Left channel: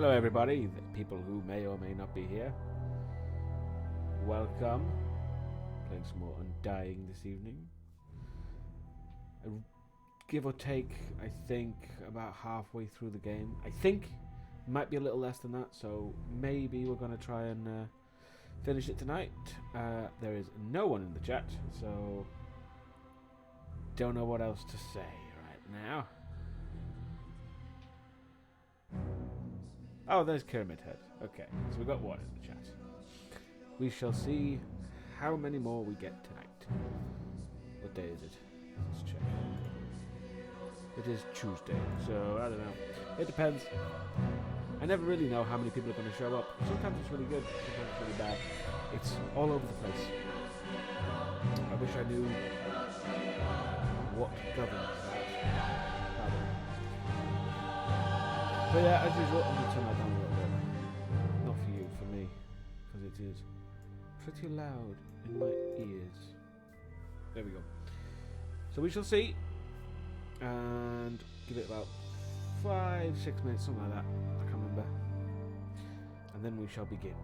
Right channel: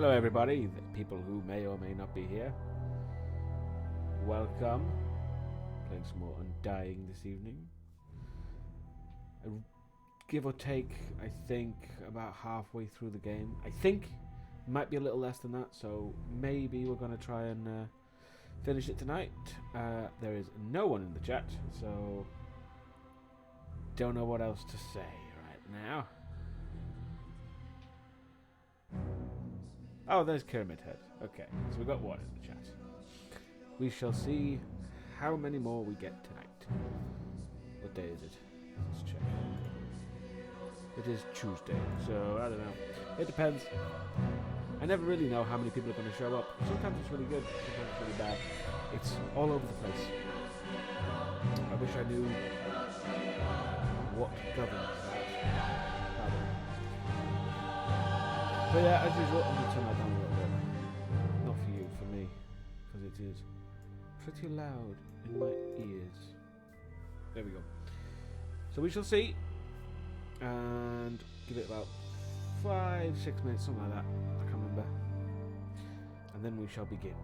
Hello everybody, the people who may or may not be here. Welcome. Playing some more Undying this evening. Give or take, I think, about halfway through the game. I think it might be a little less than that, so maybe we're going to try and finish it tonight. There is no one in the chat, so don't know what else to say right now. Oh, there's Kermit Head. Okay, so we got one in the chat. We shall see how many more we get tonight. What day is it? Let's check. It is Tuesday, so I don't know. It depends. I never really know how many people are going to show up. Sometimes it's really good, sometimes it's really bad. It's all over the place. I wish I knew what governs that. But yeah, as usual, I'm going to turn that down a little bit. Not for you, for me. Because it is pretty loud in my ears. There we go. So we shall see. And give it about 5-6 minutes, something like that. I can't remember. And then we shall begin.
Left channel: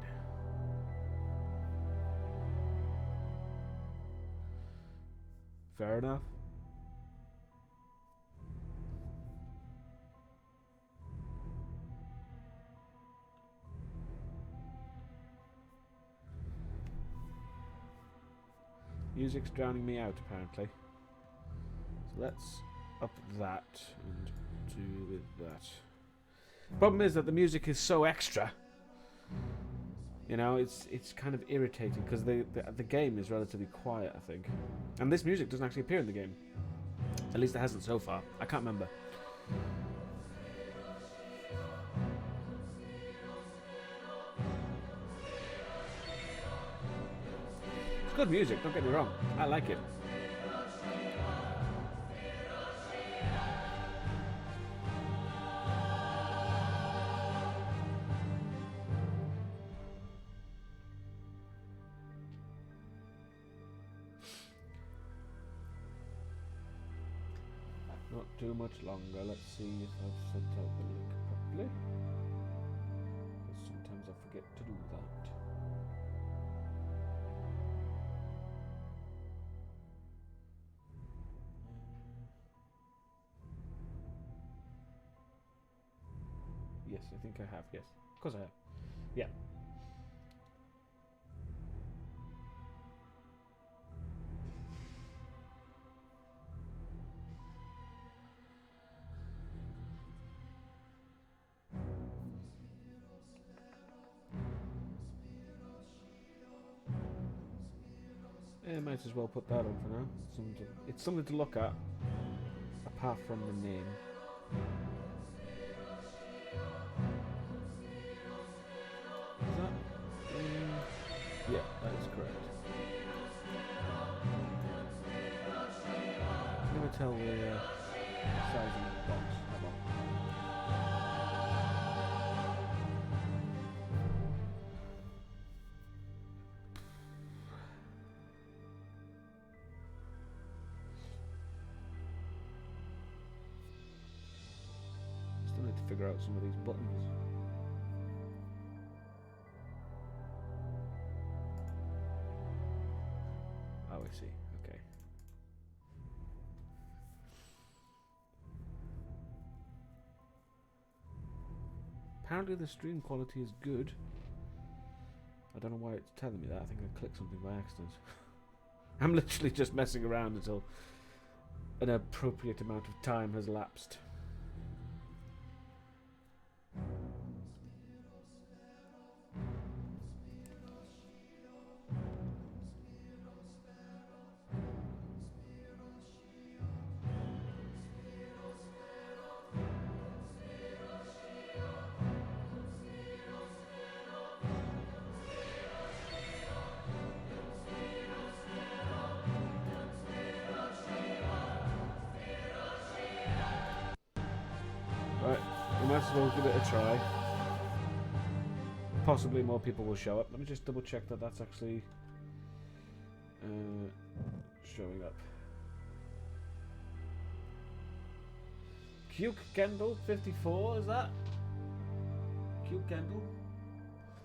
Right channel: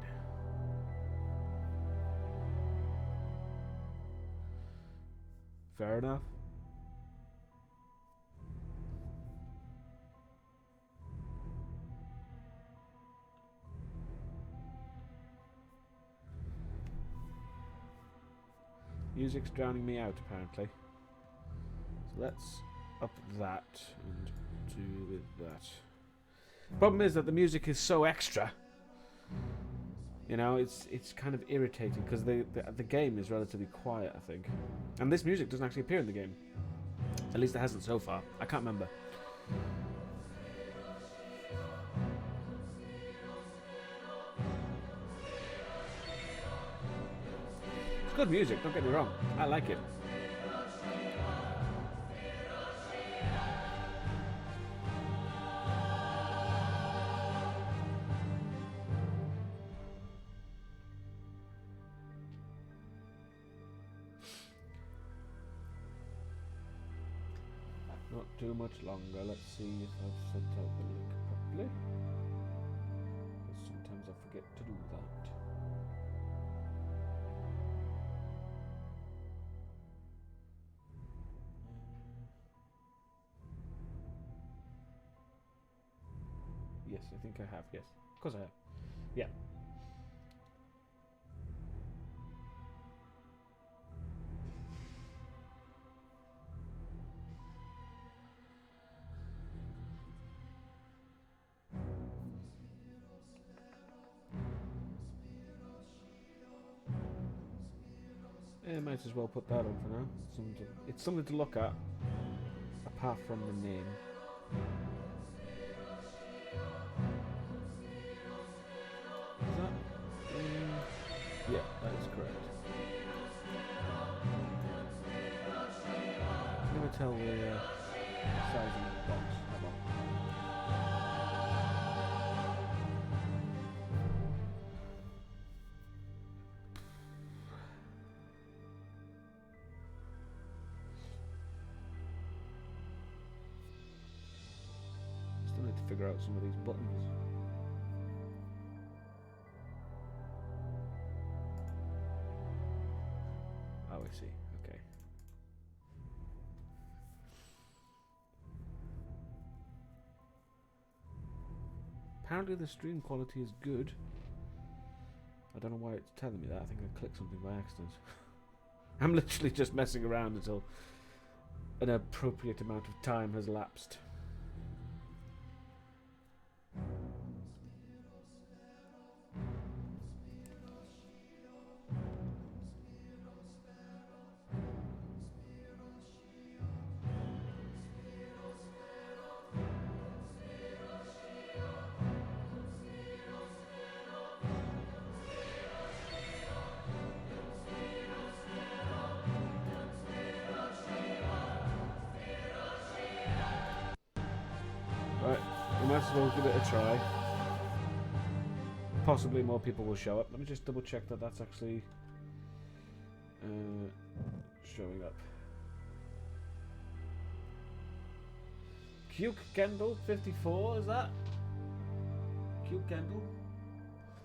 Fair enough. Music's drowning me out, apparently. So let's up that and do with that. Problem is that the music is so extra. You know, it's kind of irritating because the game is relatively quiet, I think. And this music doesn't actually appear in the game. At least it hasn't so far. I can't remember. Good music, don't get me wrong. I like it. Not too much longer. Let's see if I've sent out the link properly. Because sometimes I forget to do that. Yes, I think I have. Yes, of course I have. Yeah. Yeah, might as well put that on for now. It's something to look at, apart from the name. Is that? Yeah, that is correct. Never tell the size of the box. How about? Still need to figure out some of these buttons. Oh, I see. Okay. Apparently the stream quality is good. I don't know why it's telling me that. I think I clicked something by accident. I'm literally just messing around until an appropriate amount of time has elapsed. Right, we might as well give it a try. Possibly more people will show up. Let me just double check that that's actually showing up. Cuke Kendall 54, is that? Cute Kendall?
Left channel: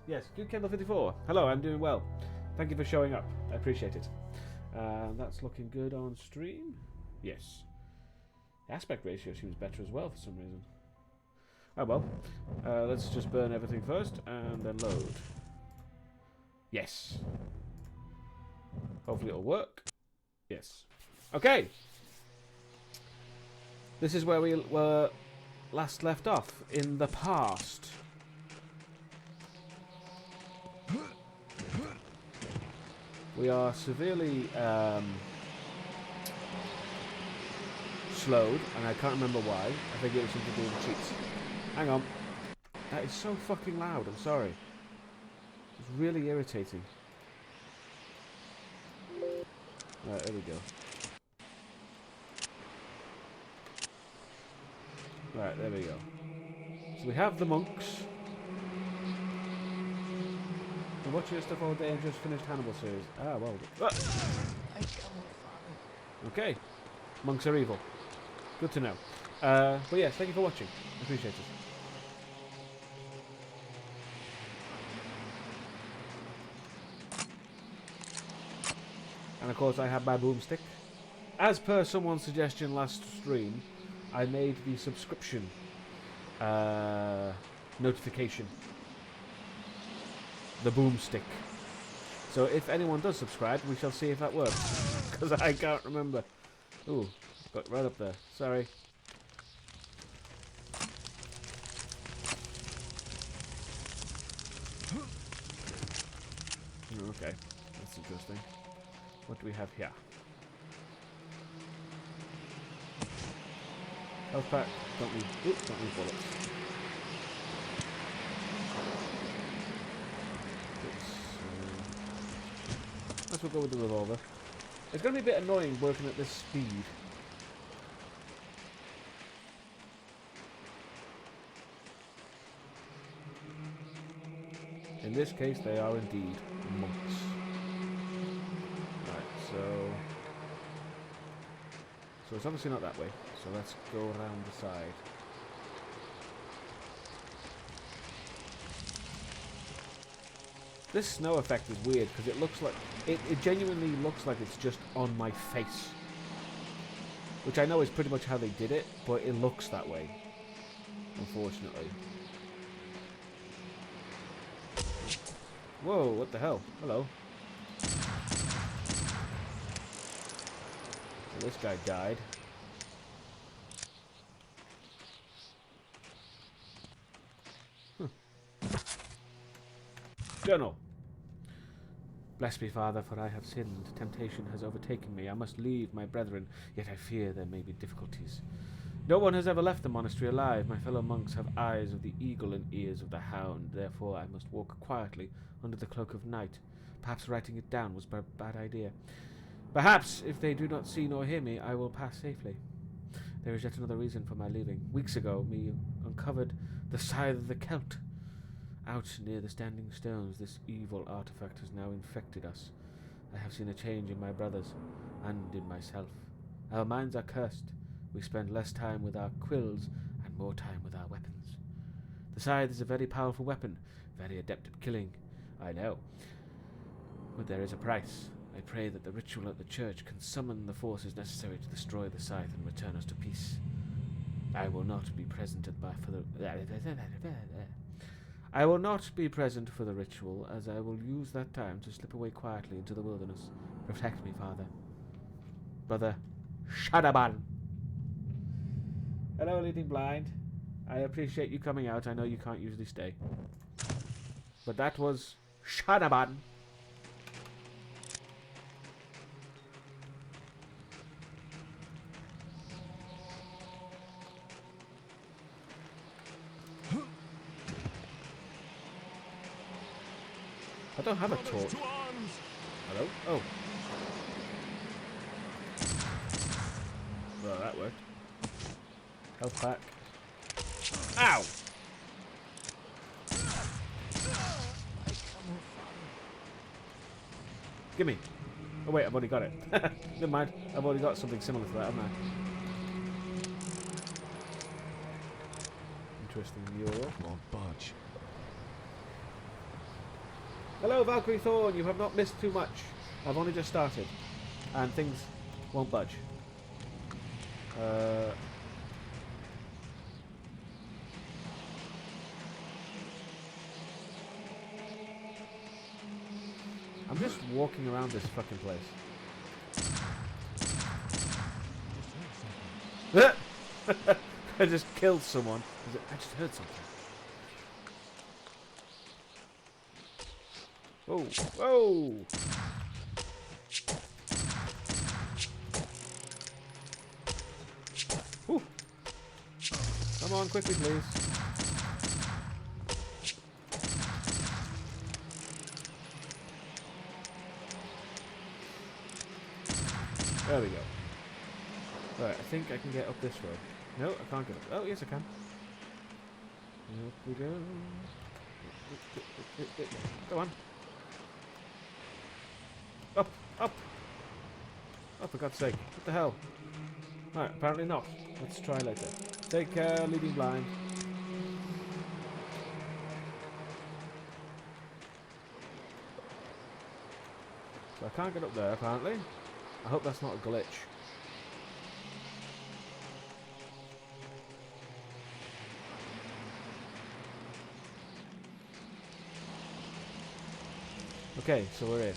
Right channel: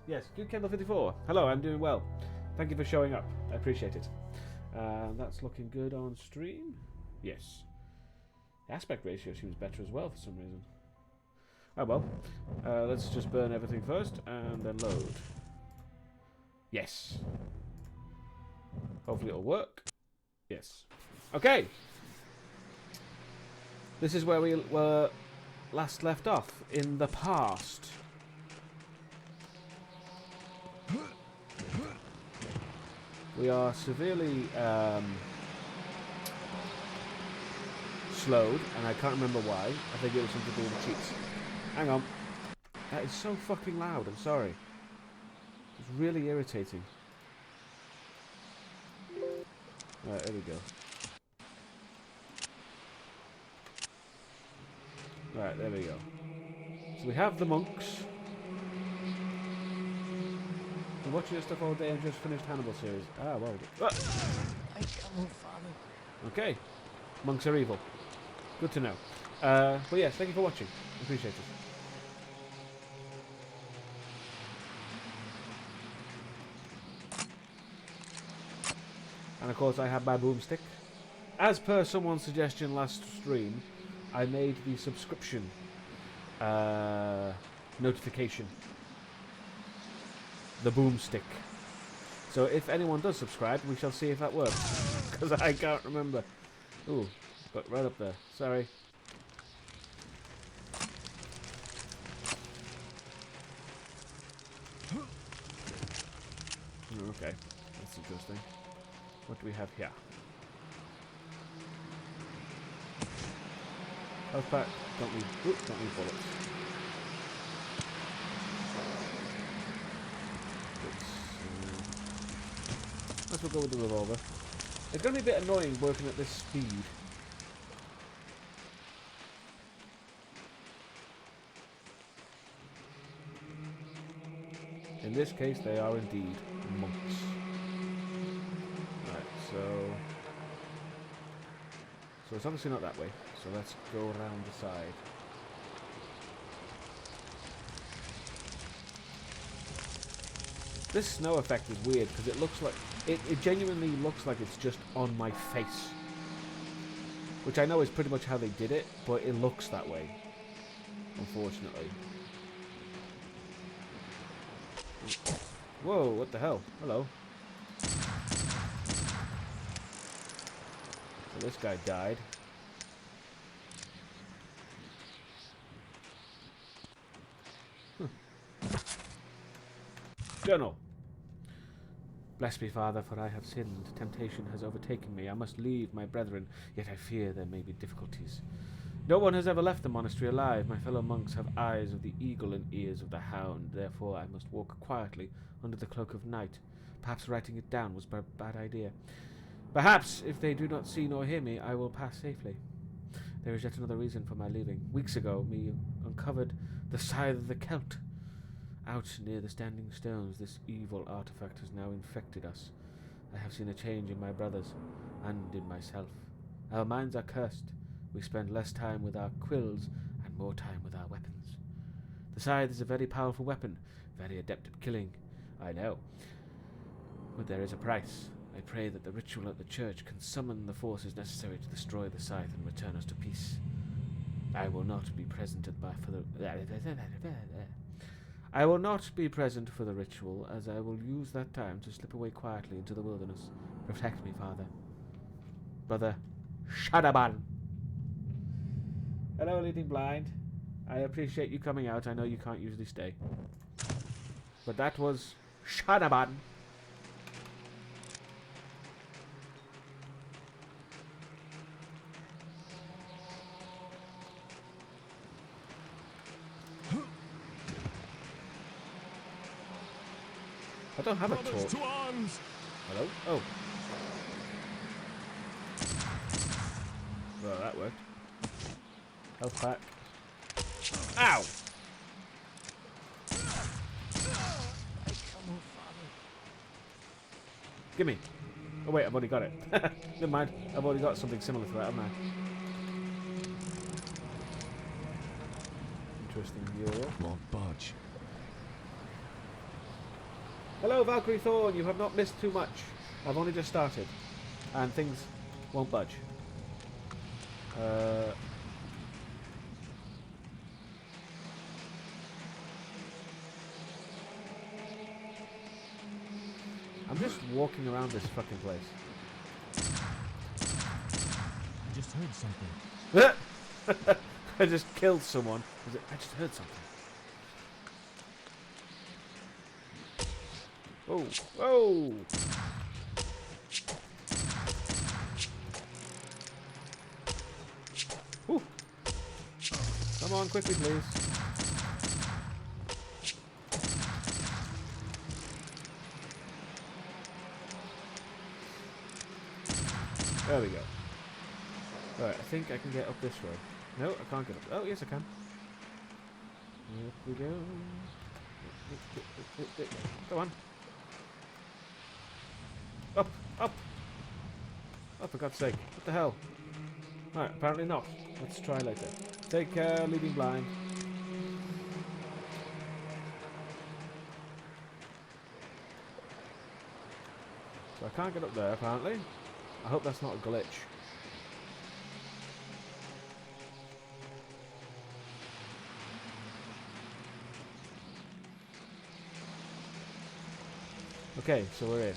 Yes, Cute Kendall 54. Hello, I'm doing well. Thank you for showing up. I appreciate it. That's looking good on stream. Yes. The aspect ratio seems better as well for some reason. Oh well. Let's just burn everything first and then load. Yes. Hopefully it'll work. Yes. Okay. This is where we were last left off in the past. We are severely slowed, and I can't remember why. I think it was something to do with the cheats. Hang on. That is so fucking loud, I'm sorry. It's really irritating. Right, there we go. Right, there we go. So we have the monks. Been watching your stuff all day and just finished Hannibal series. Ah, well. Ah! I come, Father. Okay. Monks are evil. Good to know. But yes, thank you for watching. I appreciate it. And of course I have my boomstick. As per someone's suggestion last stream, I made the subscription notification. The boomstick. So if anyone does subscribe, we shall see if that works. Because I can't remember. Ooh, got right up there. Sorry. Okay, that's interesting. What do we have here? Health pack. Don't need bullets. Let's go with the revolver. It's going to be a bit annoying working at this speed. In this case, they are indeed monks. Right, so it's obviously not that way. So let's go around the side. This snow effect is weird because it looks like it genuinely looks like it's just on my face, which I know is pretty much how they did it, but it looks that way, unfortunately. Whoa, what the hell? Hello. So this guy died. Journal. Bless me, Father, for I have sinned. Temptation has overtaken me. I must leave my brethren, yet I fear there may be difficulties. No one has ever left the monastery alive. My fellow monks have eyes of the eagle and ears of the hound. Therefore I must walk quietly under the cloak of night. Perhaps writing it down was a bad idea. Perhaps, if they do not see nor hear me, I will pass safely. There is yet another reason for my leaving. Weeks ago, we uncovered the scythe of the Celt. Out near the standing stones, this evil artifact has now infected us. I have seen a change in my brothers, and in myself. Our minds are cursed. We spend less time with our quills, and more time with our weapons. The scythe is a very powerful weapon, very adept at killing, I know. But there is a price. I pray that the ritual at the church can summon the forces necessary to destroy the scythe and return us to peace. I will not be present I will not be present for the ritual, as I will use that time to slip away quietly into the wilderness. Protect me, Father. Brother Shadaban. Hello, Leading Blind. I appreciate you coming out. I know you can't usually stay. But that was Shadaban. I don't have a torch. Hello? Oh. Well, that worked. Health pack. Ow! Gimme. Oh wait, I've already got it. Never mind. I've already got something similar to that, haven't I? Interesting mural. Won't budge. Hello, Valkyrie Thorn. You have not missed too much. I've only just started, and things won't budge. I'm just walking around this fucking place. I just heard something. I just killed someone. I just heard something. Whoa! Whoa! Whew. Come on, quickly, please. There we go. Right, I think I can get up this road. No, I can't get up. Oh, yes, I can. Up we go. Go on. Up! Up! Oh, for God's sake. What the hell? Right, apparently not. Let's try later. Take care, leading blind. So I can't get up there, apparently. I hope that's not a glitch. Okay, so we're in.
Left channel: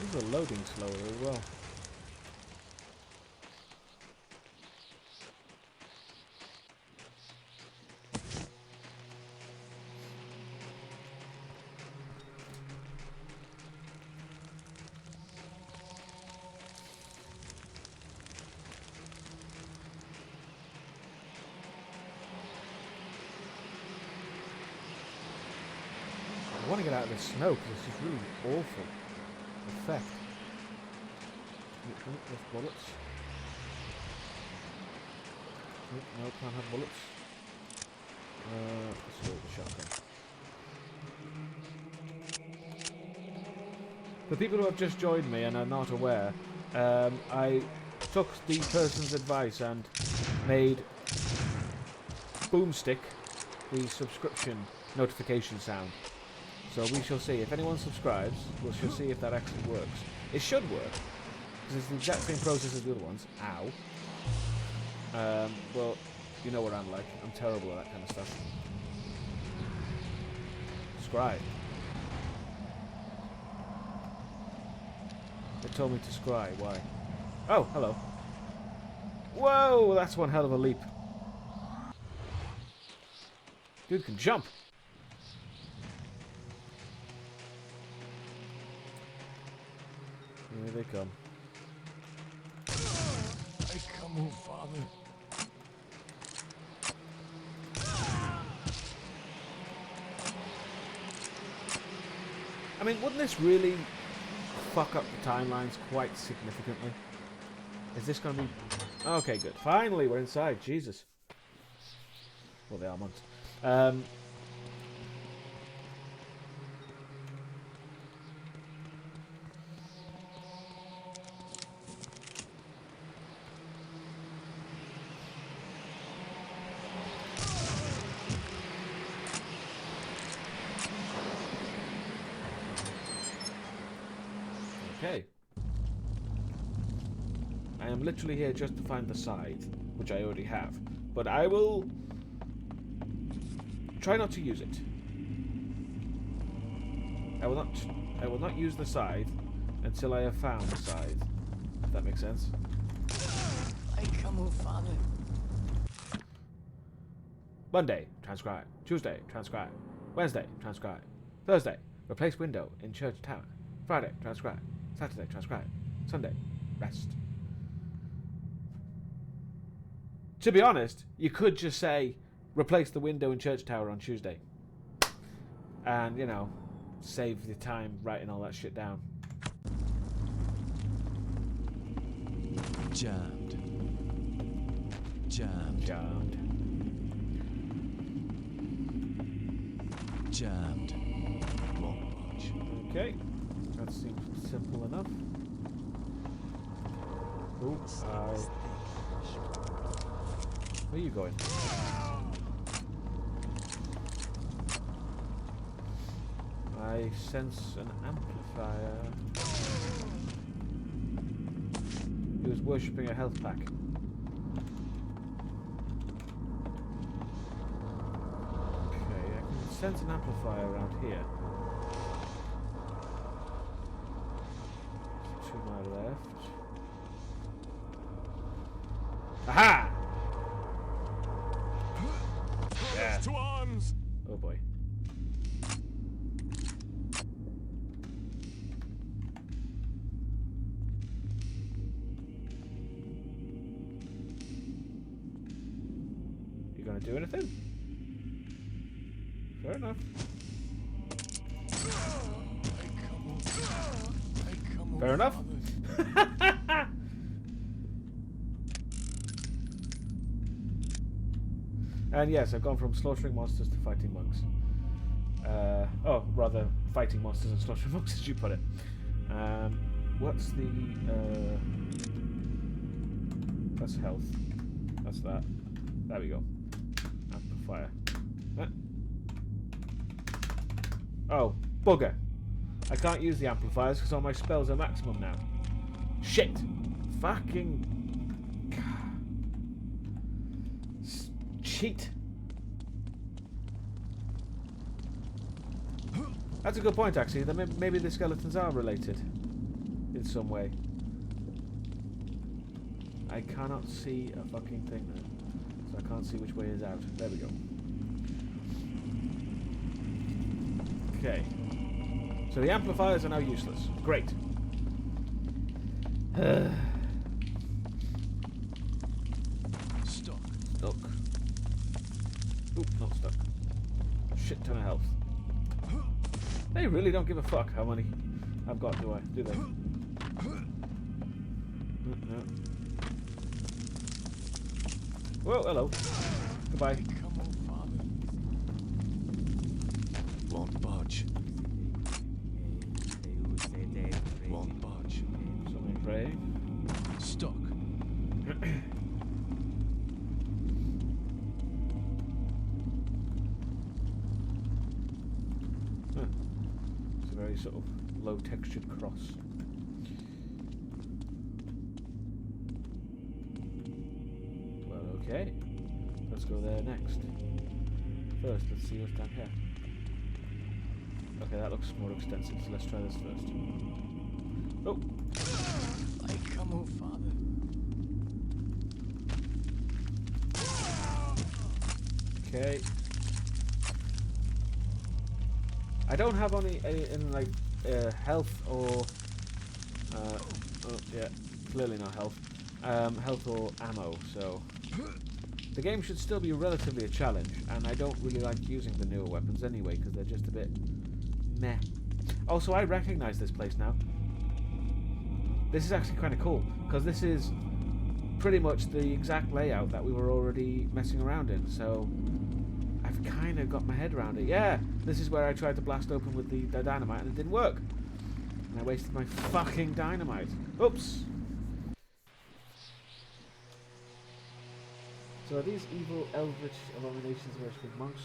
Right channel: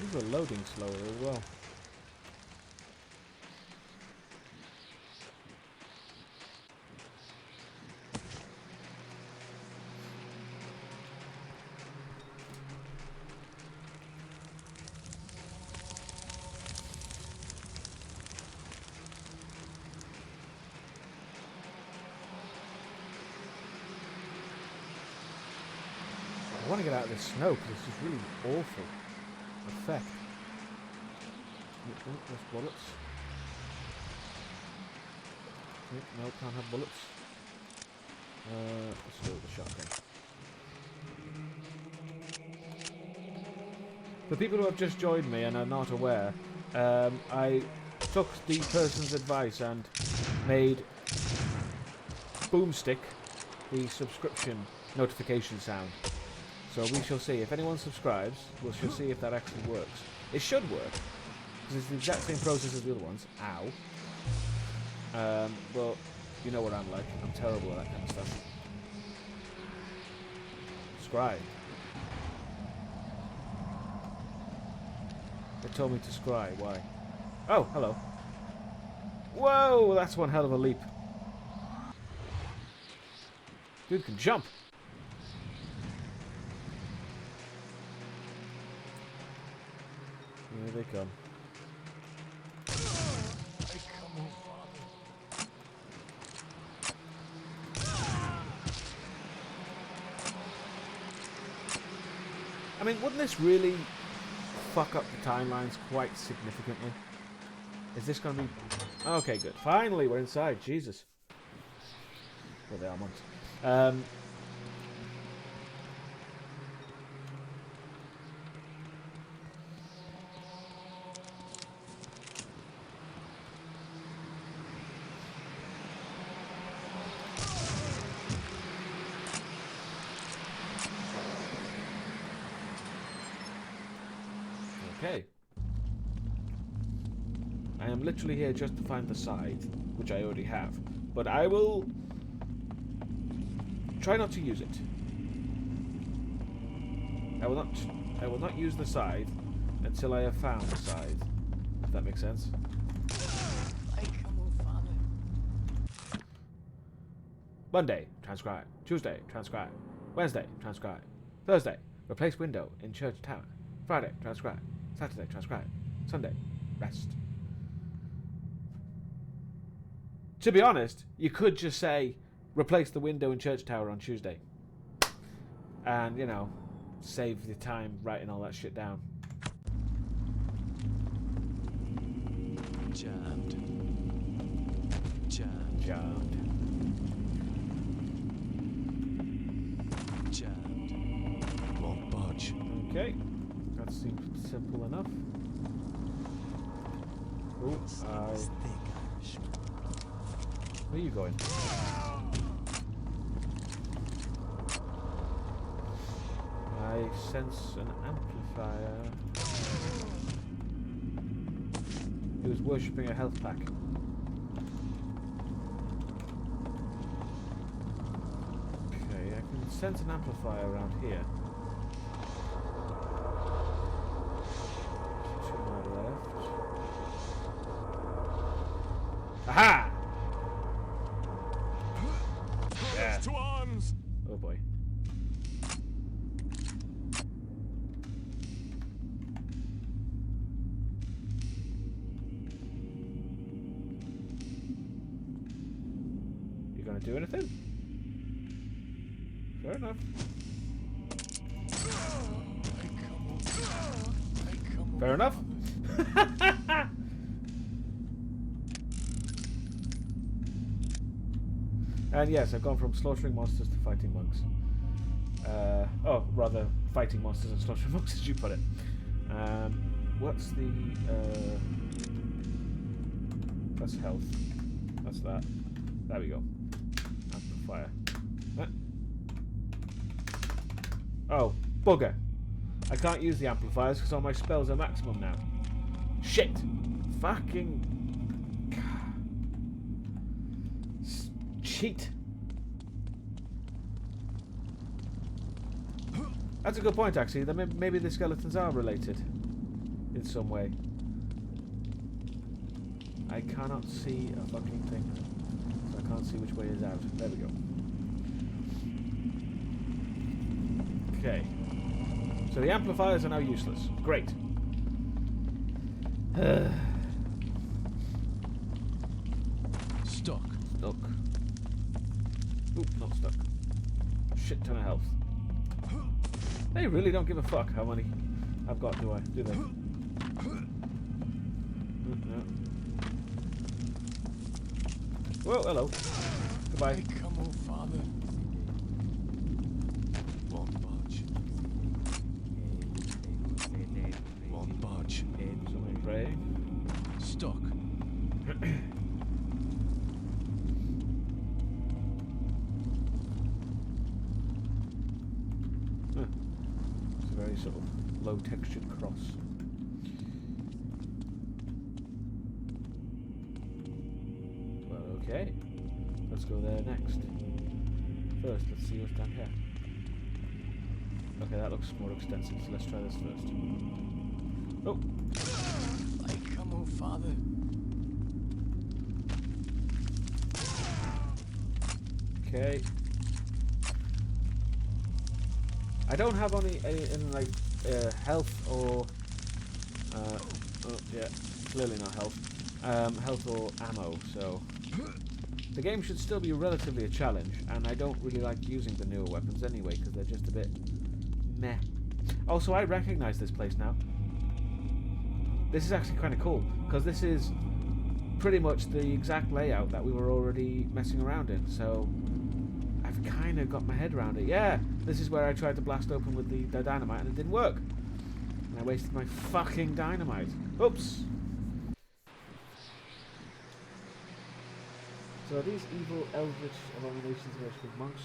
These are loading slower as well. I want to get out of this snow because it's just really awful effect. Oh, there's bullets. No, can't have bullets. Let's go with the shotgun. For people who have just joined me and are not aware, I took the person's advice and made Boomstick the subscription notification sound. So we shall see. If anyone subscribes, we shall see if that actually works. It should work, because it's the exact same process as the other ones. Ow. Well, you know what I'm like. I'm terrible at that kind of stuff. Scry. They told me to scry. Why? Oh, hello. Whoa, that's one hell of a leap. Dude can jump. Here they come. I come, oh Father. I mean, wouldn't this really fuck up the timelines quite significantly? Is this going to be... Okay, good. Finally, we're inside. Jesus. Well, they are months. Okay. I am literally here just to find the scythe, which I already have. But I will try not to use it. I will not use the scythe until I have found the scythe. If that makes sense. I come, oh Father. Monday, transcribe. Tuesday, transcribe. Wednesday, transcribe. Thursday, replace window in church tower. Friday, transcribe. Saturday, transcribe. Sunday, rest. To be honest, you could just say, replace the window in church tower on Tuesday. And, you know, save the time writing all that shit down. Jammed. Jammed. Jammed. Jammed. Won't budge. Okay. That seems simple enough. Oh, It's thick. where are you going? I sense an amplifier. He was worshipping a health pack. Okay, I can sense an amplifier around here. To my left. Aha! Yeah. To arms! Oh boy. You gonna do anything? Fair enough. Fair enough. And yes, I've gone from slaughtering monsters to fighting monks. Oh, rather, fighting monsters and slaughtering monks, as you put it. What's the... that's health. That's that. There we go. Amplifier. Huh? Oh, bugger. I can't use the amplifiers because all my spells are maximum now. Shit! Fucking... cheat! That's a good point, actually. That maybe the skeletons are related in some way. I cannot see a fucking thing now, so I can't see which way is out. There we go. Okay. So the amplifiers are now useless. Great. Stuck. Stuck. Oop, not stuck. Shit ton of health. They really don't give a fuck how many I've got, do they? No. Whoa, hello. Goodbye. Come on, father. Won't budge. Won't budge. Someone praying. Stuck. Huh. It's a very sort of low textured cross. Well, okay. Let's go there next. First, let's see what's down here. Okay, that looks more extensive, so let's try this first. Oh! I come, oh father. Okay. I don't have any like health or oh yeah, clearly not health. Health or ammo, so the game should still be relatively a challenge, and I don't really like using the newer weapons anyway because they're just a bit meh. Also, I recognize this place now. This is actually kind of cool because this is pretty much the exact layout that we were already messing around in, so I've kind of got my head around it. Yeah, this is where I tried to blast open with the dynamite and it didn't work. And I wasted my fucking dynamite. Oops. So are these evil eldritch abominations worshipping monks?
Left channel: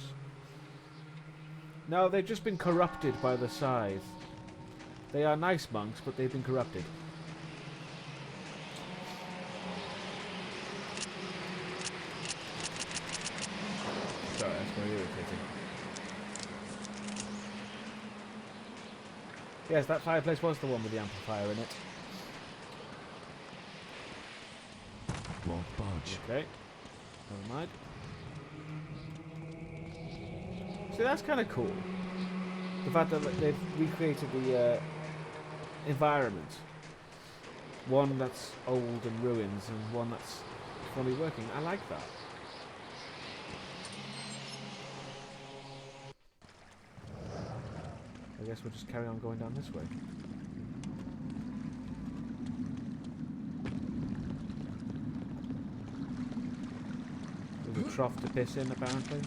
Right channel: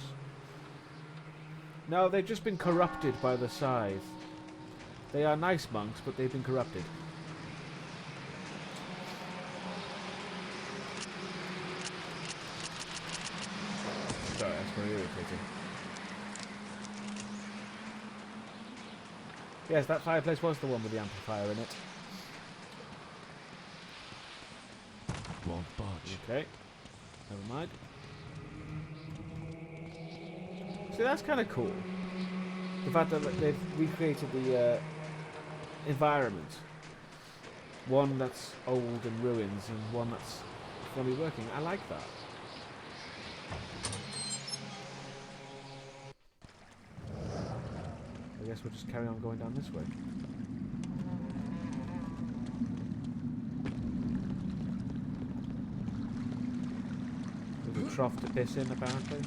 No, they've just been corrupted by the scythe. They are nice monks, but they've been corrupted. Sorry, that's very irritating. Yes, that fireplace was the one with the amplifier in it. Won't budge. Okay. Never mind. See, that's kind of cool. The fact that they've recreated the environment. One that's old and ruins, and one that's fully working. I like that. I guess we'll just carry on going down this way. There's a trough to piss in, apparently.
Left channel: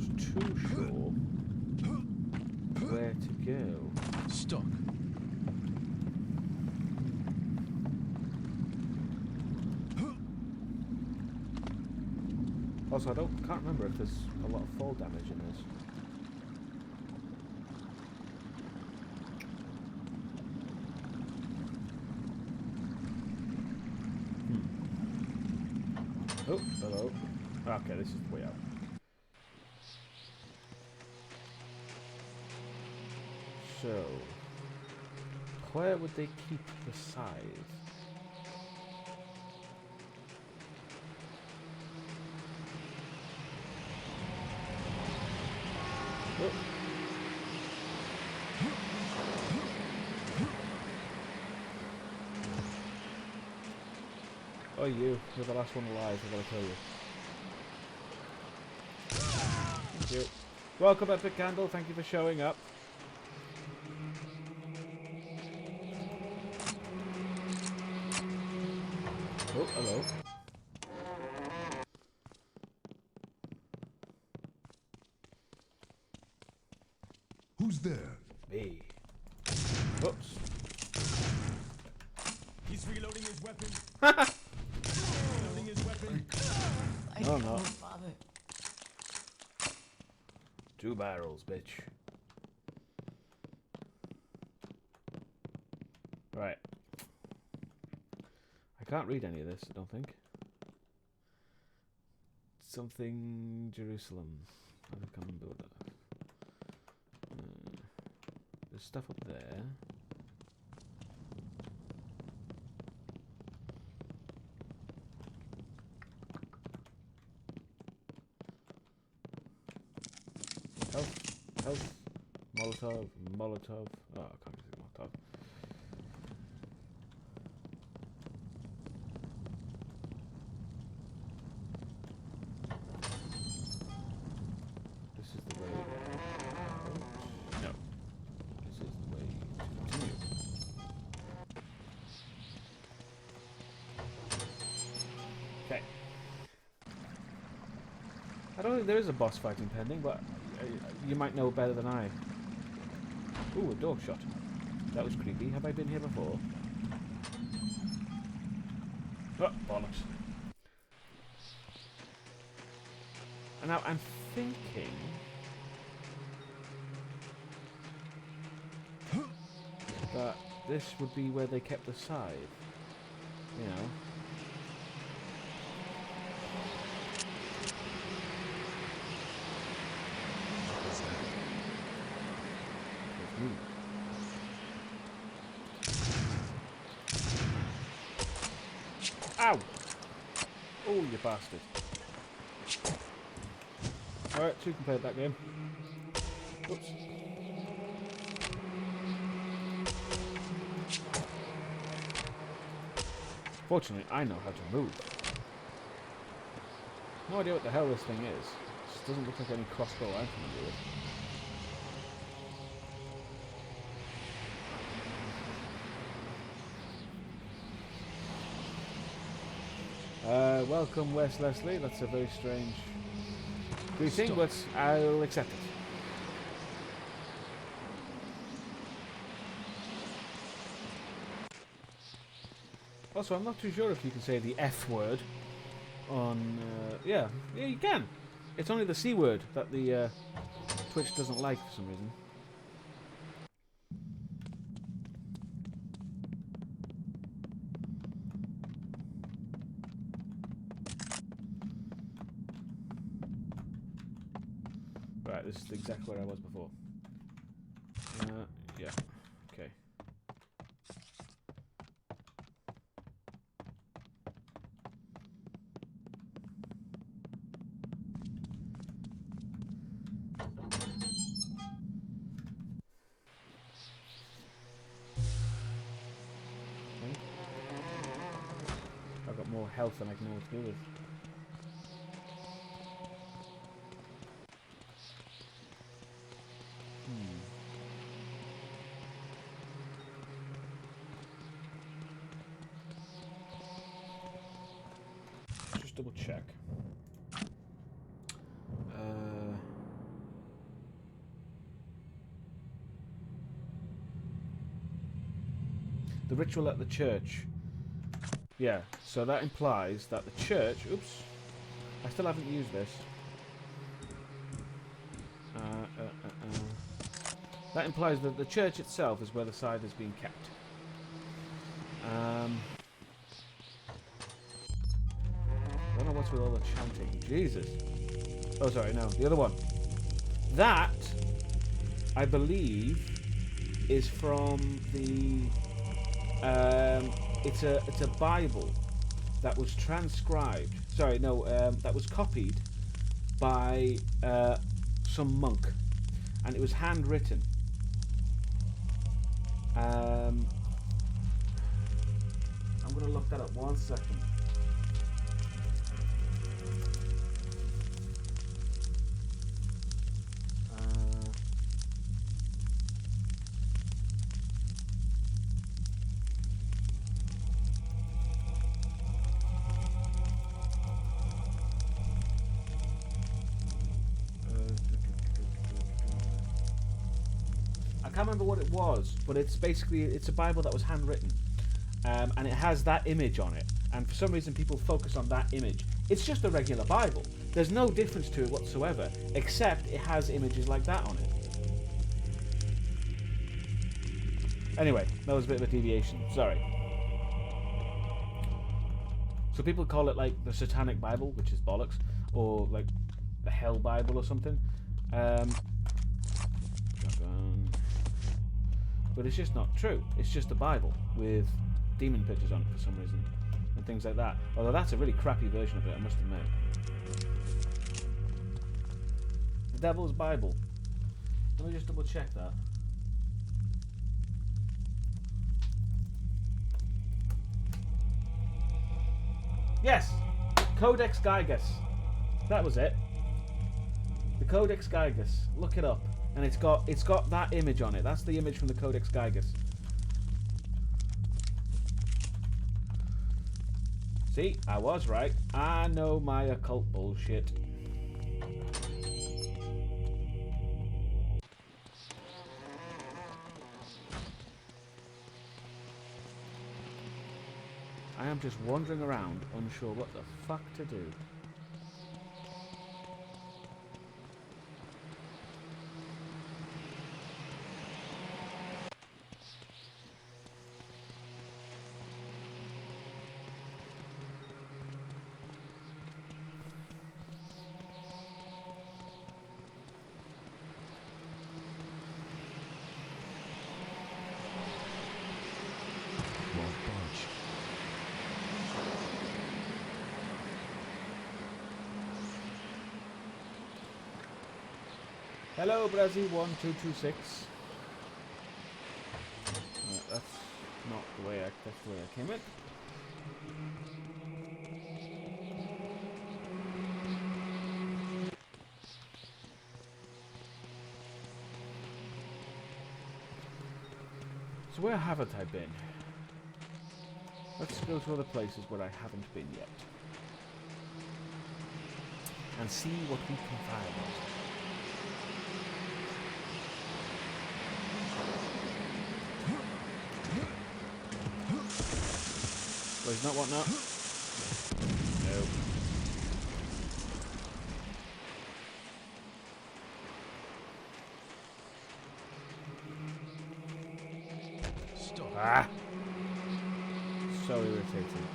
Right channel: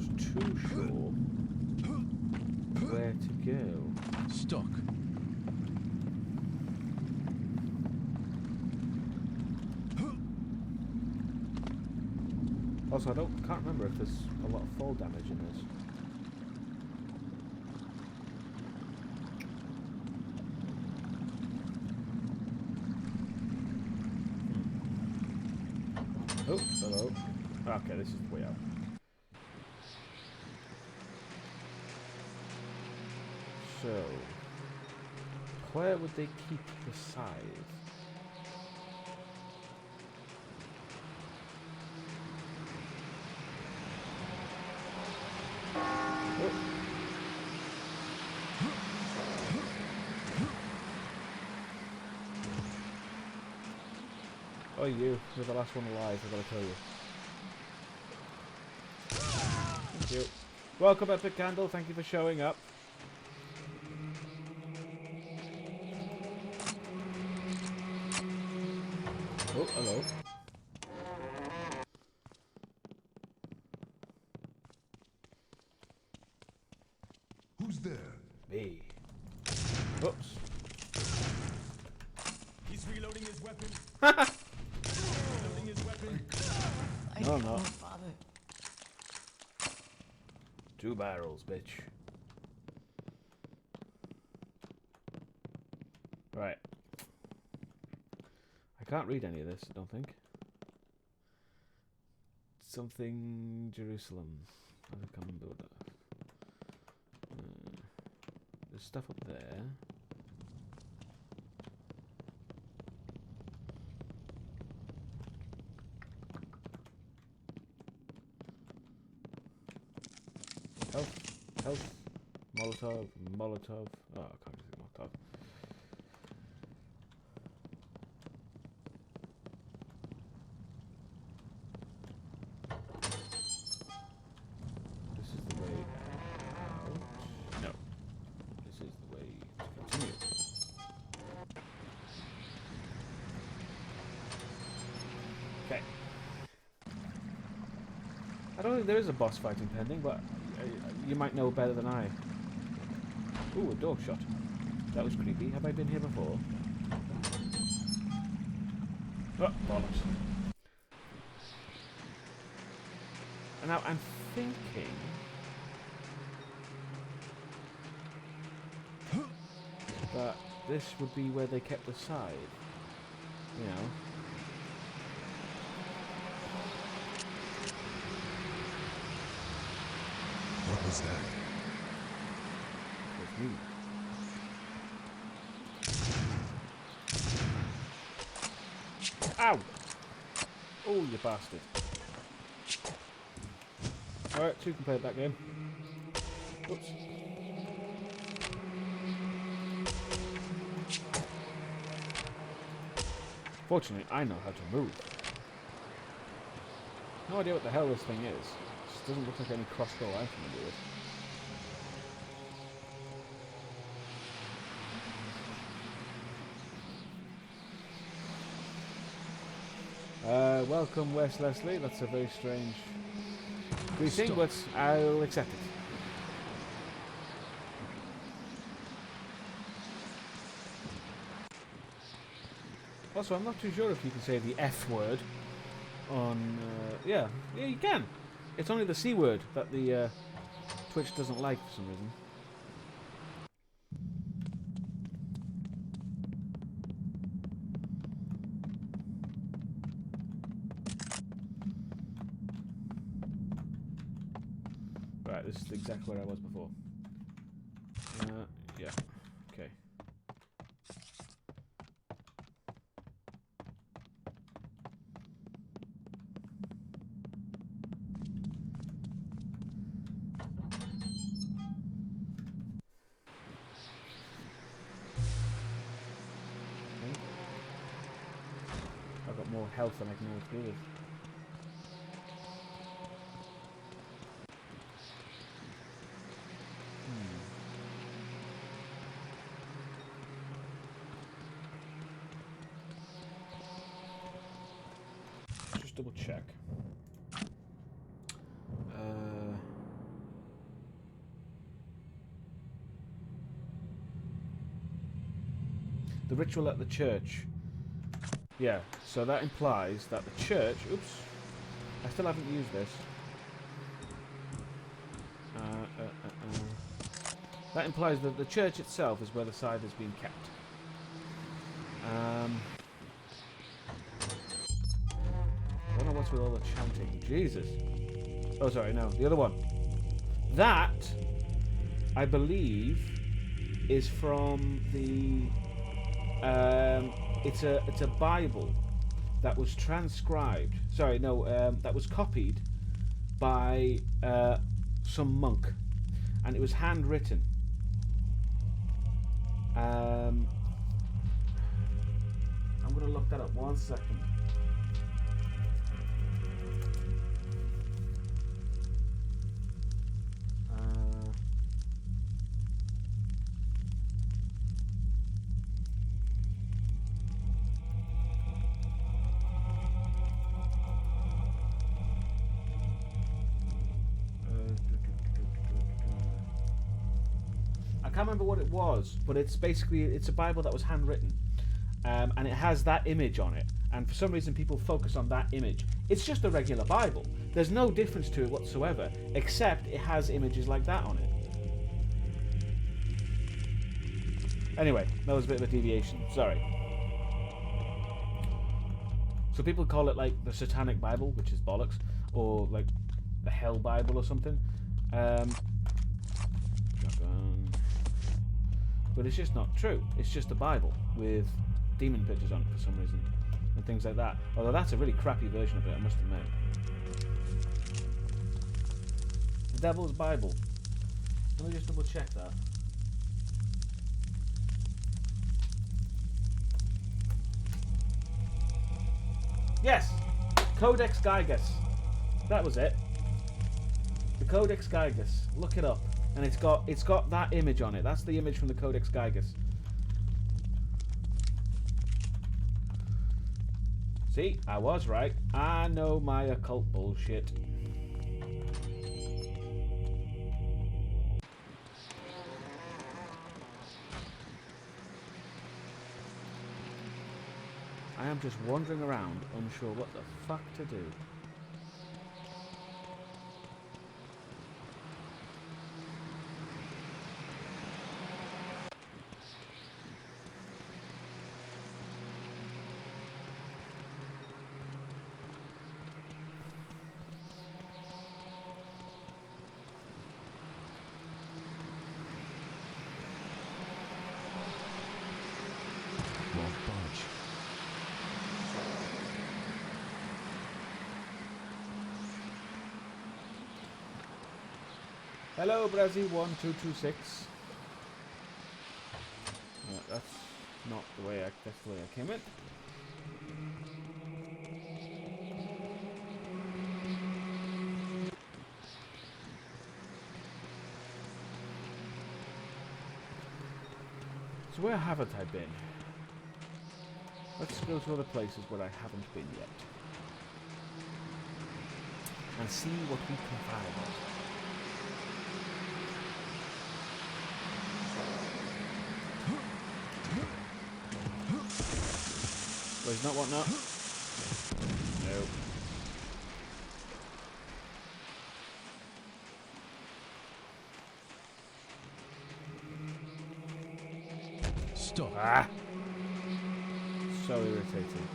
not too sure where to go. Stuck. Also, can't remember if there's a lot of fall damage in this. Oh, hello. Okay, this is the way out. So, where would they keep the scythe? Oh. Oh, you're the last one alive, I've got to kill you. Thank you. Welcome, Epic Candle, thank you for showing up. Oh, hello. Who's there? Me. Oops. He's reloading his weapon. Reloading his weapon. No, no. Father. 2 barrels, bitch. Right. I can't read any of this, I don't think. Something Jerusalem. I can't remember what that. There's stuff up there. Health. Molotov. Oh, I can't see Molotov. This is the way out. No. This is the way to continue. Okay. I don't think there is a boss fight impending, but you might know better than I. Ooh, a dog shot. That was creepy. Have I been here before? Oh, bollocks. And now I'm thinking... that this would be where they kept the scythe. You know. What was that? It's me. Ow! Oh, you bastard. Alright, 2 can play that game. Whoops. Fortunately, I know how to move. No idea what the hell this thing is. This doesn't look like any crossbow I'm familiar with. Welcome, Wes Leslie. That's a very strange greeting, but I'll accept it. Also, I'm not too sure if you can say the F word on... yeah, you can. It's only the C word that the Twitch doesn't like for some reason. Right, this is exactly where I was before. Yeah, okay. I've got more health than I can know what to do with. Just double check. The ritual at the church. Yeah, so that implies that the church... Oops. I still haven't used this. That implies that the church itself is where the scythe is being kept. I don't know what's with all the chanting. Jesus. Oh, sorry, no. The other one. That, I believe, is from the... it's a Bible that was transcribed. Sorry, no, that was copied by some monk, and it was handwritten. I'm gonna look that up. 1 second. I can't remember what it was, but it's basically it's a Bible that was handwritten, and it has that image on it. And for some reason, people focus on that image. It's just a regular Bible. There's no difference to it whatsoever, except it has images like that on it. Anyway, that was a bit of a deviation. Sorry. So people call it like the Satanic Bible, which is bollocks, or like the Hell Bible or something. But it's just not true. It's just a Bible with demon pictures on it for some reason and things like that. Although that's a really crappy version of it, I must admit. The Devil's Bible. Let me just double check that. Yes! Codex Gigas. That was it. The Codex Gigas. Look it up. And it's got that image on it. That's the image from the Codex Gigas. See, I was right. I know my occult bullshit. I am just wandering around, unsure what the fuck to do. Won't budge. Hello, Brazzy1226. That's not the way that's the way I came in. So where haven't I been? Let's go to other places where I haven't been yet. And see what we can find. Well, he's not what not? No. Stop. Ah! So irritating.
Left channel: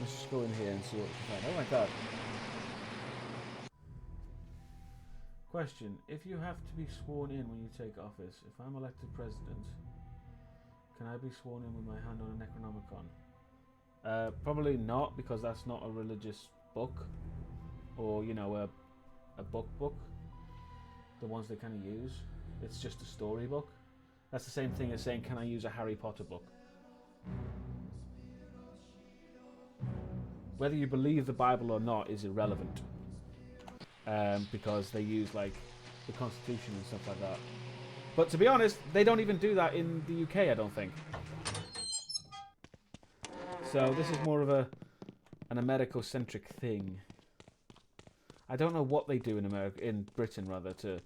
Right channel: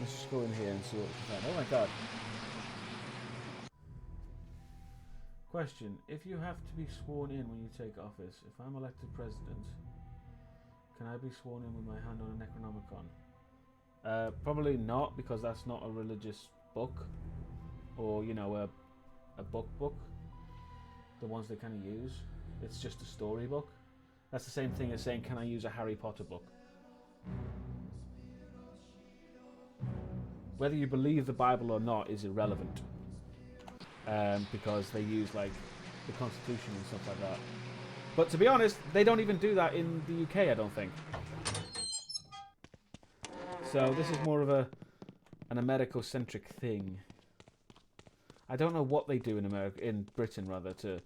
Let's just go in here and see what we can find. Oh my god. Question. If you have to be sworn in when you take office, if I'm elected president, can I be sworn in with my hand on a Necronomicon? Probably not, because that's not a religious book. Or, you know, a book. The ones they kind of use. It's just a storybook. That's the same thing as saying, can I use a Harry Potter book? Whether you believe the Bible or not is irrelevant. Because they use, like, the Constitution and stuff like that. But to be honest, they don't even do that in the UK, I don't think. So this is more of a an Americo-centric thing. I don't know what they do in in Britain rather, to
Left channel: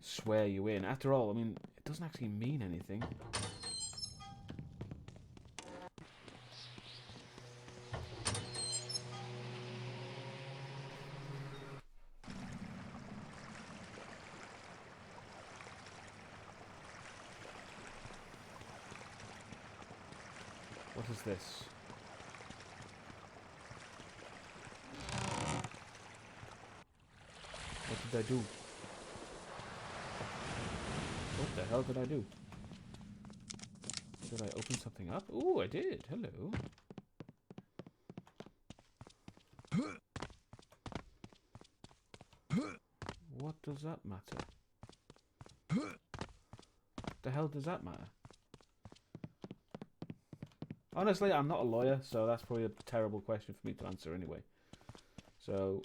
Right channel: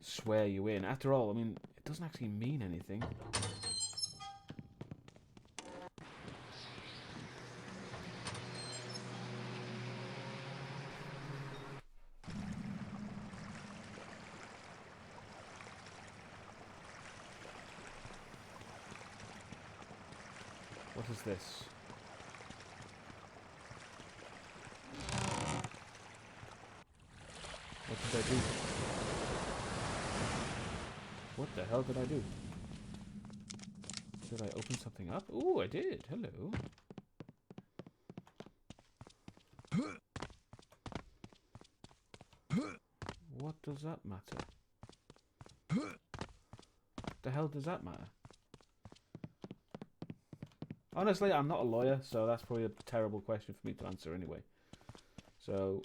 swear you in. After all, I mean, it doesn't actually mean anything. What is this? What did I do? What the hell did I do? Did I open something up? Ooh, I did. Hello. What does that matter? What the hell does that matter? Honestly, I'm not a lawyer, so that's probably a terrible question for me to answer anyway. So,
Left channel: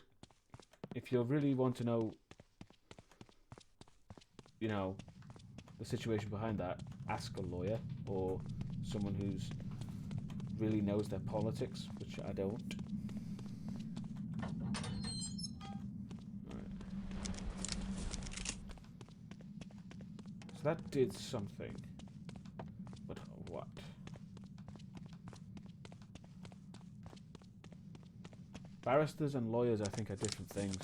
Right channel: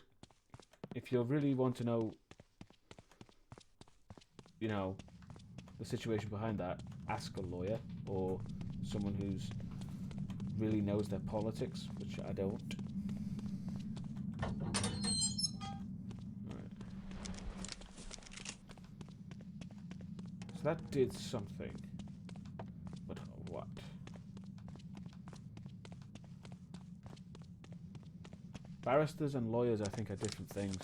if you really want to know, you know, the situation behind that, ask a lawyer or someone who's really knows their politics, which I don't. Right. So that did something. But what? Barristers and lawyers, I think, are different things.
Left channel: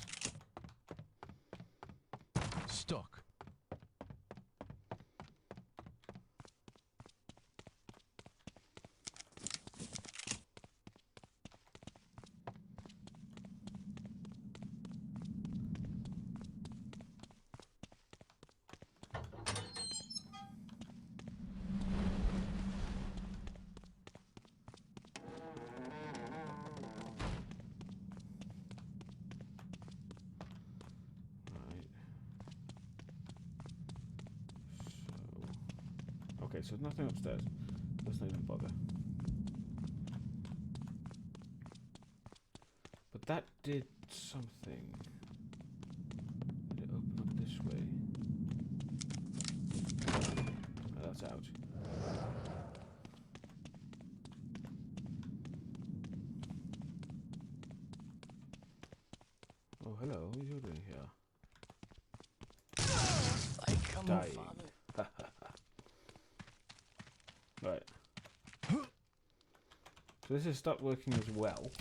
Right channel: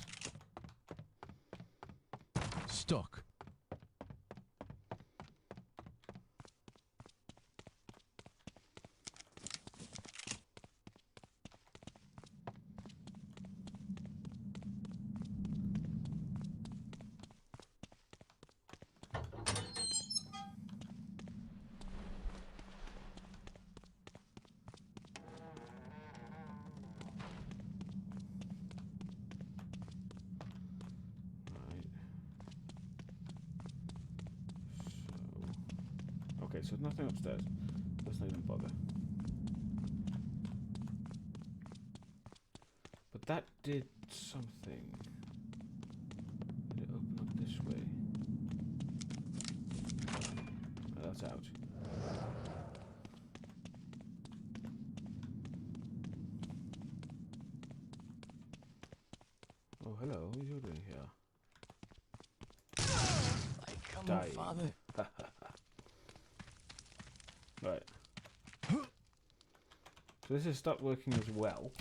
Stock. Okay, so nothing upstairs. Let's not even bother. But that did something. Did it open up this way? Oh, that's out. Oh, hello. What are you doing here? Come on, Father. Right. So this has stopped working as well.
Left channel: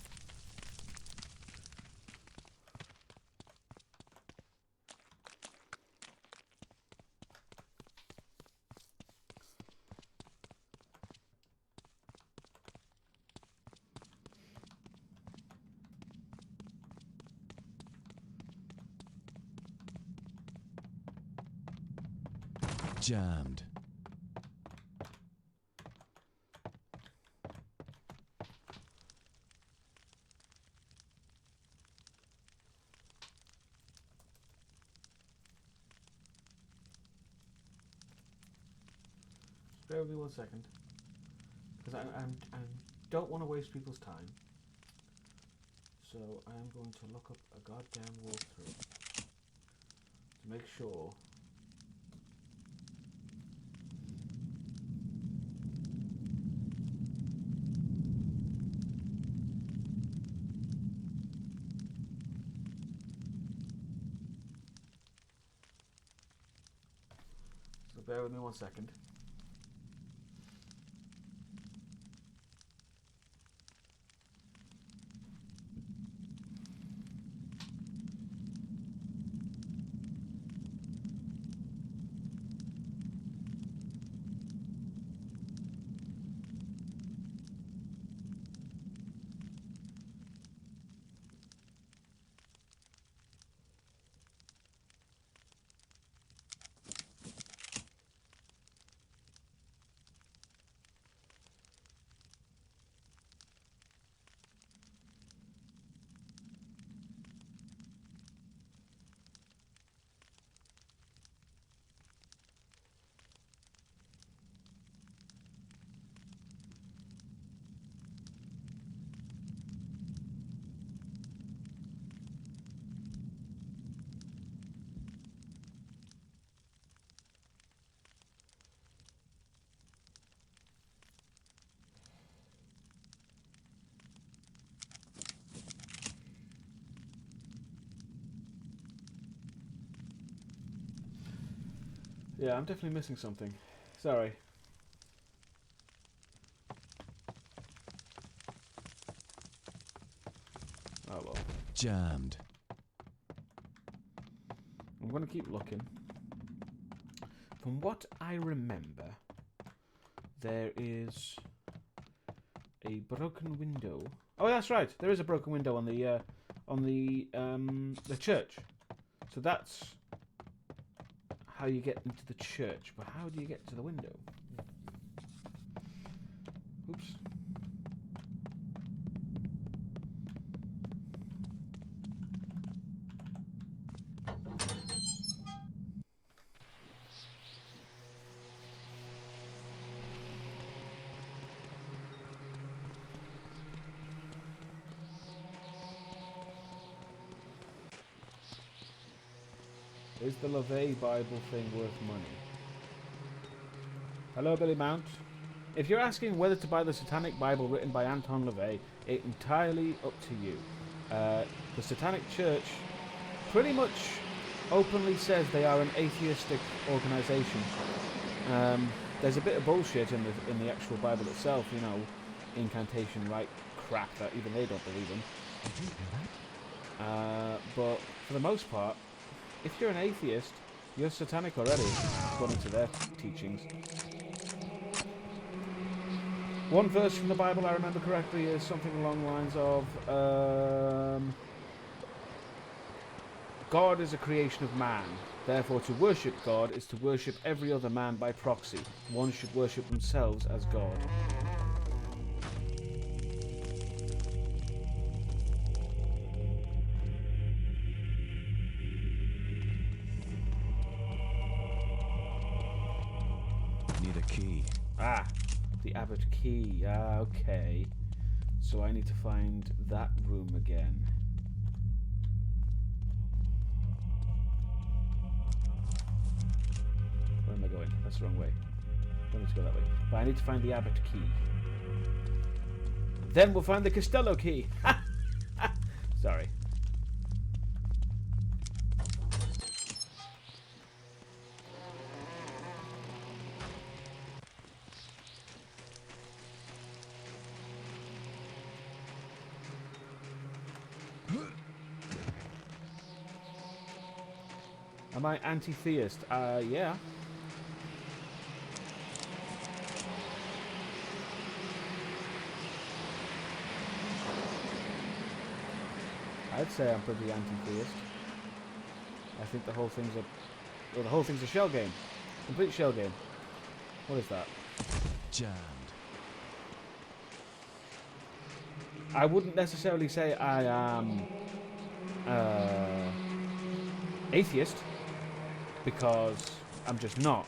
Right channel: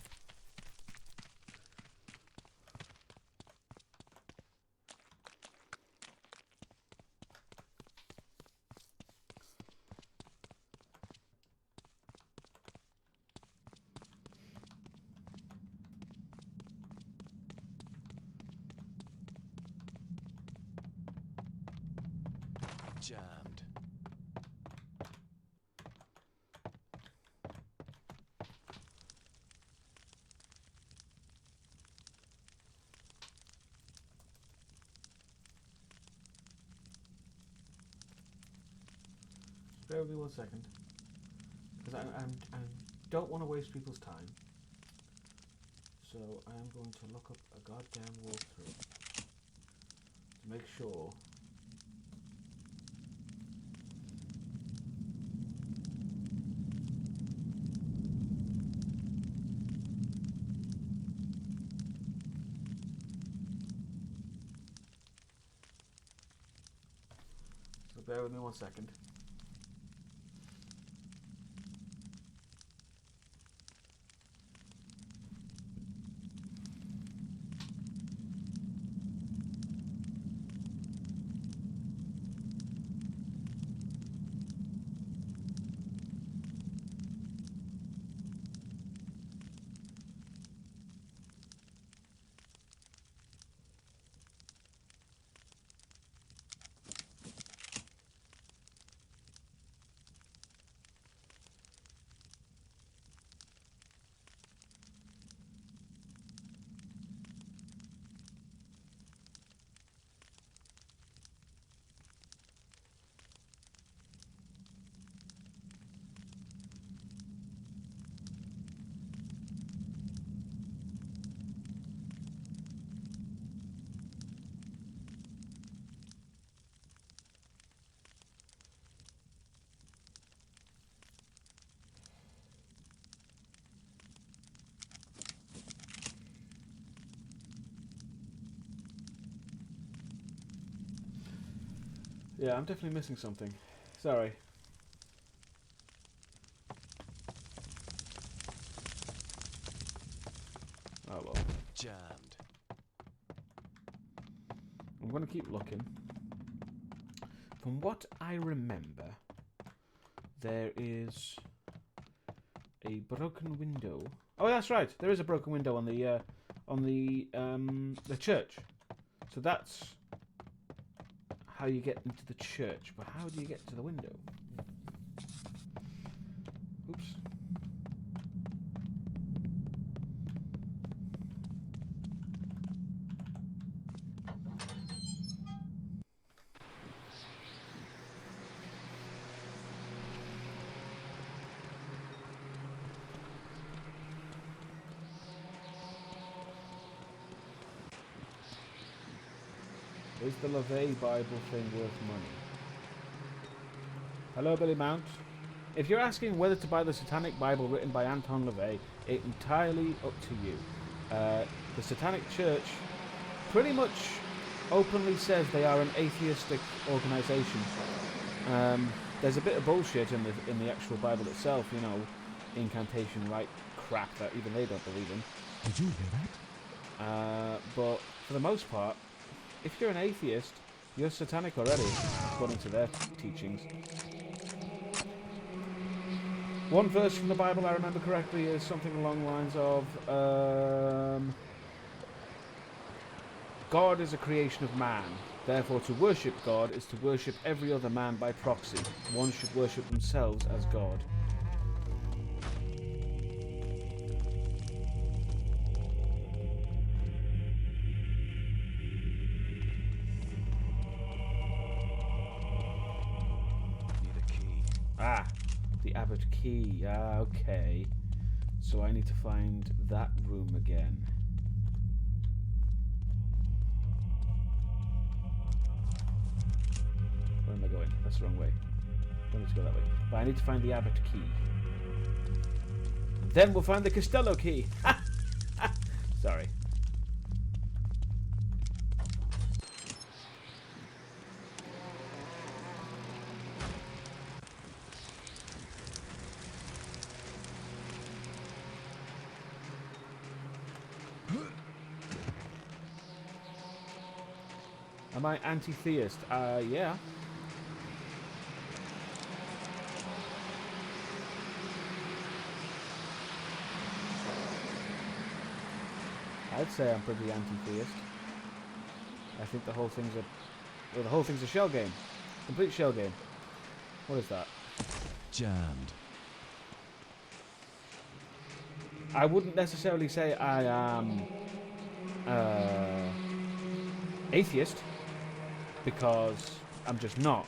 Jammed. Bear with me 1 second, because I don't want to waste people's time. So I am going to look up a goddamn walkthrough to make sure. So bear with me 1 second. Yeah, I'm definitely missing something. Sorry. Oh well. Jammed. I'm going to keep looking. From what I remember, there is a broken window. Oh, that's right. There is a broken window on the church. So that's how you get into the church. But how do you get to the window? Oops. Is the LaVey Bible thing worth money? Hello, Billy Mount. If you're asking whether to buy the Satanic Bible written by Anton LaVey, it's entirely up to you. The Satanic Church pretty much openly says they are an atheistic organization. There's a bit of bullshit in the actual Bible itself, you know, incantation, right crap that even they don't believe in. Did you hear that? But for the most part, if you're an atheist, you're satanic already, according to their teachings. One verse from the Bible I remember correctly is something along the lines of, God is a creation of man. Therefore, to worship God is to worship every other man by proxy. One should worship themselves as God. Need a key. Ah, the Abbot Key. Ah, okay. So I need to find that room again. Where am I going? That's the wrong way. Don't need to go that way. But I need to find the Abbot Key. Then we'll find the Costello Key. Sorry. Am I anti-theist? Yeah. I'd say I'm pretty anti-theist. I think the whole thing's a shell game. Complete shell game. What is that? Jammed. I wouldn't necessarily say I am atheist, because I'm just not.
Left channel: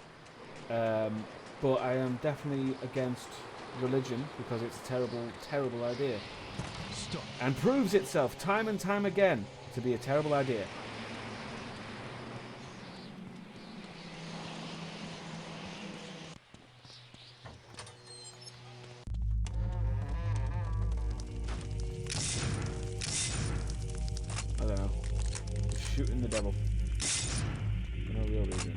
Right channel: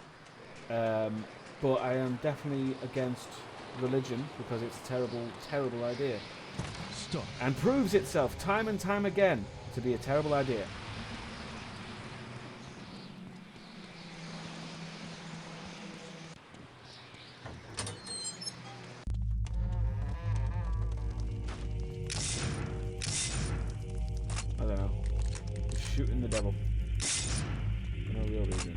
But I am definitely against religion, because it's a terrible, terrible idea. Stop. And proves itself time and time again to be a terrible idea. I don't know. Just shooting the devil. For no real reason.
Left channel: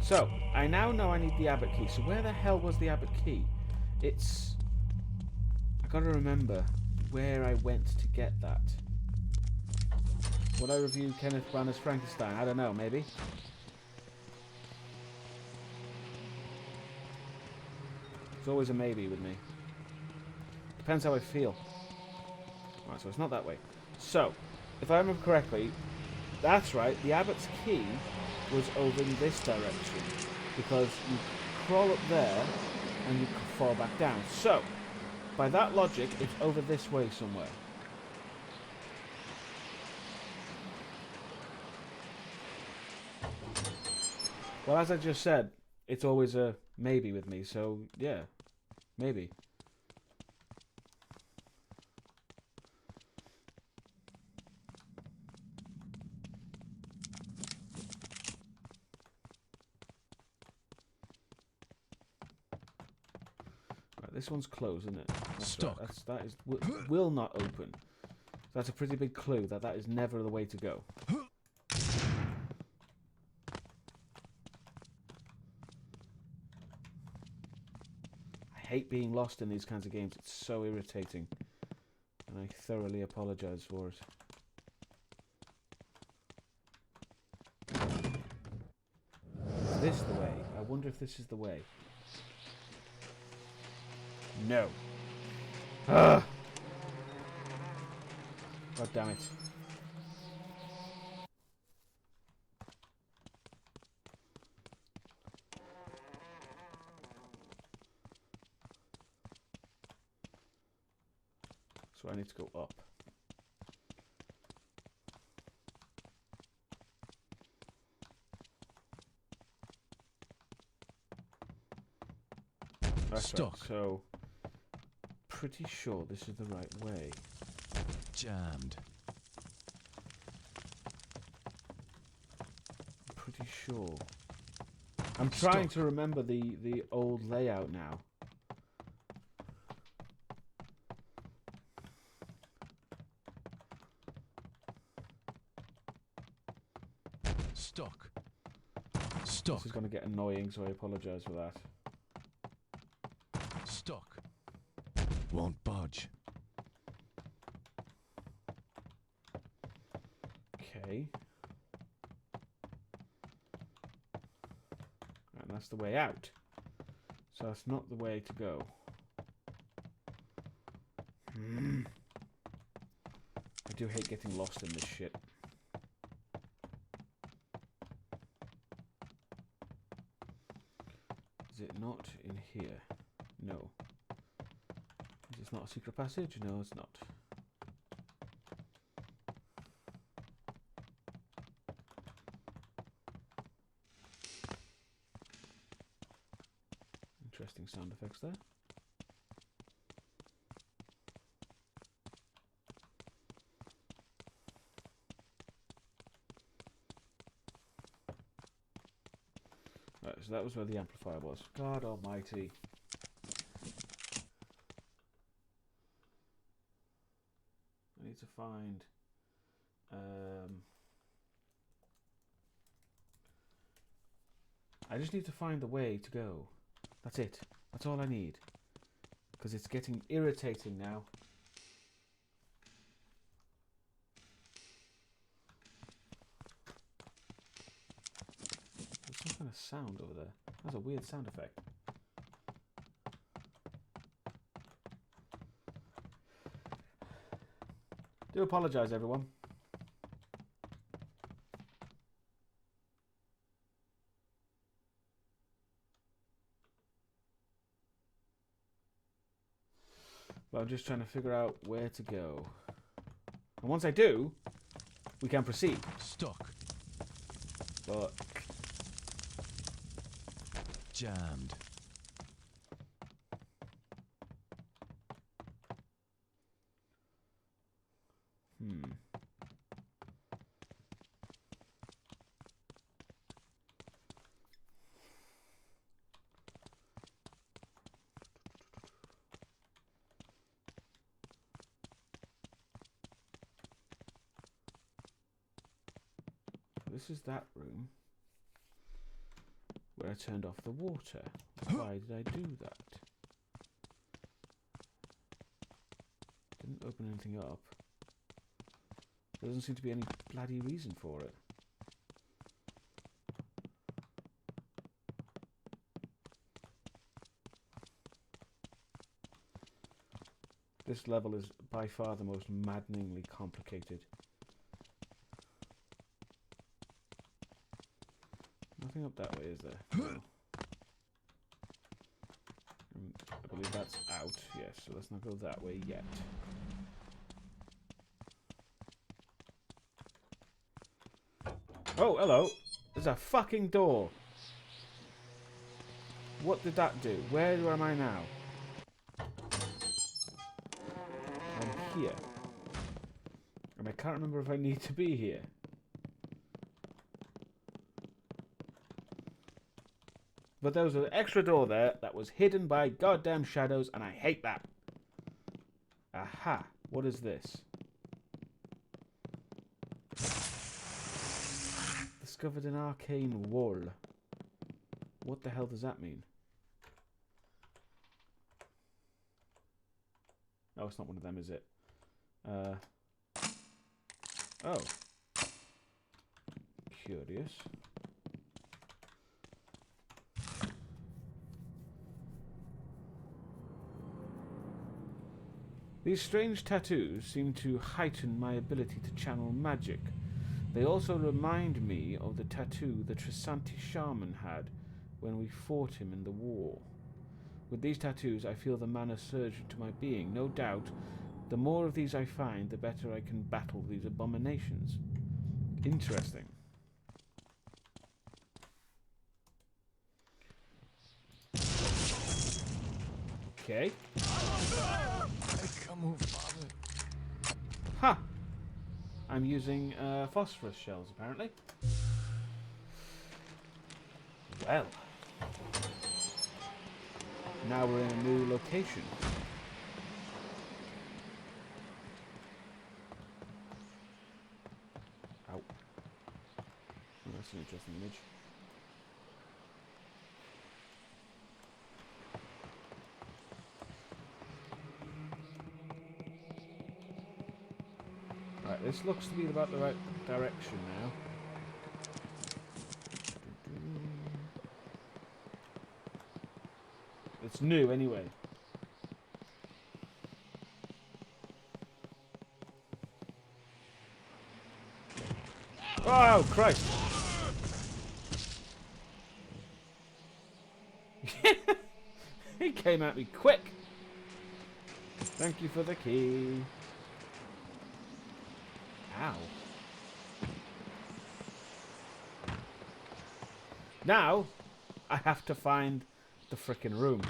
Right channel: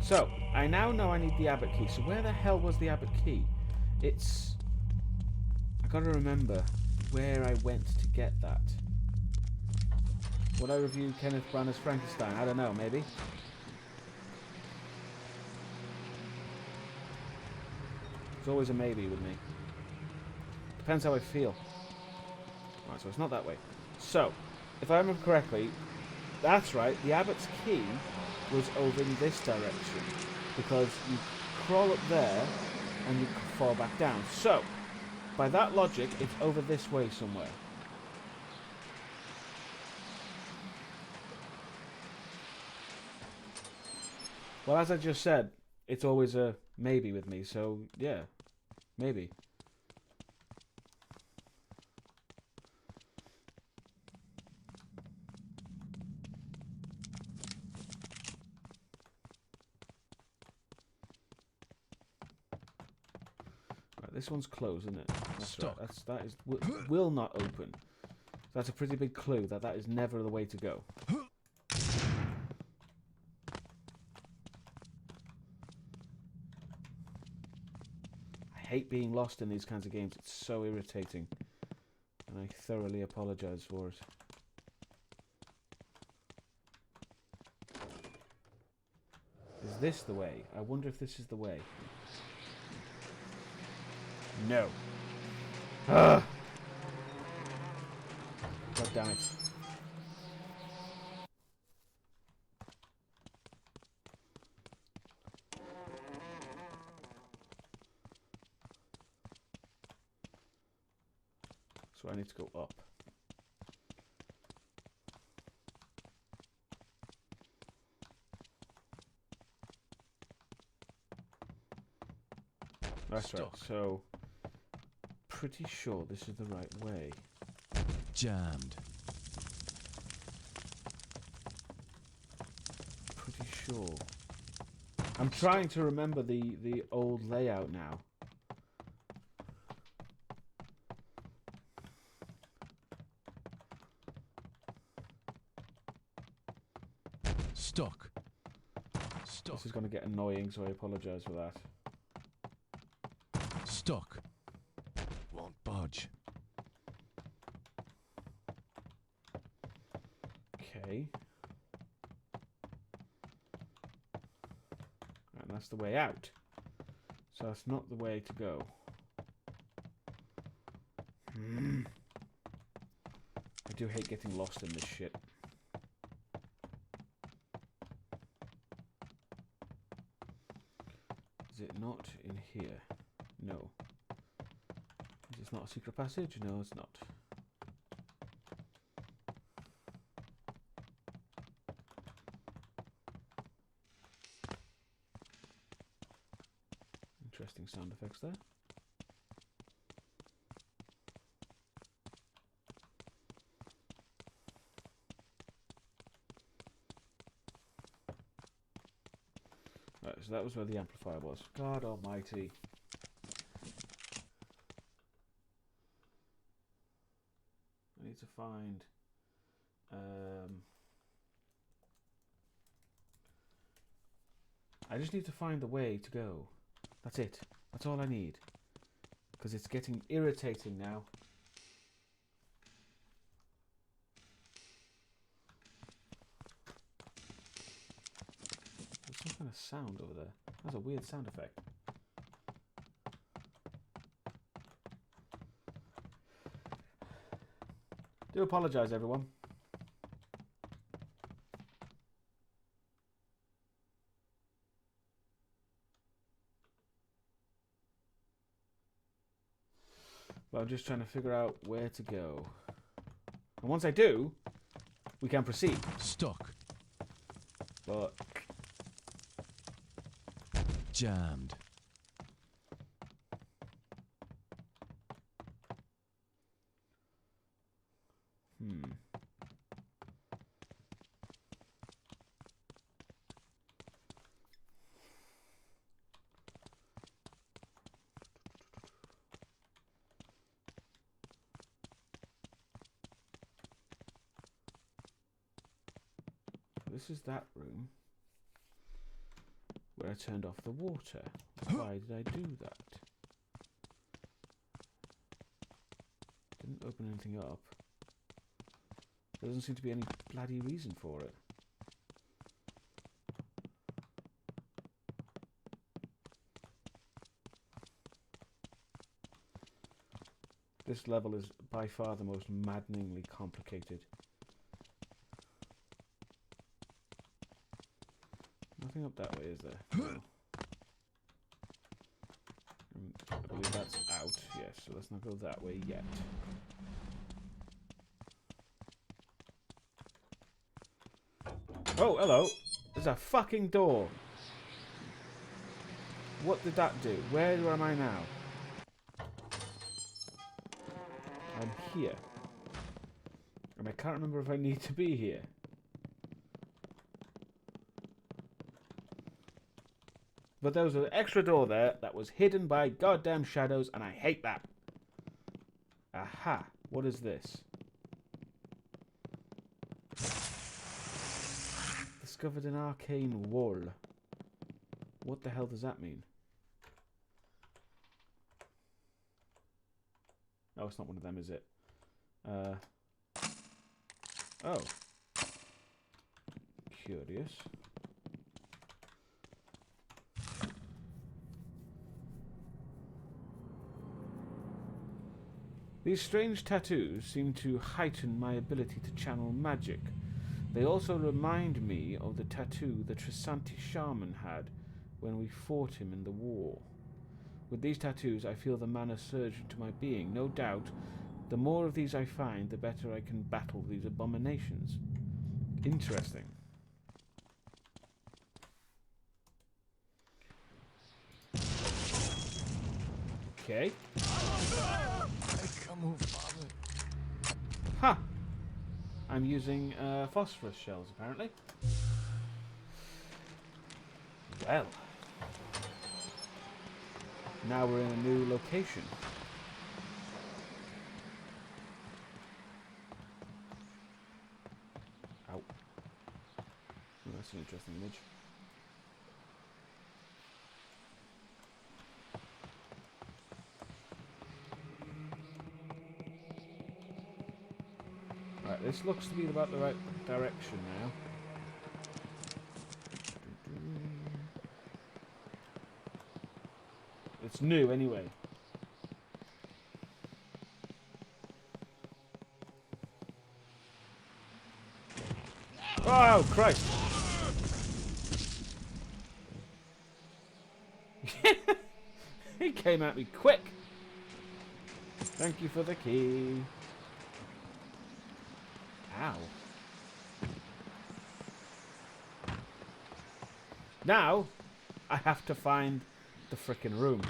So, I now know I need the Abbot Key. So where the hell was the Abbot Key? It's... I gotta remember where I went to get that. Would I review Kenneth Branagh's Frankenstein? I don't know, maybe. It's always a maybe with me. Depends how I feel. Right, so it's not that way. So, if I remember correctly, that's right, the Abbot's Key was over in this direction, because you crawl up there and you fall back down. So, by that logic, it's over this way somewhere. Well, as I just said, it's always a maybe with me, so yeah, maybe. This one's closed, isn't it? That's Stock. right. That is will not open. That's a pretty big clue that is never the way to go. hate being lost in these kinds of games. It's so irritating. And I thoroughly apologize for it. Is this the way? I wonder if this is the way. No. Ah! God damn it. So I need to go up. That's right. Stuck. So, pretty sure this is the right way. Jammed. Pretty sure. I'm trying to remember the old layout now. Stuck. Stuck. This is going to get annoying, so I apologise for that. Stuck. Won't budge. Okay. And that's the way out. So that's not the way to go. I do hate getting lost in this shit. Is it not in here? No. Is this not a secret passage? No, it's not. Interesting sound effects there. Right, so that was where the amplifier was. God almighty. I need to find... I just need to find the way to go. That's it. That's all I need. Because it's getting irritating now. There's some kind of sound over there. That's a weird sound effect. Do apologise, everyone. But I'm just trying to figure out where to go. And once I do, we can proceed. Stuck. But Jammed. this is that room where I turned off the water. Why did I do that? Didn't open anything up. There doesn't seem to be any bloody reason for it. This level is by far the most maddeningly complicated. Nothing up that way, is there? No. I believe that's out, yes, so let's not go that way yet. Oh, hello! There's a fucking door! What did that do? Where am I now? I'm here. And I can't remember if I need to be here. But there was an extra door there that was hidden by goddamn shadows, and I hate that. Aha. What is this? Discovered an arcane wall. What the hell does that mean? Oh, it's not one of them, is it? Oh. Curious. These strange tattoos seem to heighten my ability to channel magic. They also remind me of the tattoo the Trisanti shaman had when we fought him in the war. With these tattoos, I feel the mana surge into my being. No doubt, the more of these I find, the better I can battle these abominations. Interesting. Okay. Come on, father. Ha! I'm using phosphorus shells, apparently. Well. Now we're in a new location. Ow. Oh, that's an interesting image. Right, this looks to be about the right direction now. It's new anyway. Oh, Christ! He came at me quick! Thank you for the key. Ow. Now, I have to find the frickin' room.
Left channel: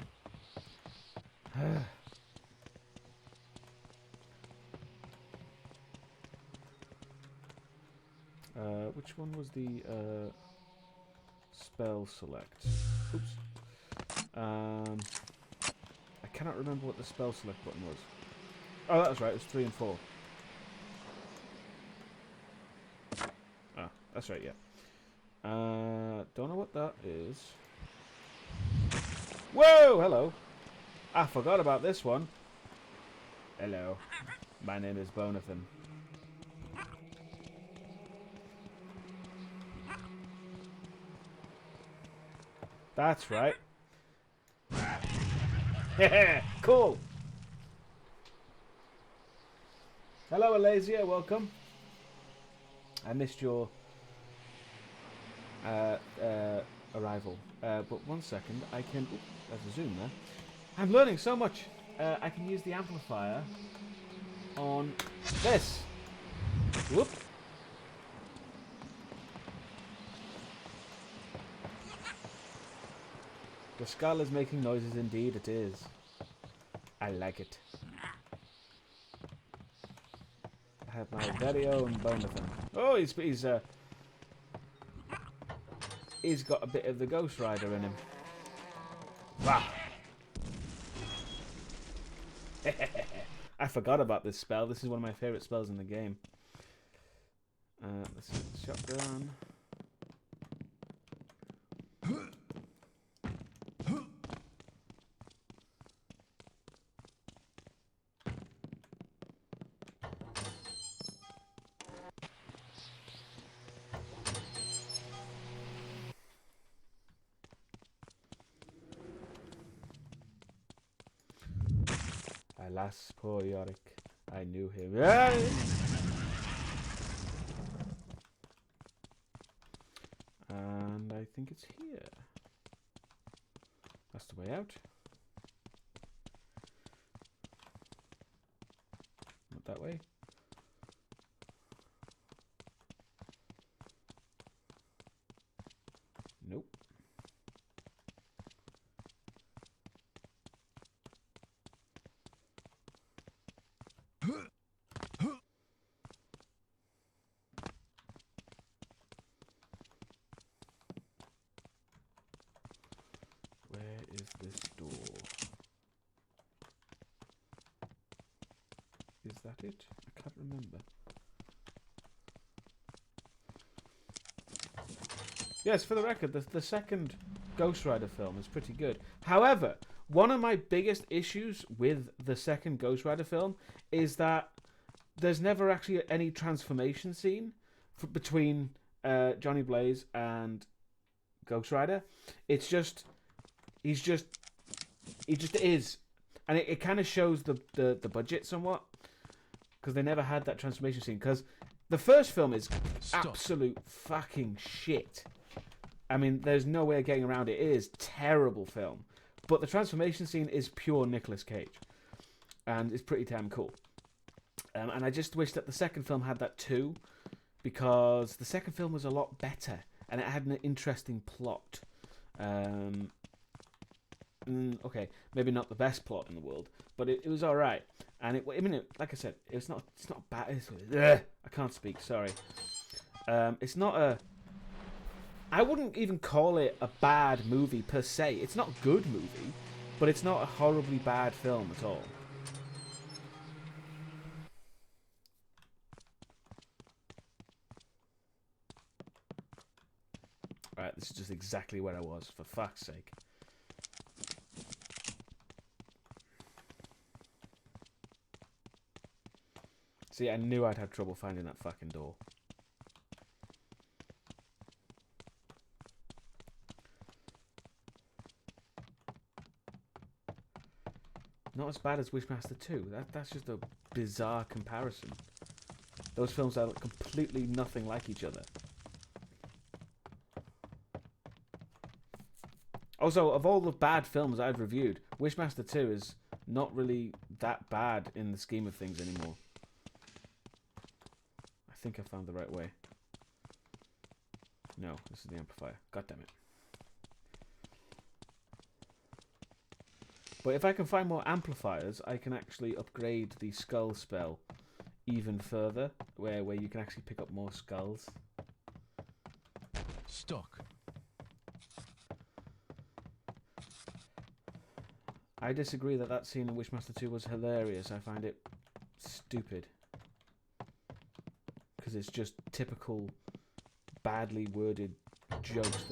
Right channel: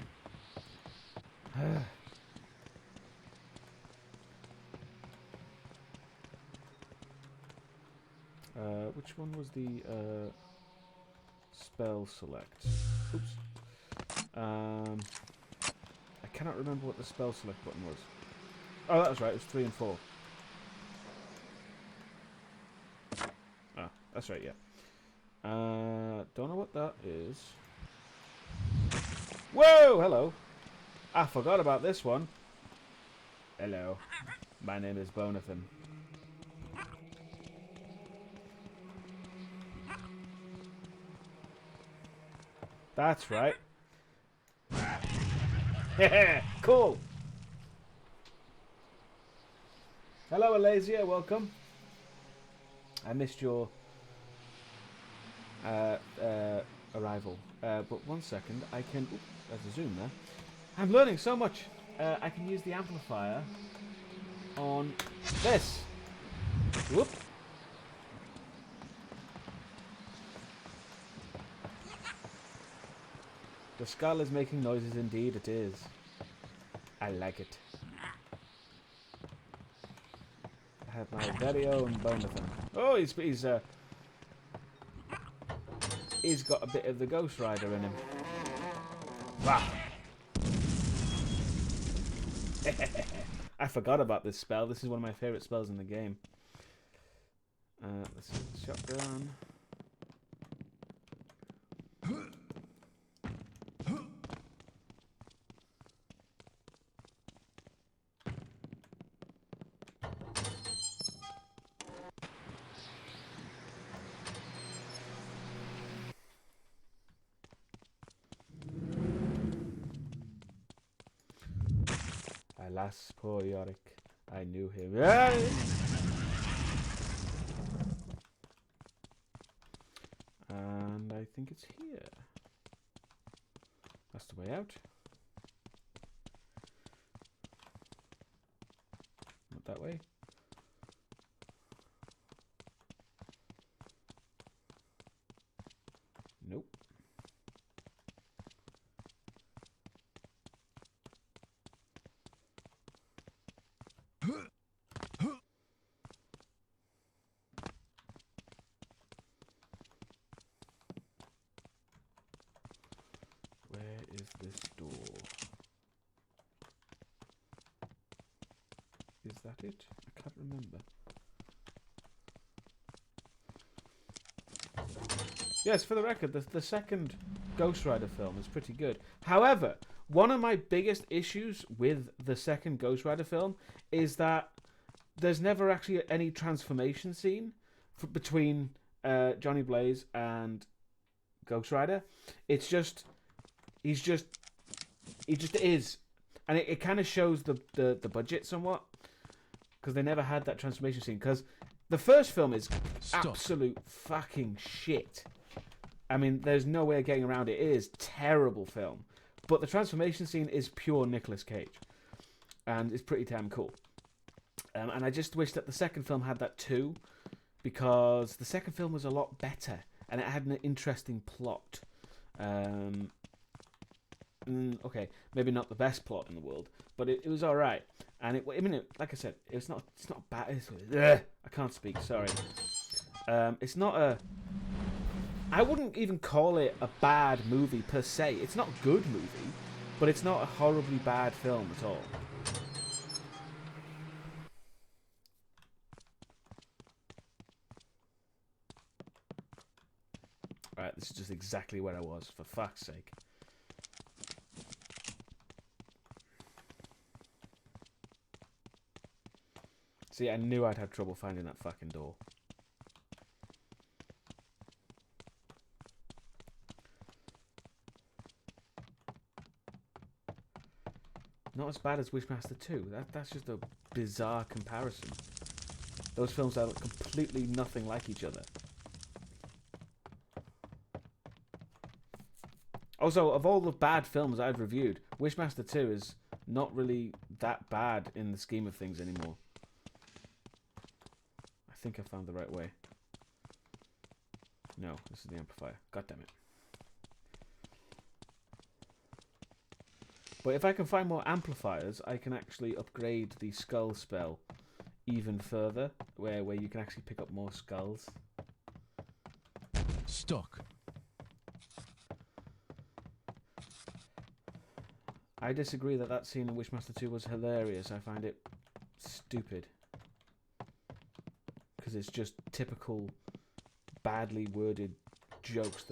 Which one was the spell select? Oops. I cannot remember what the spell select button was. Oh, that was right. It was 3 and 4. Ah, that's right. Yeah. Don't know what that is. Whoa! Hello. I forgot about this one. Hello. My name is Bonathan. That's right. Cool. Hello, Alasia. Welcome. I missed your arrival. But one second. I can... Ooh, there's a zoom there. I'm learning so much. I can use the amplifier on this. Whoop. The skull is making noises, indeed it is. I like it. I have my very own Bonathan. Oh, he's got a bit of the Ghost Rider in him. Wow. I forgot about this spell. This is one of my favourite spells in the game. Let's see, shotgun. Alas, poor Yorick. I knew him. And I think it's here. That's the way out. Not that way. Nope. Where is this door? Is that it? I can't remember. Yes, for the record, the second Ghost Rider film is pretty good. However, one of my biggest issues with the second Ghost Rider film is that there's never actually any transformation scene between Johnny Blaze and Ghost Rider. It's just he just is, and it kind of shows the budget somewhat, because they never had that transformation scene. Because the first film is absolute fucking shit. I mean, there's no way of getting around it. It is a terrible film, but the transformation scene is pure Nicolas Cage, and it's pretty damn cool. And I just wish that the second film had that too, because the second film was a lot better and it had an interesting plot. Okay, maybe not the best plot in the world, but it was all right. And like I said, it's not bad. I can't speak. Sorry. It's not a. I wouldn't even call it a bad movie per se. It's not a good movie, but it's not a horribly bad film at all. Right, this is just exactly where I was, for fuck's sake. See, I knew I'd have trouble finding that fucking door. Not as bad as Wishmaster 2. That's just a bizarre comparison. Those films are completely nothing like each other. Also, of all the bad films I've reviewed, Wishmaster 2 is not really that bad in the scheme of things anymore. I think I found the right way. No, this is the amplifier. God damn it. But if I can find more amplifiers, I can actually upgrade the skull spell even further, where you can actually pick up more skulls. Stock. I disagree that scene in Wishmaster 2 was hilarious. I find it stupid. Because it's just typical badly worded jokes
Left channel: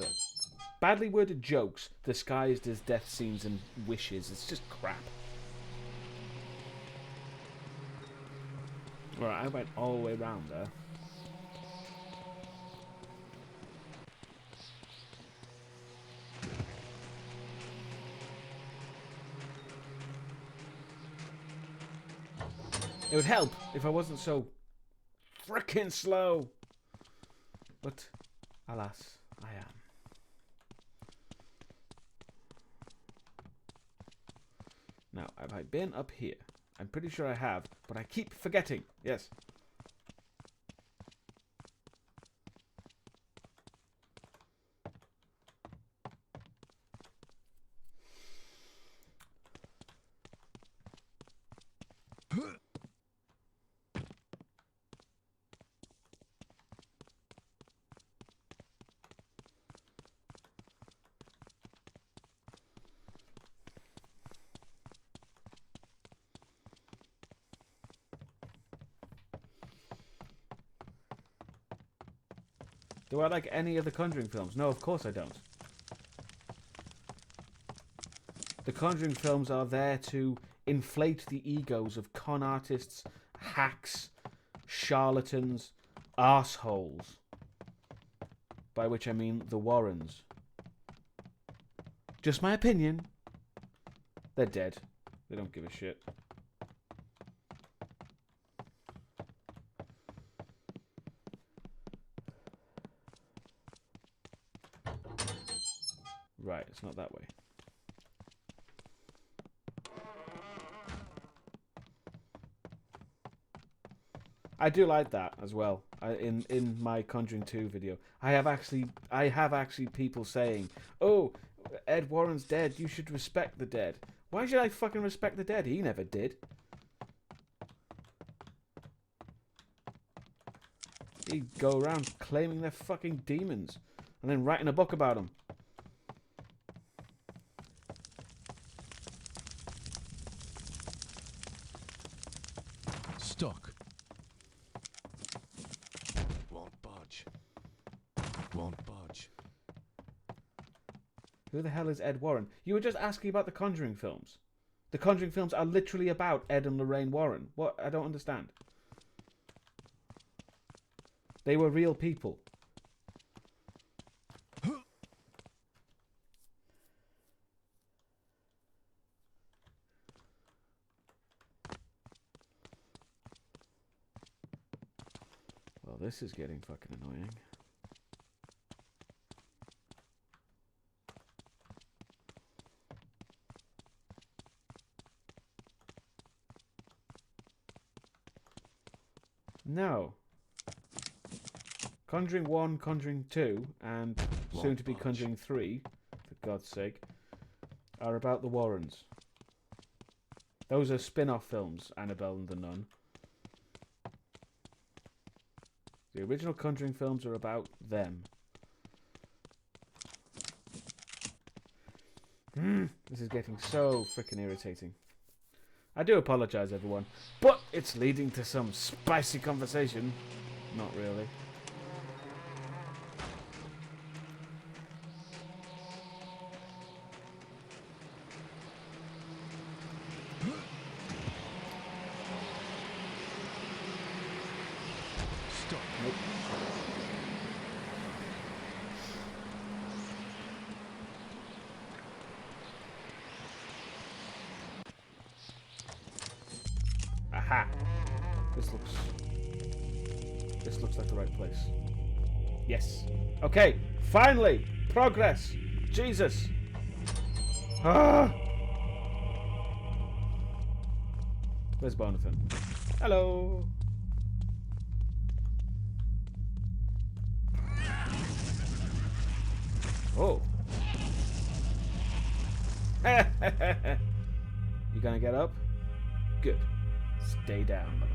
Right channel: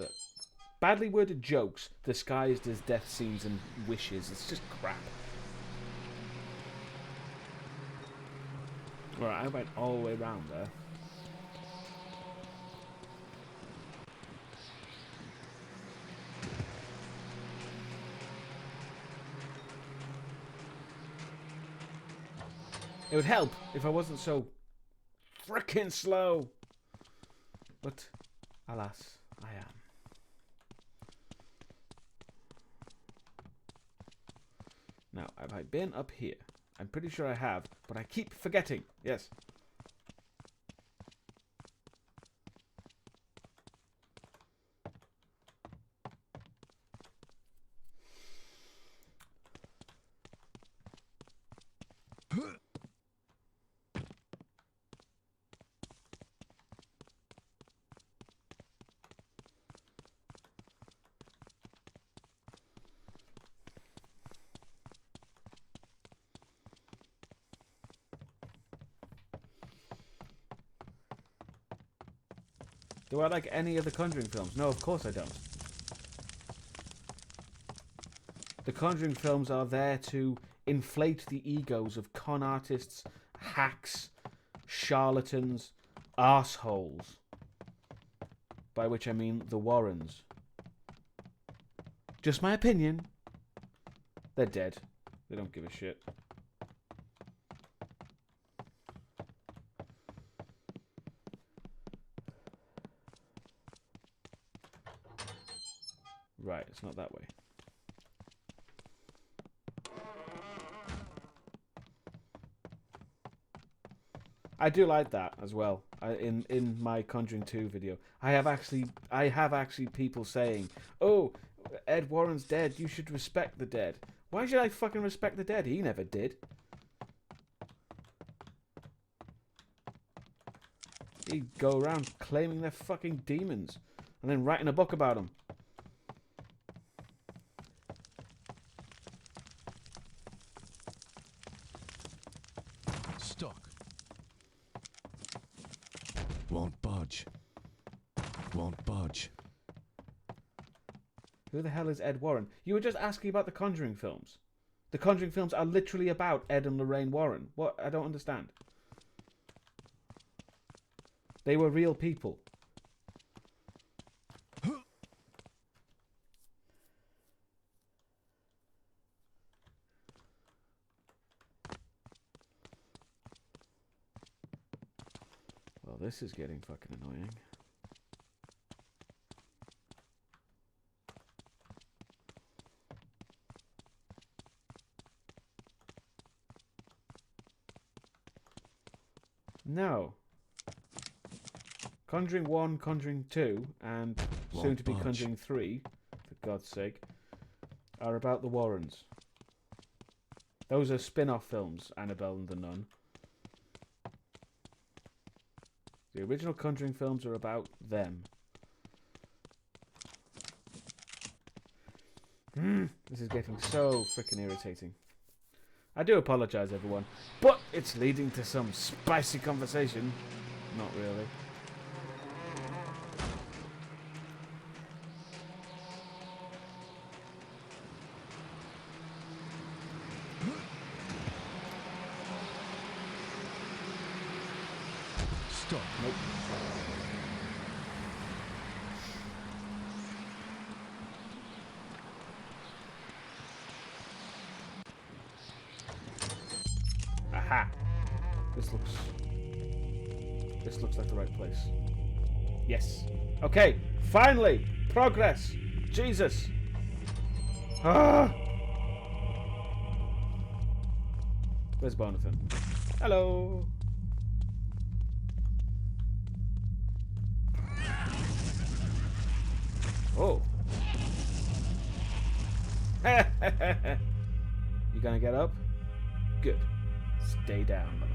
disguised as death scenes and wishes. It's just crap. Alright, I went all the way around there. It would help if I wasn't so frickin' slow. But, alas, I am. Now, have I been up here? I'm pretty sure I have, but I keep forgetting. Yes. Do I like any of the Conjuring films? No, of course I don't. The Conjuring films are there to inflate the egos of con artists, hacks, charlatans, arseholes. By which I mean the Warrens. Just my opinion. They're dead. They don't give a shit. Right, it's not that way. I do like that as well. In my Conjuring 2 video, I have actually people saying, "Oh, Ed Warren's dead. You should respect the dead." Why should I fucking respect the dead? He never did. He'd go around claiming they're fucking demons and then writing a book about them. Stock. Won't budge. Won't budge. Who the hell is Ed Warren? You were just asking about the Conjuring films. The Conjuring films are literally about Ed and Lorraine Warren. What? I don't understand. They were real people. Well, this is getting fucking annoying. No. Conjuring 1, Conjuring 2, and soon to be Conjuring 3, for God's sake, are about the Warrens. Those are spin-off films, Annabelle and the Nun. The original Conjuring films are about them. This is getting so freaking irritating. I do apologise, everyone, but it's leading to some spicy conversation. Not really. Stop. Nope. Aha! This looks like the right place. Yes. Okay. Finally, progress. Jesus. Ah. Where's Bonathan? Hello. Oh. You gonna get up? Good. Stay down, motherfucker.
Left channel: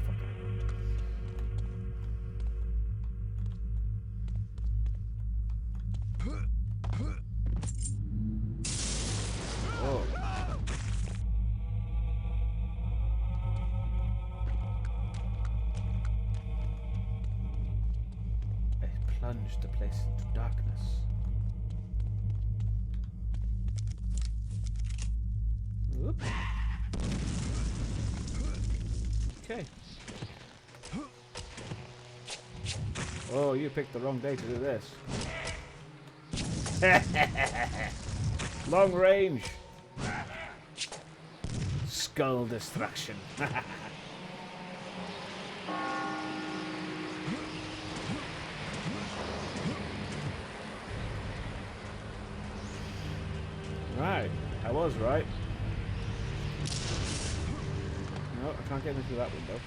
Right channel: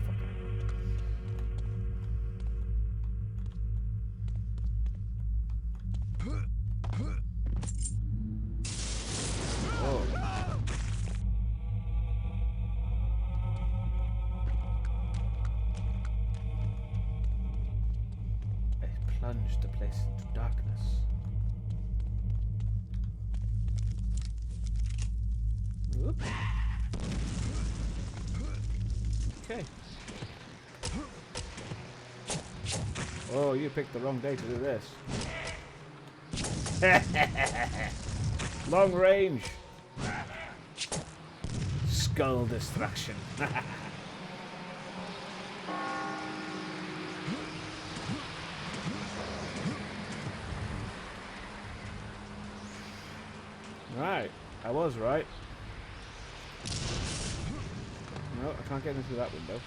Oh. I plunged the place into darkness. Whoop. Okay. Oh, you picked the wrong day to do this. Long range. Skull destruction. Right. I was right. No, I can't get into that window.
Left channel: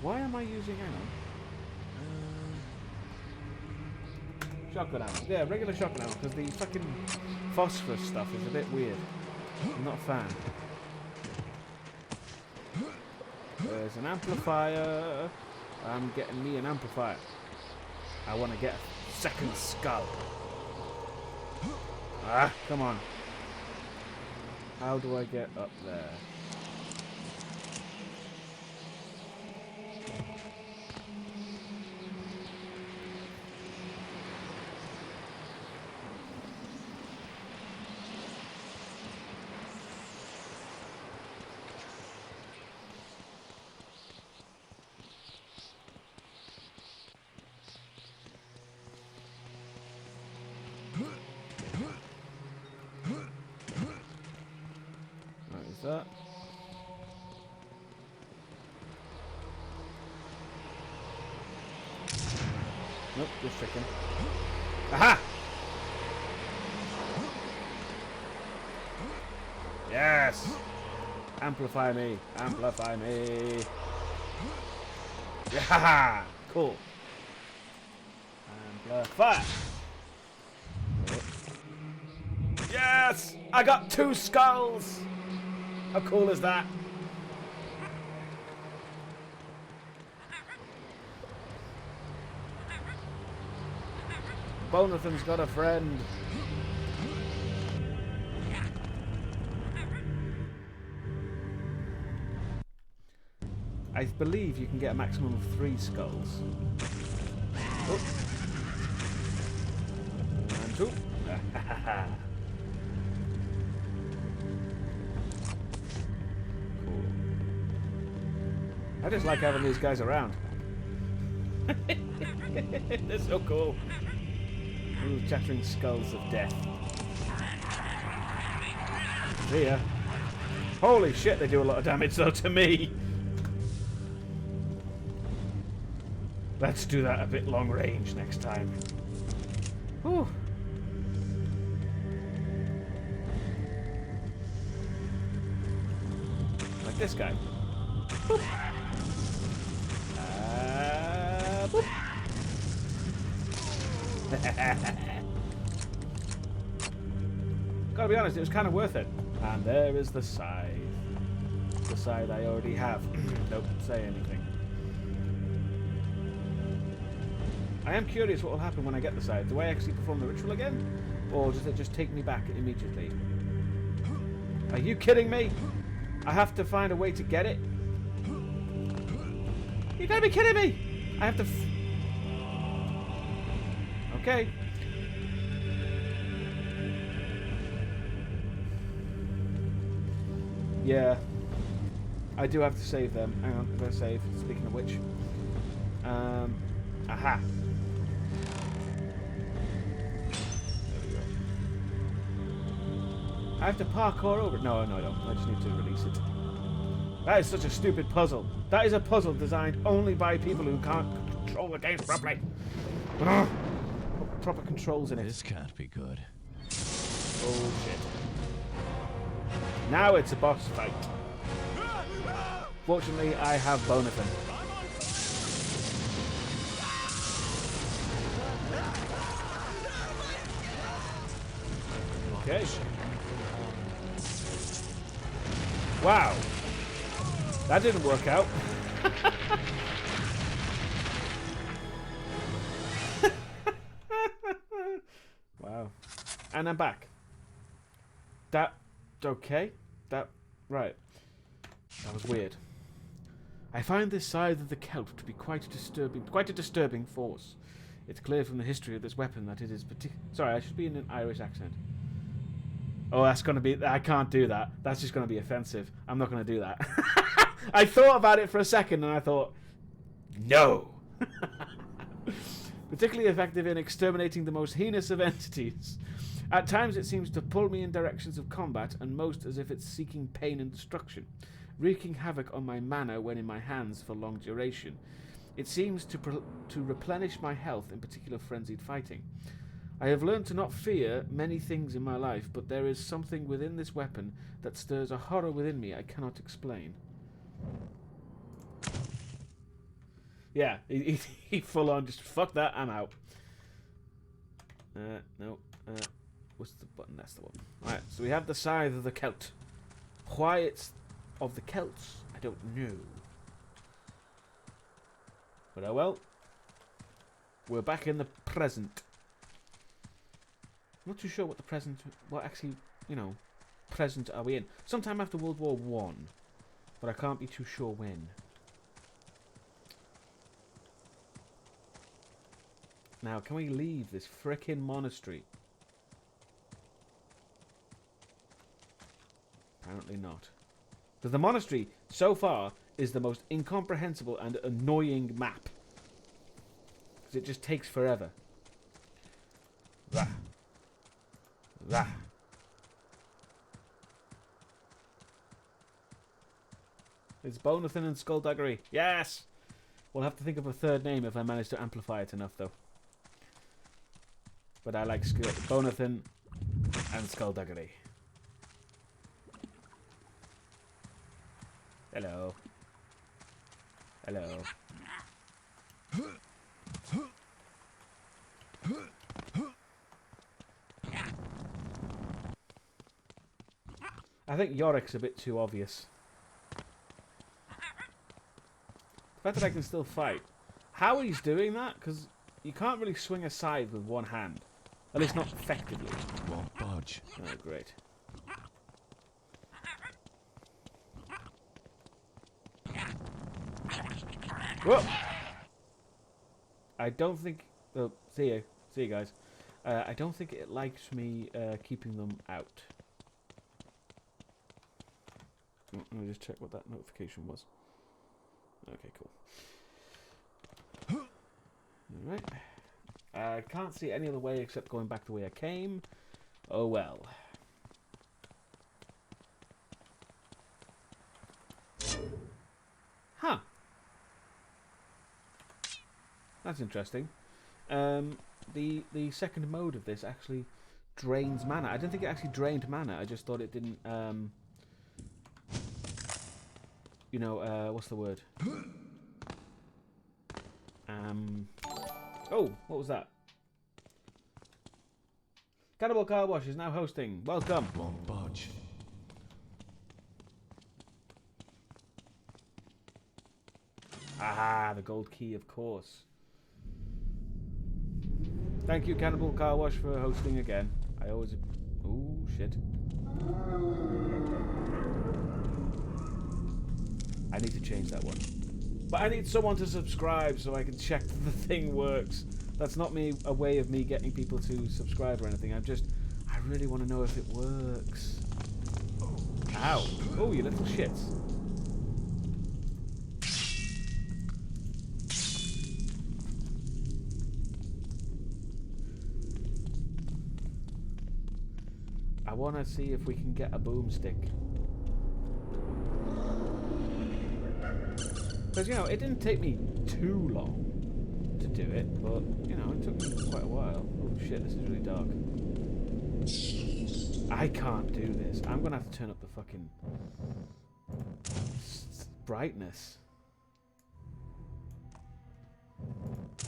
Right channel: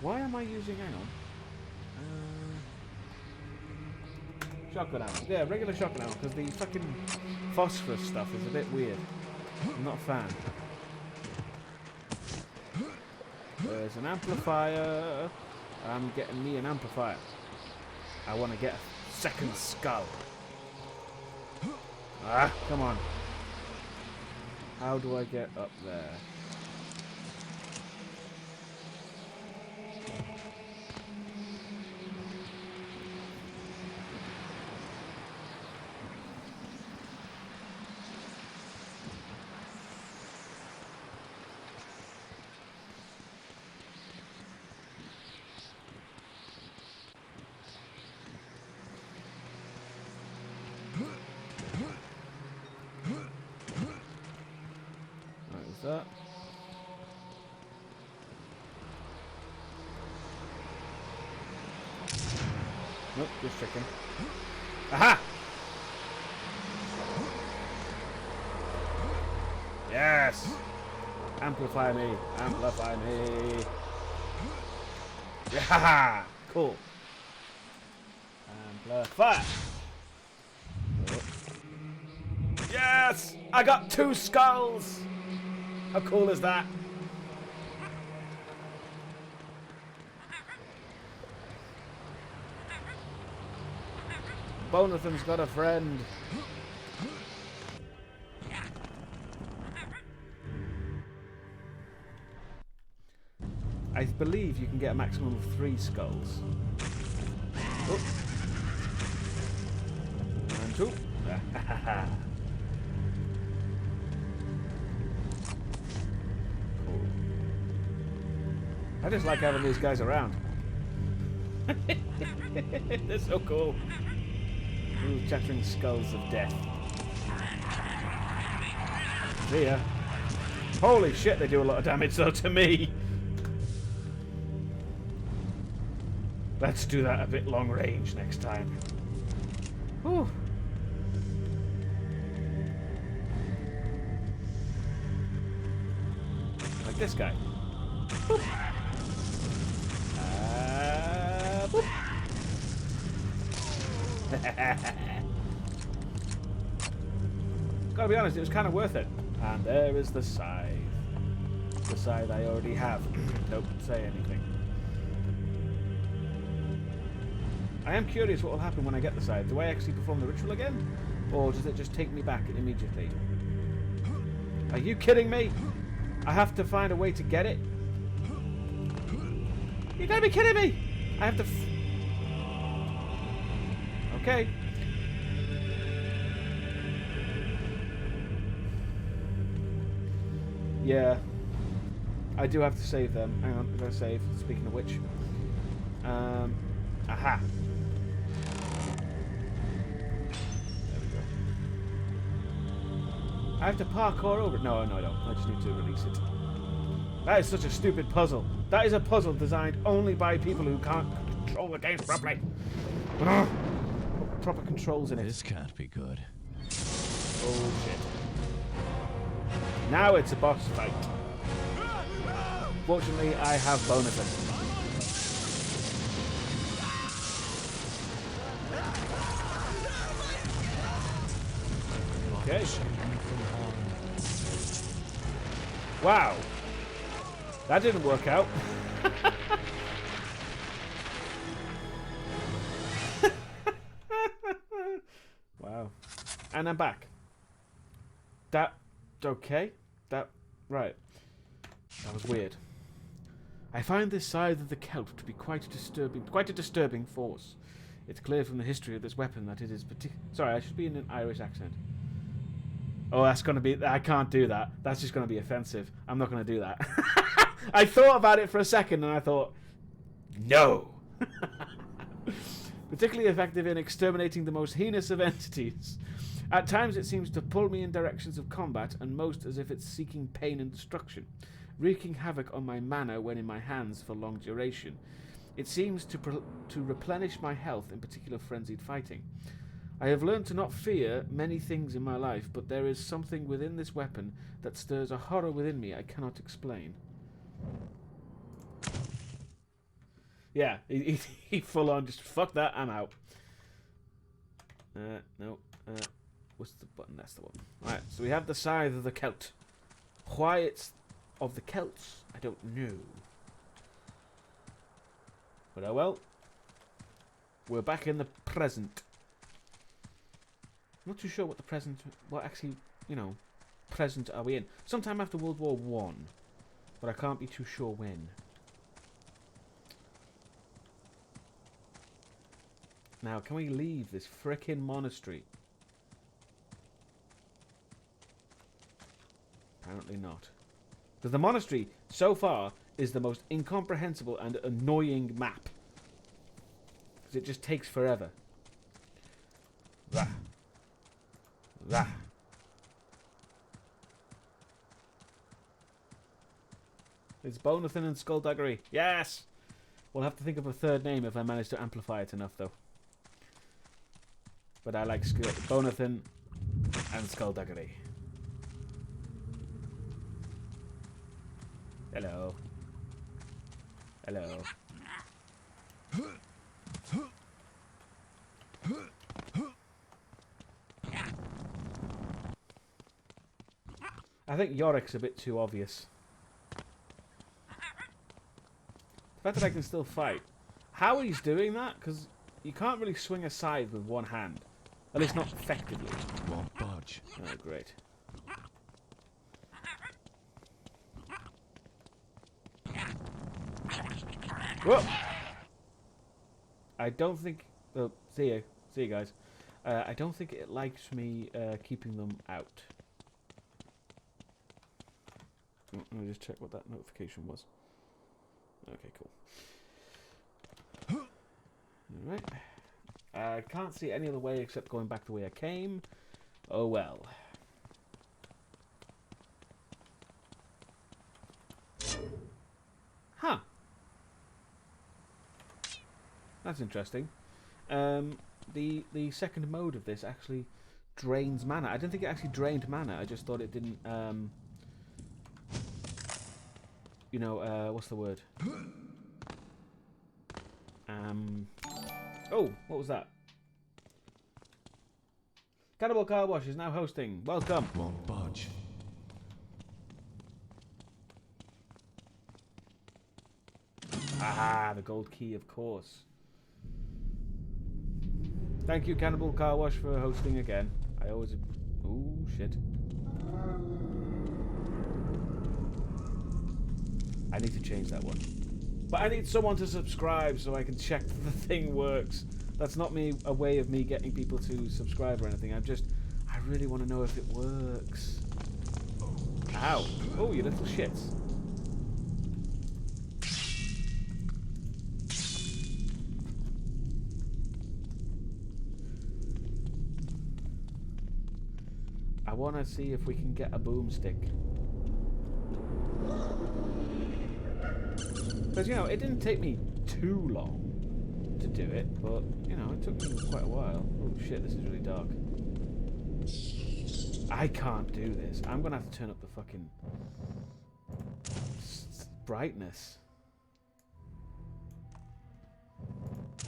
Why am I using... Hang on. Shotgun ammo. Yeah, regular shotgun ammo, because the fucking phosphorus stuff is a bit weird. I'm not a fan. There's an amplifier. I'm getting me an amplifier. I want to get a second skull. Ah, come on. How do I get up there? That. Nope, just checking. Aha! Yes! Amplify me! Amplify me! Yeah! Cool. Amplify! Yes! I got 2 skulls! How cool is that? Bonathan's got a friend. I believe you can get a maximum of 3 skulls. Oh. And 2. I just like having these guys around. They're so cool. Little chattering skulls of death. See ya. Holy shit, they do a lot of damage though to me. Let's do that a bit long range next time. Whew. Like this guy. Boop. Boop. Gotta be honest, it was kind of worth it. And there is the scythe. The scythe I already have. Don't say anything. I am curious what will happen when I get the scythe. Do I actually perform the ritual again? Or does it just take me back immediately? Are you kidding me? I have to find a way to get it? You gotta be kidding me! I have to... Okay. Yeah. I do have to save them. Hang on, I'm gonna save. Speaking of which. Aha! There we go. I have to parkour over it. No, no, I don't. I just need to release it. That is such a stupid puzzle. That is a puzzle designed only by people who can't control the games properly. Ugh. Put proper controls in it. This can't be good. Oh shit. Now it's a boss fight. Fortunately, I have Bonathan. Okay. Wow. That didn't work out. Wow. And I'm back. That... Okay. That... Right. That was weird. I find this scythe of the Celt to be quite a disturbing force. It's clear from the history of this weapon that it is Sorry, I should be in an Irish accent. Oh, that's going to be... I can't do that. That's just going to be offensive. I'm not going to do that. I thought about it for a second and I thought, no. Particularly effective in exterminating the most heinous of entities. At times it seems to pull me in directions of combat, and most as if it's seeking pain and destruction, wreaking havoc on my mana when in my hands for long duration. It seems to replenish my health, in particular frenzied fighting. I have learned to not fear many things in my life, but there is something within this weapon that stirs a horror within me I cannot explain. Yeah, he full on just fuck that, I'm out. No. What's the button? That's the one. Alright, so we have the scythe of the Celt. Why it's of the Celts, I don't know. But oh well. We're back in the present. I'm not too sure what the present... What actually, you know, present are we in? Sometime after World War I. But I can't be too sure when. Now, can we leave this frickin' monastery? Apparently not. Because the monastery, so far, is the most incomprehensible and annoying map. Because it just takes forever. Rah. Rah. It's Bonathan and Skullduggery. Yes! We'll have to think of a third name if I manage to amplify it enough, though. But I like Bonathan and Skullduggery. Hello. Hello. I think Yorick's a bit too obvious. The fact that I can still fight. How he's doing that? Because you can't really swing a scythe with one hand. At least not effectively. Won't budge. Oh, great. Whoa! I don't think... Oh, see you. See you guys. I don't think it likes me keeping them out. Let me just check what that notification was. Okay, cool. Alright. I can't see any other way except going back the way I came. Oh well. Huh. That's interesting. The second mode of this actually drains mana. I didn't think it actually drained mana. I just thought it didn't. You know, what's the word? Oh, what was that? Cannibal Car Wash is now hosting. Welcome. Won't budge. Ah, the gold key, of course. Thank you, Cannibal Car Wash, for hosting again. I always... Ooh, shit. I need to change that one. But I need someone to subscribe so I can check that the thing works. That's not a way of me getting people to subscribe or anything. I really want to know if it works. Ow. Oh, you little shits. I want to see if we can get a boomstick. Because, you know, it didn't take me too long to do it, but, you know, it took me quite a while. Oh, shit, this is really dark. I can't do this. I'm going to have to turn up the fucking brightness.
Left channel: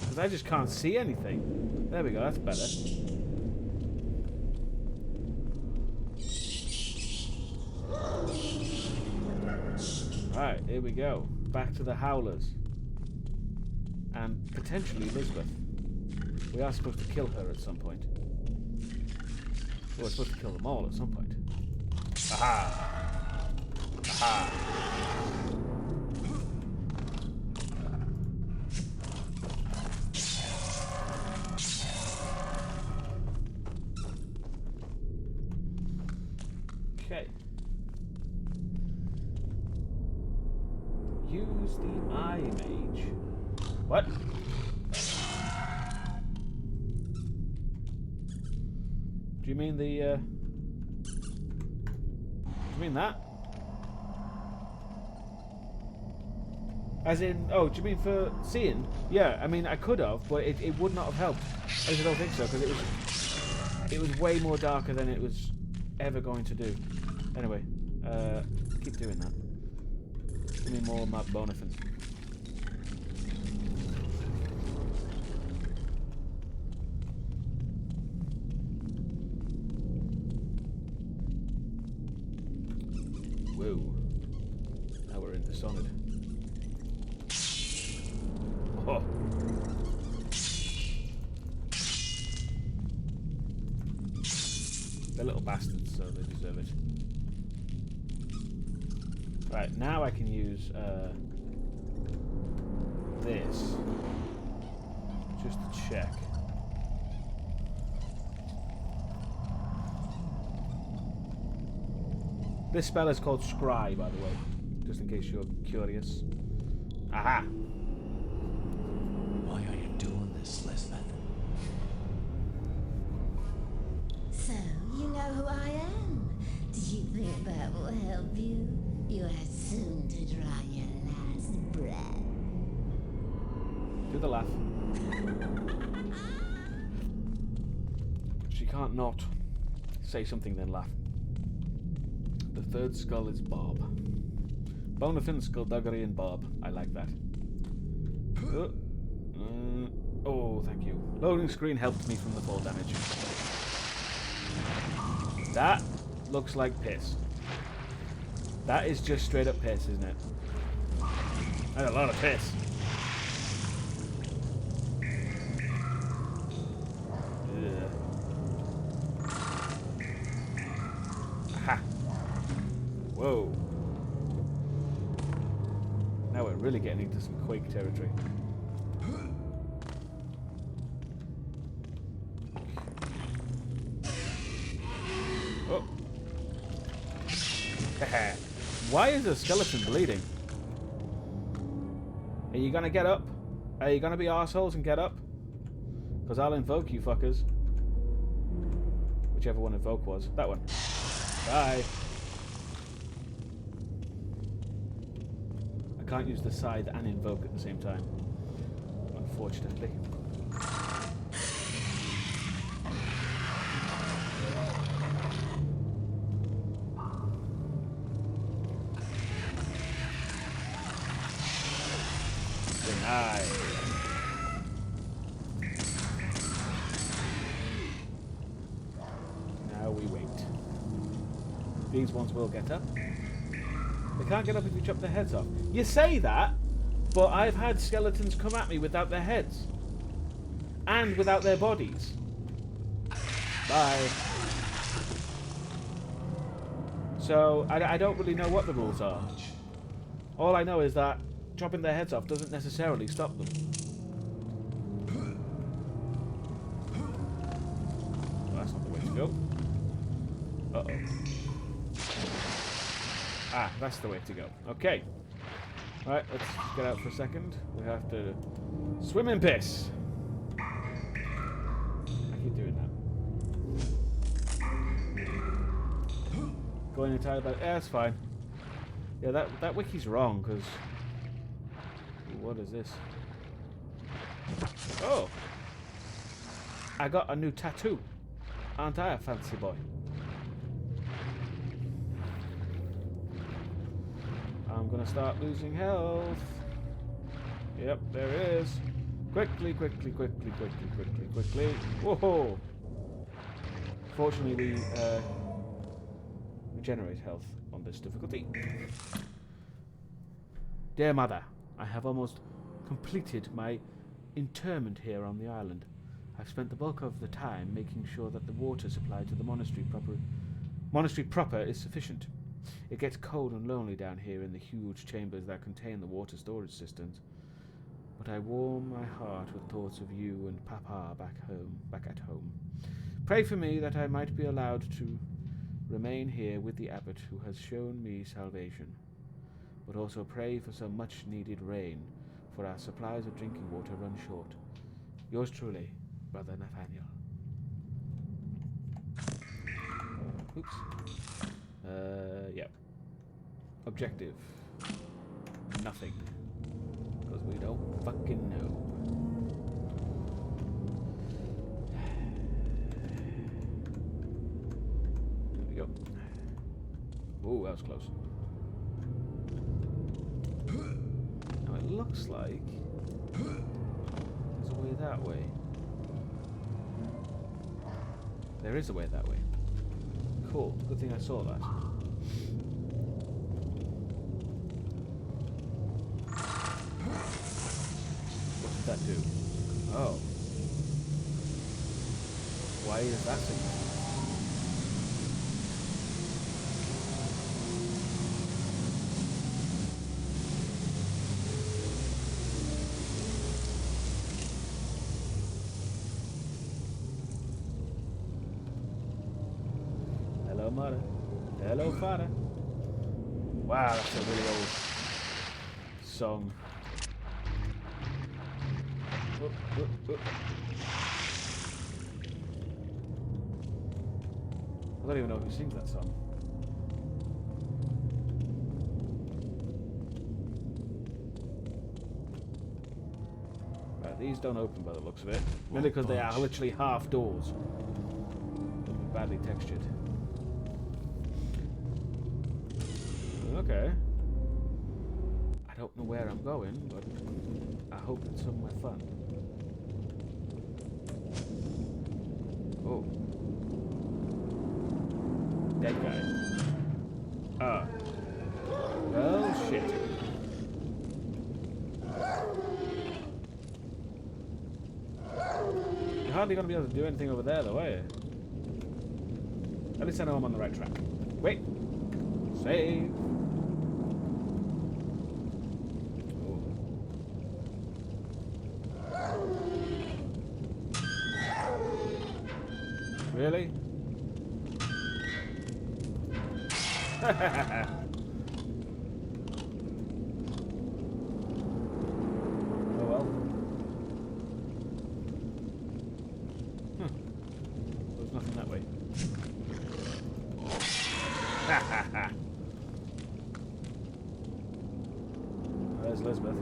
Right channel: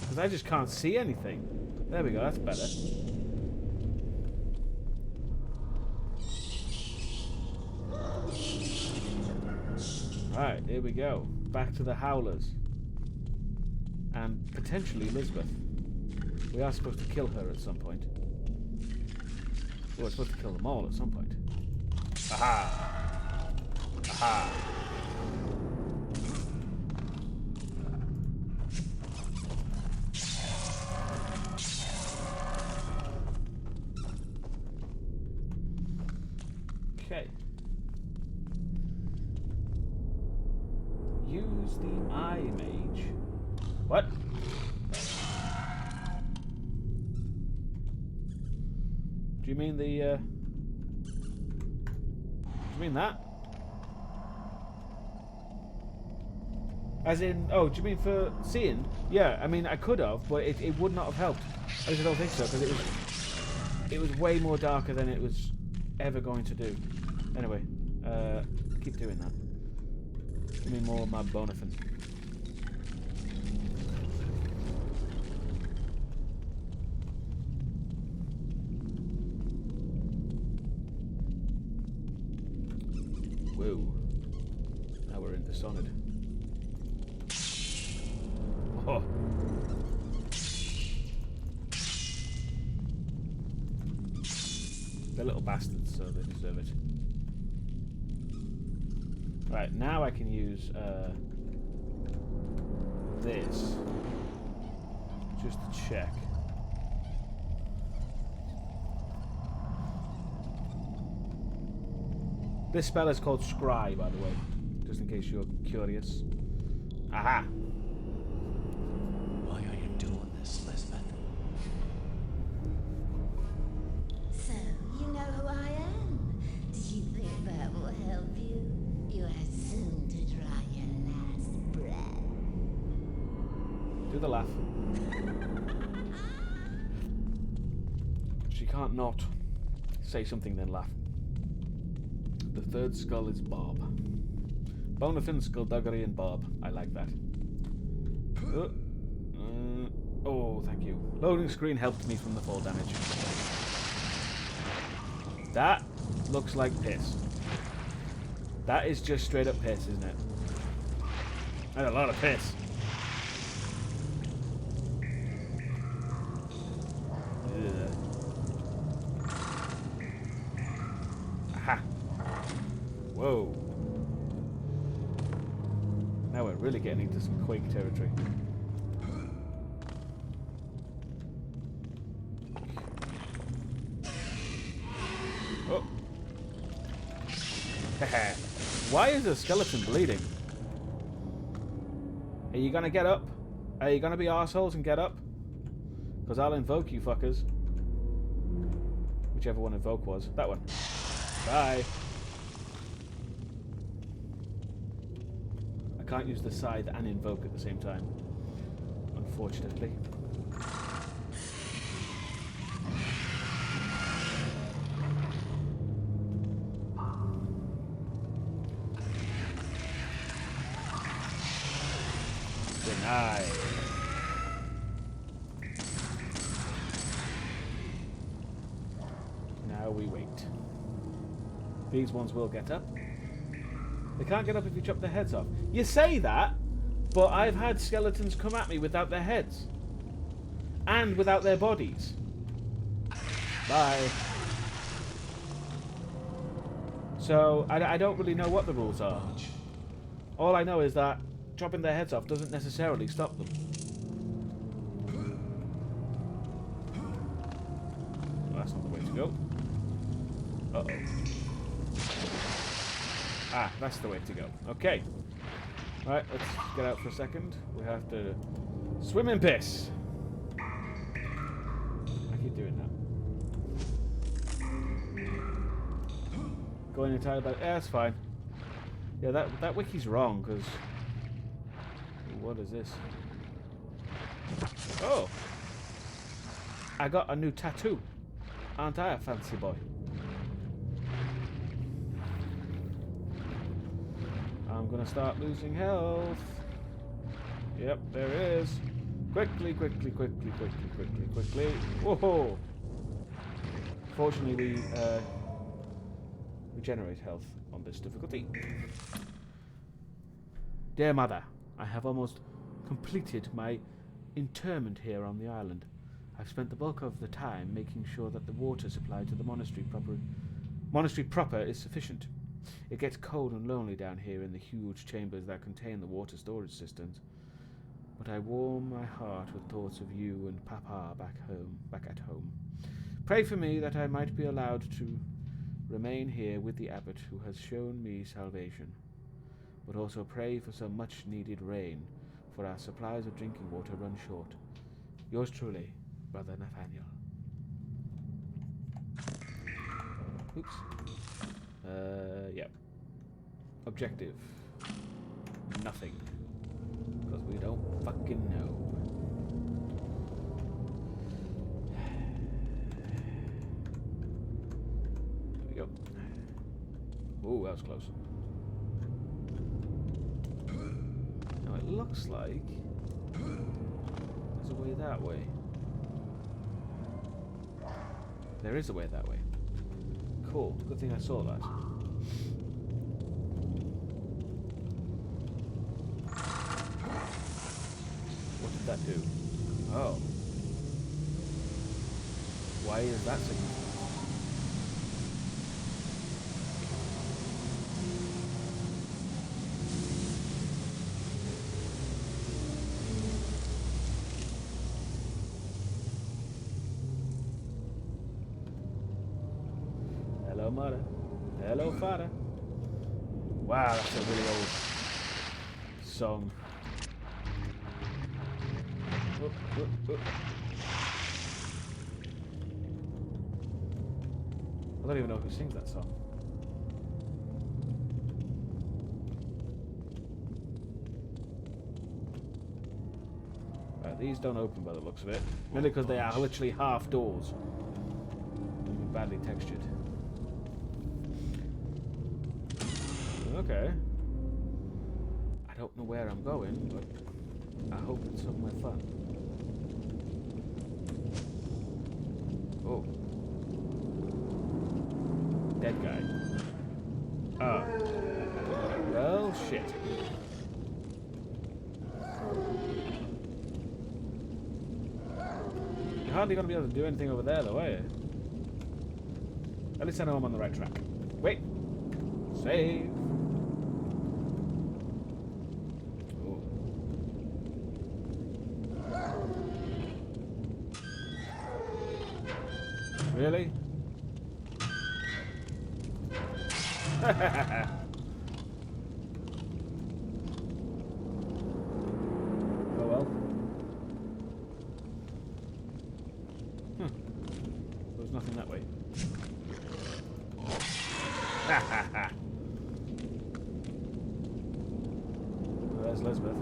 Because I just can't see anything. There we go, that's better. Right, here we go. Back to the Howlers. And potentially Elizabeth. We are supposed to kill her at some point. Well, we're supposed to kill them all at some point. Aha! Aha! Okay. Use the Eye Mage. What? Do you mean the, do you mean that? As in, oh, do you mean for seeing? Yeah, I mean, I could have, but it would not have helped. I just don't think so, because it was way more darker than it was ever going to do. Anyway, keep doing that. Give me more of my bonafin. Whoa. Now we're into Dishonored. Oh. They're little bastards, so they deserve it. Right, now I can use this just to check. This spell is called Scry, by the way, just in case you're curious. Aha! Why are you doing this, Lisbeth? So, you know who I am? Do you think that will help you? You are soon to draw your last breath. Do the laugh. She can't not say something then laugh. The third skull is Bob. Bonafin, Skullduggery, and Bob. I like that. Oh, thank you. Loading screen helped me from the fall damage. That looks like piss. That is just straight up piss, isn't it? That's a lot of piss. Ugh. Aha. Whoa. Now we're really getting into some Quake territory. Oh. Why is the skeleton bleeding? Are you gonna get up? Are you gonna be arseholes and get up? Because I'll invoke you fuckers. Whichever one invoke was. That one. Bye. I can't use the scythe and invoke at the same time. Unfortunately. Denied. Now we wait. These ones will get up. They can't get up if you chop their heads off. You say that, but I've had skeletons come at me without their heads. And without their bodies. Bye. So, I don't really know what the rules are. All I know is that chopping their heads off doesn't necessarily stop them. Well, that's not the way to go. Uh-oh. Ah, that's the way to go. Okay. Alright, let's get out for a second. We have to swim in piss. I keep doing that. Going entirely back. Yeah, that's fine. Yeah, that wiki's wrong, because... What is this? Oh! I got a new tattoo. Aren't I a fancy boy? I'm gonna start losing health. Yep, there it is. Quickly, quickly, quickly, quickly, quickly, quickly. Whoa! Fortunately, we regenerate health on this difficulty. Dear Mother, I have almost completed my interment here on the island. I've spent the bulk of the time making sure that the water supply to the monastery proper is sufficient. It gets cold and lonely down here in the huge chambers that contain the water storage cisterns. But I warm my heart with thoughts of you and Papa back at home. Pray for me that I might be allowed to remain here with the abbot who has shown me salvation. But also pray for some much-needed rain, for our supplies of drinking water run short. Yours truly, Brother Nathaniel. Oops. Yep. Objective. Nothing. Because we don't fucking know. There we go. Ooh, that was close. Now it looks like there's a way that way. There is a way that way. Cool. Good thing I saw that. What did that do? Oh. Why is that significant? Hello, mother. Hello, father. Wow, that's a really old song. I don't even know who sings that song. Right, these don't open by the looks of it. Mainly because they are literally half doors. And badly textured. Okay. I don't know where I'm going, but I hope it's somewhere fun. Oh. Dead guy. Ah. Well, shit. You're hardly going to be able to do anything over there, though, are you? At least I know I'm on the right track. Wait. Save. Oh. Really? There's nothing that way. Ha ha ha! Oh, there's Elizabeth.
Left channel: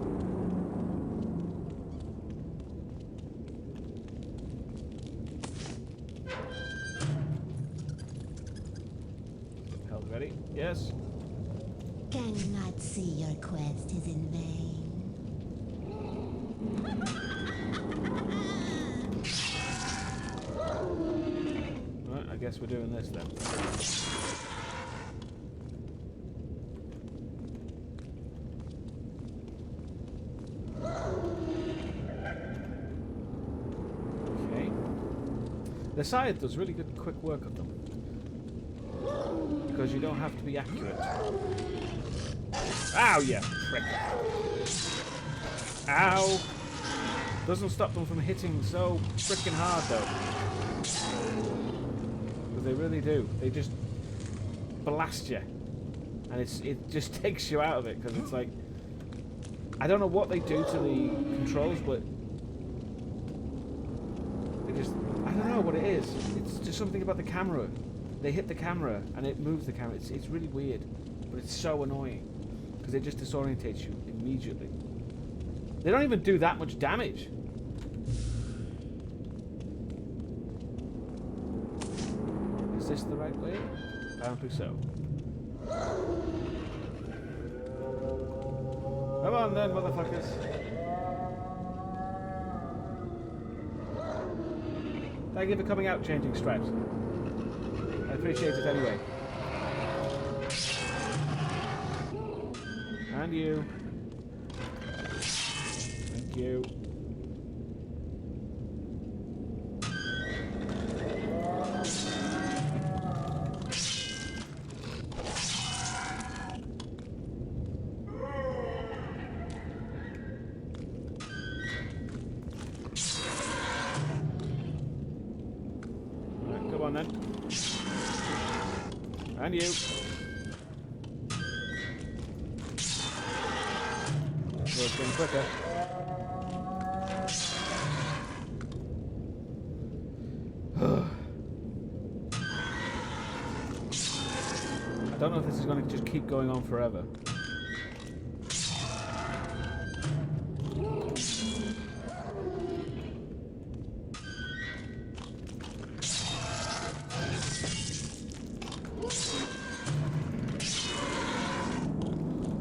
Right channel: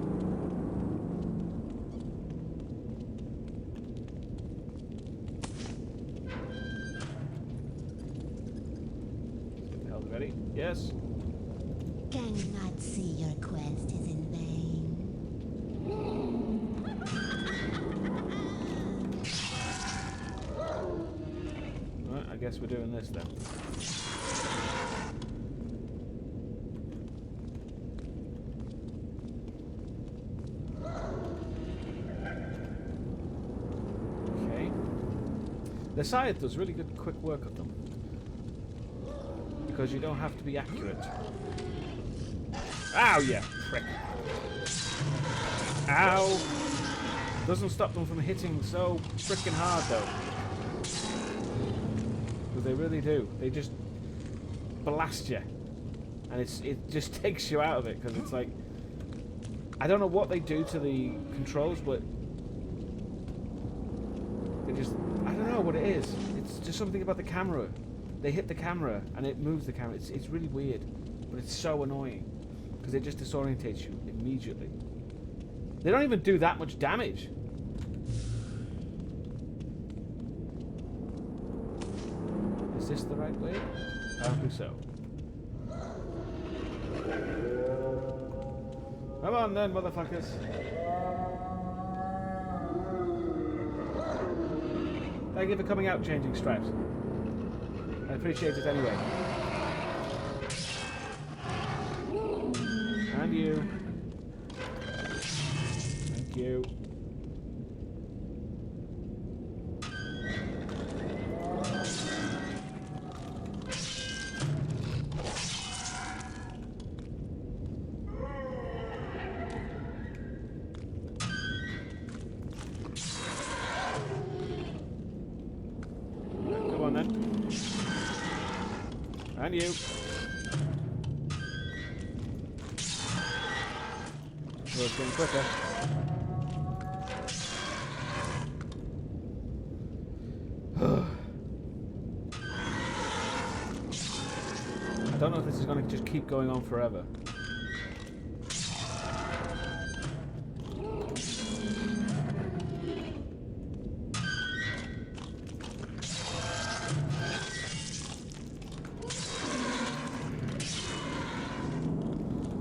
Held ready? Yes. Can you not see your quest is in vain? Right, I guess we're doing this then. Okay. The scythe does really good quick work of them. Because you don't have to be accurate. Ow, you prick. Ow! Doesn't stop them from hitting so frickin' hard though. Because they really do. They just blast you. And it just takes you out of it, because it's like... I don't know what they do to the controls, but... They just... I don't know what it is. It's just something about the camera. They hit the camera, and it moves the camera. It's really weird. But it's so annoying. Because it just disorientates you immediately. They don't even do that much damage. Is this the right way? Apparently so. Come on then, motherfuckers. Thank you for coming out, changing stripes. I appreciate it anyway. And you. Thank you. Right, come on then. And you. Oh, it's getting quicker. I don't know if this is going to just keep going on forever.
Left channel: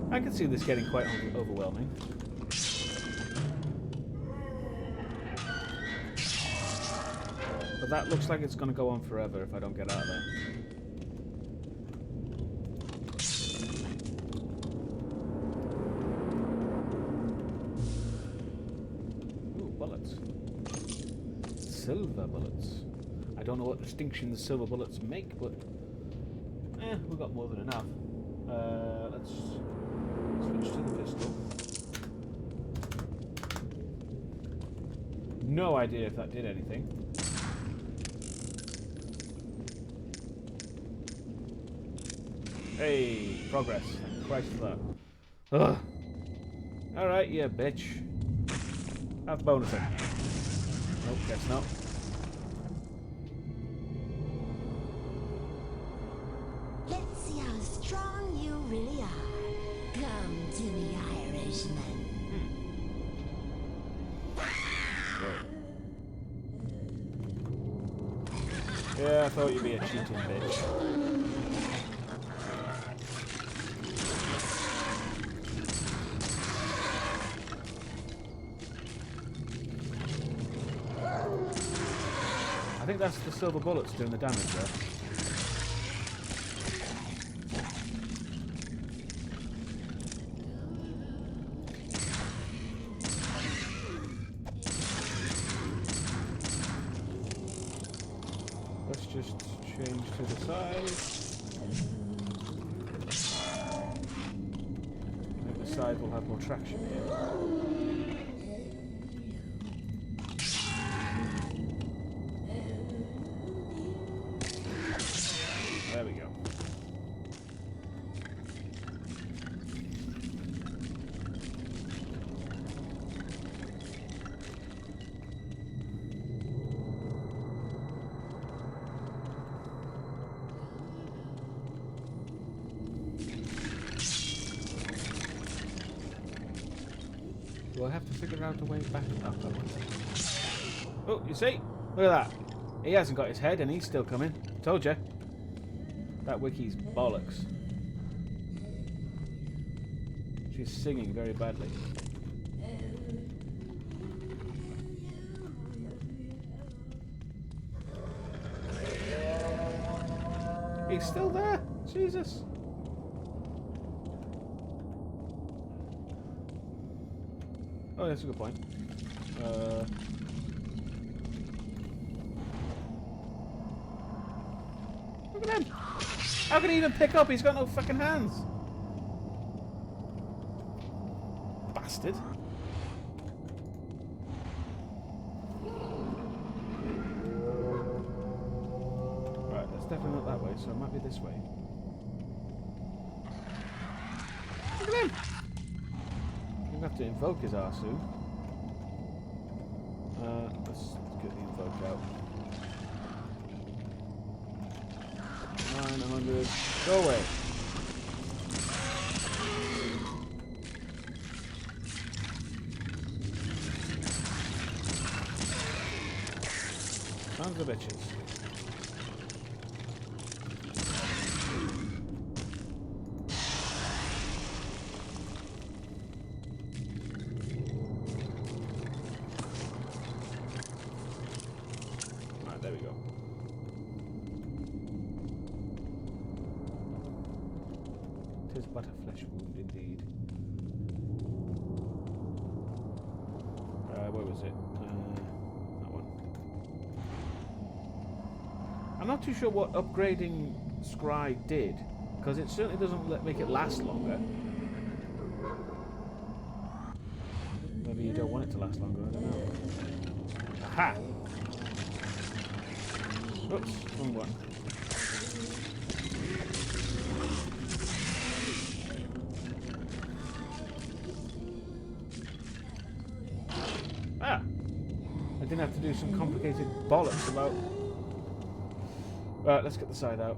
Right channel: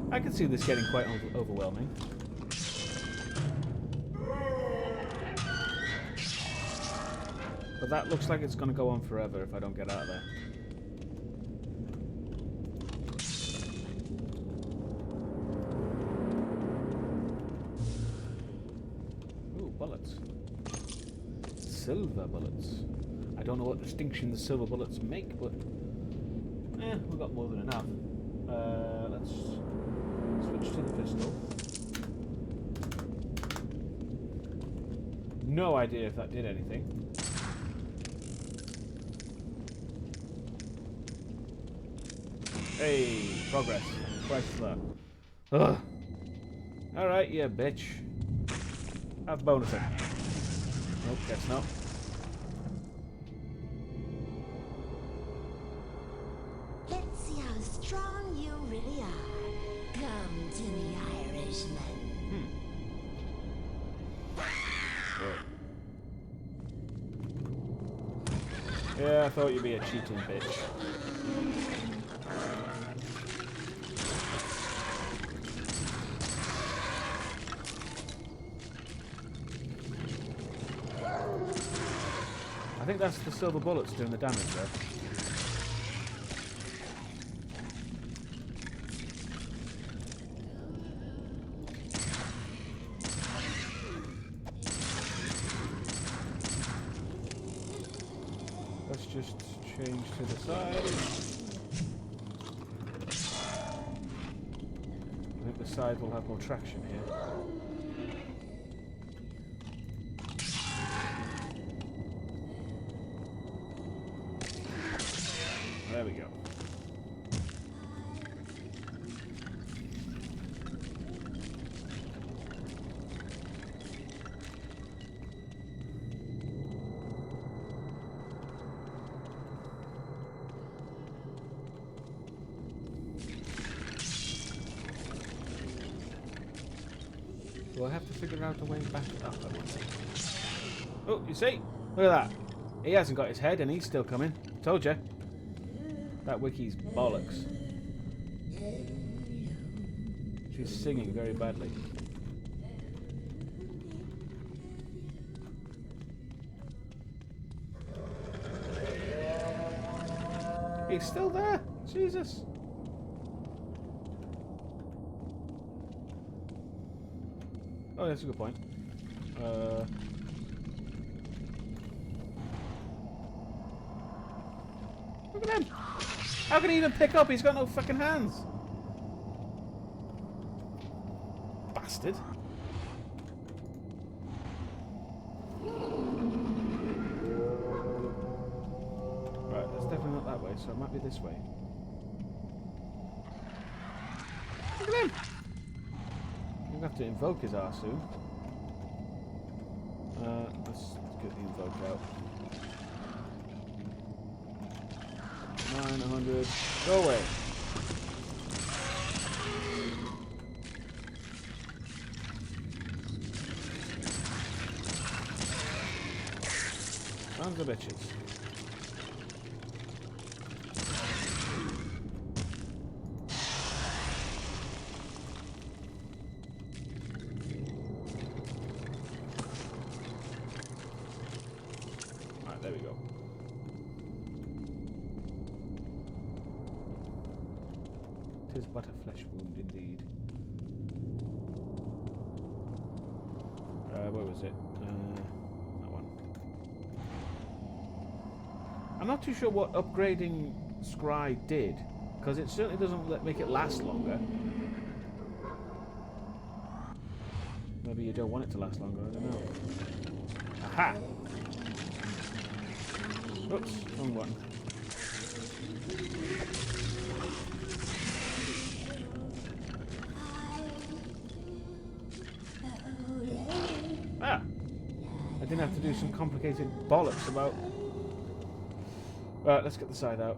I can see this getting quite overwhelming. But that looks like it's going to go on forever if I don't get out of there. Ooh, bullets. Silver bullets. I don't know what distinction the silver bullets make, but... we've got more than enough. Let's switch to the pistol. No idea if that did anything. Hey, progress. Christ for that. Ugh. Alright, yeah, bitch. Have bonusing. Nope, guess not. Let's see how strong you really are. Come to me, Irishman. Yeah, I thought you'd be a cheating bitch. I think that's the silver bullets doing the damage there. Let's just change to the side. I think the side will have more traction here. There we go. Do I have to figure out a way back up, I wonder? Oh, you see? Look at that. He hasn't got his head and he's still coming. Told you. That wiki's bollocks. She's singing very badly. He's still there. Jesus. Oh, that's a good point. Look at him. How can he even pick up? He's got no fucking hands. Bastard. Right, that's definitely not that way, so it might be this way. Look at him. We're going to have to invoke his arse soon. Let's get the invoke out. 900. Go away. Sons of bitches. Alright, there we go. Tis but a flesh wound indeed. Where was it? That one. I'm not too sure what upgrading Scry did, because it certainly doesn't make it last longer. Maybe you don't want it to last longer, I don't know. Aha! Oops, wrong one. Ah! I didn't have to do some complicated bollocks about... Right, let's get the side out.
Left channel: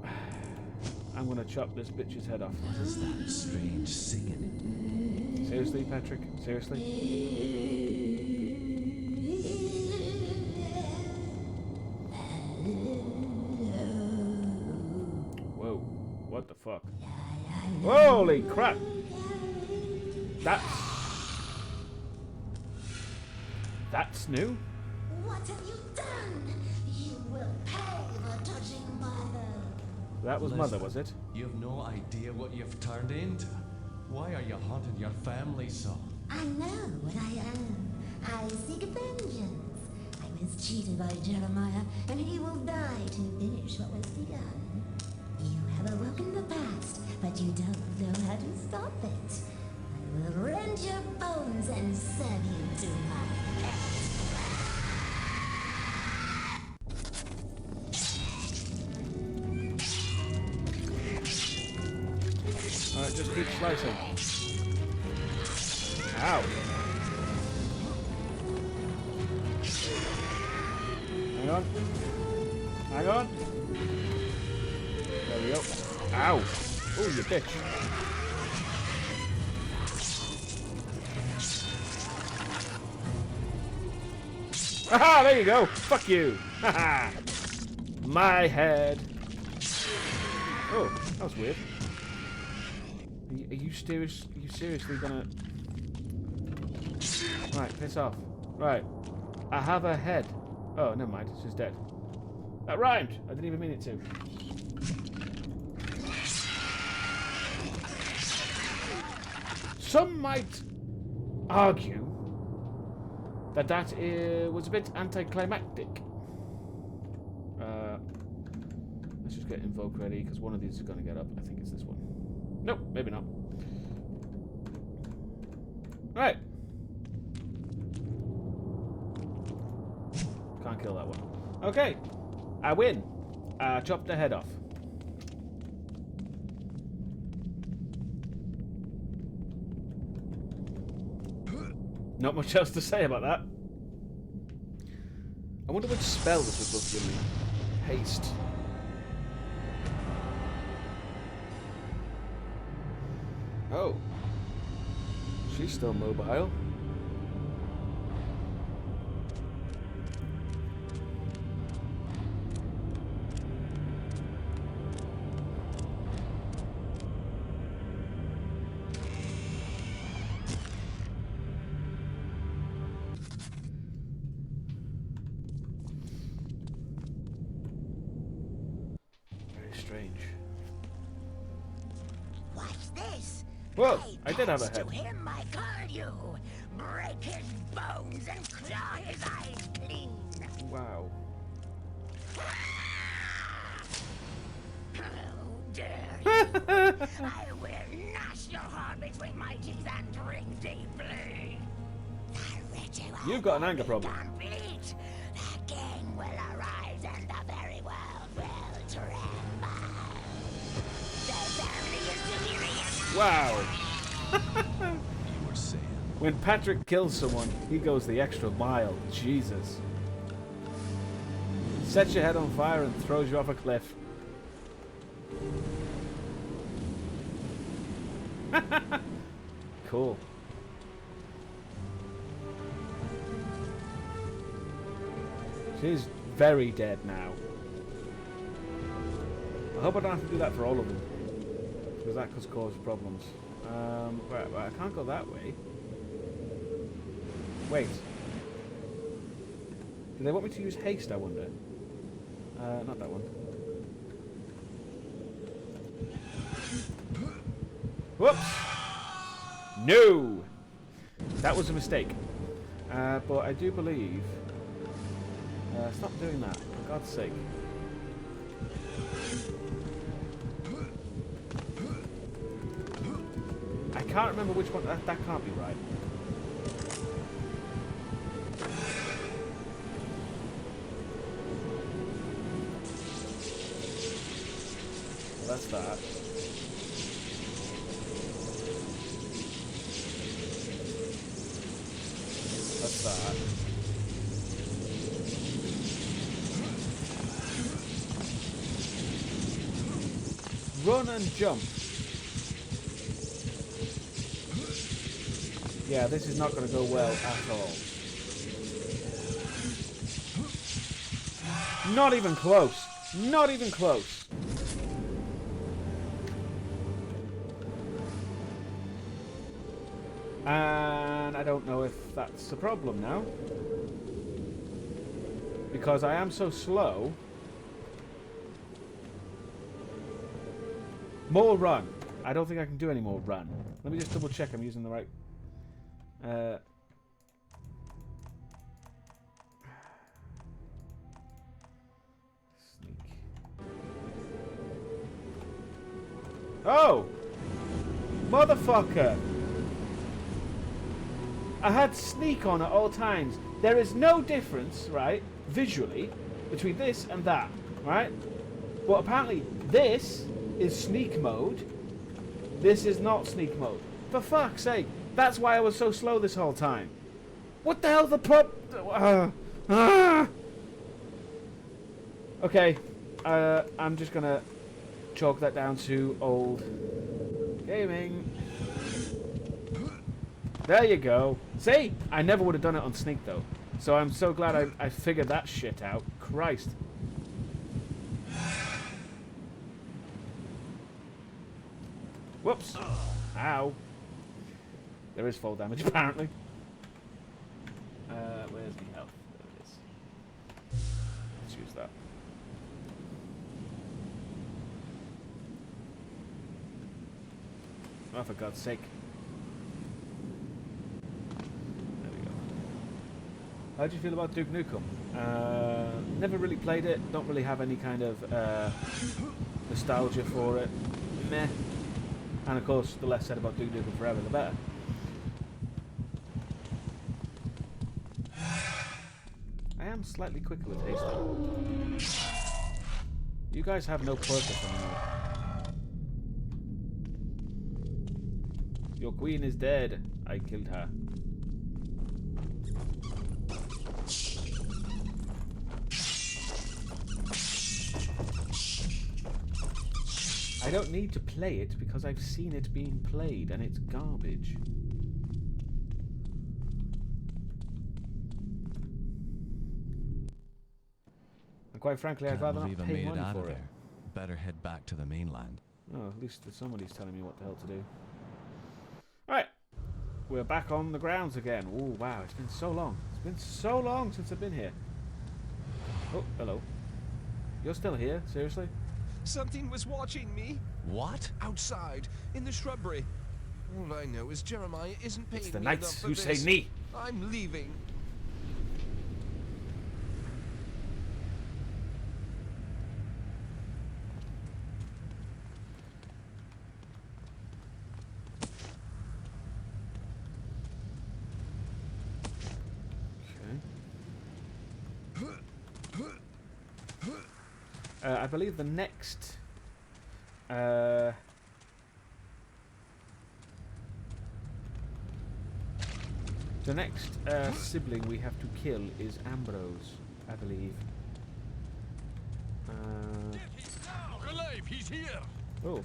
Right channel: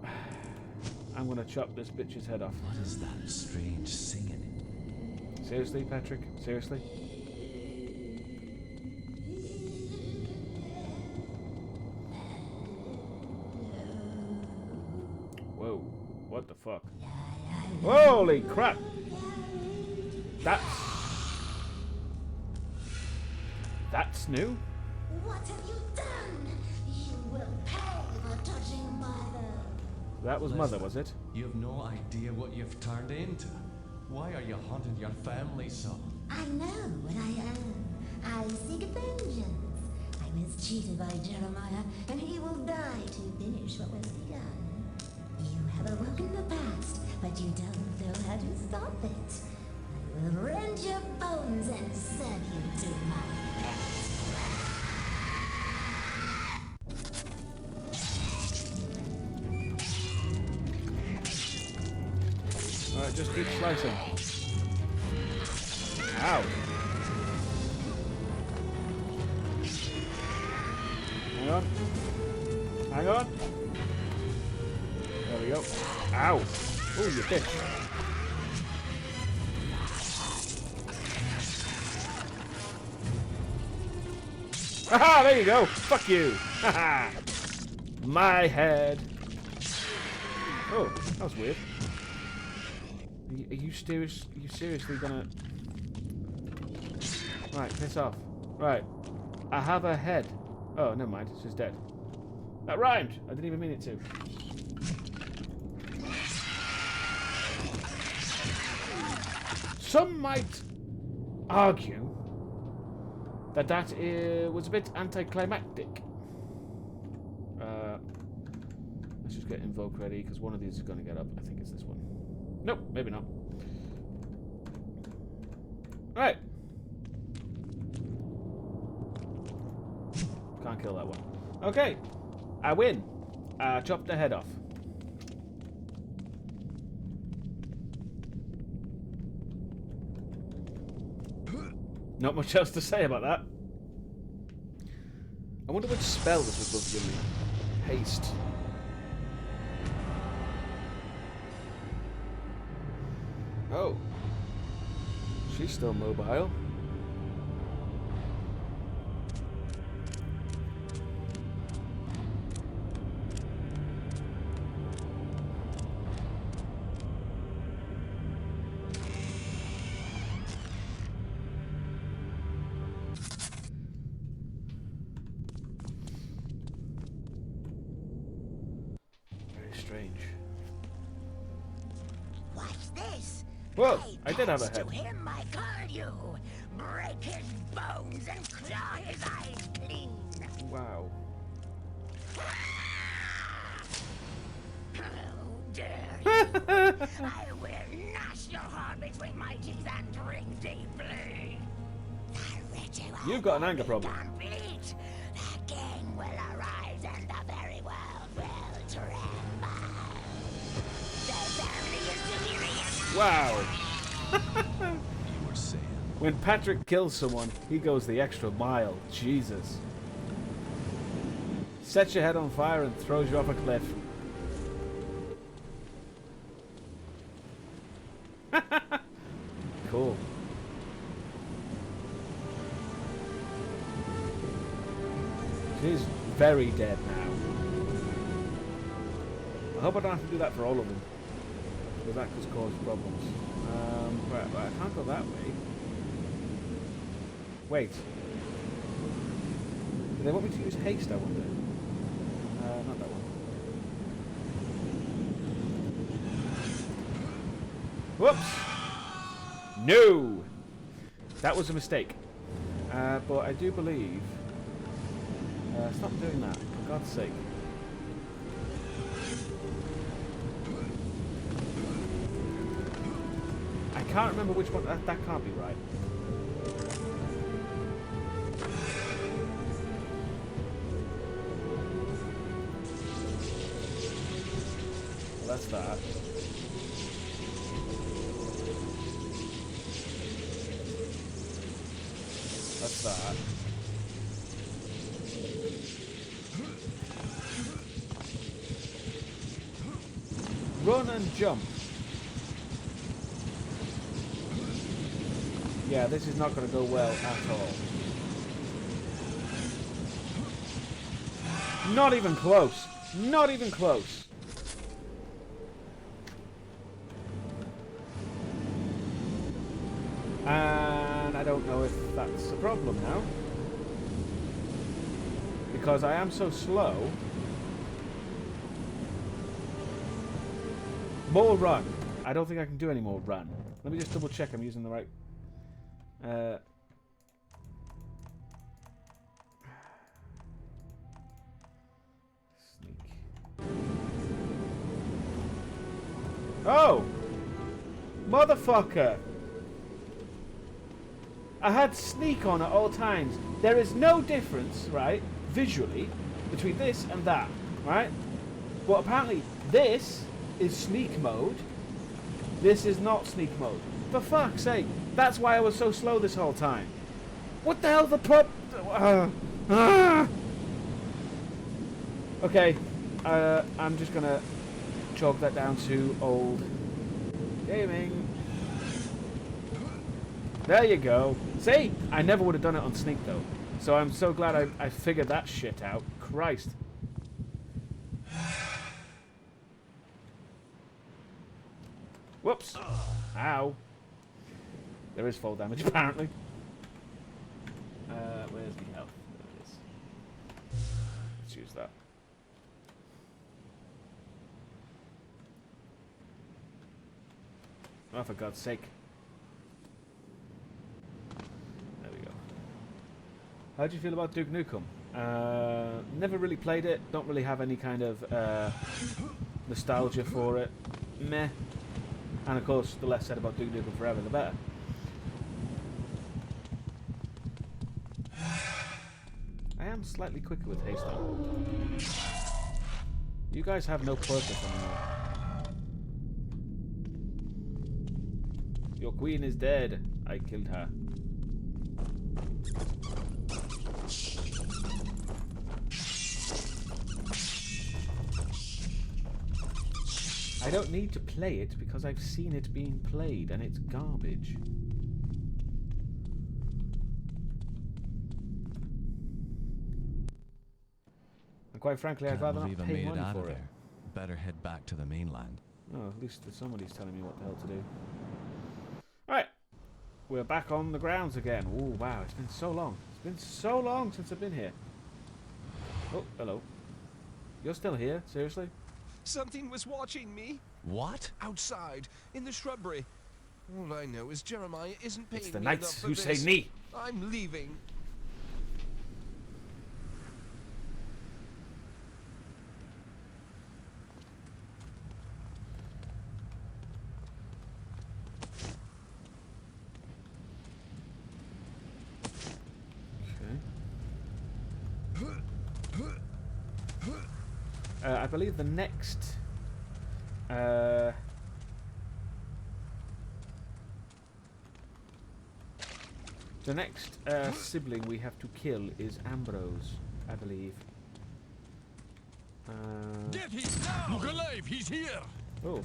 I'm gonna chop this bitch's head off. What is that strange singing? Seriously, Patrick? Seriously? Whoa. What the fuck? Holy crap! That's new? What have you done? You will pay for touching Mother. That was Mother, was it? You have no idea what you've turned into. Why are you haunting your family so? I know what I am. I seek vengeance. I was cheated by Jeremiah, and he will die to finish what was begun. You have awoken the past, but you don't know how to stop it. I will rend your bones and serve you to my death. Alright, just keep slicing. Ow. Hang on. Hang on. There we go. Ow. Oh, you bitch. Haha, there you go. Fuck you. Haha. My head. Oh, that was weird. Are you serious? Are you seriously gonna... Right, piss off. Right. I have a head. Oh, never mind. It's just dead. That rhymed. I didn't even mean it to. Some might argue that that was a bit anticlimactic. Let's just get invoke ready, because one of these is going to get up. I think it's this one. Nope, maybe not. Right. Can't kill that one. Okay. I win. Chopped the head off. Not much else to say about that. I wonder which spell this was supposed to give me. Haste. Oh. She's still mobile. strange. Watch this. Whoa, I did have a pass head. To him I call you. Break his bones and claw his eyes clean. Wow. How dare you? I will gnash your heart between my teeth and drink deeply. The ritual You've got an will anger be problem. complete. The king will arise and the very world will tremble. The family is delirious. Wow. You were saying. When Patrick kills someone, he goes the extra mile. Jesus. Sets your head on fire and throws you off a cliff. Cool. She's very dead now. I hope I don't have to do that for all of them, because that could cause problems. Right, I can't go that way. Wait. Do they want me to use haste, I wonder? Not that one. Whoops! No! That was a mistake. But I do believe... stop doing that, for God's sake. I can't remember which one... That can't be right. That's that. That's that. Run and jump. Yeah, this is not going to go well at all. Not even close. Not even close. And I don't know if that's a problem now. Because I am so slow. More run. I don't think I can do any more run. Let me just double check I'm using the right... Sneak. Oh! Motherfucker! I had sneak on at all times. There is no difference, right, visually, between this and that, right? But apparently this is sneak mode. This is not sneak mode. For fuck's sake. That's why I was so slow this whole time. What the hell the Okay. I'm just gonna chalk that down to old gaming. There you go. See? I never would have done it on sneak though. So I'm so glad I figured that shit out. Christ. Whoops. Ow. There is fall damage apparently. Where's the health? There it is. Let's use that. Oh, for God's sake. There we go. How do you feel about Deusdaecon? Never really played it. Don't really have any kind of nostalgia for it. Meh. And of course, the less said about Deusdaecon forever, the better. I am slightly quicker with haste though. You guys have no purpose anymore. Your queen is dead. I killed her. I don't need to play it because I've seen it being played and it's garbage. And quite frankly, I'd rather not pay money for it. Better head back to the mainland. Oh, at least somebody's telling me what the hell to do. Alright. We're back on the grounds again. Oh, wow. It's been so long. It's been so long since I've been here. Oh, hello. You're still here? Seriously? Something was watching me. What? Outside, in the shrubbery. All I know is Jeremiah isn't paying It's the me knights enough for who this. say me. I'm leaving. I believe the next sibling we have to kill is Ambrose, I believe. Get him now! Look alive, he's here! Oh.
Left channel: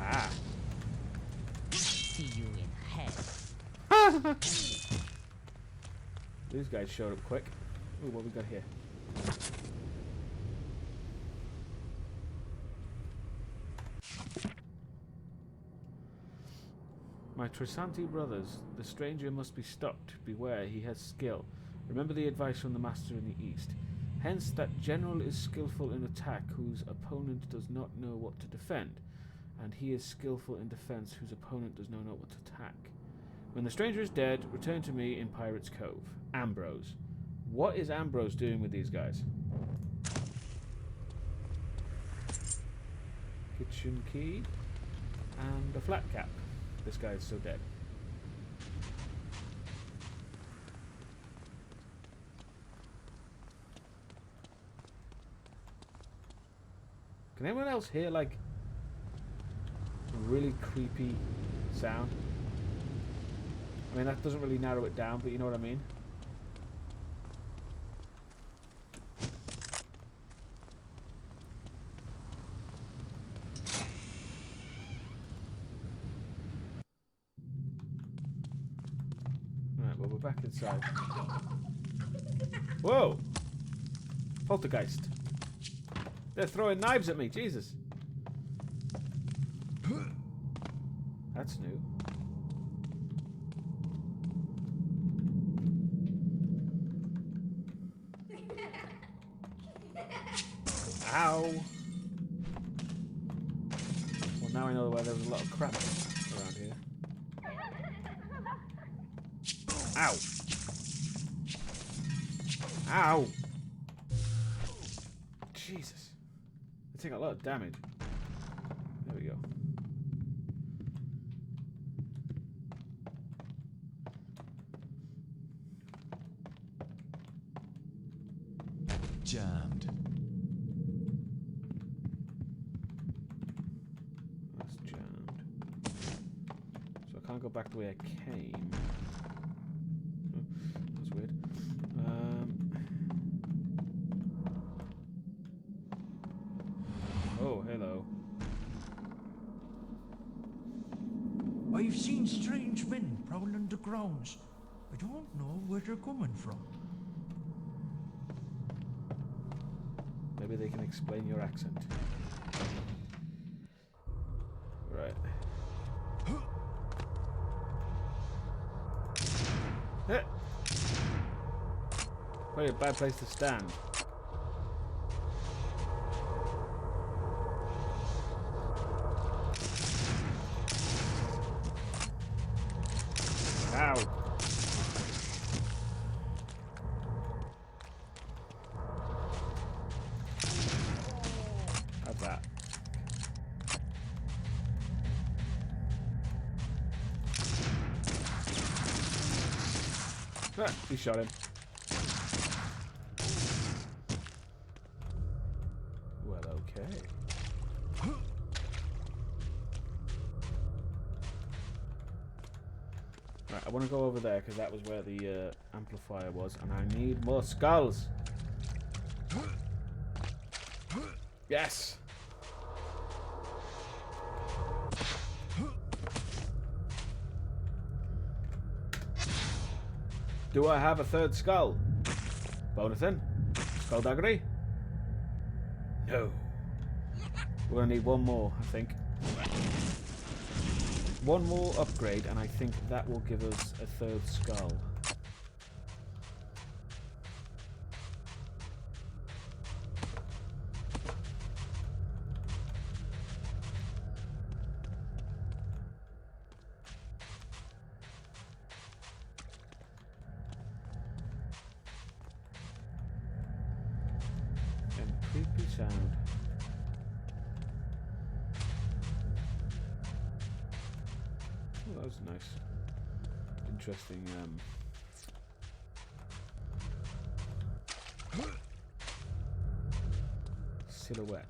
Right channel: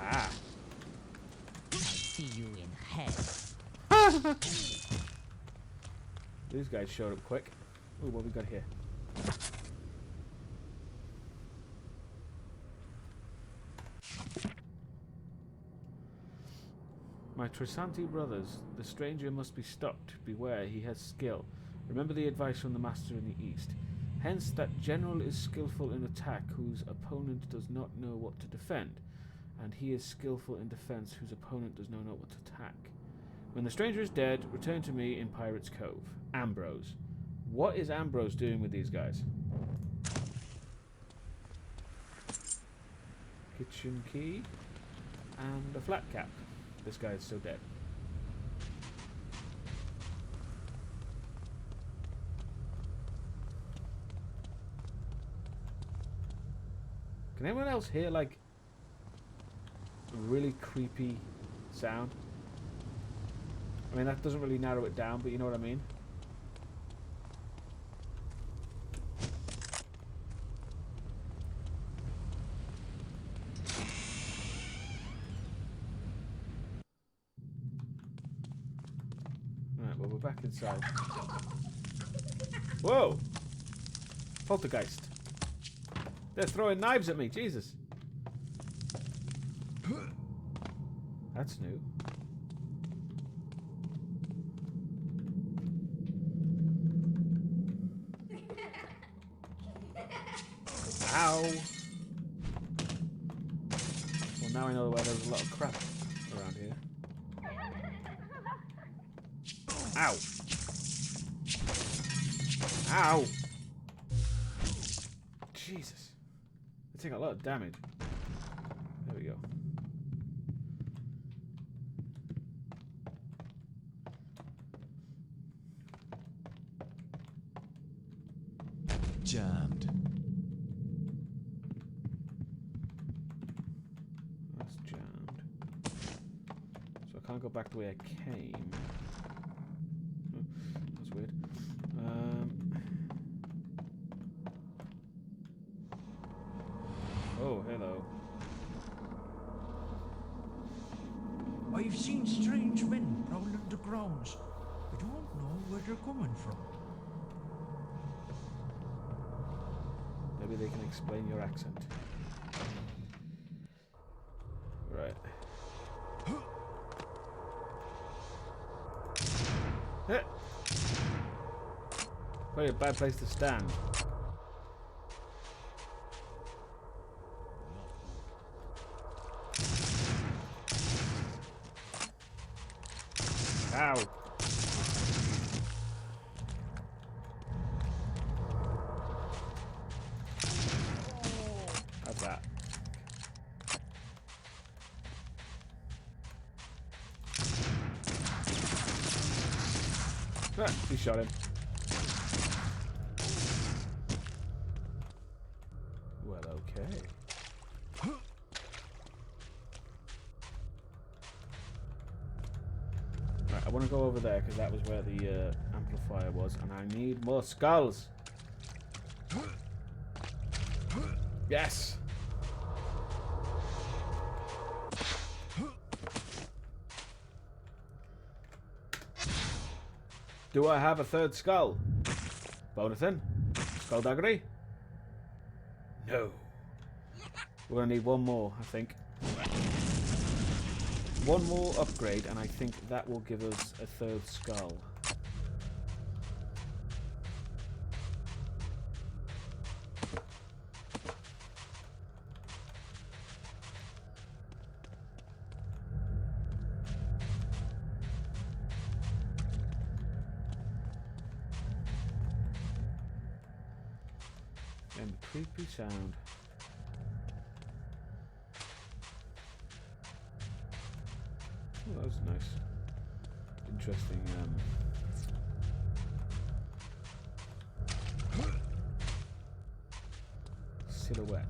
Ah. See you in hell. These guys showed up quick. Ooh, what we got here? My Trisanti brothers, the stranger must be stopped. Beware, he has skill. Remember the advice from the master in the east. Hence, that general is skillful in attack whose opponent does not know what to defend, and he is skillful in defense whose opponent does not know what to attack. When the stranger is dead, return to me in Pirate's Cove. Ambrose. What is Ambrose doing with these guys? Kitchen key and a flat cap. This guy is still dead. Can anyone else hear like a really creepy sound? I mean, that doesn't really narrow it down, but you know what I mean? Right, well, we're back inside. Whoa! Poltergeist. They're throwing knives at me, Jesus. That's new. Ow! Well, now I know where there's a lot of crap around here. Ow! Ow! Jesus. They take a lot of damage. There we go. Jammed. That's jammed. So I can't go back the way I came. Oh, that's weird. Oh, hello. I've seen strange men prowling the grounds. I don't know where they're coming from. Maybe they can explain your accent. Right. Probably a bad place to stand. Ow! How's that? Ah, he shot him. Well, okay. Right, I want to go over there because that was where the amplifier was, and I need more skulls. Yes. Do I have a third skull? Bonathan? Skullduggery? No. We're gonna need one more, I think. One more upgrade, and I think that will give us a third skull. And creepy sound. Oh, that was nice. Interesting, silhouette.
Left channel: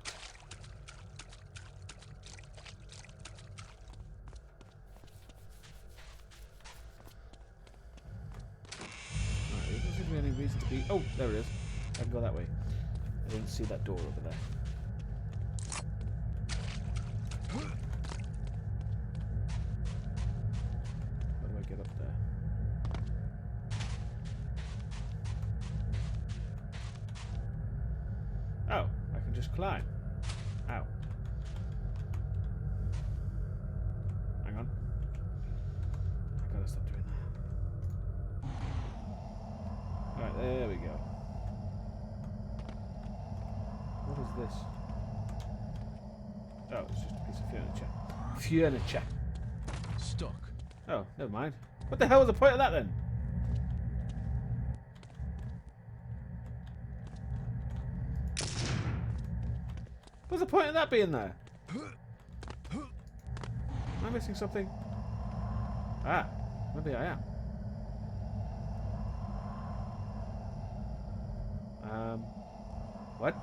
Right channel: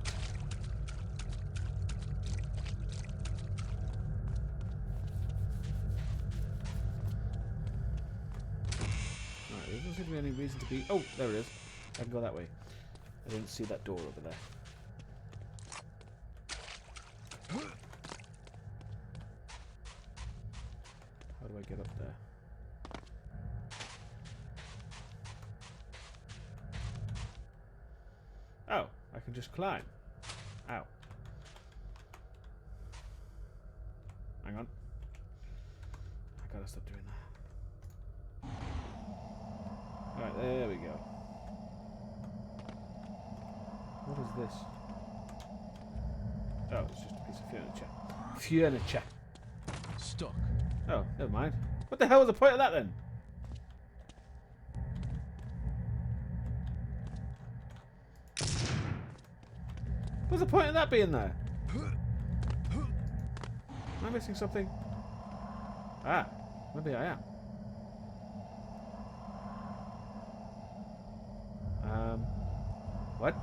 Alright, there doesn't seem to be any reason to be... Oh, there it is. I can go that way. I didn't see that door over there. How do I get up there? Oh, I can just climb. Ow. Hang on. I gotta stop doing that. Right, there we go. What is this? Oh, it's just a piece of furniture. Furniture. Stuck. Oh, never mind. What the hell was the point of that then? What's the point of that being there? Am I missing something? Ah, maybe I am. What?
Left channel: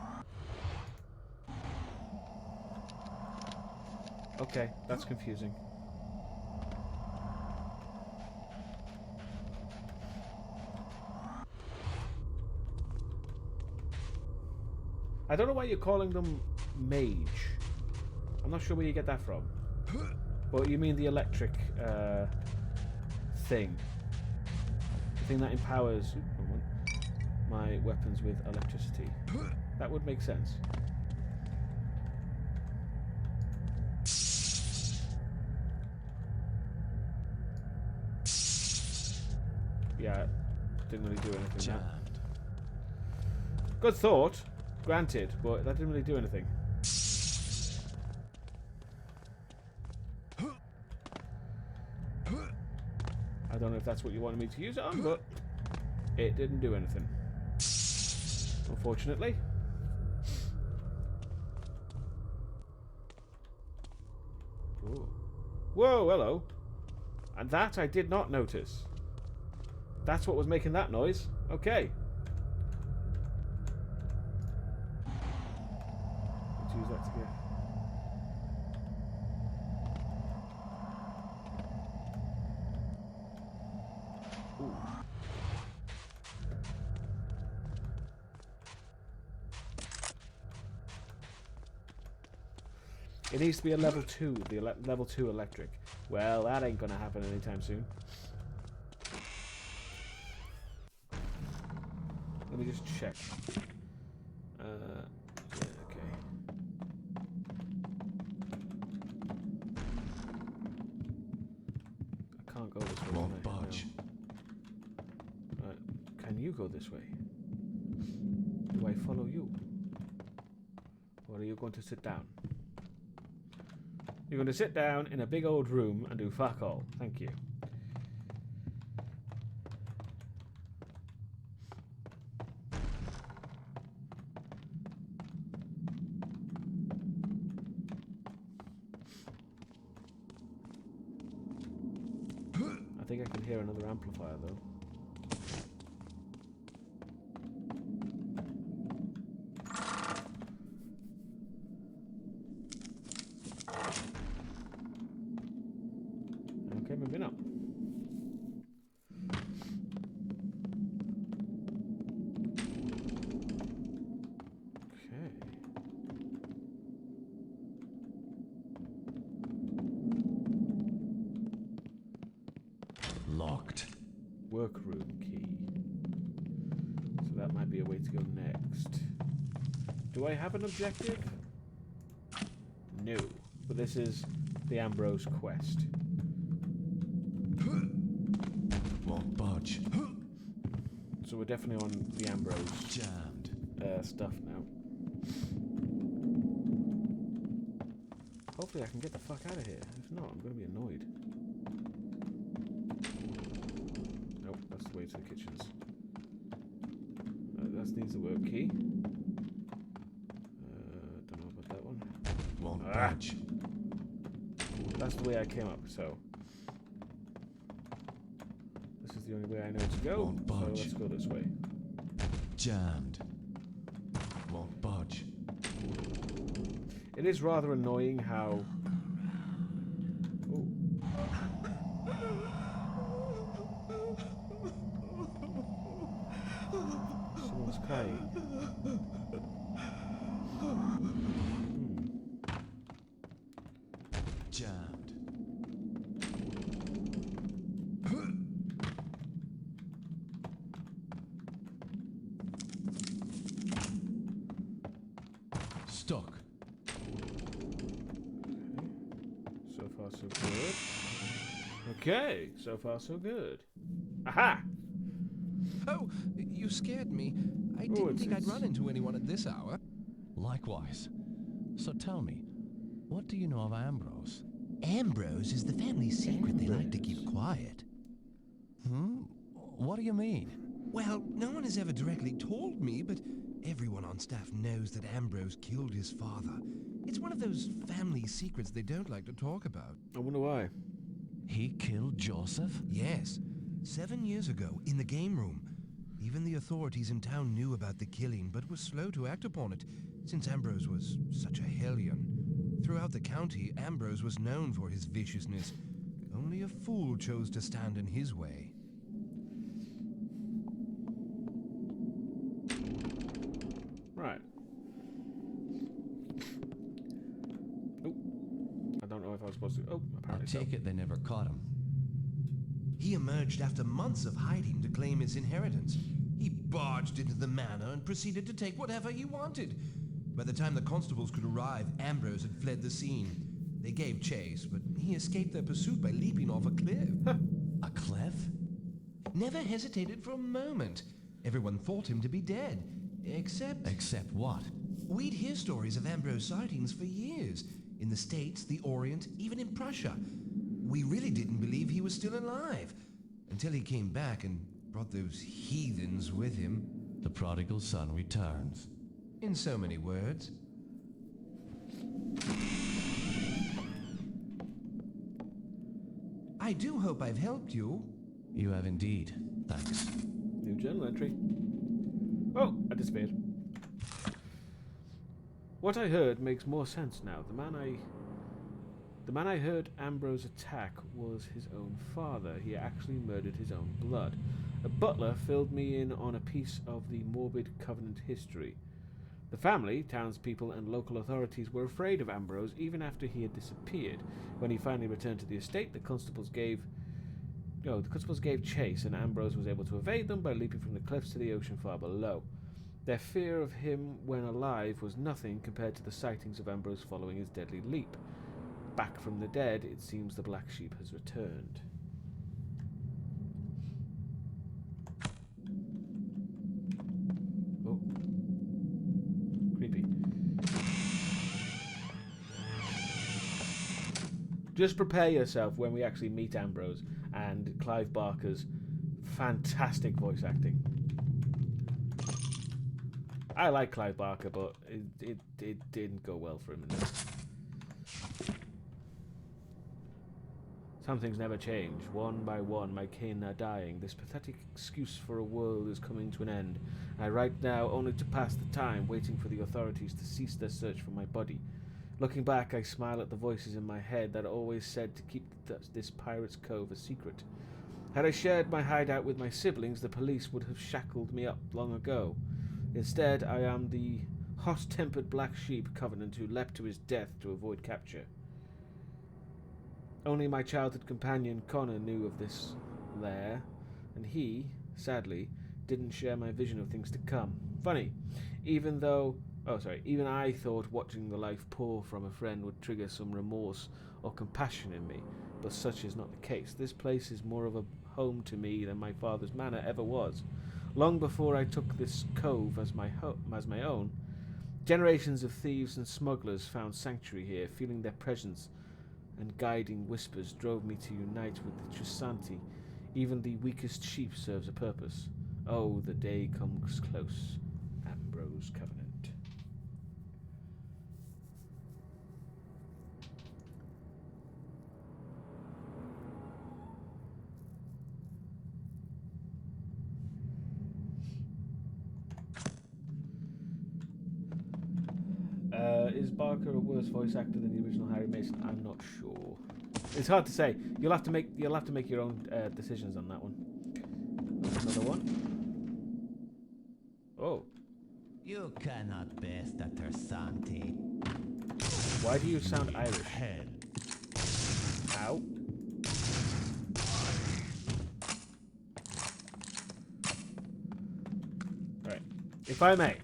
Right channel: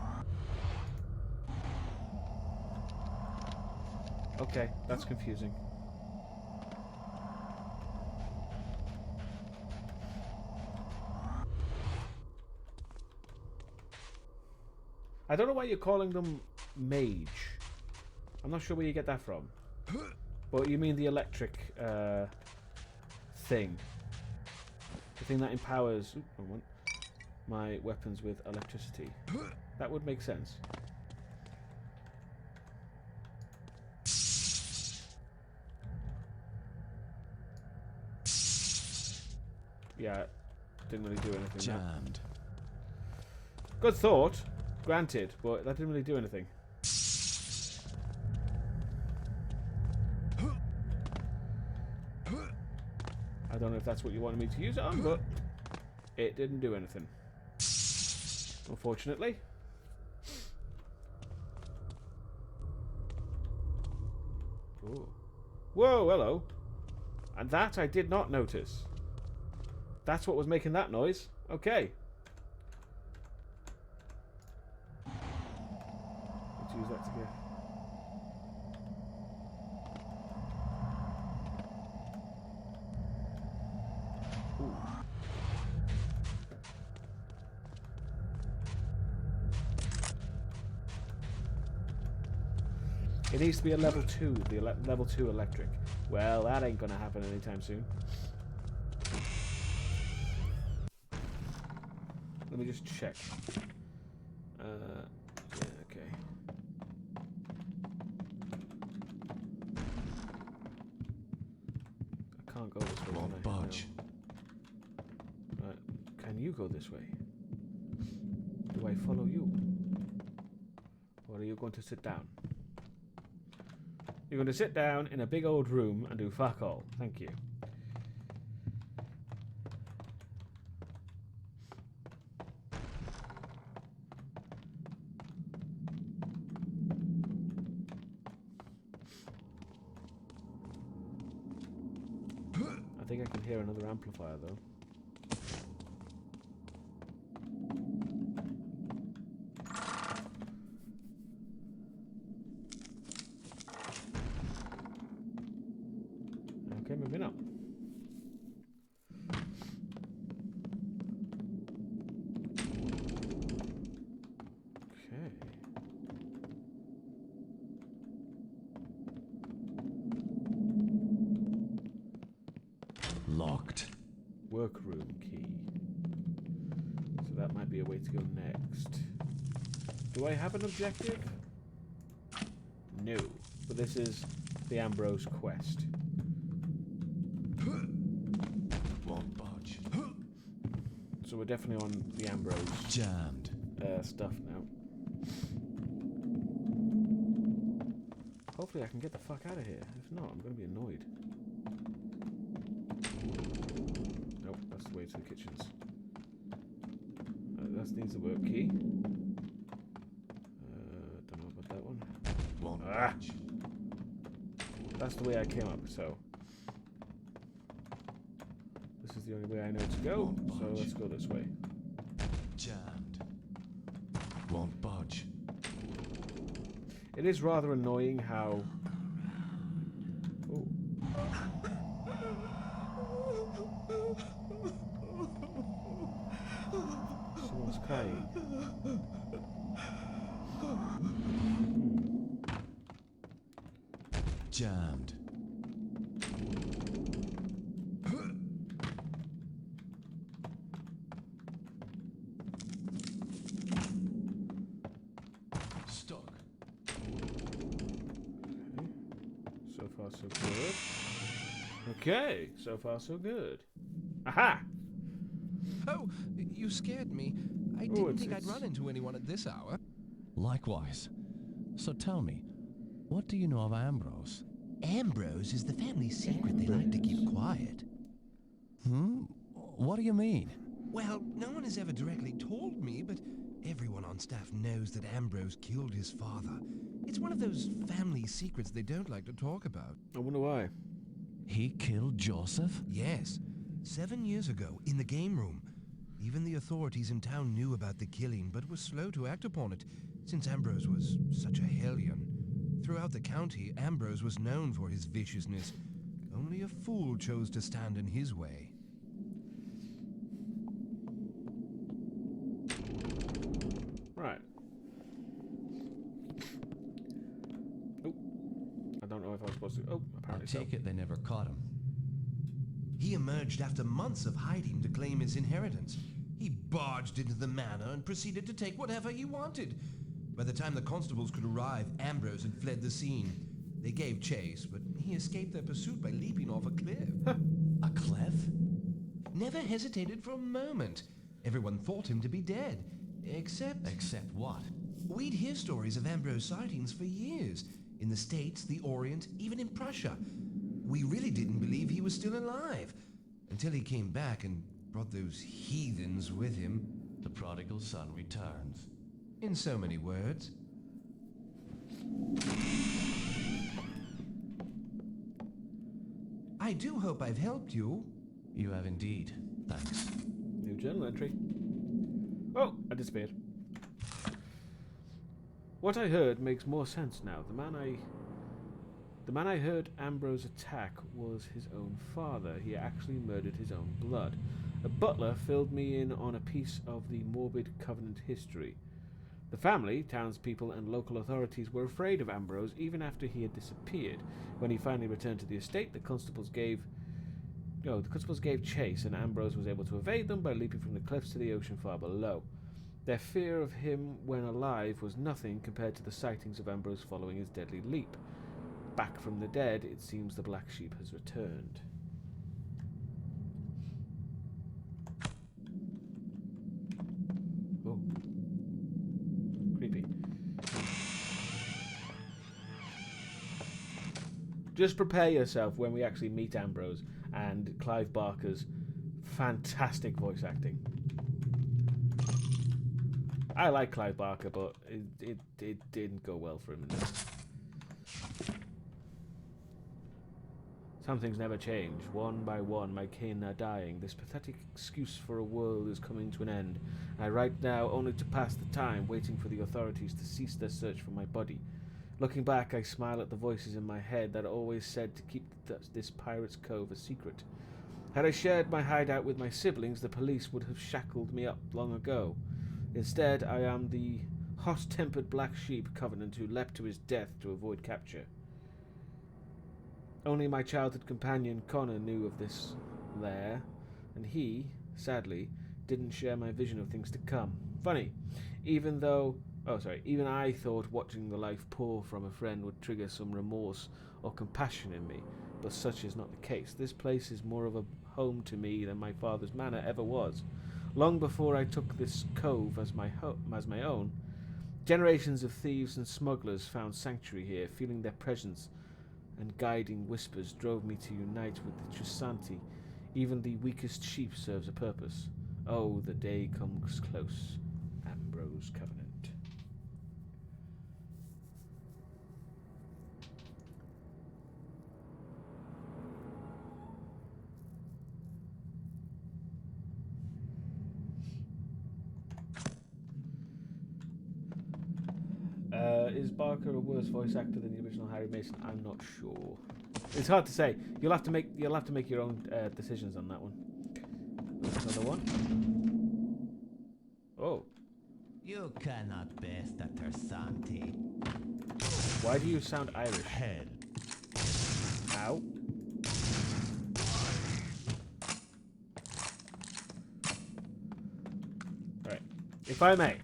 Okay, that's confusing. I don't know why you're calling them mage. I'm not sure where you get that from. But you mean the electric thing. The thing that empowers my weapons with electricity. That would make sense. Yeah, didn't really do anything. Jammed. Good thought, granted, but that didn't really do anything. I don't know if that's what you wanted me to use it on, but it didn't do anything. Unfortunately. Ooh. Whoa, hello. And that I did not notice. That's what was making that noise. Okay. Let's use that to get... Ooh. It needs to be a level 2, the level 2 electric. Well, that ain't gonna happen anytime soon. Let me just check. Yeah, okay. I can't go this way. Won't budge. No. Right. Can you go this way? Do I follow you? Or are you going to sit down? You're going to sit down in a big old room and do fuck all. Thank you. I think I can hear another amplifier though. Okay, maybe not. Okay. Locked. Workroom key. So that might be a way to go next. Do I have an objective? No. But this is the Ambrose quest. Won't budge. So we're definitely on the Ambrose Jammed. stuff now. Hopefully I can get the fuck out of here. If not, I'm going to be annoyed. Nope, that's the way to the kitchens. That needs the work key. budge. That's the way I came up, so... This is the only way I know to go, Won't so budge. let's go this way. Jammed. Won't budge. It is rather annoying how... Oh. Someone's crying. Jammed. Stuck. So far, so good. Okay, so far, so good. Aha! Oh, you scared me. I Oh, didn't think I'd it's- run into anyone at this hour. Likewise. So tell me, what do you know of Ambrose? Ambrose is the family secret they like to keep quiet. Hmm? What do you mean? Well, no one has ever directly told me, but everyone on staff knows that Ambrose killed his father. It's one of those family secrets they don't like to talk about. I wonder why. He killed Joseph? Yes, 7 years ago, in the game room. Even the authorities in town knew about the killing, but were slow to act upon it, since Ambrose was such a hellion. Throughout the county, Ambrose was known for his viciousness. Only a fool chose to stand in his way. Right. Oh. I don't know if I was supposed to... Oh, I apparently so. take it they never caught him. He emerged after months of hiding to claim his inheritance. He barged into the manor and proceeded to take whatever he wanted. By the time the constables could arrive, Ambrose had fled the scene. They gave chase, but he escaped their pursuit by leaping off a cliff. A cliff? Never hesitated for a moment. Everyone thought him to be dead, except... Except what? We'd hear stories of Ambrose sightings for years. In the States, the Orient, even in Prussia. We really didn't believe he was still alive. Until he came back and brought those heathens with him. The prodigal son returns. In so many words. I do hope I've helped you. You have indeed. Thanks. New journal entry. Oh, I disappeared. What I heard makes more sense now. The man I heard Ambrose attack was his own father. He actually murdered his own blood. A butler filled me in on a piece of the morbid Covenant history. The family, townspeople, and local authorities were afraid of Ambrose even after he had disappeared. When he finally returned to the estate, the constables gave chase, and Ambrose was able to evade them by leaping from the cliffs to the ocean far below. Their fear of him when alive was nothing compared to the sightings of Ambrose following his deadly leap. Back from the dead, it seems the black sheep has returned. Oh. Creepy. Just prepare yourself when we actually meet Ambrose and Clive Barker's fantastic voice acting. I like Clive Barker, but it didn't go well for him in this. Some things never change. One by one, my kin are dying. This pathetic excuse for a world is coming to an end. I write now only to pass the time, waiting for the authorities to cease their search for my body. Looking back, I smile at the voices in my head that always said to keep this pirate's cove a secret. Had I shared my hideout with my siblings, the police would have shackled me up long ago. Instead, I am the hot-tempered black sheep Covenant who leapt to his death to avoid capture. Only my childhood companion Connor knew of this lair, and he, sadly, didn't share my vision of things to come. Funny, even I thought watching the life pour from a friend would trigger some remorse or compassion in me, but such is not the case. This place is more of a home to me than my father's manor ever was. Long before I took this cove as my own, generations of thieves and smugglers found sanctuary here, feeling their presence and guiding whispers drove me to unite with the Trisanti. Even the weakest sheep serves a purpose. Oh, the day comes close. Ambrose Covenant. Is Barker a worse voice actor than the original Harry Mason? I'm not sure. It's hard to say. You'll have to make your own decisions on that one. There's another one. Oh. You cannot best at her Santi. Why do you sound Irish? Hell. Ow. Right. If I may.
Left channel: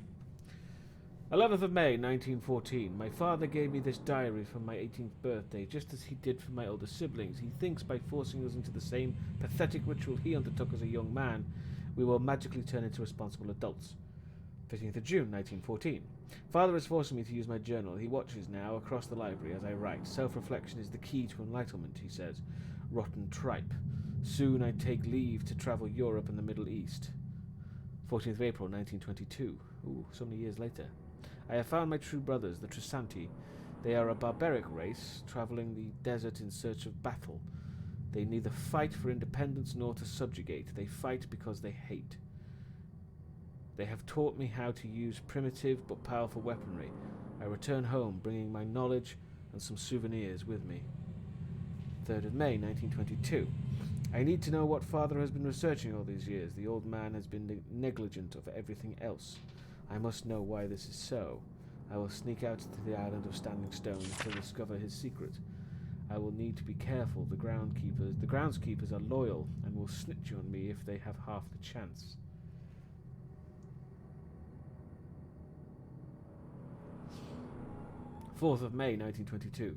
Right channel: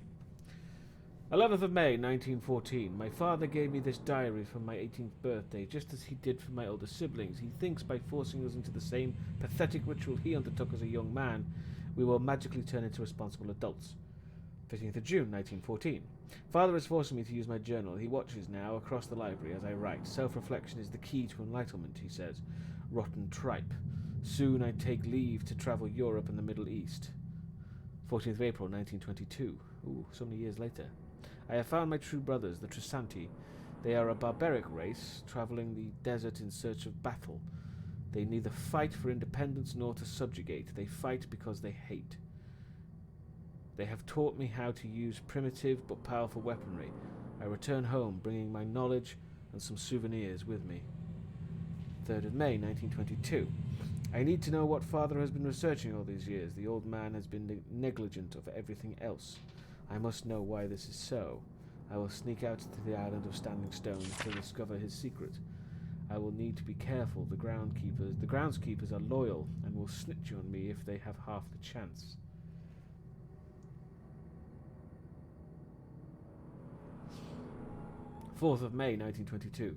11th of May, 1914. My father gave me this diary for my 18th birthday, just as he did for my older siblings. He thinks by forcing us into the same pathetic ritual he undertook as a young man, we will magically turn into responsible adults. 15th of June, 1914. Father is forcing me to use my journal. He watches now across the library as I write. Self-reflection is the key to enlightenment, he says. Rotten tripe. Soon I take leave to travel Europe and the Middle East. 14th of April, 1922. Ooh, so many years later. I have found my true brothers, the Trisanti. They are a barbaric race, travelling the desert in search of battle. They neither fight for independence nor to subjugate. They fight because they hate. They have taught me how to use primitive but powerful weaponry. I return home, bringing my knowledge and some souvenirs with me. 3rd of May, 1922. I need to know what Father has been researching all these years. The old man has been negligent of everything else. I must know why this is so. I will sneak out to the island of Standing Stones to discover his secret. I will need to be careful. The groundskeepers are loyal and will snitch on me if they have half the chance. Fourth of May, 1922.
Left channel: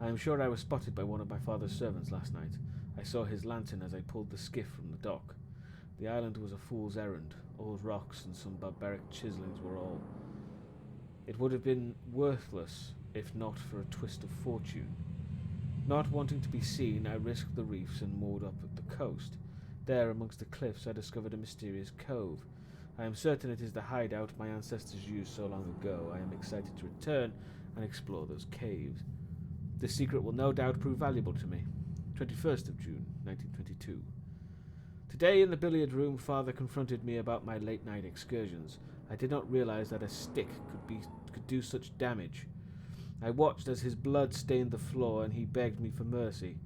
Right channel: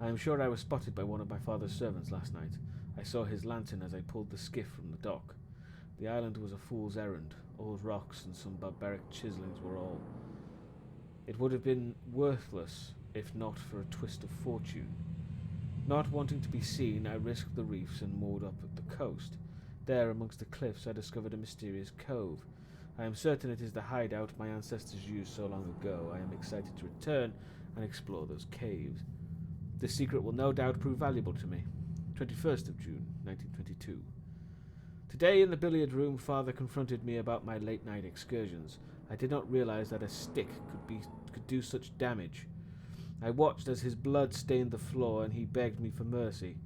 I am sure I was spotted by one of my father's servants last night. I saw his lantern as I pulled the skiff from the dock. The island was a fool's errand. Old rocks and some barbaric chiselings were all. It would have been worthless if not for a twist of fortune. Not wanting to be seen, I risked the reefs and moored up at the coast. There, amongst the cliffs, I discovered a mysterious cove. I am certain it is the hideout my ancestors used so long ago. I am excited to return and explore those caves. This secret will no doubt prove valuable to me. 21st of June, 1922. Today in the billiard room, Father confronted me about my late-night excursions. I did not realize that a stick could do such damage. I watched as his blood stained the floor and he begged me for mercy.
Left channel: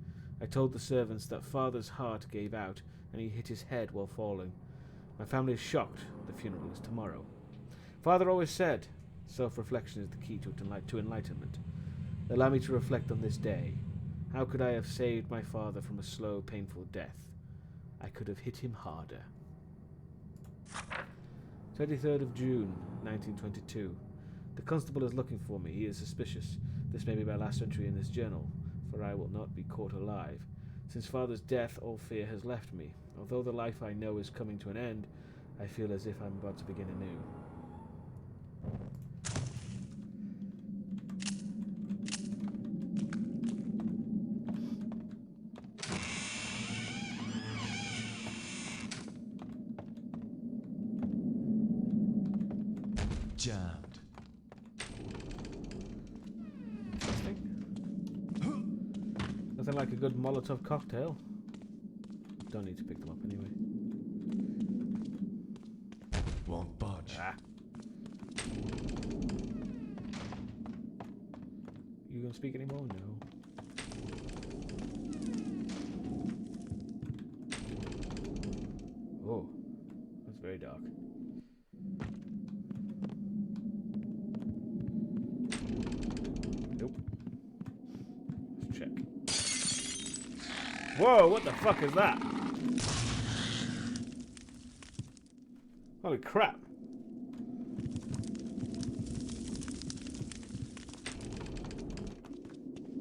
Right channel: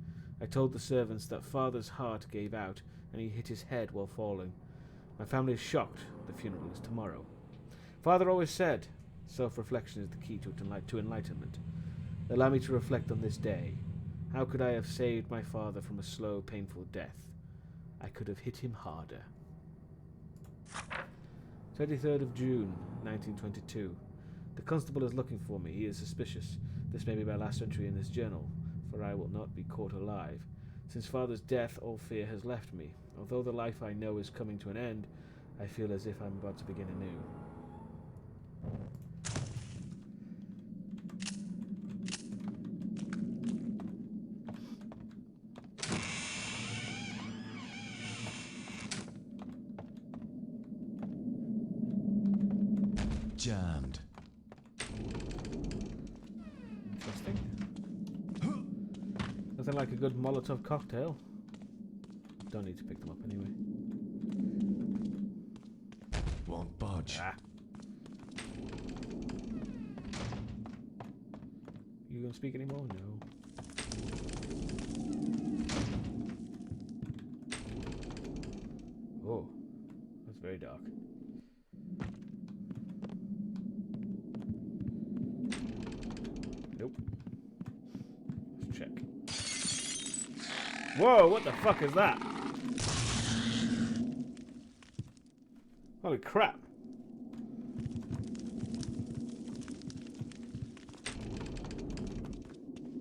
I told the servants that Father's heart gave out and he hit his head while falling. My family is shocked. The funeral is tomorrow. Father always said, self-reflection is the key to enlightenment. Allow me to reflect on this day. How could I have saved my father from a slow, painful death? I could have hit him harder. 23rd of June, 1922. The constable is looking for me. He is suspicious. This may be my last entry in this journal, for I will not be caught alive. Since Father's death, all fear has left me. Although the life I know is coming to an end, I feel as if I'm about to begin anew. Jammed. Interesting. Nothing like a good Molotov cocktail. Don't need to pick them up anyway. Won't budge. Ah. You gonna speak anymore? No. Oh, that's very dark. Nope. Let's check. Whoa, what the fuck is that? Holy crap.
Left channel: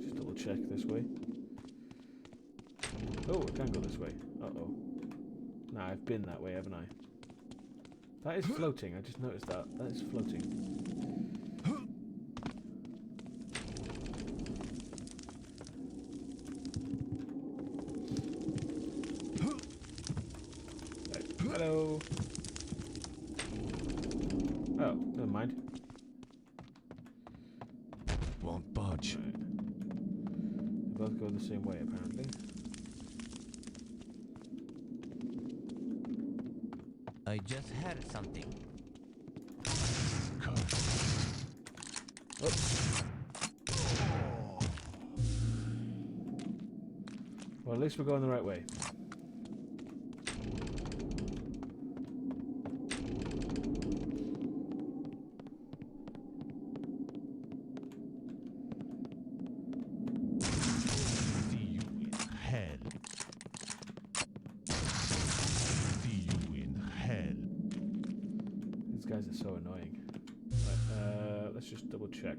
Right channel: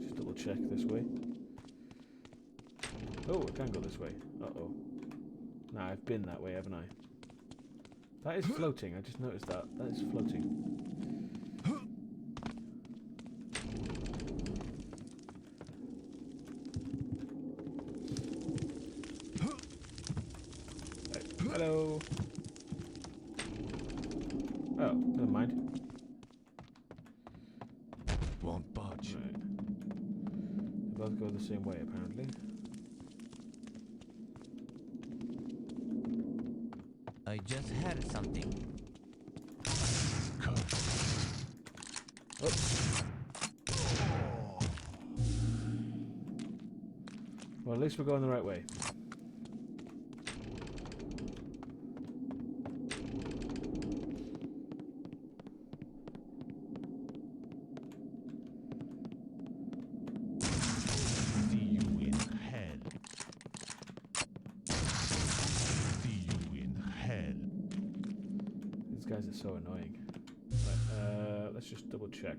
Just double check this way. Oh, it can go this way. Uh-oh. Nah, I've been that way, haven't I? That is floating. I just noticed that. That is floating. Hello. Oh, never mind. Won't budge. Right. They both go the same way, apparently. I just heard something. Curse. Oops. Well, at least we're going the right way. See you in hell. See you in hell. These guys are so annoying. Right, let's just double check.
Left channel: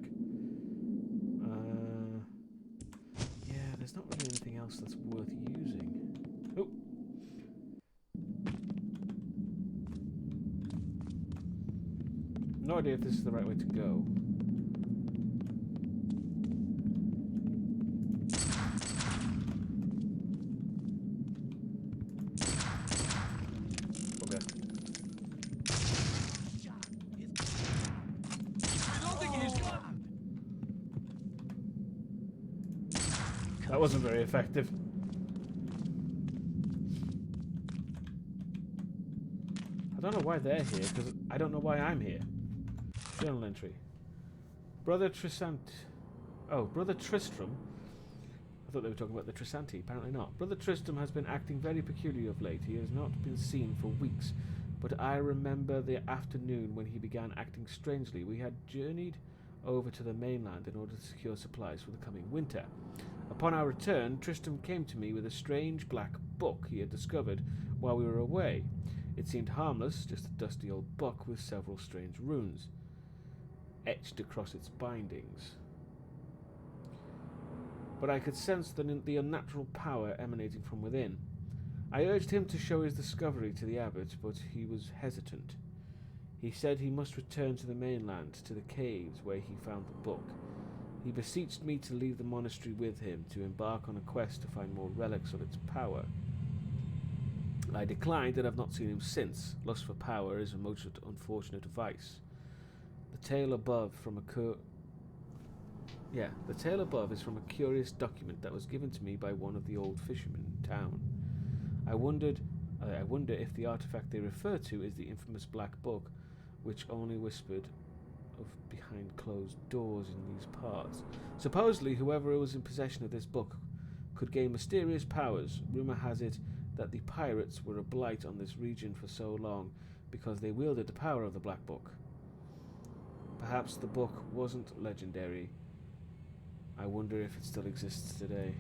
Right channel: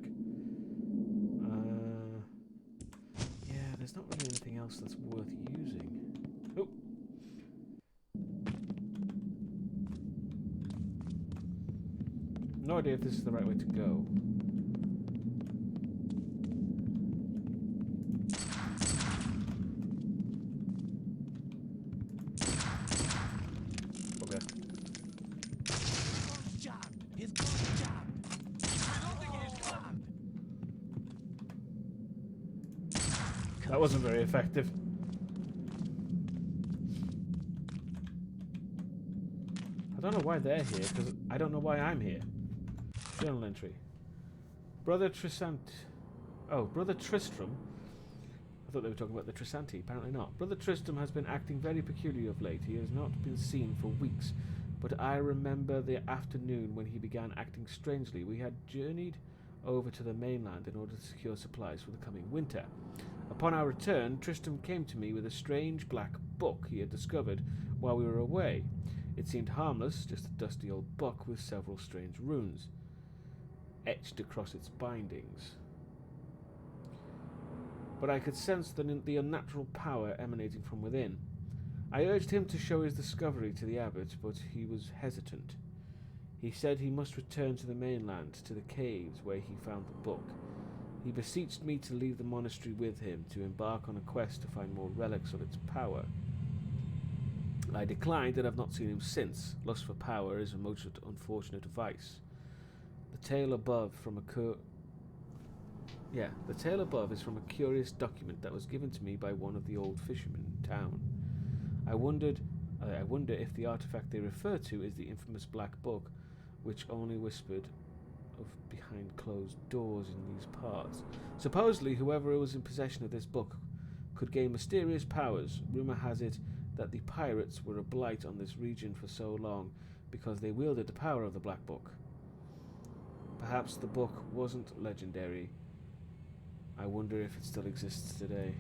Yeah, there's not really anything else that's worth using. Oh. No idea if this is the right way to go. Okay. That wasn't very effective. I don't know why they're here, because I don't know why I'm here. Journal entry. Brother Tristram. I thought they were talking about the Trisanti. Apparently not. Brother Tristram has been acting very peculiar of late. He has not been seen for weeks. But I remember the afternoon when he began acting strangely. We had journeyed over to the mainland in order to secure supplies for the coming winter. Upon our return, Tristram came to me with a strange black book he had discovered while we were away. It seemed harmless, just a dusty old book with several strange runes etched across its bindings. But I could sense the unnatural power emanating from within. I urged him to show his discovery to the abbot, but he was hesitant. He said he must return to the mainland, to the caves where he found the book. He beseeched me to leave the monastery with him, to embark on a quest to find more relics of its power. I declined and have not seen him since. Lust for power is a most unfortunate vice. The tale above is from a curious document that was given to me by one of the old fishermen in town. I wonder if the artifact they refer to is the infamous Black Book, which only whispered of behind closed doors in these parts. Supposedly, whoever was in possession of this book could gain mysterious powers. Rumor has it that the pirates were a blight on this region for so long because they wielded the power of the Black Book. Perhaps the book wasn't legendary. I wonder if it still exists today.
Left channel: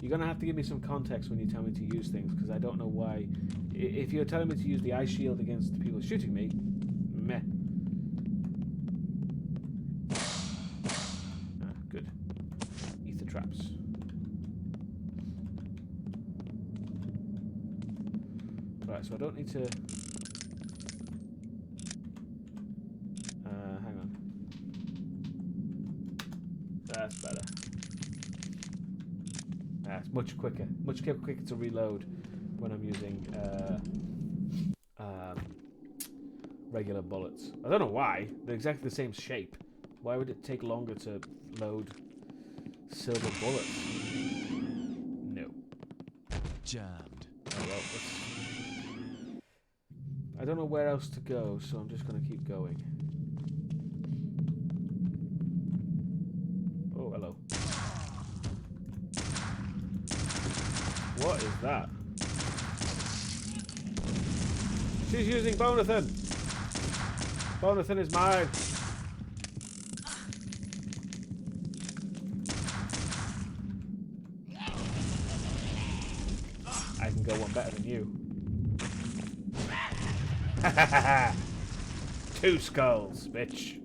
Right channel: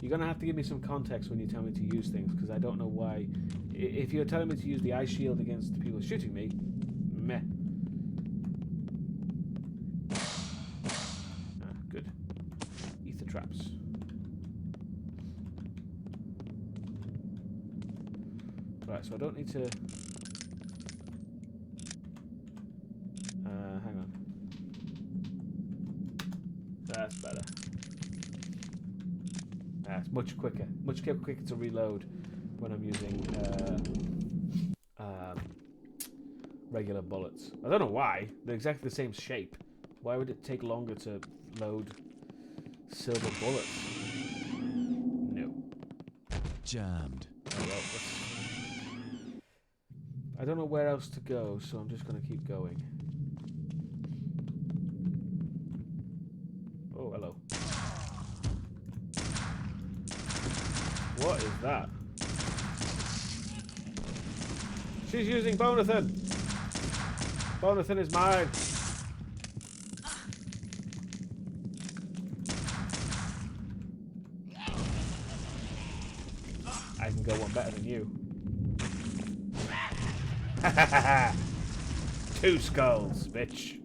You're going to have to give me some context when you tell me to use things, because I don't know why. If you're telling me to use the eye shield against the people shooting me, meh. Ah, good. Ether traps. Right, so I don't need to... hang on. That's better. It's much quicker. Much quicker to reload when I'm using regular bullets. I don't know why. They're exactly the same shape. Why would it take longer to load silver bullets? No. Jammed. Oh, well, I don't know where else to go, so I'm just going to keep going. Oh, hello. What is that? She's using Bonathan! Bonathan is mine! I can go one better than you. 2 skulls, bitch.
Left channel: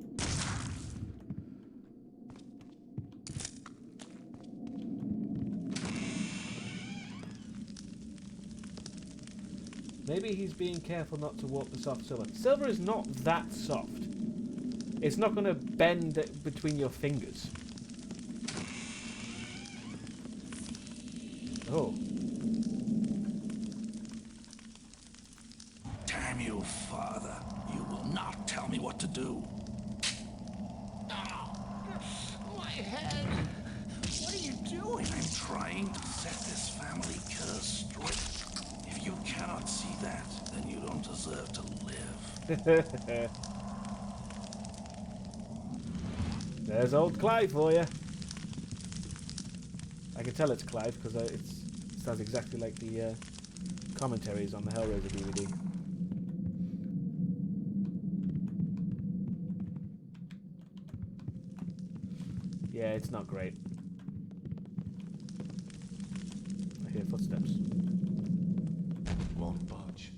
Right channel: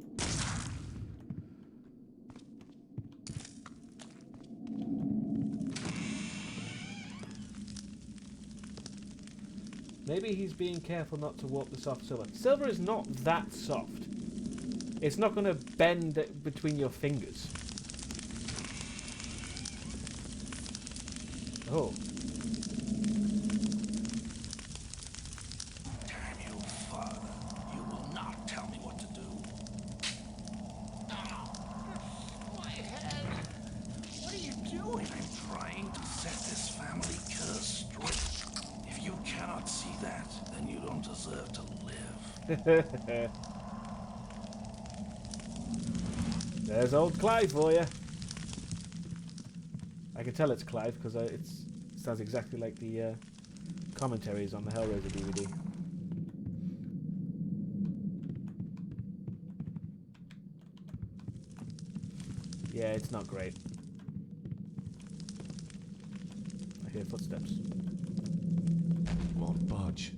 Maybe he's being careful not to warp the soft silver. Silver is not that soft. It's not going to bend between your fingers. Oh. Damn you, Father. You will not tell me what to do. My head! What are you doing? I'm trying to set this family curse straight. If you cannot see that, then you don't deserve to live. There's old Clive for you. I can tell it's Clive because it sounds exactly like the commentaries on the Hellraiser DVD. Yeah, it's not great. I hear footsteps. Won't budge.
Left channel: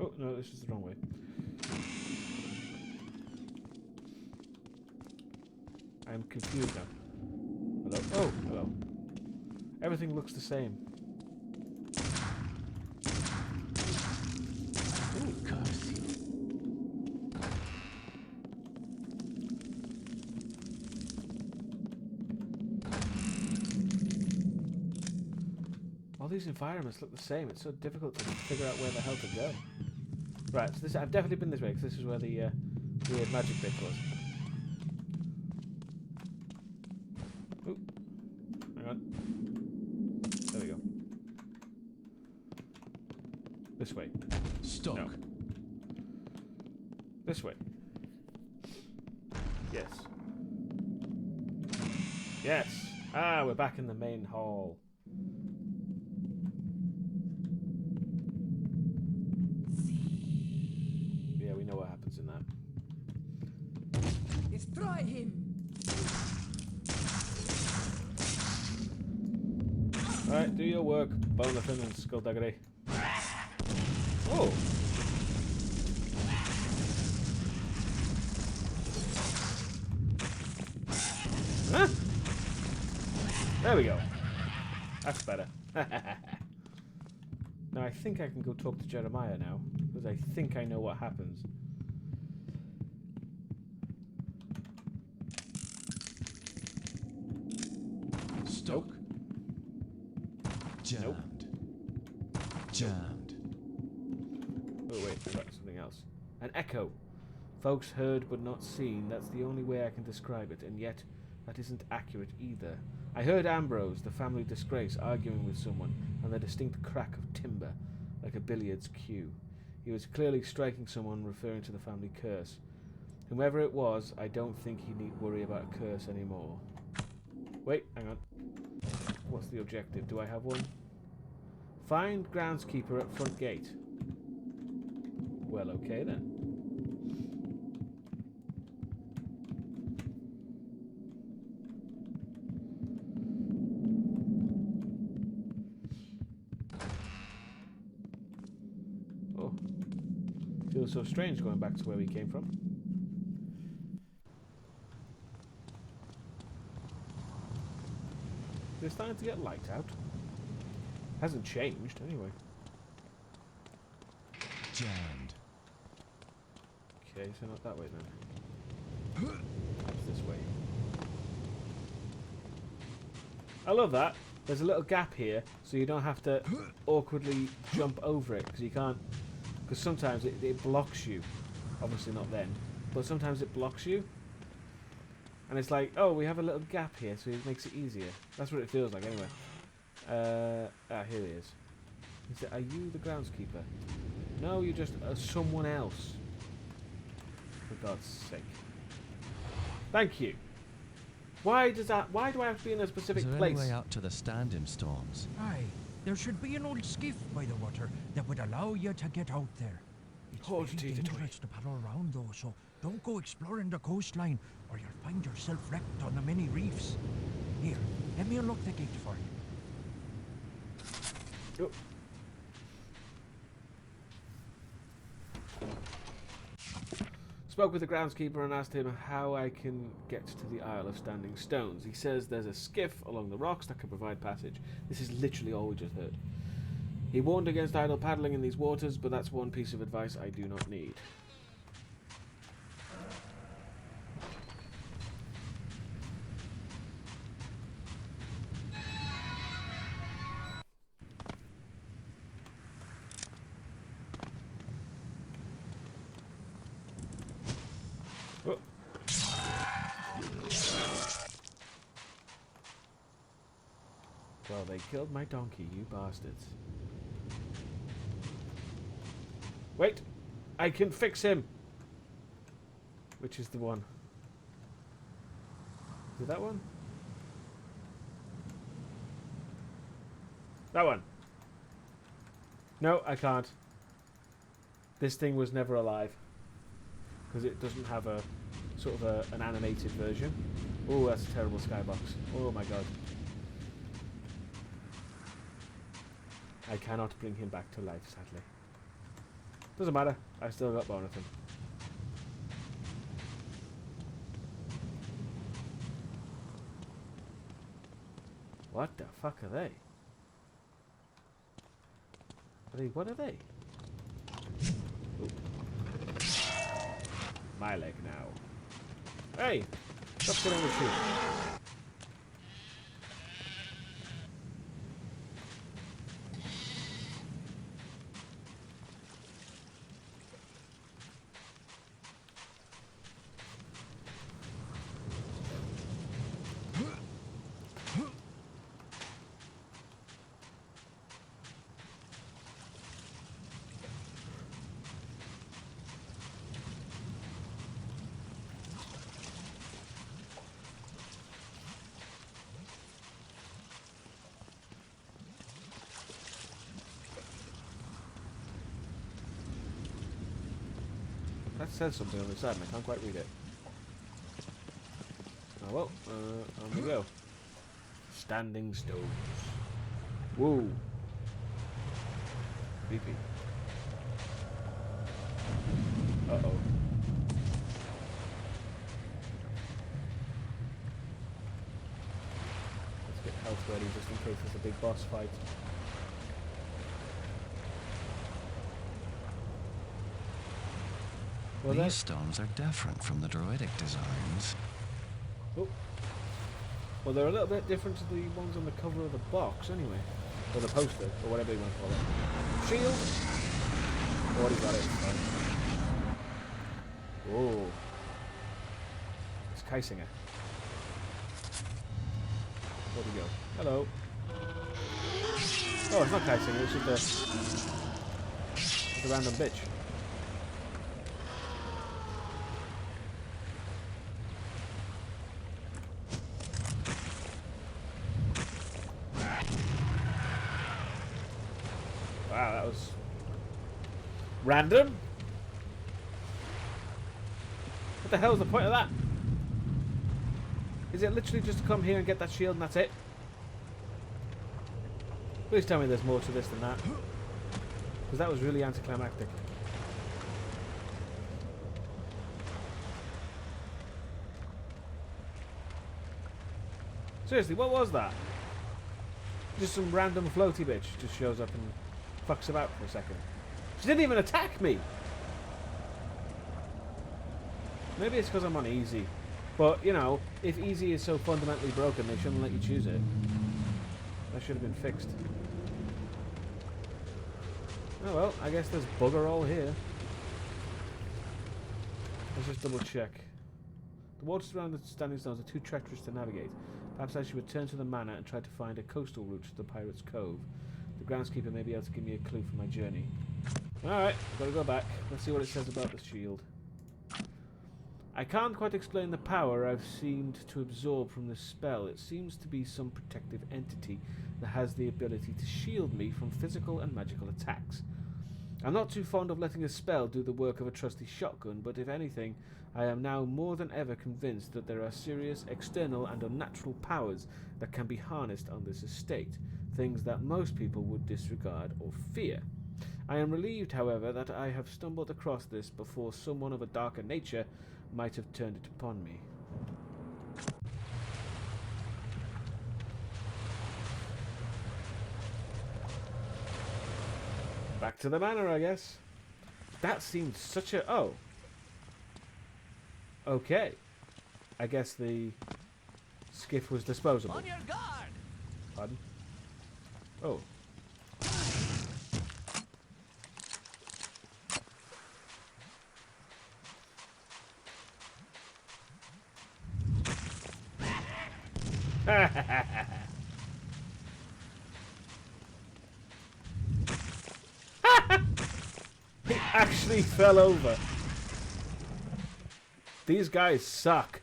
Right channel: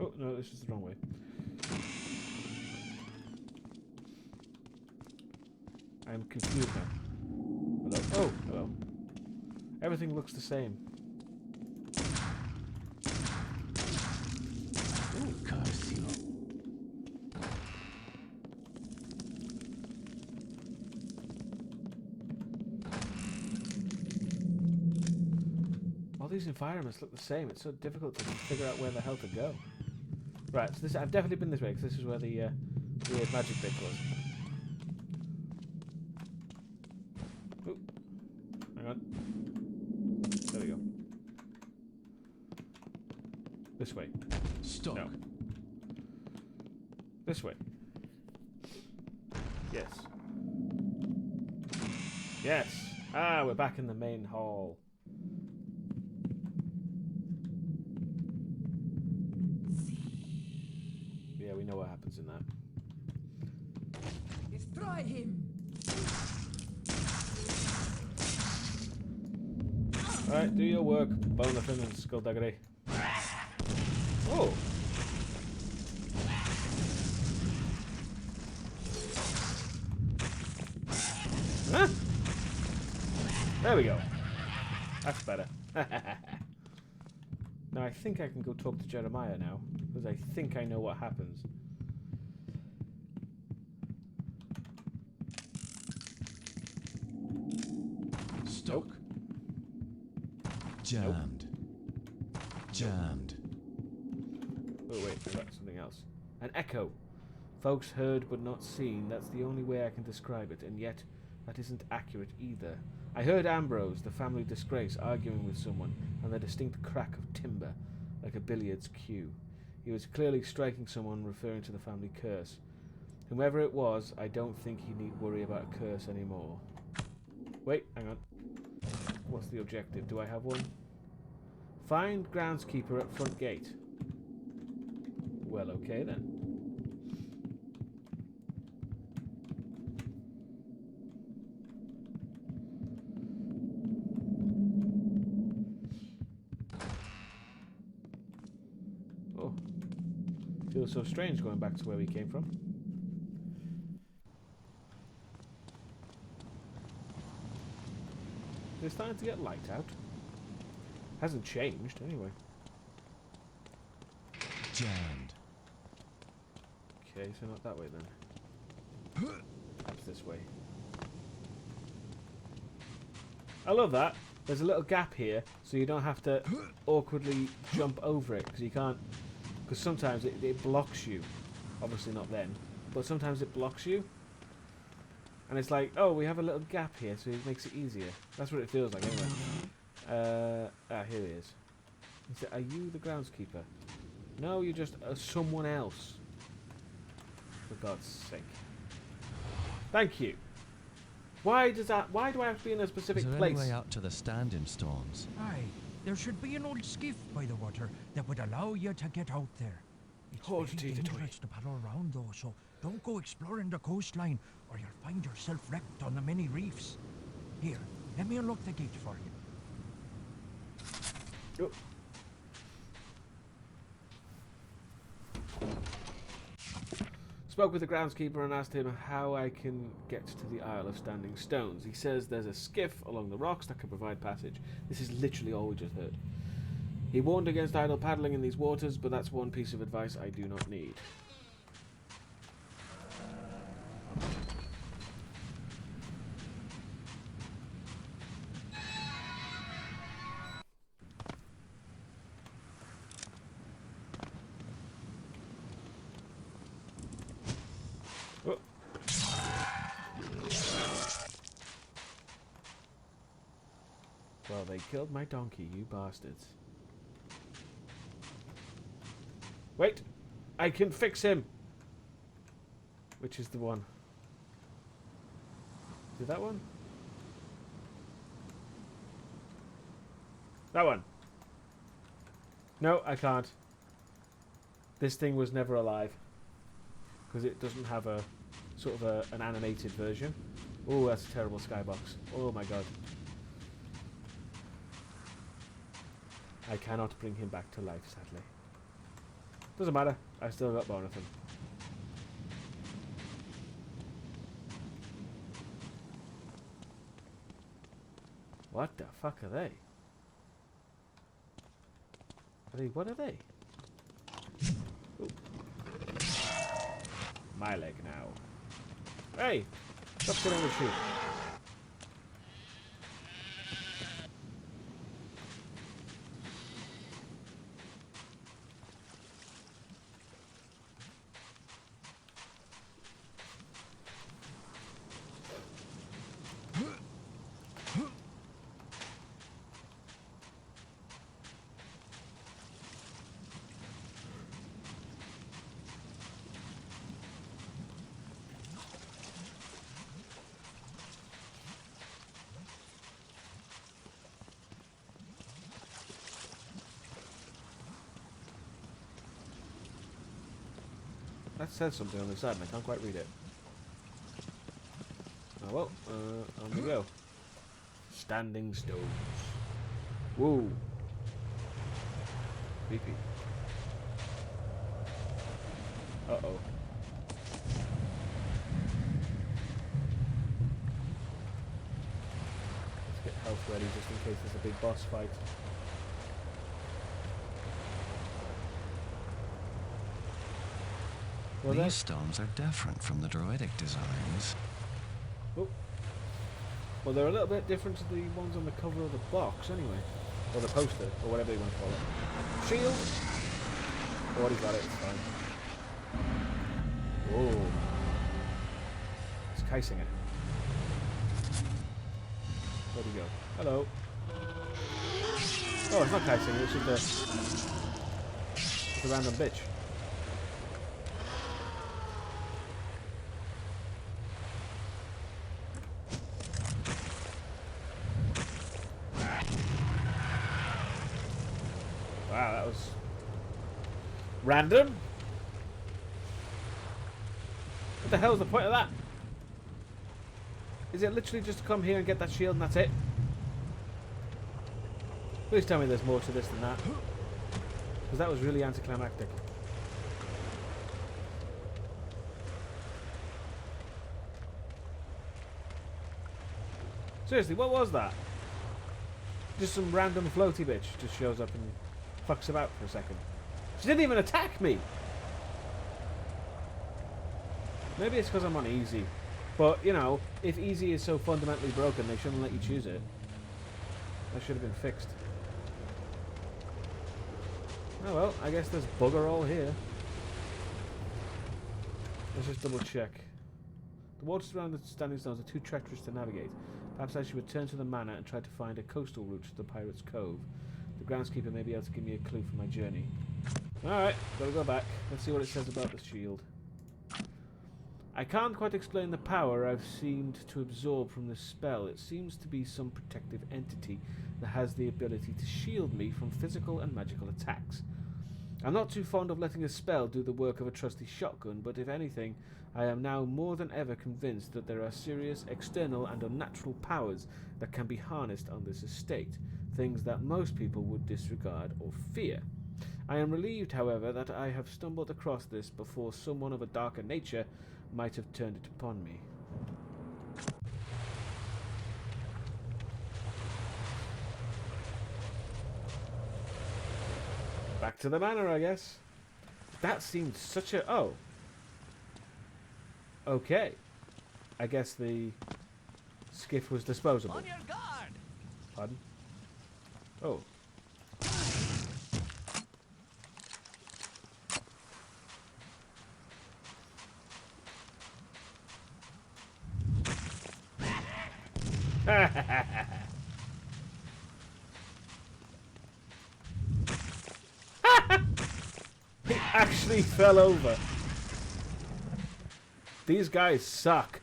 Oh, no, this is the wrong way. I'm confused now. Hello? Oh, hello. Everything looks the same. Ooh, curse you. All these environments look the same. It's so difficult to figure out where the hell to go. Right, so this I've definitely been this way, because this is where the weird magic bit was. Ooh. Hang on. There we go. This way. Stuck. No. This way. Yes. Yes! Ah, we're back in the main hall. Yeah, we know what happens in that. Destroy him! Alright, do your work, Bonafin and Skullduggery. Oh! Huh? There we go. That's better. Now I think I can go talk to Jeremiah now, because I think I know what happens. Stuck. Nope. Jammed. Jammed. Oh wait, I got something else. An echo. Folks heard but not seen. That's the only way I can describe it, and yet that isn't accurate either. I heard Ambrose, the family disgrace, arguing with someone, and the distinct crack of timber, like a billiards cue. He was clearly striking someone, referring to the family curse. Whomever it was, I don't think he need worry about a curse anymore. Wait, hang on. What's the objective? Do I have one? Find groundskeeper at front gate. Well, okay then. Oh. Feels so strange going back to where we came from. It's starting to get light out. Hasn't changed, anyway. Jammed. Okay, so not that way then. Perhaps this way. I love that. There's a little gap here, so you don't have to awkwardly jump over it, because you can't... Because sometimes it blocks you. Obviously not then. But sometimes it blocks you. And it's like, oh, we have a little gap here, so it makes it easier. That's what it feels like, anyway. Here he is. He said, are you the groundskeeper? No, you're just someone else. For God's sake. Thank you. Why do I have to be in a specific Is there place? any way out to the standing stones? Aye, there should be an old skiff by the water that would allow you to get out there. It's Hold very tea to toy. dangerous to paddle around though, so don't go exploring the coastline or you'll find yourself wrecked on the many reefs. Here, let me unlock the gate for you. Oh. Spoke with the groundskeeper and asked him how I can get to the Isle of Standing Stones. He says there's a skiff along the rocks that can provide passage. This is literally all we just heard. He warned against idle paddling in these waters, but that's one piece of advice I do not need. Oh. Well, they killed my donkey, you bastards. Wait! I can fix him! Which is the one? Is it that one? That one! No, I can't. This thing was never alive. Because it doesn't have a sort of an animated version. Oh, that's a terrible skybox. Oh my god. I cannot bring him back to life, sadly. Doesn't matter. I still got Bonathan. What the fuck are they? What are they? Ooh. My leg now. Hey! Stop killing the sheep. That says something on the side and I can't quite read it. Oh well, on we go. Standing stones. Whoa. Creepy. Uh-oh. Let's get health ready just in case there's a big boss fight. Well, These stones are different from the druidic designs. Oh. Well, they're a little bit different to the ones on the cover of the box, anyway. Or the poster, or whatever you want to call it. Shield! Already got it, it's fine. Oh. It's Kaisinger. Where'd he go? Hello. Oh, it's not Kaisinger, it's just a random bitch. Wow, that was random. What the hell is the point of that? Is it literally just to come here and get that shield and that's it? Please tell me there's more to this than that. Because that was really anticlimactic. Seriously, what was that? Just some random floaty bitch just shows up and fucks about for a second. She didn't even attack me! Maybe it's because I'm on easy. But, you know, if easy is so fundamentally broken, they shouldn't let you choose it. That should have been fixed. Oh well, I guess there's bugger all here. Let's just double check. The waters around the standing stones are too treacherous to navigate. Perhaps I should return to the manor and try to find a coastal route to the Pirate's Cove. The groundskeeper may be able to give me a clue for my journey. Alright, gotta go back. Let's see what it says about the shield. I can't quite explain the power I've seemed to absorb from this spell. It seems to be some protective entity that has the ability to shield me from physical and magical attacks. I'm not too fond of letting a spell do the work of a trusty shotgun, but if anything, I am now more than ever convinced that there are serious external and unnatural powers that can be harnessed on this estate, things that most people would disregard or fear. I am relieved, however, that I have stumbled across this before someone of a darker nature might have turned it upon me. Back to the manor, I guess. That seemed such a... Oh. Okay. I guess the skiff was disposable. On your guard! Pardon? Oh. He actually fell over. These guys suck.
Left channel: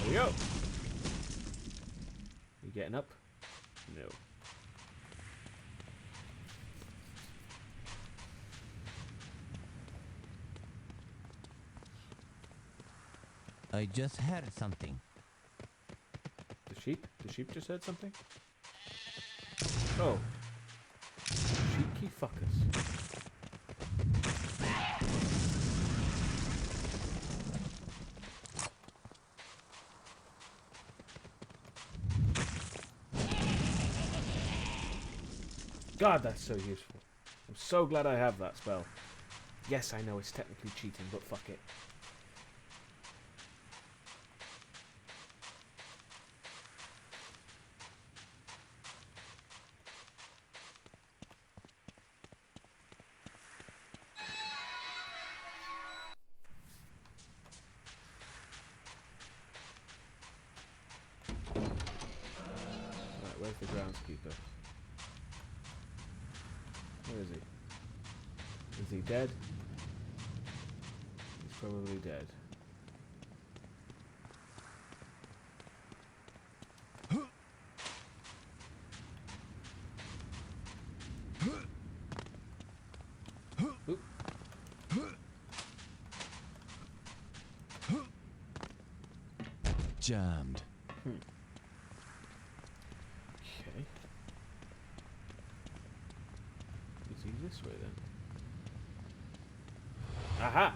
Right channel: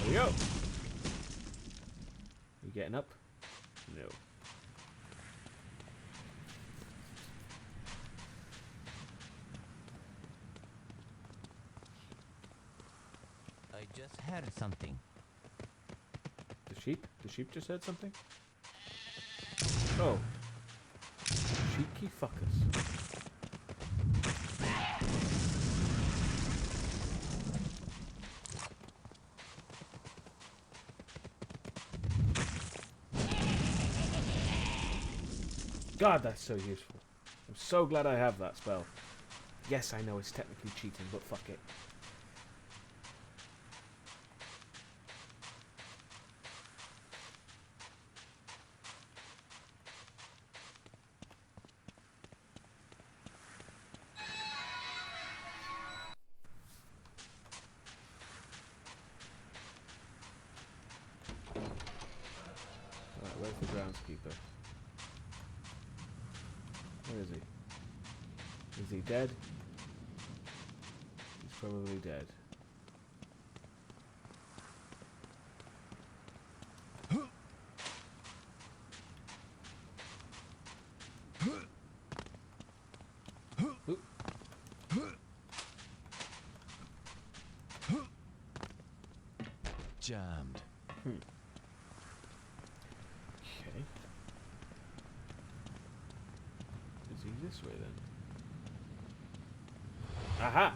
There we go. You getting up? No. I just heard something. The sheep? The sheep just heard something? Oh. Cheeky fuckers. God, that's so useful. I'm so glad I have that spell. Yes, I know it's technically cheating, but fuck it. Alright, where's the groundskeeper? Where is he? Is he dead? He's probably dead. Oop. Jammed. Okay. Is he this way then? Aha!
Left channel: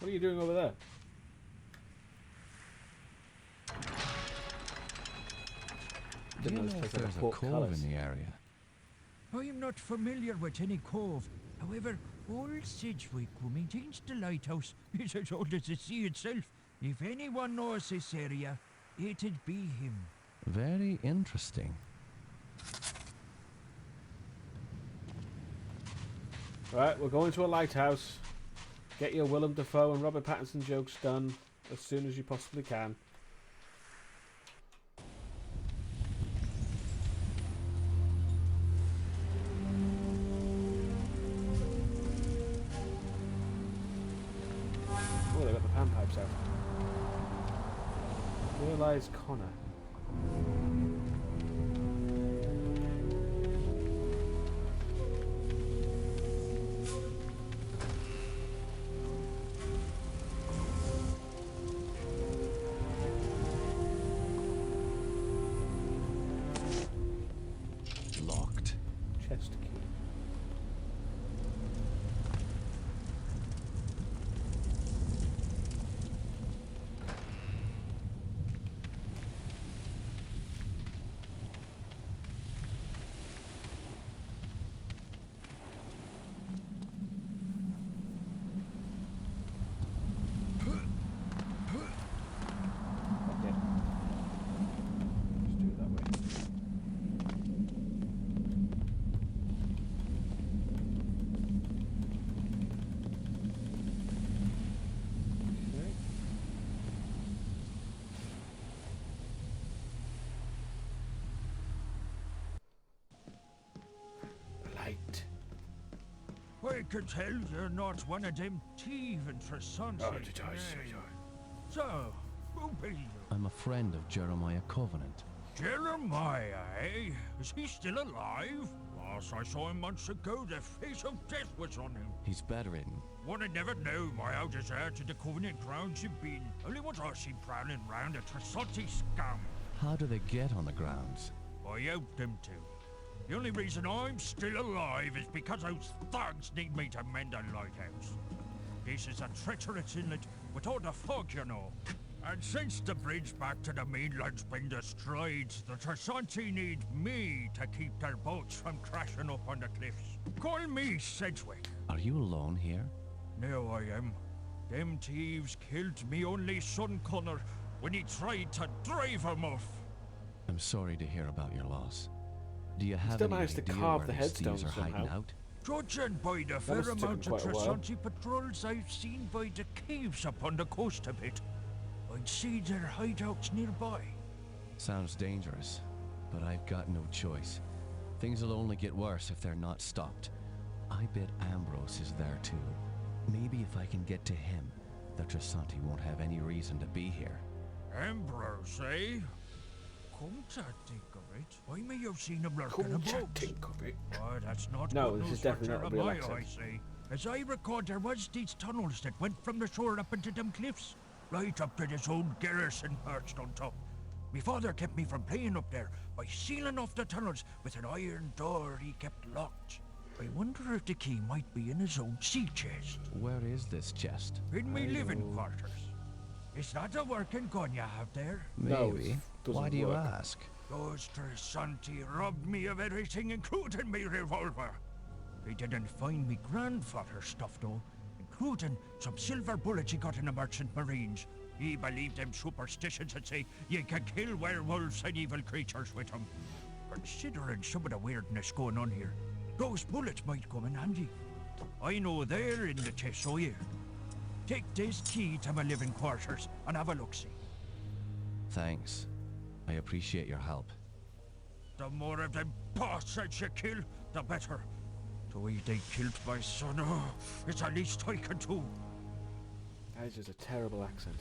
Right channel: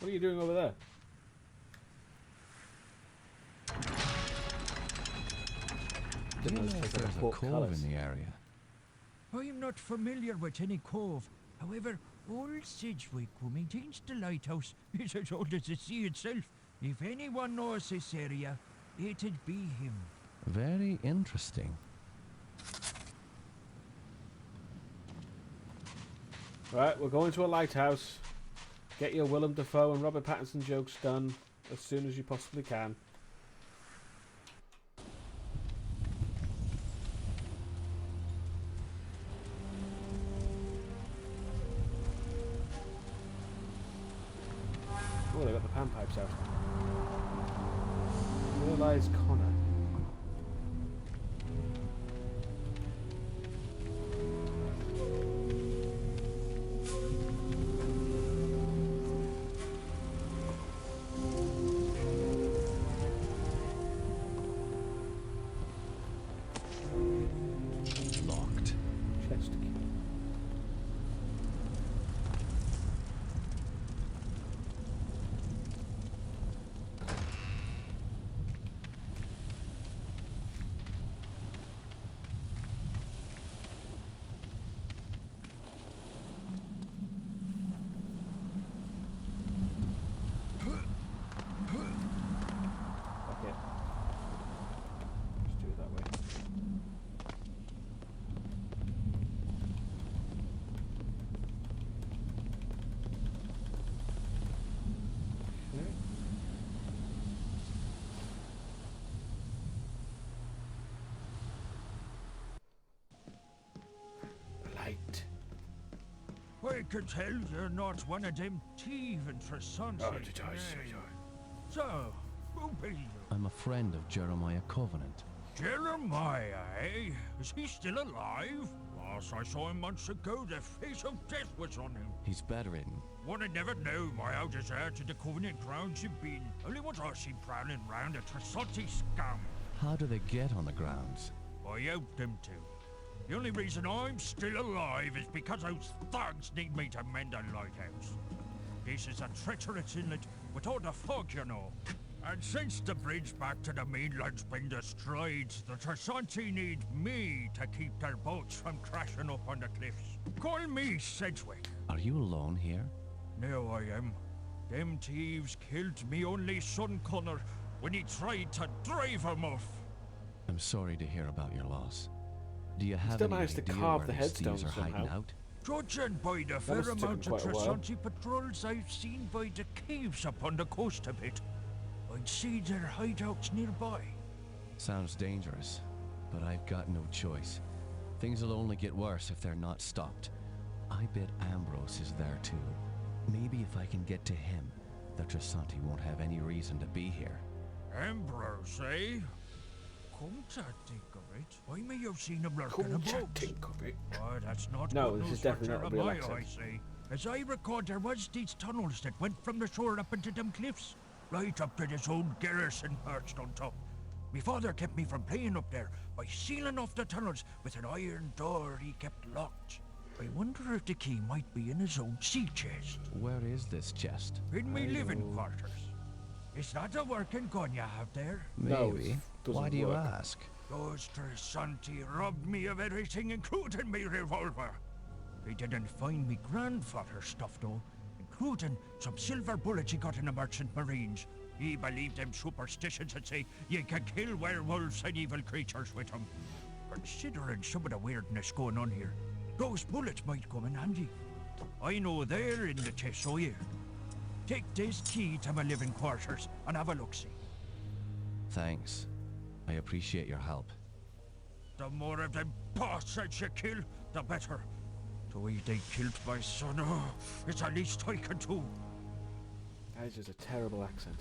What are you doing over there? Do you know Those if take like there's a pork cove colours. in the area? I'm not familiar with any cove. However, old Sidgwick, who maintains the lighthouse, is as old as the sea itself. If anyone knows this area, it'd be him. Very interesting. Right, we're going to a lighthouse. Get your Willem Dafoe and Robert Pattinson jokes done as soon as you possibly can. Oh, they got the panpipes out. Where lies Connor? Locked. Chest key. Fuck it. Just do it that way. Okay. Light. I can tell you're not one of them thieving Tresonsi. Oh, did I say so? So, who be you? I'm a friend of Jeremiah Covenant. Jeremiah, eh? Is he still alive? Last I saw him months ago, the face of death was on him. He's bedridden. One had never known by how deserted the Covenant grounds you've been. Only once I seen prowling round a Tresonsi scum. How do they get on the grounds? I helped them to. The only reason I'm still alive is because those thugs need me to mend a lighthouse. This is a treacherous inlet with all the fog, you know. And since the bridge back to the mainland's been destroyed, the Tresanti need me to keep their boats from crashing up on the cliffs. Call me Sedgwick. Are you alone here? Now I am. Them thieves killed me only son Connor when he tried to drive him off. I'm sorry to hear about your loss. Do you have Still any managed to idea carve where the these thieves headstones are hiding somehow. out? Judging by the fair must have taken amount of quite a while. Tresanti patrols I've seen by the caves up on the coast a bit, I'd see their hideouts nearby. Sounds dangerous, but I've got no choice. Things will only get worse if they're not stopped. I bet Ambrose is there too. Maybe if I can get to him, the Tresanti won't have any reason to be here. Ambrose, eh? Come to think of it, I may have seen him lurking Come to about. think of it. Oh, that's not No, good this news is for definitely not a real Jeremiah, I accent. say. As I record, there was these tunnels that went from the shore up into them cliffs, right up to this old garrison perched on top. Me father kept me from playing up there by sealing off the tunnels with an iron door he kept locked. I wonder if the key might be in his old sea chest. Where is this chest? In me I living know. quarters. Is that a working gun you have there? No, Maybe. it doesn't Why do you work. ask? Those Tresanti robbed me of everything, including me revolver. They didn't find me grandfather's stuff, though, including some silver bullets he got in the Merchant Marines. He believed them superstitions that say you can kill werewolves and evil creatures with them. Considering some of the weirdness going on here, those bullets might come in handy. I know they're in the chest, so here. Take this key to my living quarters and have a look-see. Thanks. I appreciate your help. The more of them bastards you kill, the better. The way they killed my son, oh, it's the least I can do. That is just a terrible accent.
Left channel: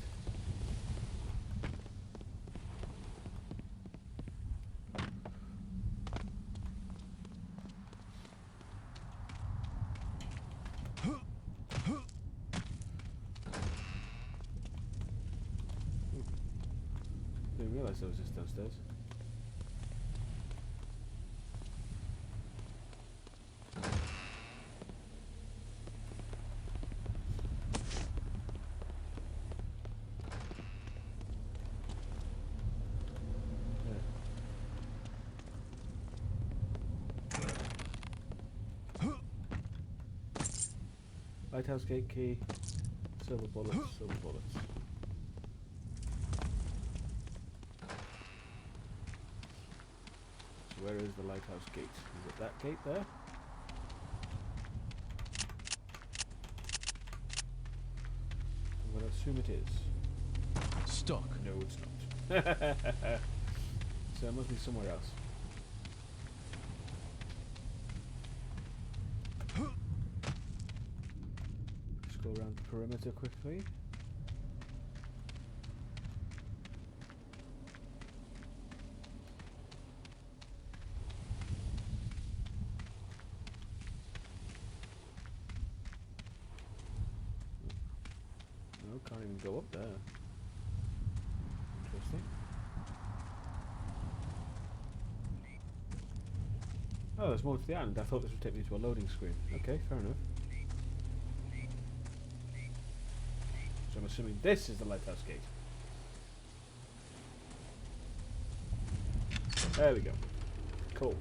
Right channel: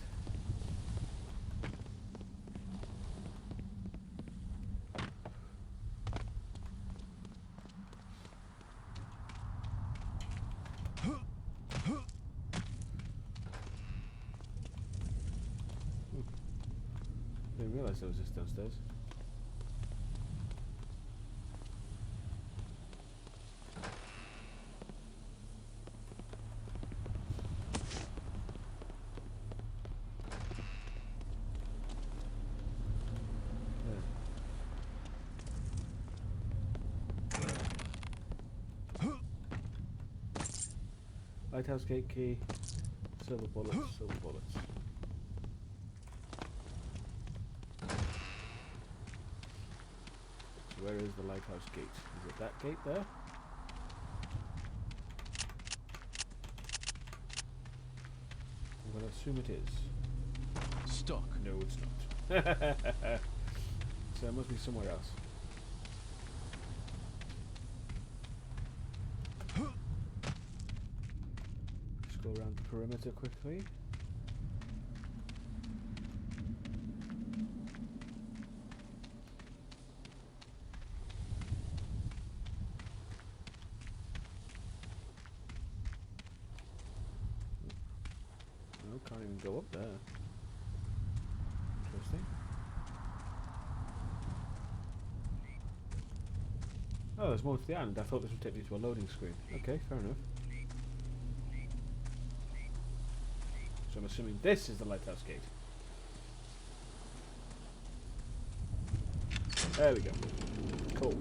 Didn't realise there was this downstairs. Lighthouse gate key, silver bullets, silver bullets. So where is the lighthouse gate? Is it that gate there? I'm going to assume it is. Stuck. No, it's not. So it must be somewhere else. Just go around the perimeter quickly. No, can't even go up there. Interesting. Oh, there's more to the island. I thought this would take me to a loading screen. Okay, fair enough. So I'm assuming this is the lighthouse gate. There we go. Cool.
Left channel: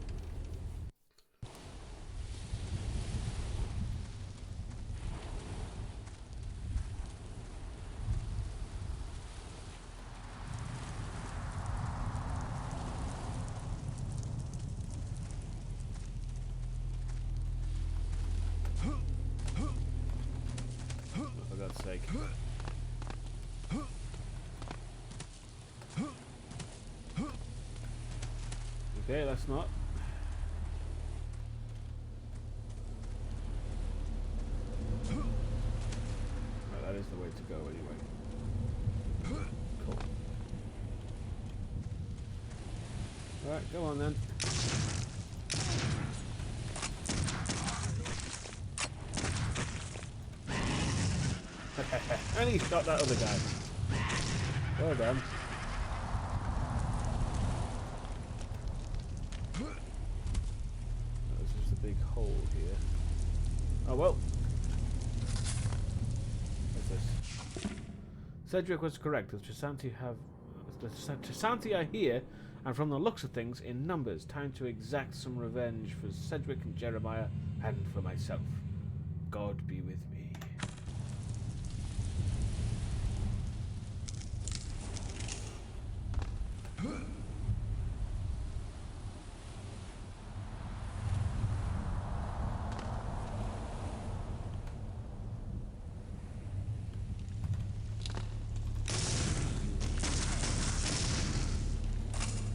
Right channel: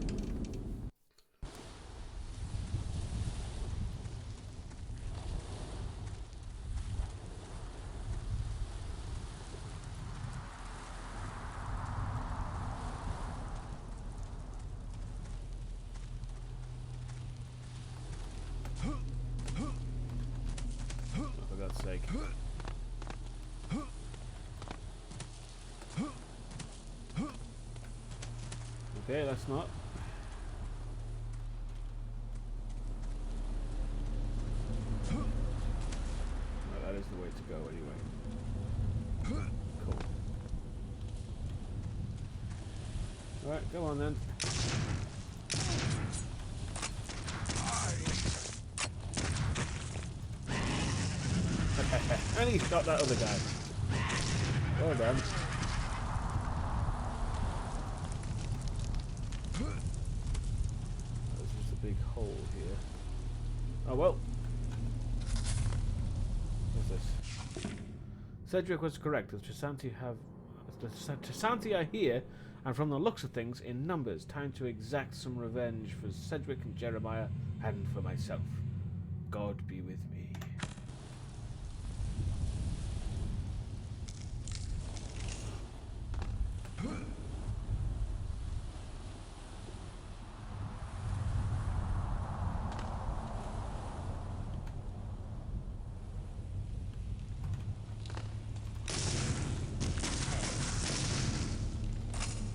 Oh, for God's sake. Okay, that's not. Right, that is the way to go anyway. Cool. Alright, go on then. And he shot that other guy. Well done. There's just a big hole here. Oh well. What's this? Cedric was correct. The Tresanti are here, and from the looks of things, in numbers. Time to exact some revenge for Cedric and Jeremiah, and for myself. God be with me.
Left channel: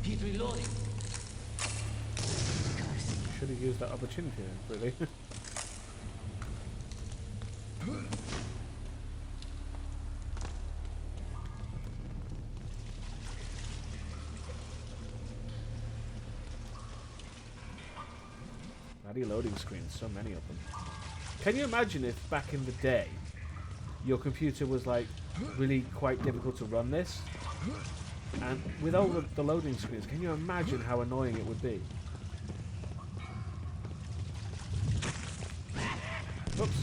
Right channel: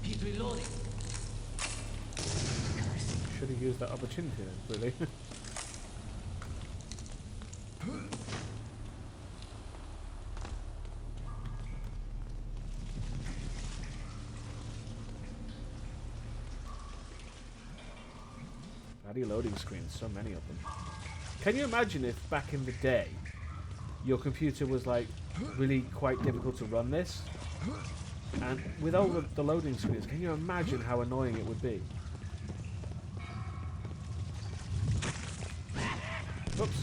He's reloading. Should have used that opportunity then, really. Bloody loading screens, so many of them. Can you imagine if back in the day your computer was like really quite difficult to run this? And with all the loading screens, can you imagine how annoying it would be? Oops.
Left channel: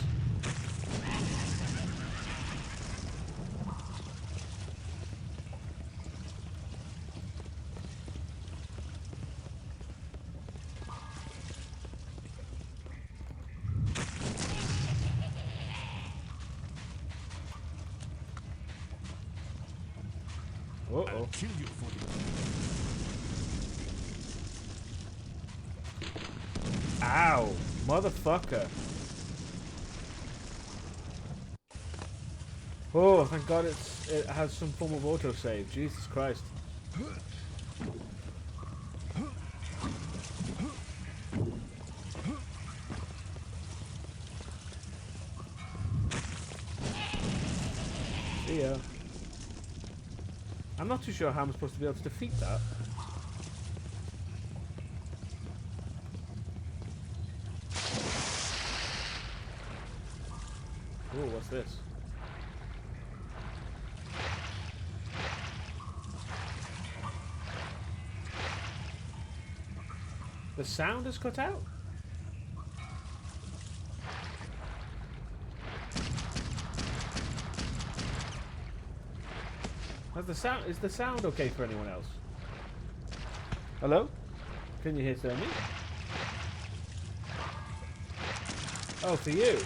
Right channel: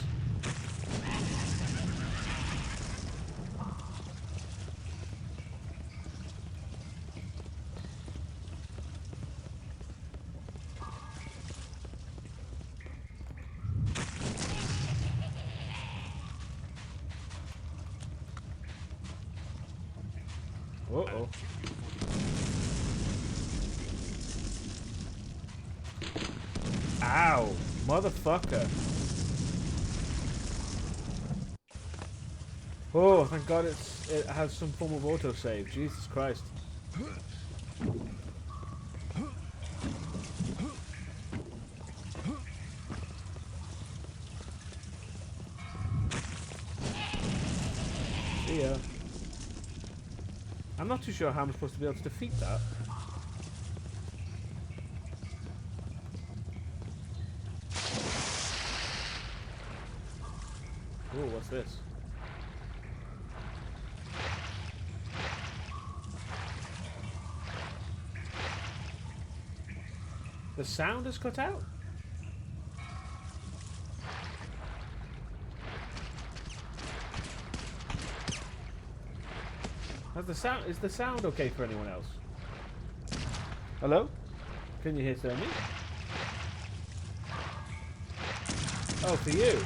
Uh-oh. Ow! Motherfucker! Oh, thank God it has some form of autosave. Jesus Christ. See ya. I'm not too sure how I'm supposed to be able to defeat that. Oh, what's this? The sound is cut out? Is the sound okay for anyone else? Hello? Can you hear me? Oh, for you.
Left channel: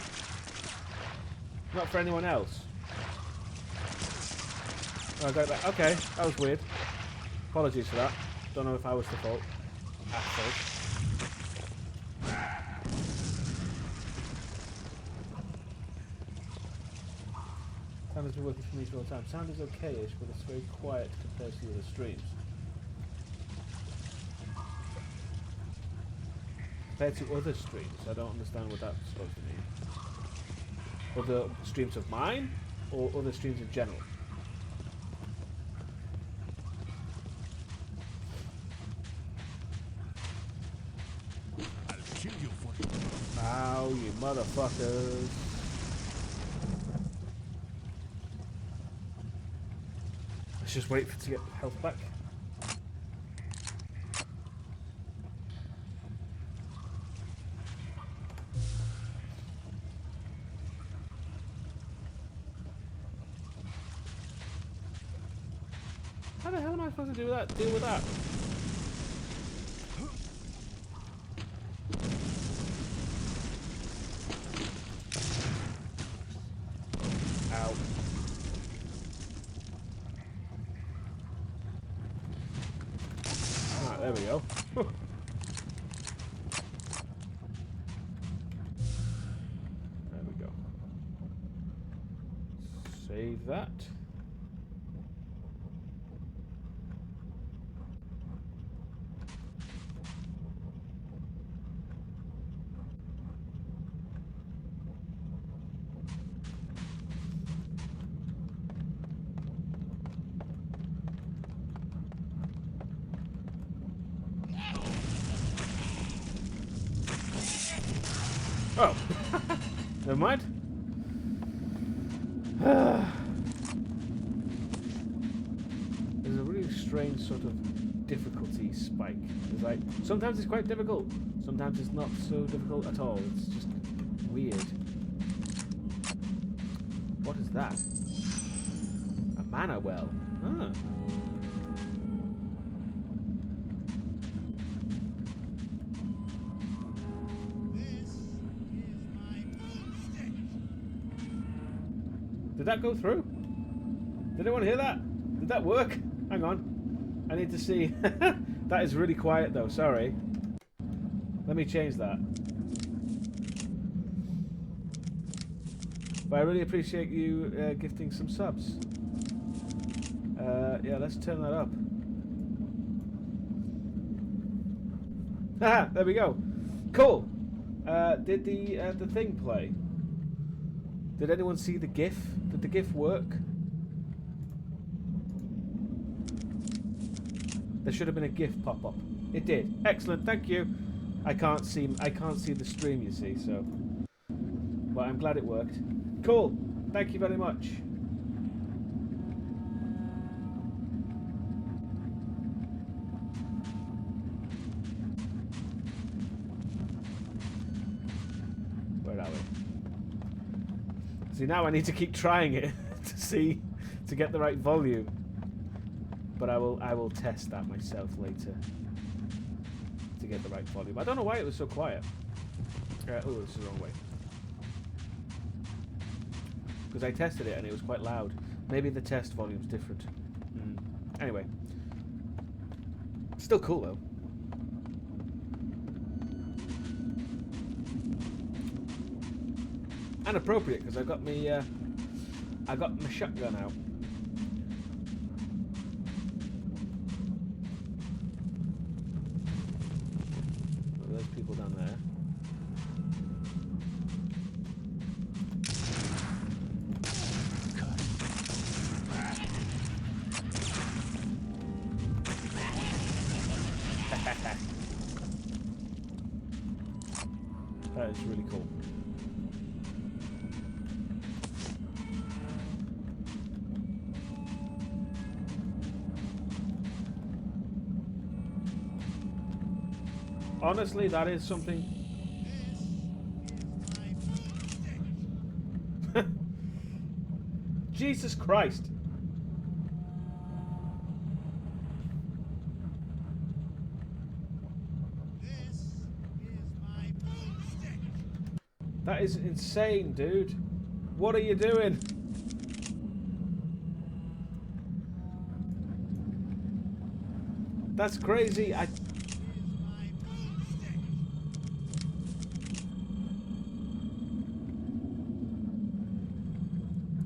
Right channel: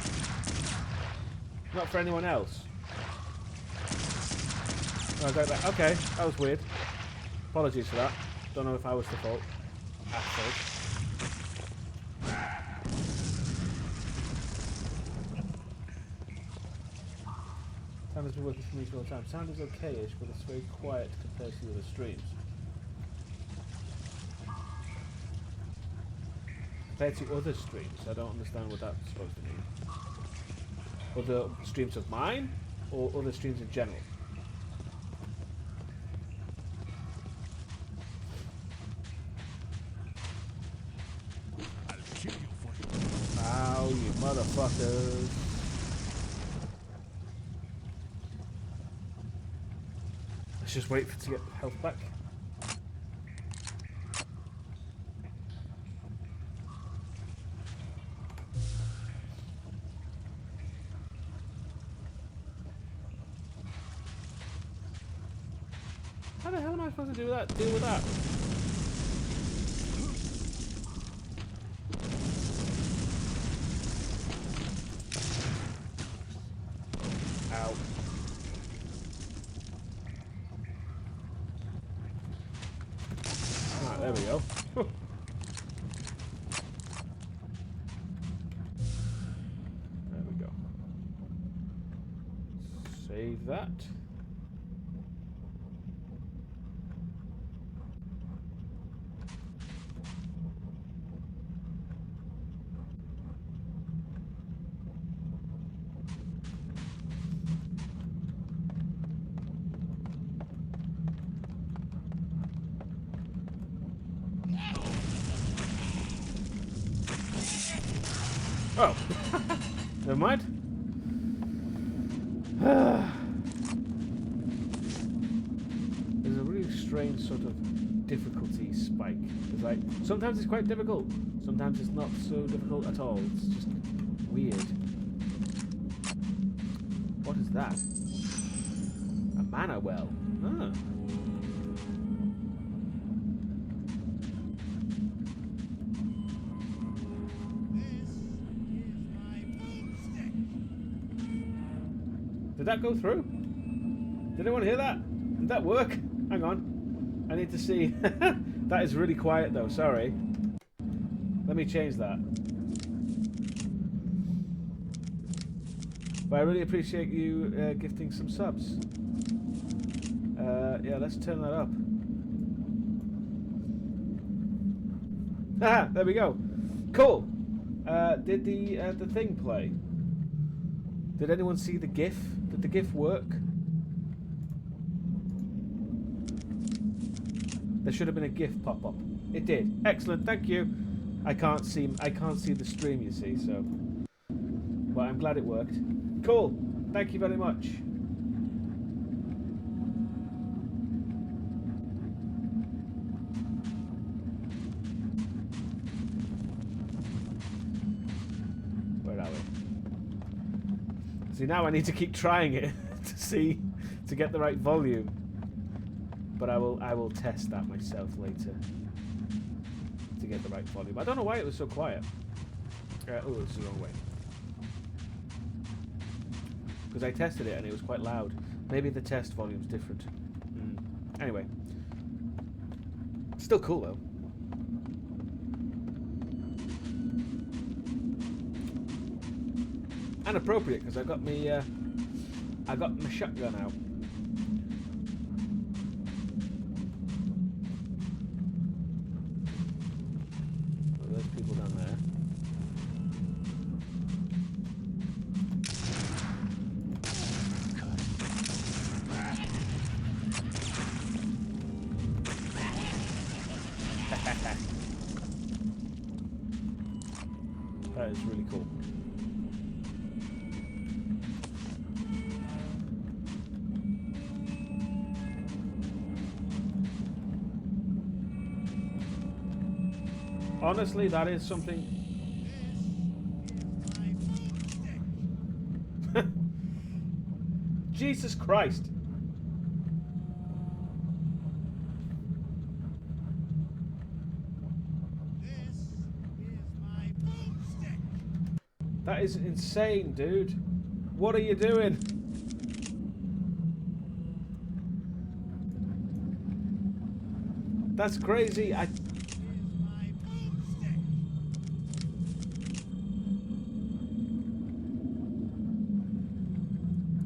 Not for anyone else. Oh, okay, that was weird. Apologies for that. Don't know if I was the fault. Asshole. Sound has been working for me for all the time. Sound is okay-ish, but it's very quiet compared to the other streams. Compared to other streams, I don't understand what that's supposed to mean. Other streams of mine, or other streams in general? I'll kill you for it. Ow, you motherfuckers. Let's just wait for to get health back. How the hell am I supposed to do that? Deal with that? Ow. Alright, there we go. There we go. Save that. Oh, never mind. There's a really strange sort of difficulty spike. It's like, sometimes it's quite difficult, sometimes it's not so difficult at all. It's just weird. What is that? A mana well. Ah. This is my boomstick. Did that go through? Did anyone hear that? Did that work? Hang on. I need to see. That is really quiet though, sorry. Let me change that. But I really appreciate you gifting some subs. Yeah, let's turn that up. Aha, there we go. Cool. Did the thing play? Did anyone see the GIF? Did the GIF work? There should have been a GIF pop up. It did. Excellent. Thank you. I can't see the stream, you see, so. Well, I'm glad it worked. Cool. Thank you very much. Where are we? See, now I need to keep trying it to get the right volume. But I will test that myself later to get the right volume. I don't know why it was so quiet. Oh, this is the wrong way. Because I tested it and it was quite loud. Maybe the test volume's different. Anyway. Still cool though. And appropriate because I got my shotgun out. Oh, there's people down there. That is really cool. Honestly, that is something. Jesus Christ. That is insane, dude. What are you doing? That's crazy.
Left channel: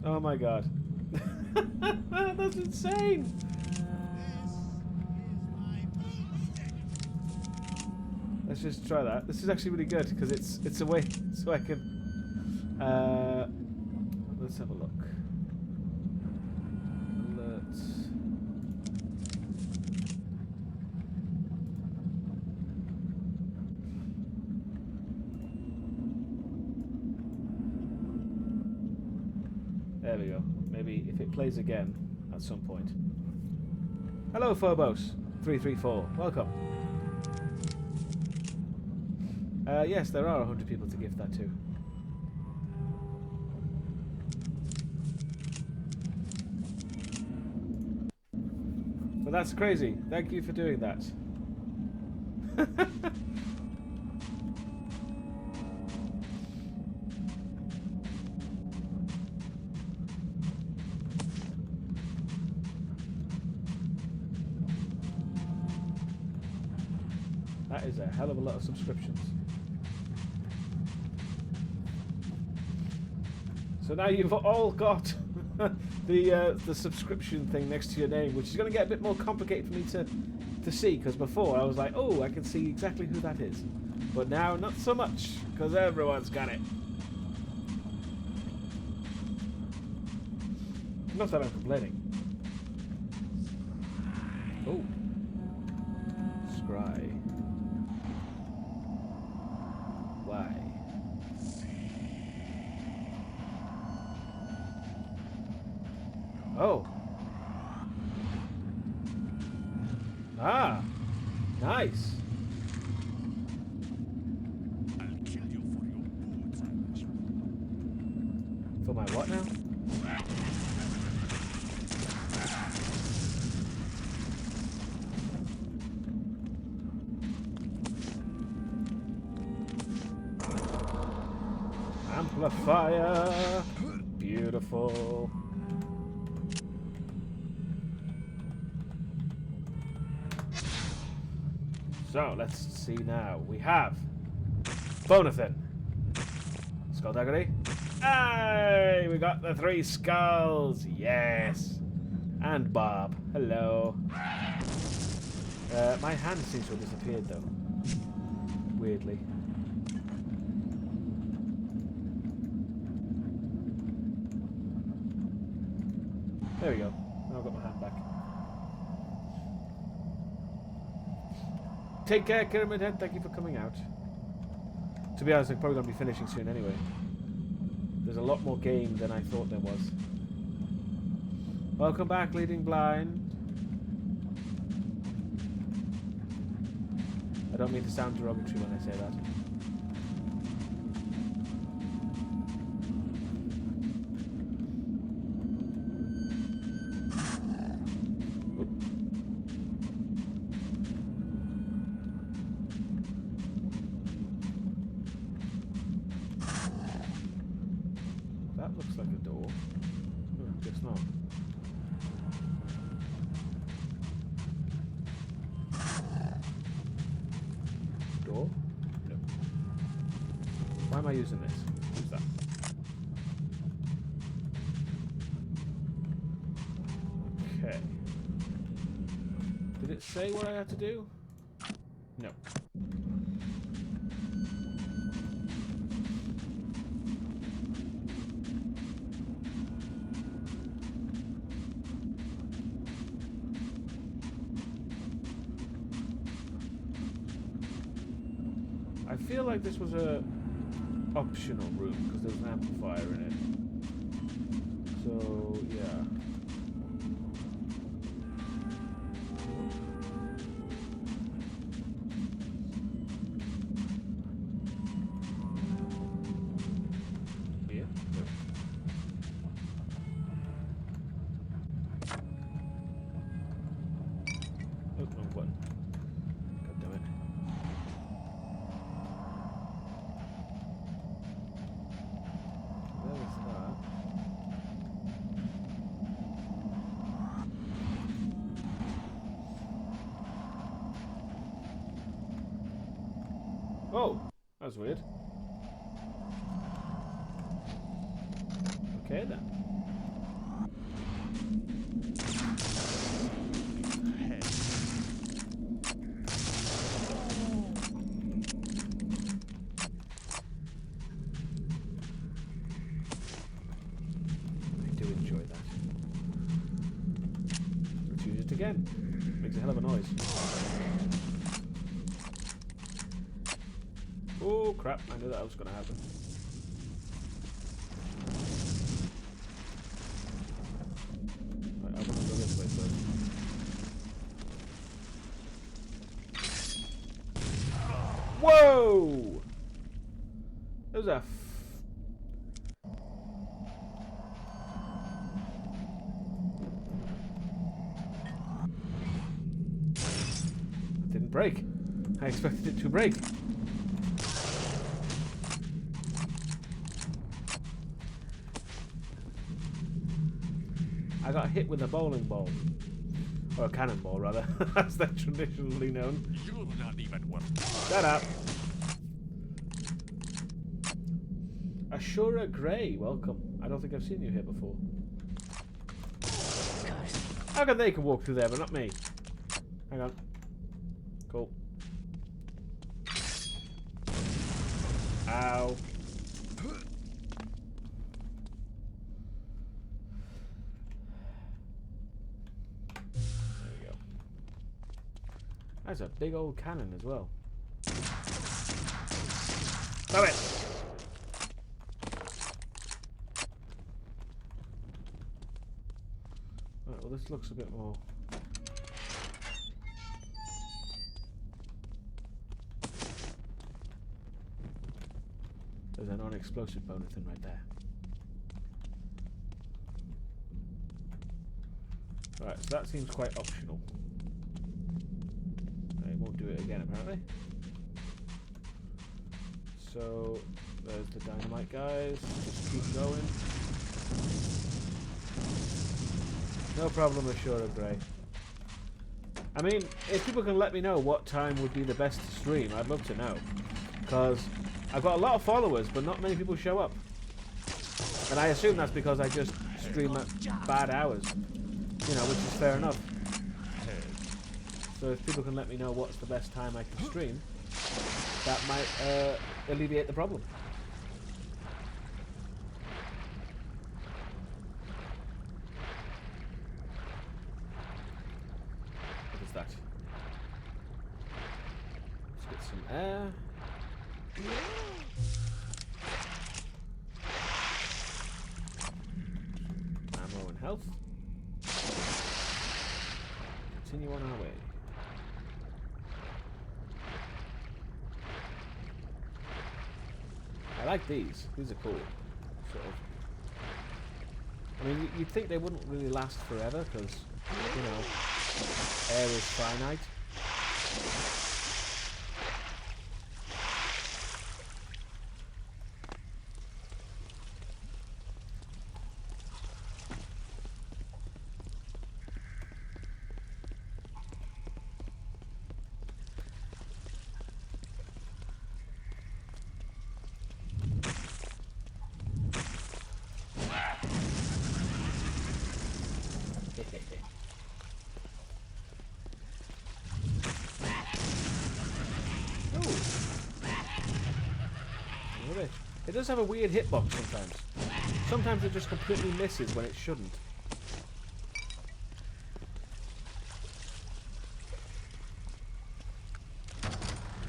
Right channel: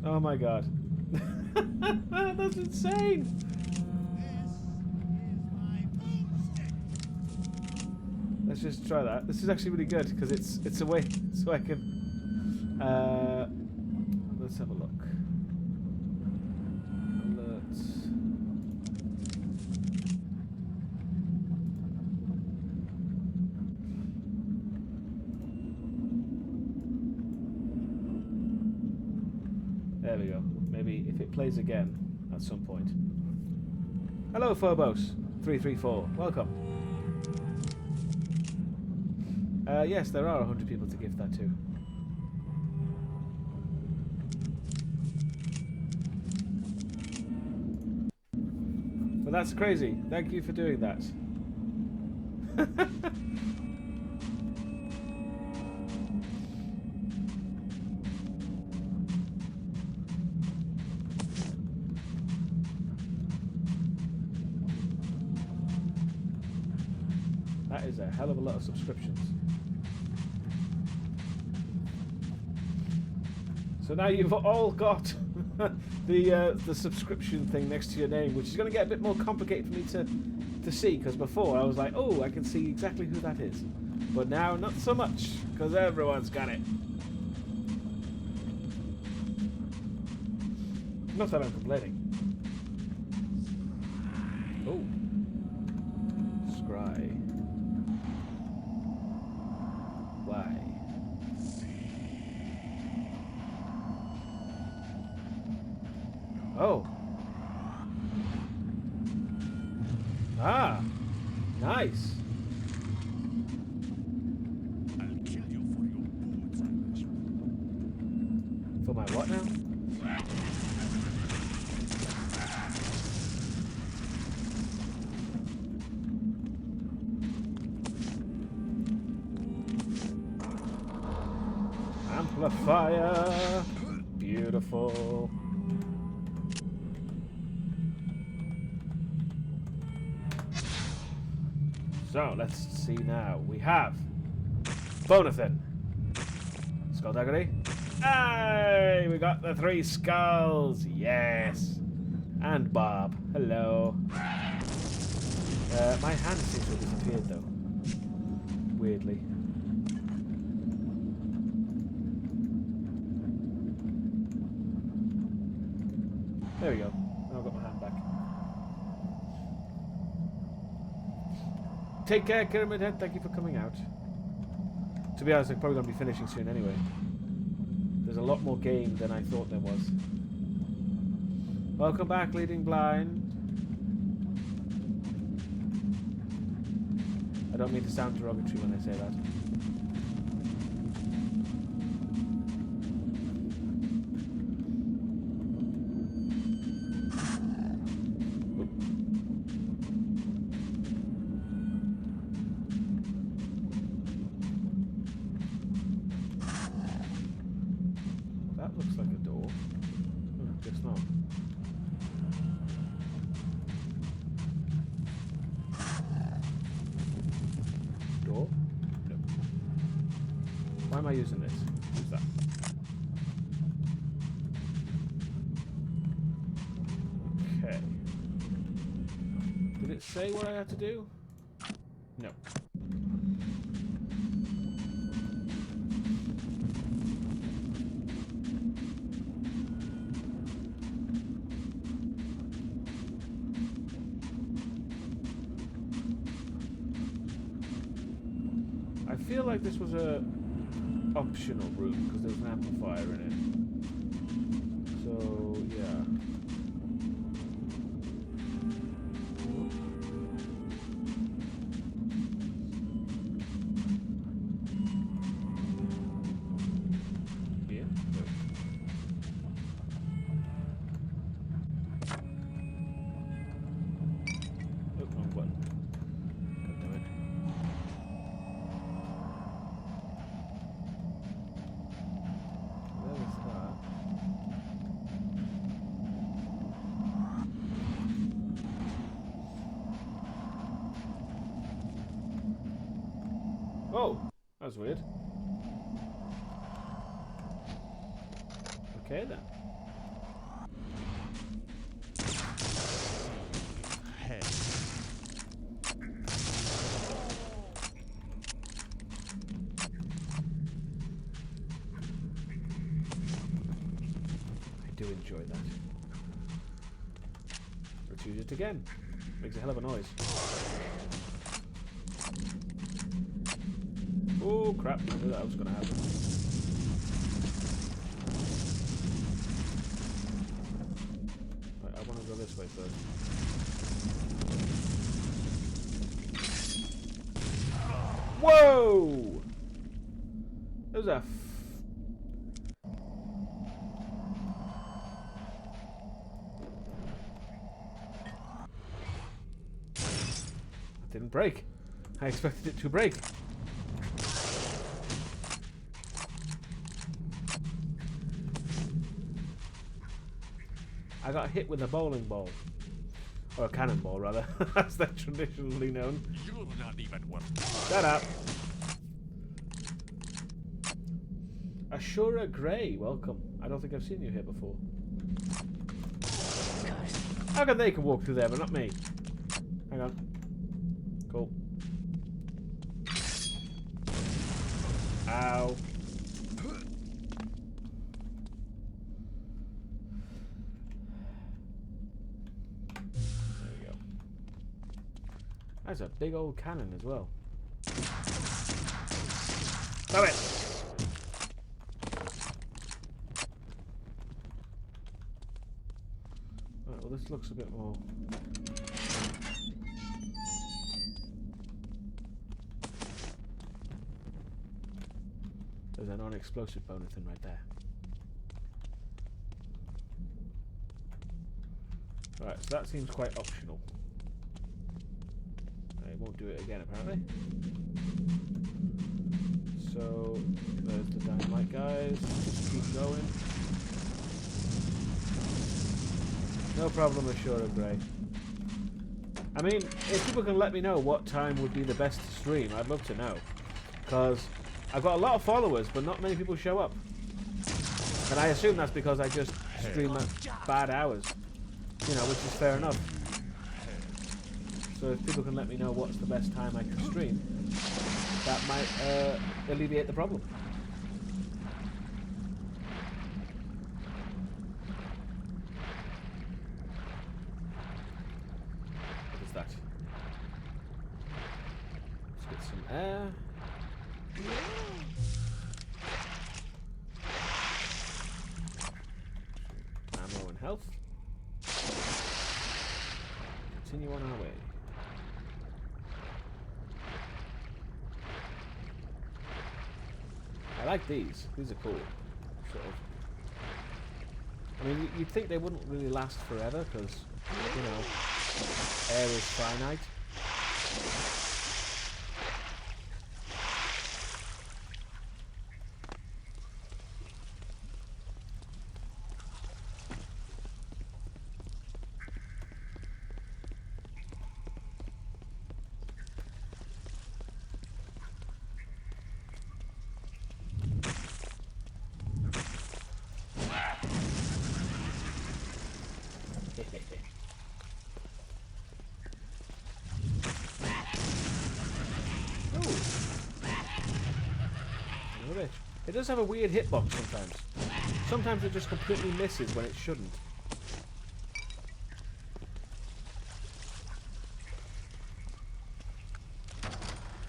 Oh my god. That's insane. Let's just try that. This is actually really good because it's a way so I can let's have a look. Alerts. There we go. Maybe if it plays again at some point. Hello Phobos 334. Welcome. Yes, there are 100 people to gift that to. But that's crazy. Thank you for doing that. That is a hell of a lot of subscriptions. So now you've all got the subscription thing next to your name, which is going to get a bit more complicated for me to see, because before I was like, oh, I can see exactly who that is. But now, not so much, because everyone's got it. Not that I'm complaining. Oh. Scry. Why? Oh. Ah. Nice. I'll kill you for your boots. For my what now? The fire! Beautiful. So, let's see now. We have Bonathan. Skullduggery. Hey! We got the 3 skulls! Yes! And Bob. Hello. My hand seems to have disappeared though. Weirdly. There we go. Now I've got my hand back. Take care, Pyramid Head. Thank you for coming out. To be honest, I'm probably going to be finishing soon anyway. There's a lot more game than I thought there was. Welcome back, Leading Blind. I don't mean to sound derogatory when I say that. Oop. That looks like a door. Oh, guess not. Door? No. Why am I using this? Who's that? Okay. Did it say what I had to do? No. I feel like this was a optional room because there was an amplifier in it. So yeah. Oh. Here? No. Oh, wrong button. God damn it. There's that. Oh, that was weird. Okay then. Hey. I do enjoy that. Let's use it again. Makes a hell of a noise. Oh crap, I knew that was going to happen. Right, I want to go this way first. Whoa! There's a... It didn't break. I expected it to break. I got hit with a bowling ball. Or a cannonball, rather. As they're traditionally known. You'll not even work. Shut up. Ashura Grey, welcome. I don't think I've seen you here before. How come they can walk through there, but not me? Hang on. Cool. Ow. That's a big old cannon as well. Stop it! Right, well this looks a bit more... There's a non-explosive bonus thing right there. Right, so that seems quite optional. I won't do it again, apparently. so there's the dynamite guys. Just keep going. No problem ashore of Grey. I mean, if people can let me know what time would be the best to stream, I'd love to know. Because I've got a lot of followers, but not many people show up. And I assume that's because I just stream at bad hours. You know, which is fair enough. So if people can let me know what's the best time I can stream, that might alleviate the problem. What is that? Let's get some air. Ammo and health. Continue on our way. I like these. These are cool. Sort of. I mean, you'd think they wouldn't really last forever because, you know, air is finite. It does have a weird hitbox sometimes. Sometimes it just completely misses when it shouldn't.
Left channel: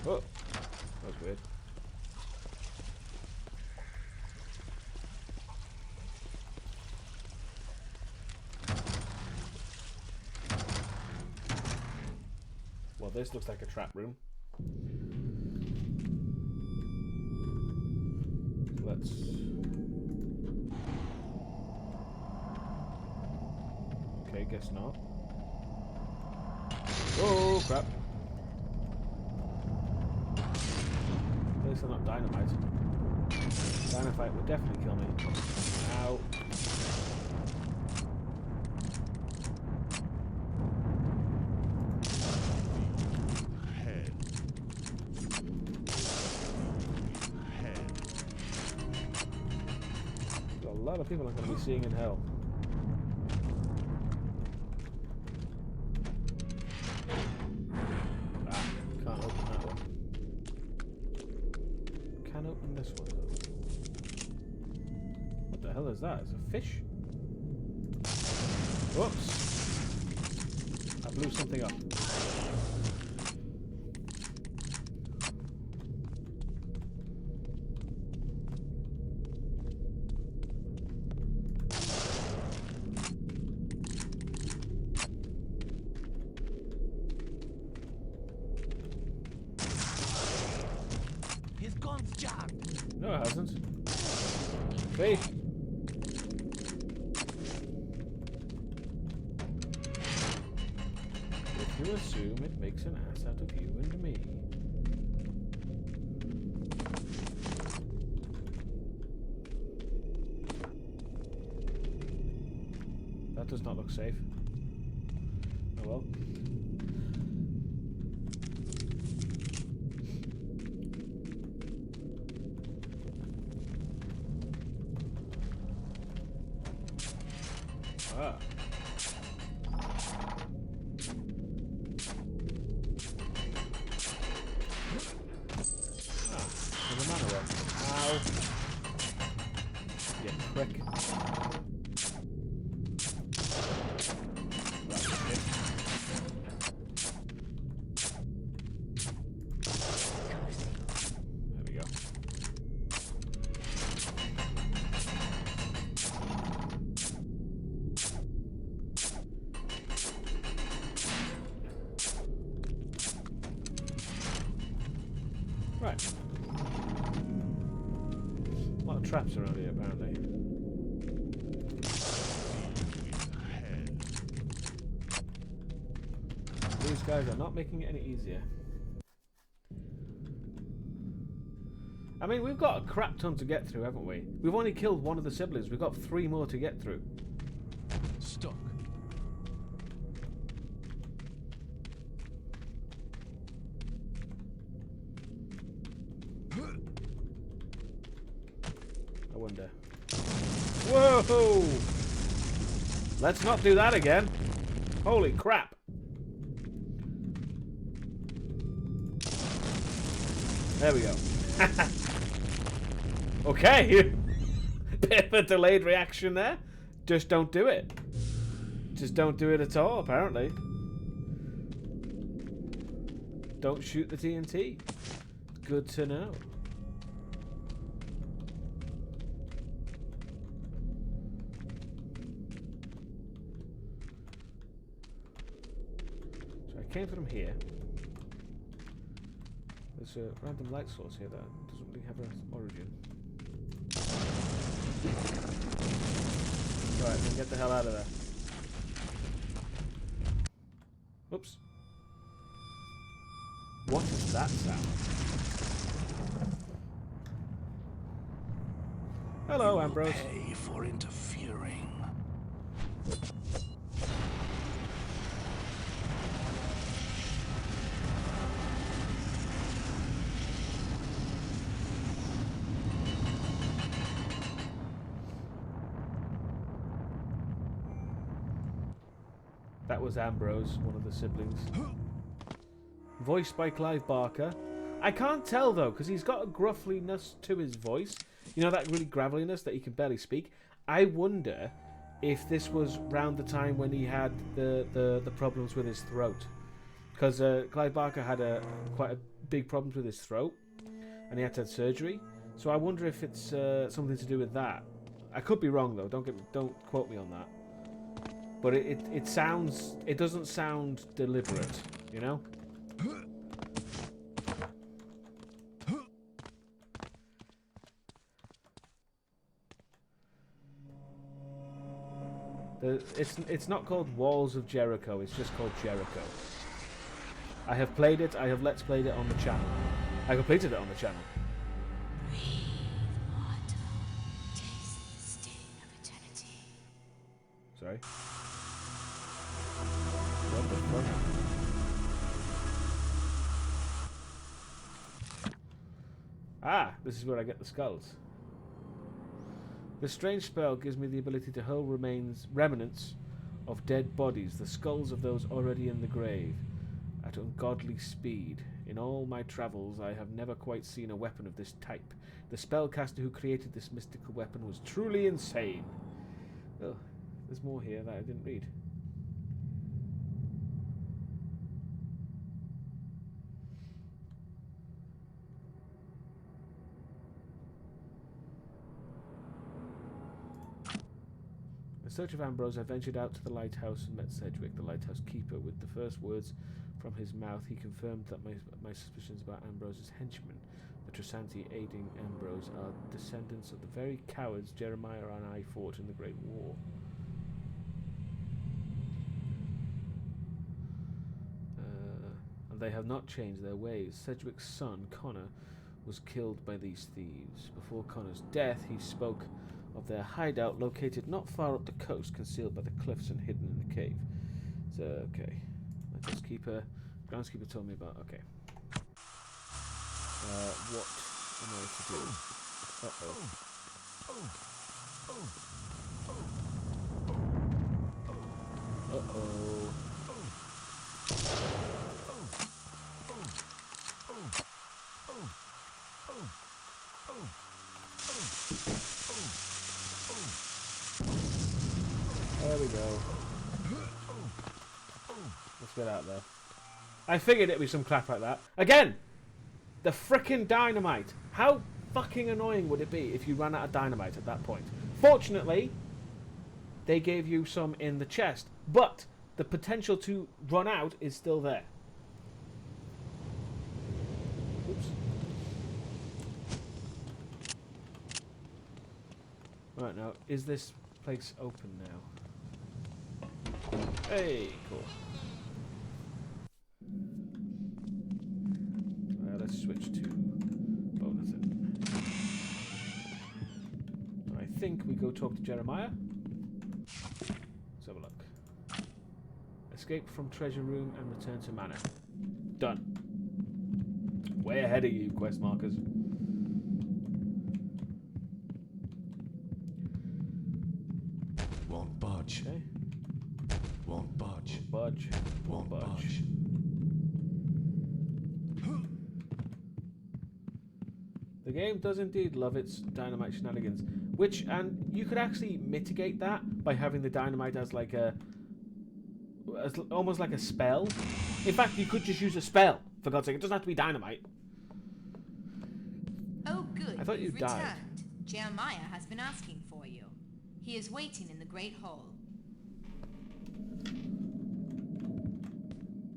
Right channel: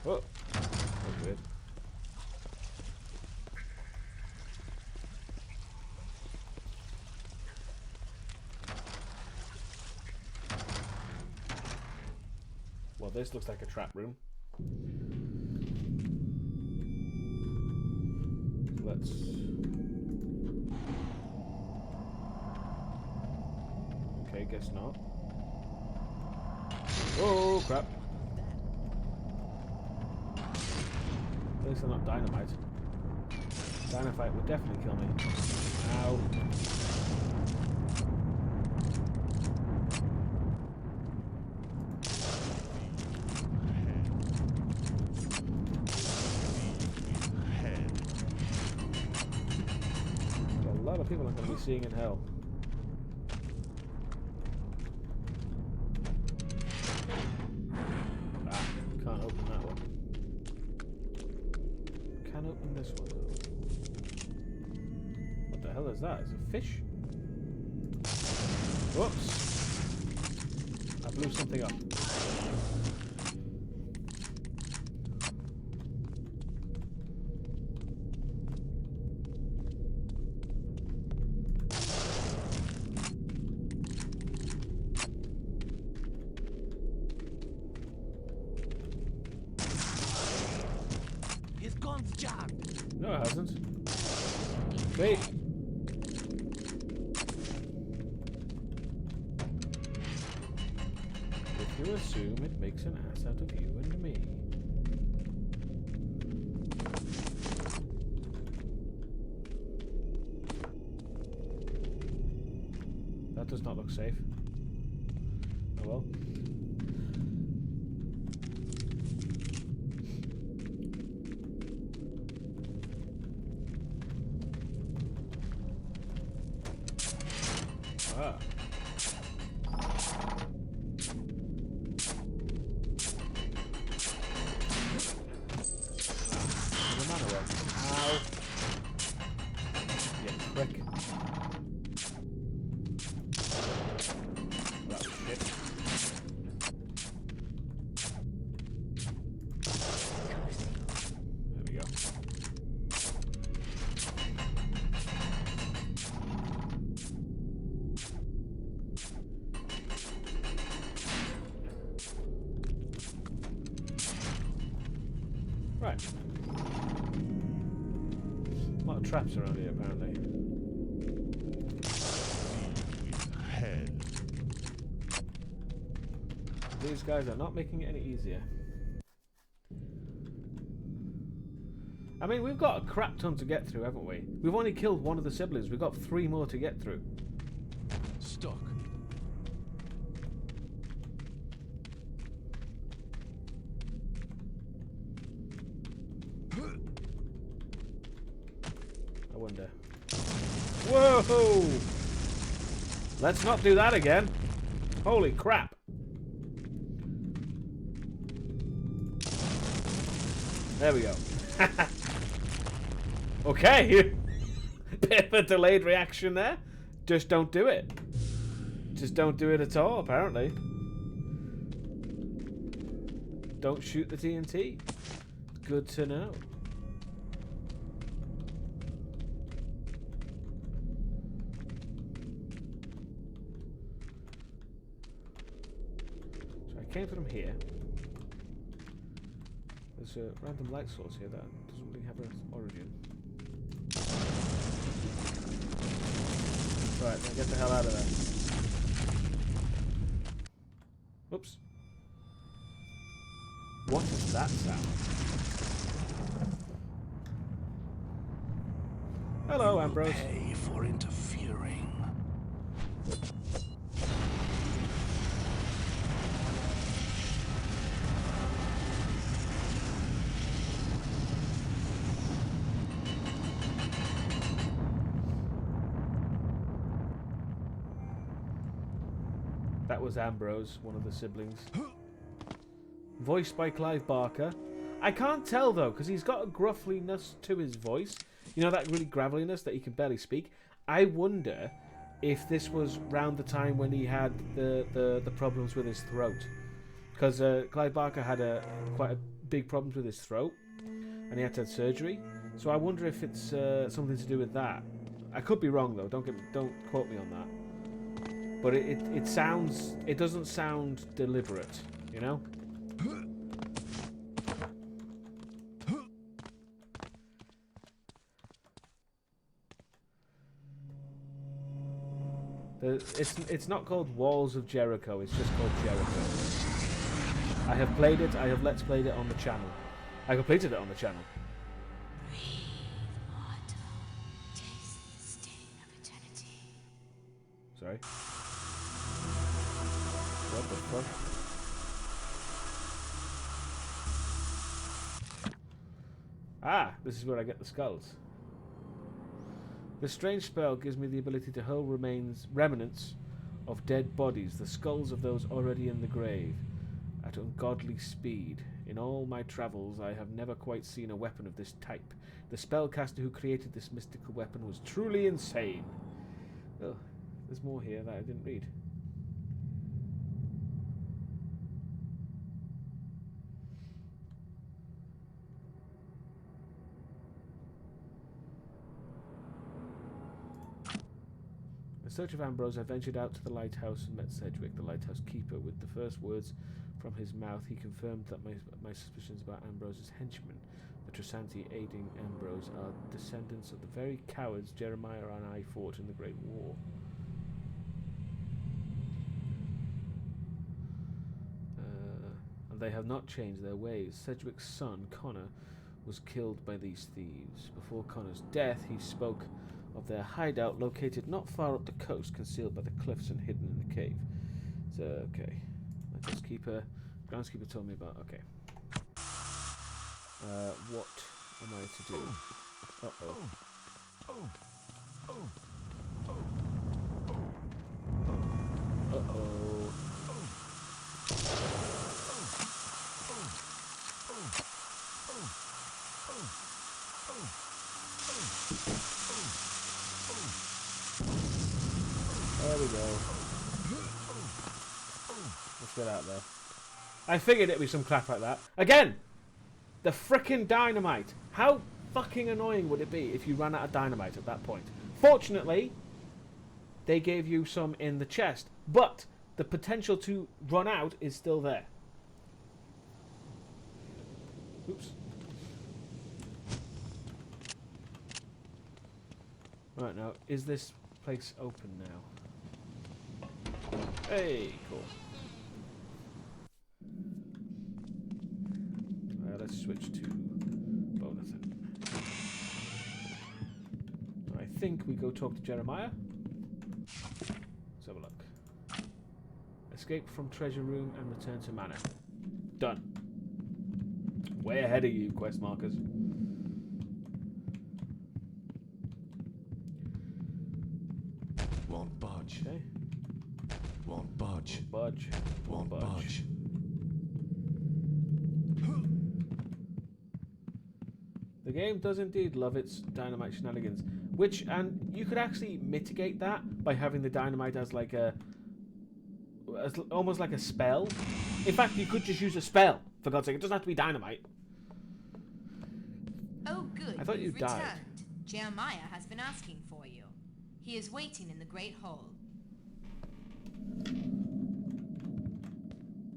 Oh, that was weird. Well, this looks like a trap room. Let's... Okay, guess not. Oh, crap. At least I'm not dynamite. Dynamite would definitely kill me. Ow. A lot of people I'm going to be seeing in hell. Ah, can't open that one. Can open this one though. What the hell is that? Is it a fish? Whoops! I blew something up. His gun's jammed. No, it hasn't. See? If you assume it makes an ass out of you and me. That does not look safe. Oh well. Ah. There's a man away. Ow. You prick. That's shit. There we go. Right. A lot of traps around here, apparently. These guys are not making it any easier. I mean, we've got a crap ton to get through, haven't we? We've only killed one of the siblings. We've got 3 more to get through. Stuck. I wonder. Whoa! Let's not do that again. Holy crap. There we go. Okay. Bit of a delayed reaction there. Just don't do it. Just don't do it at all, apparently. Don't shoot the TNT. Good to know. So I came from here. There's a random light source here that doesn't really have an origin. Right, then get the hell out of there. Oops. What is that sound? Hello, Ambrose. Pay for interfering. That was Ambrose, one of the siblings. Voiced by Clive Barker. I can't tell though, because he's got a gruffliness to his voice. You know, that really graveliness that he can barely speak. I wonder if this was round the time when he had the problems with his throat. Because Clive Barker had quite a big problems with his throat, and he had to have surgery. So I wonder if it's something to do with that. I could be wrong though. Don't quote me on that. But it doesn't sound deliberate, you know? It's not called Walls of Jericho, it's just called Jericho. I have played it, I have let's played it on the channel. I completed it on the channel. Sorry. What the fuck? Ah, this is where I get the skulls. This strange spell gives me the ability to hurl remnants of dead bodies, the skulls of those already in the grave, at ungodly speed. In all my travels, I have never quite seen a weapon of this type. The spellcaster who created this mystical weapon was truly insane. Oh, there's more here that I didn't read. In search of Ambrose, I ventured out to the lighthouse and met Sedgwick, the lighthouse keeper. With the first words from his mouth, he confirmed that my suspicions about Ambrose's henchmen, the Trasanti aiding Ambrose, are descendants of the very cowards Jeremiah and I fought in the Great War. And they have not changed their ways. Sedgwick's son, Connor, was killed by these thieves. Before Connor's death, he spoke of their hideout located not far up the coast, concealed by the cliffs and hidden in the cave. So, okay. Groundskeeper told me about, okay. What am I to do? Uh-oh. Uh-oh. There we go. Let's get out there. I figured it'd be some crap like that. Again! The frickin' dynamite! How fucking annoying would it be if you ran out of dynamite at that point? Fortunately, they gave you some in the chest, but the potential to run out is still there. Oops. Right, now, is this place open now? Hey, cool. Let's switch to Bonathan. think we go talk to Jeremiah. Let's have a look. Escape from treasure room and return to manor. Done. Way ahead of you, quest markers. Won't budge. Okay. Won't budge. Won't budge. Won't budge. The game does indeed love its dynamite shenanigans, and you could actually mitigate that by having the dynamite as like almost like a spell. In fact, you could just use a spell, for God's sake. It doesn't have to be dynamite. Oh, good. I thought you You've died. returned. Jeremiah has been asking for you. He is waiting in the Great Hall.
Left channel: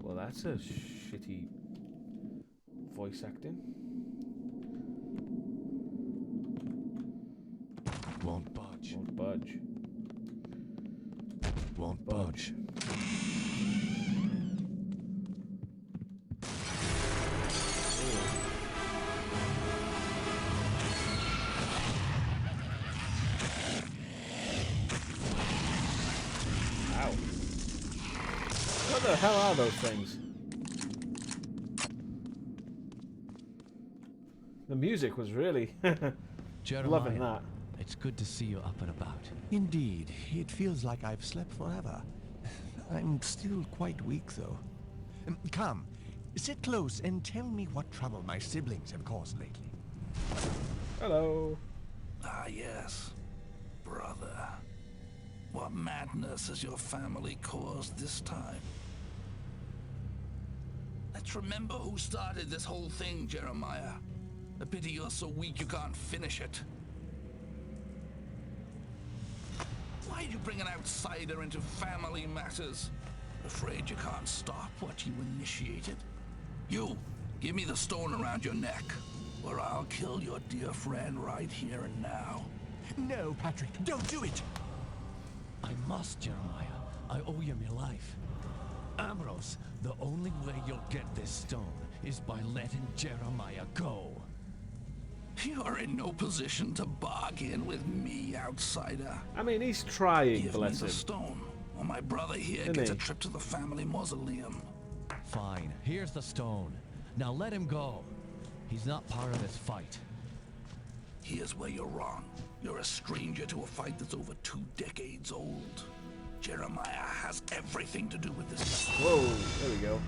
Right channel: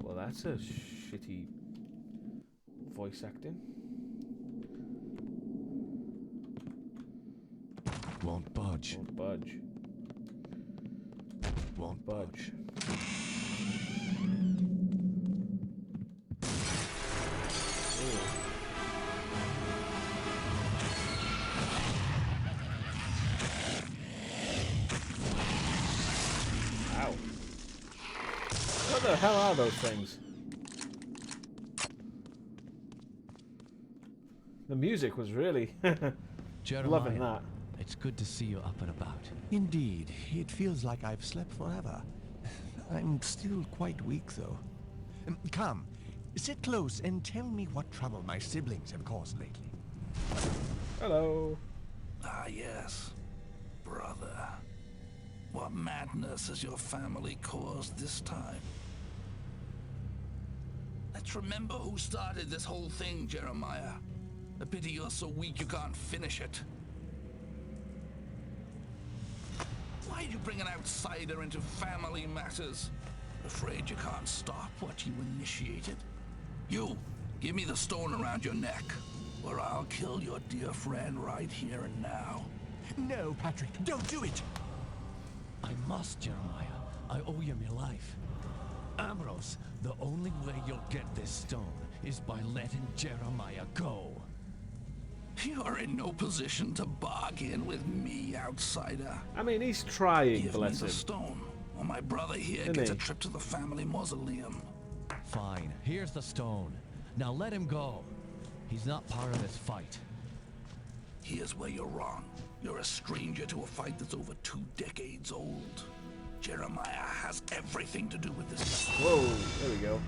Well, that's a shitty voice acting. Won't budge. Won't budge. Won't budge. Ow. What the hell are those things? The music was really Jeremiah, loving that. it's good to see you up and about. Indeed, it feels like I've slept forever. I'm still quite weak, though. Come, sit close and tell me what trouble my siblings have caused lately. Hello. Ah, yes. Brother. What madness has your family caused this time? Let's remember who started this whole thing, Jeremiah. A pity you're so weak you can't finish it. Why'd you bring an outsider into family matters? Afraid you can't stop what you initiated? You, give me the stone around your neck, or I'll kill your dear friend right here and now. No, Patrick, don't do it! I must, Jeremiah. I owe you my life. Ambrose, the only way you'll get this stone is by letting Jeremiah go. You're in no position to bargain with me, outsider. I mean, he's trying, Give me bless the him. stone, or my brother here Isn't gets he? a trip to the family mausoleum. Fine, here's the stone. Now let him go. He's not part of this fight. Here's where you're wrong. You're a stranger to a fight that's over 2 decades old. Jeremiah has everything to do with this. Whoa, there we go.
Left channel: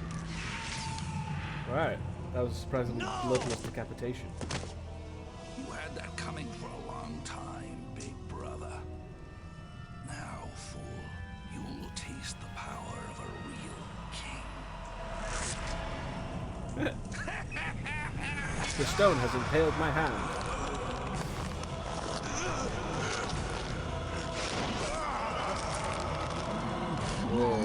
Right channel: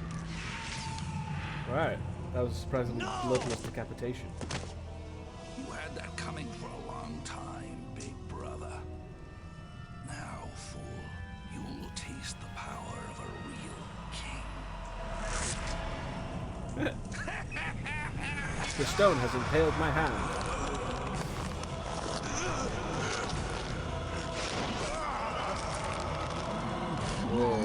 Right, that was a surprisingly bloodless decapitation. You had that coming for a long time, big brother. Now, fool, you'll taste the power of a real king. The stone has impaled my hand. Whoa.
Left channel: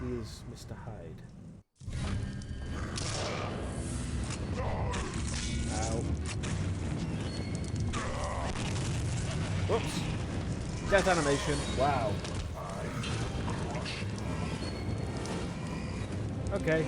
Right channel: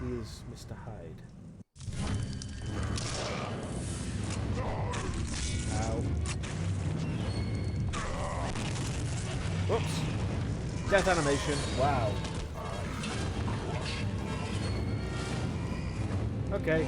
He is Mr. Hyde. Ow. Whoops. Death animation. Wow. Okay.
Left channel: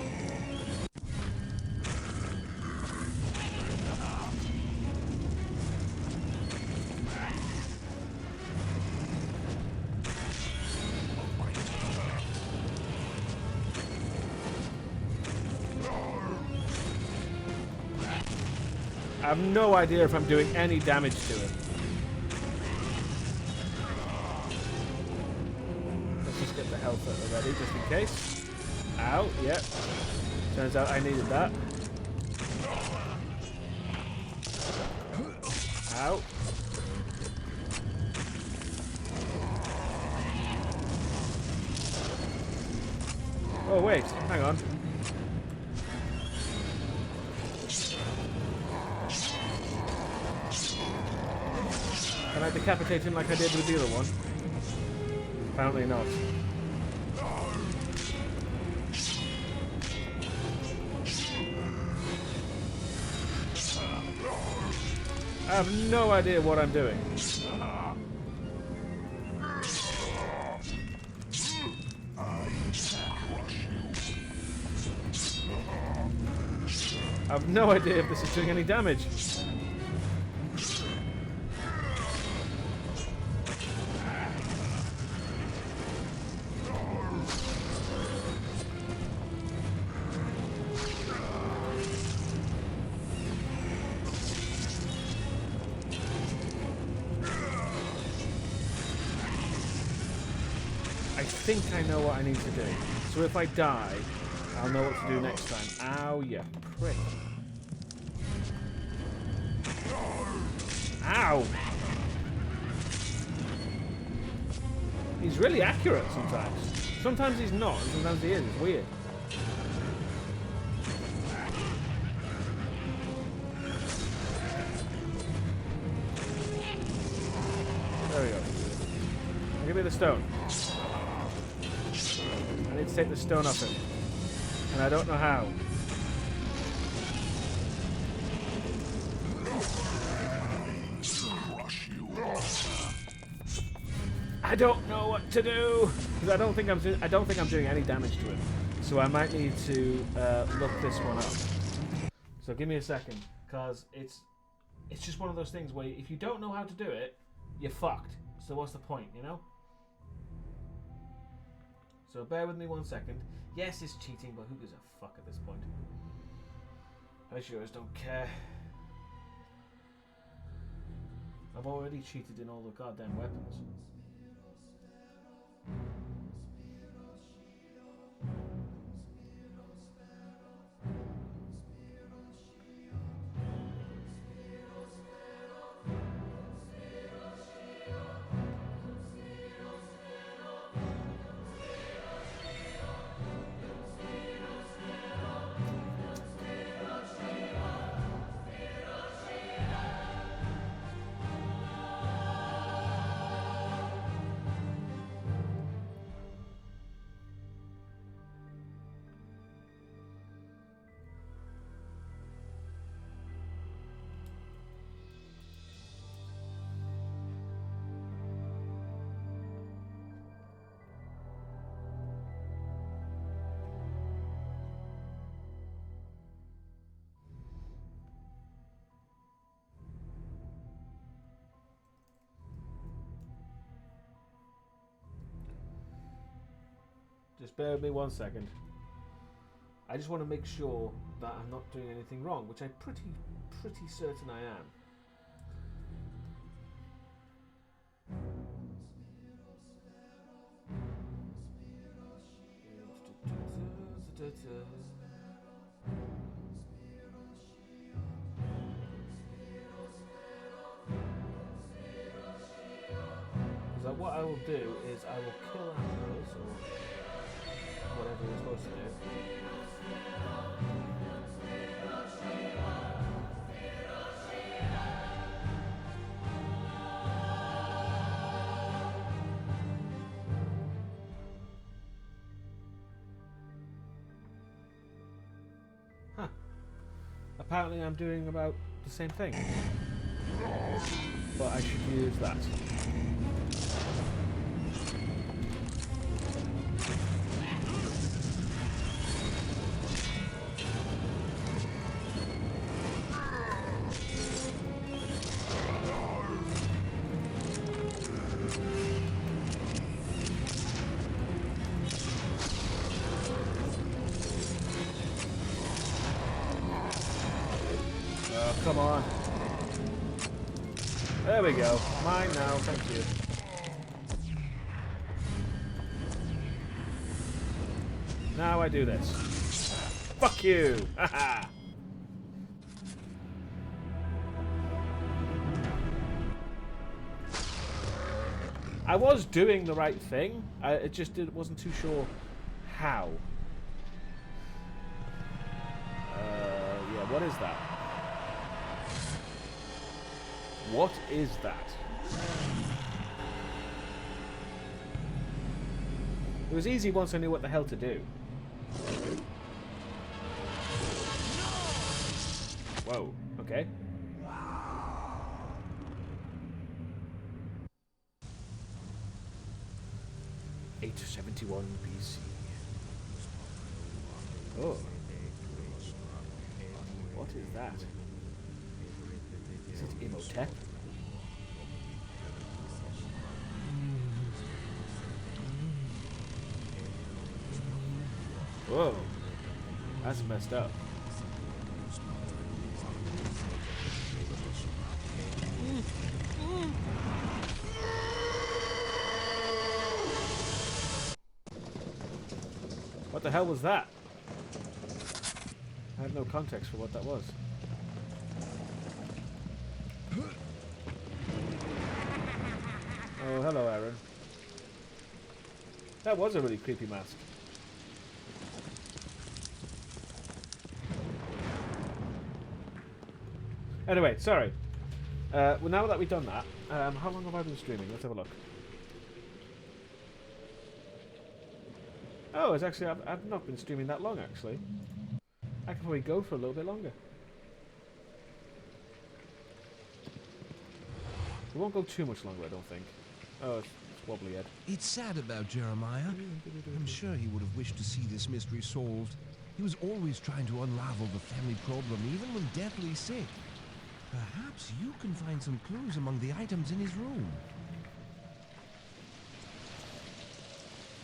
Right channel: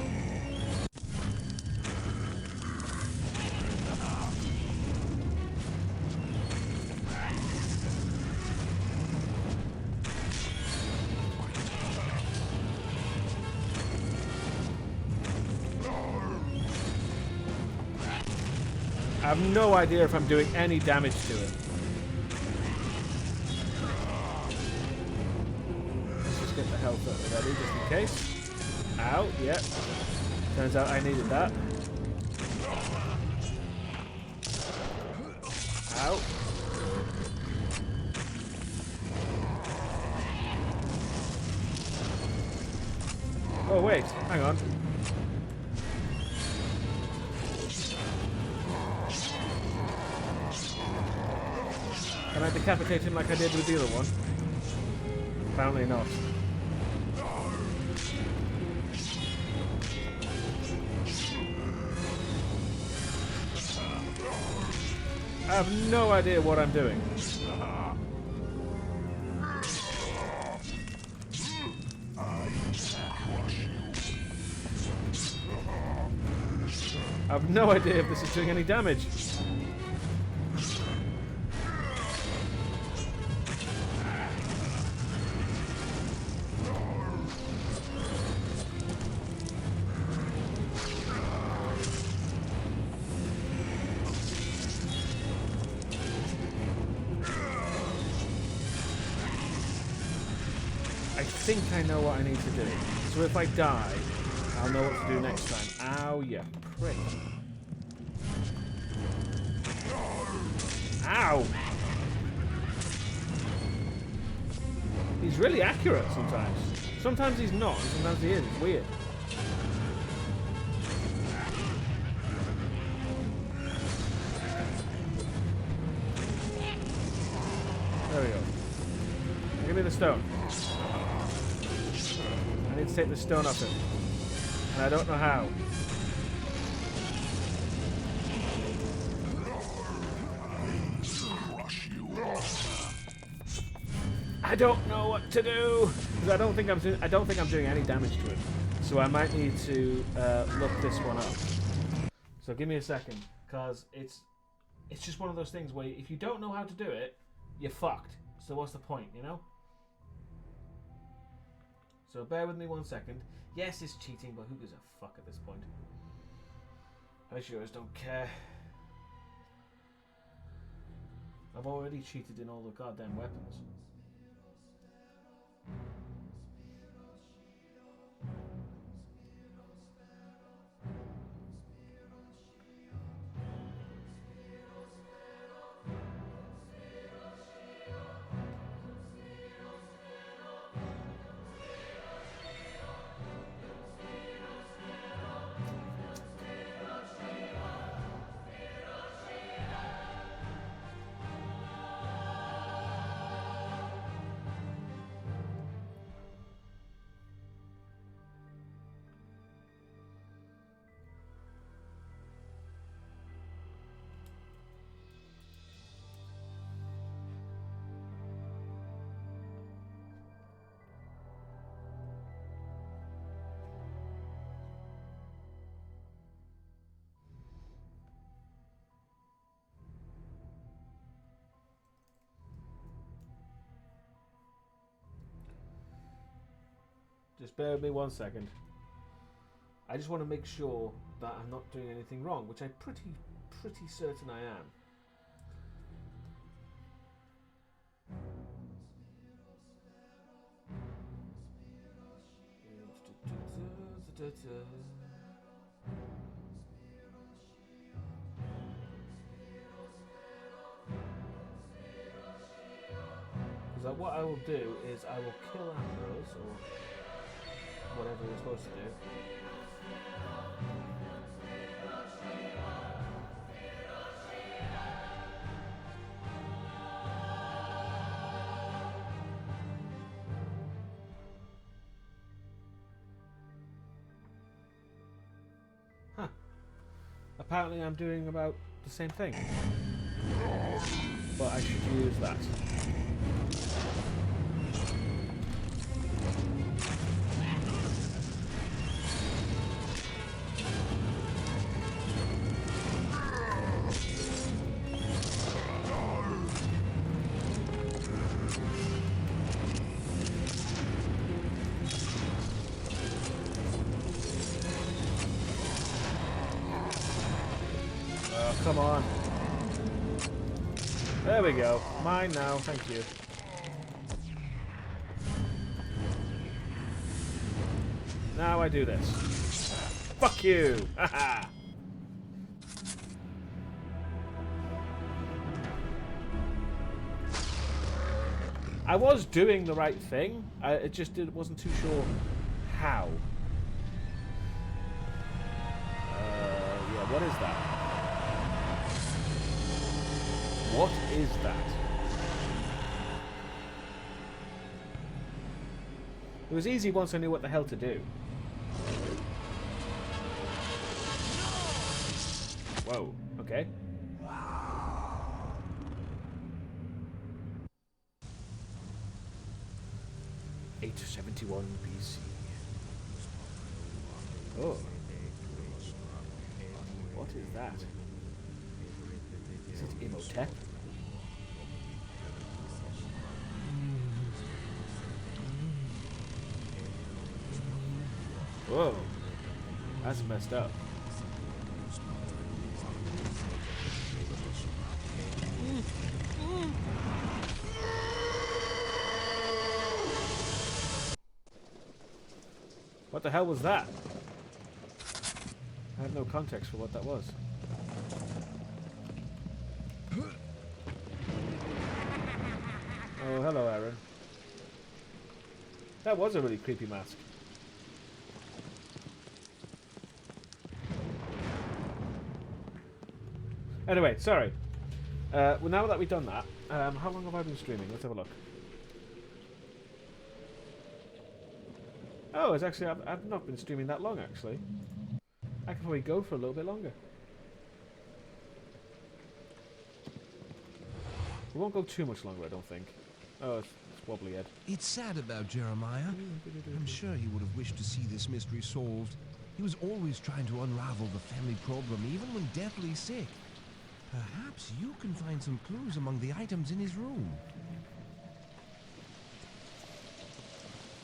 I have no idea if I'm doing any damage to him. Let's just get the health up ready, just in case. Ow, yep. Turns out I needed that. Ow. Oh wait, hang on. Can I decapitate him like I did with the other one? Apparently not. I have no idea what I'm doing. I've no idea if this is doing any damage. I think I know what I need to do. So if I die, I'll know what to do next time. Ow, you prick. Ow! He's really accurate sometimes. Sometimes he's not, and sometimes he is. It's weird. There we go. Now give me the stone. I need to take the stone off him. And I don't know how. I don't know what to do because I don't think I'm doing any damage to him. So I might need to look this one up. So give me a second, because it's just one of those things where if you don't know how to do it, you're fucked. So what's the point, you know? So bear with me 1 second. Yes, it's cheating, but who gives a fuck at this point? I sure as don't care. I've already cheated in all the goddamn weapons. Just bear with me 1 second. I just want to make sure that I'm not doing anything wrong, which I'm pretty certain I am. Because what I will do is I will kill Ambrose, or whatever we're supposed to do. Huh. Apparently I'm doing about the same thing. But I should use that. Oh, come on. There we go. Mine now, thank you. Now I do this. Fuck you! Haha! I was doing the right thing. I just wasn't too sure how. Yeah, what is that? What is that? It was easy once I knew what the hell to do. Whoa, okay. $871 BC. Oh. What? is that? Is it Imhotep? Whoa, that's messed up. What the hell was that? I have no context for what that was. Oh, hello, Aaron. That was a really creepy mask. Anyway, sorry. Well, now that we've done that, how long have I been streaming? Let's have a look. Oh, it's actually, I've not been streaming that long, actually. I could probably go for a little bit longer. We won't go too much longer, I don't think. Oh, it's wobbly head. It's sad about Jeremiah. I'm sure he would have wished to see this mystery solved. He was always trying to unravel the family problem, even when deathly sick. Perhaps you can find some clues among the items in his room.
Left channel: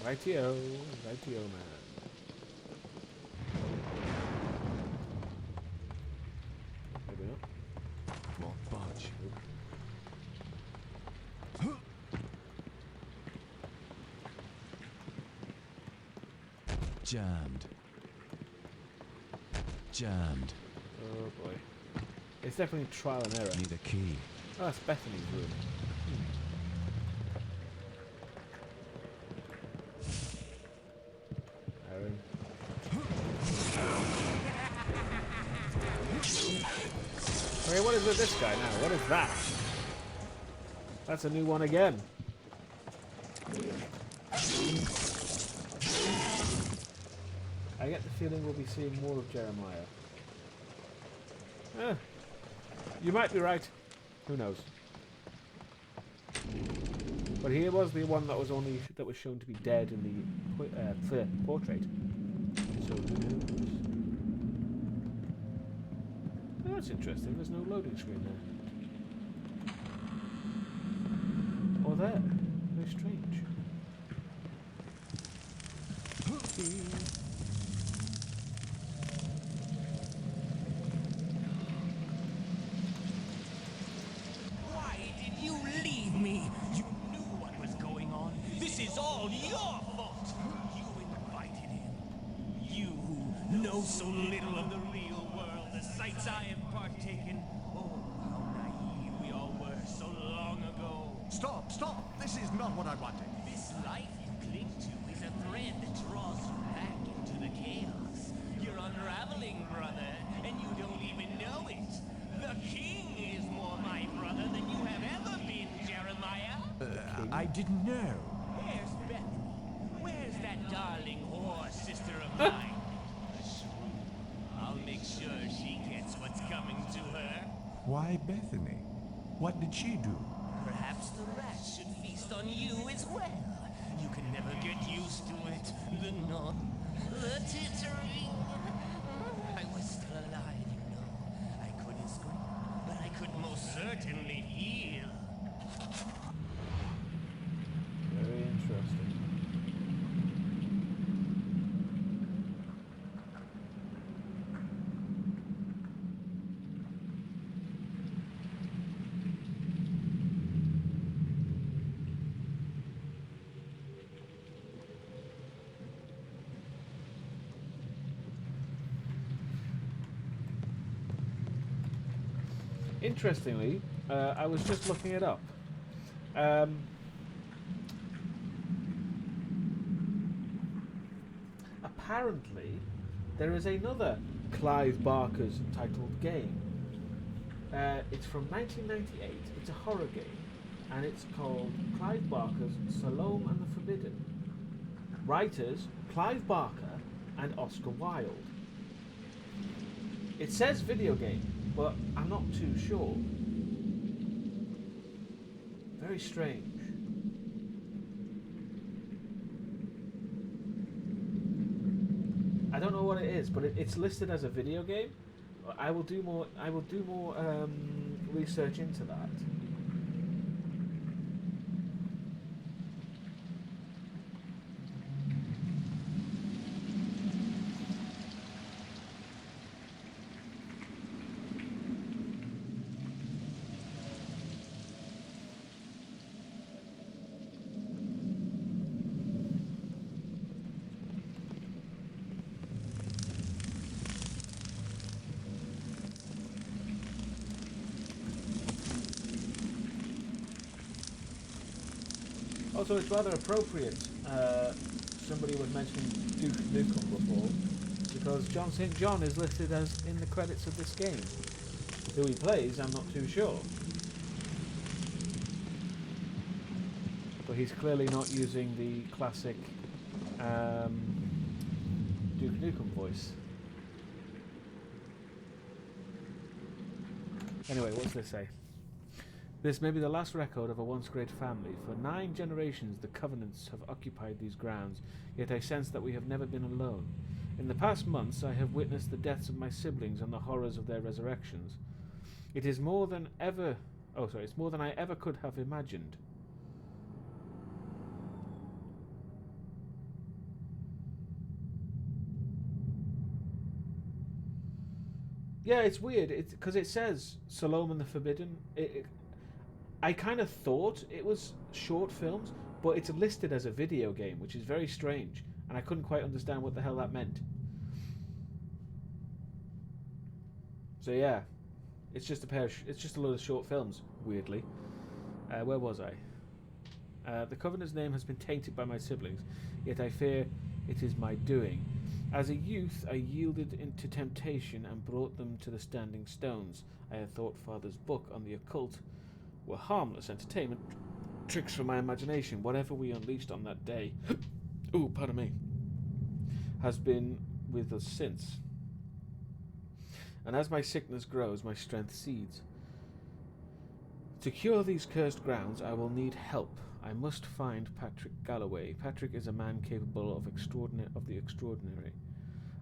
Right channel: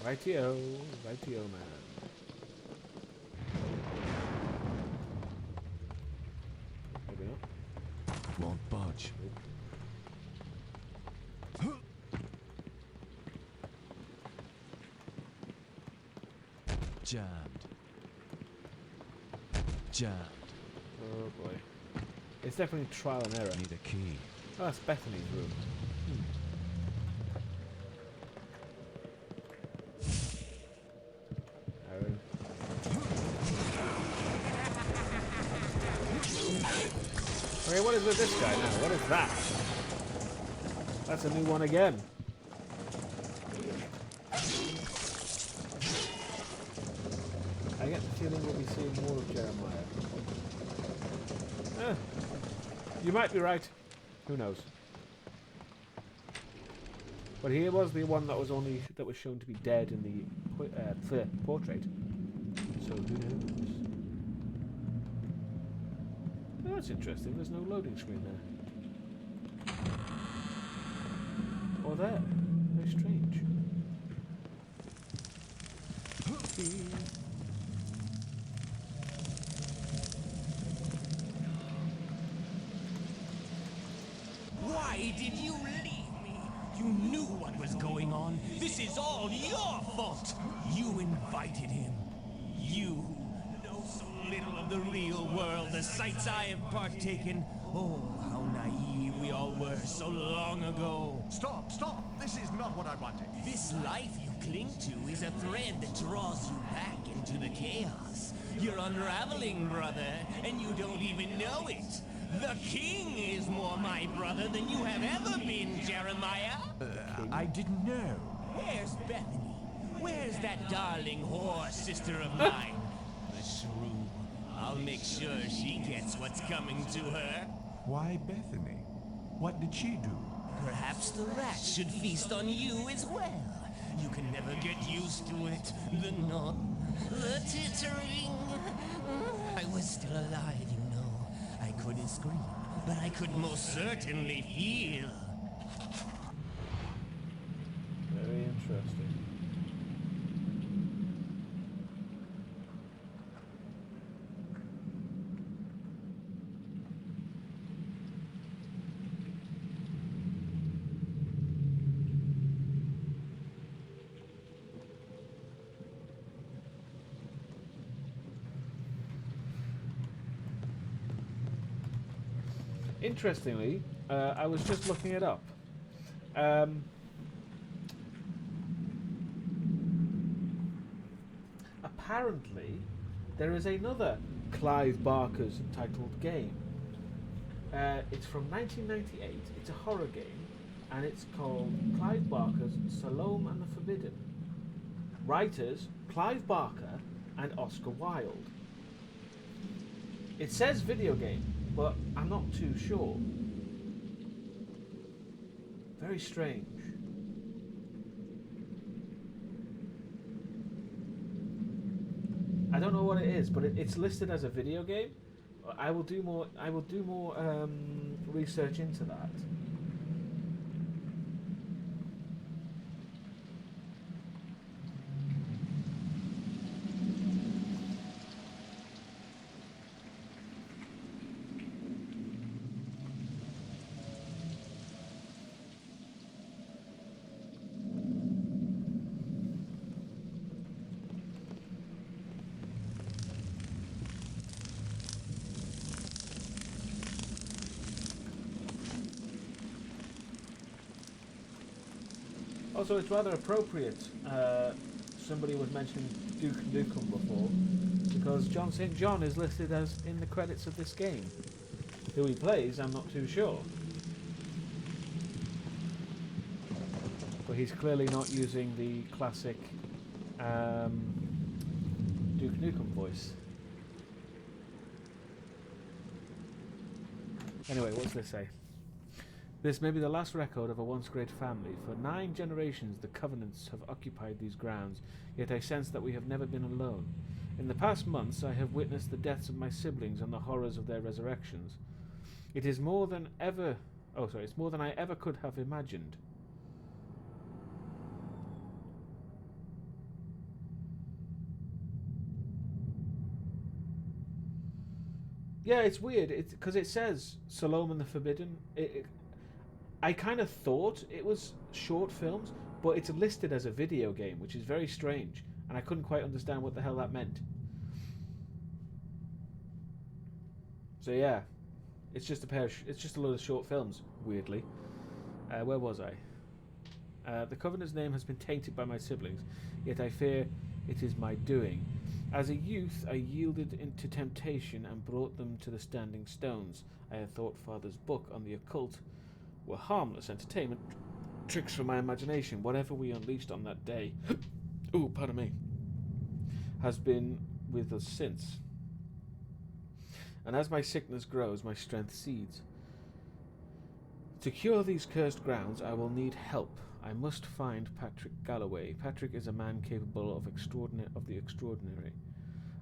Rightio, rightio, man. Maybe not. Won't budge. Jammed. Jammed. Oh boy. It's definitely trial and error. Need a key. Oh, that's Bethany's room. Aaron. Okay, what is with this guy now? What is that? That's a new one again. I get the feeling we'll be seeing more of Jeremiah. You might be right. Who knows? But he was the one that was shown to be dead in the portrait. So who knows? Oh, that's interesting. There's no loading screen there. Or there. Very strange. Why did you leave me? You knew what was going on. This is all your fault. You invited him. You who know so little of the real world, the sights I have partaken. Oh, how naive we all were so long ago. Stop, stop! This is not what I wanted. This life you cling to is a thread that draws you back into the chaos. You're unraveling, brother, and you don't even know it. The king is more my brother than you have ever been, Jeremiah. I didn't know. Where's Bethany? Where's that darling whore sister of mine? The shrew. I'll make sure she gets what's coming to her. Why Bethany? What did she do? Perhaps the rats should feast on you as well. You can never get used to it. The no, the tittering. I was still alive, you know. I couldn't scream, but I could most certainly feel. Very interesting. Interestingly, I was just looking it up. Apparently, there is another Clive Barker's titled game. It's from 1998. It's a horror game, and it's called Clive Barker's Salome and the Forbidden. Writers Clive Barker and Oscar Wilde. It says video game, but I'm not too sure. Very strange. I don't know what it is, but it's listed as a video game. I will do more. I will do more research into that. Also, it's rather appropriate. Somebody was mentioning Duke Nukem before, because John St. John is listed as in the credits of this game. Who he plays, I'm not too sure. But he's clearly not using the classic Duke Nukem voice. Anyway, what's this say? This may be the last record of a once great family. For 9 generations the Covenants have occupied these grounds, yet I sense that we have never been alone. In the past months I have witnessed the deaths of my siblings and the horrors of their resurrections. It is more than ever... Oh, sorry, it's more than I ever could have imagined. Yeah, it's weird. It's because it says Salome the Forbidden. I kind of thought it was short films, but it's listed as a video game, which is very strange, and I couldn't quite understand what the hell that meant. So yeah, it's just a load of short films. Weirdly, where was I? The Covenant's name has been tainted by my siblings, yet I fear it is my doing. As a youth, I yielded into temptation and brought them to the Standing Stones. I had thought Father's book on the occult were harmless entertainment tricks for my imagination. Whatever we unleashed on that day, ooh, pardon me, has been with us since. And as my sickness grows, my strength cedes. To cure these cursed grounds, I will need help. I must find Patrick Galloway. Patrick is a man capable of the extraordinary.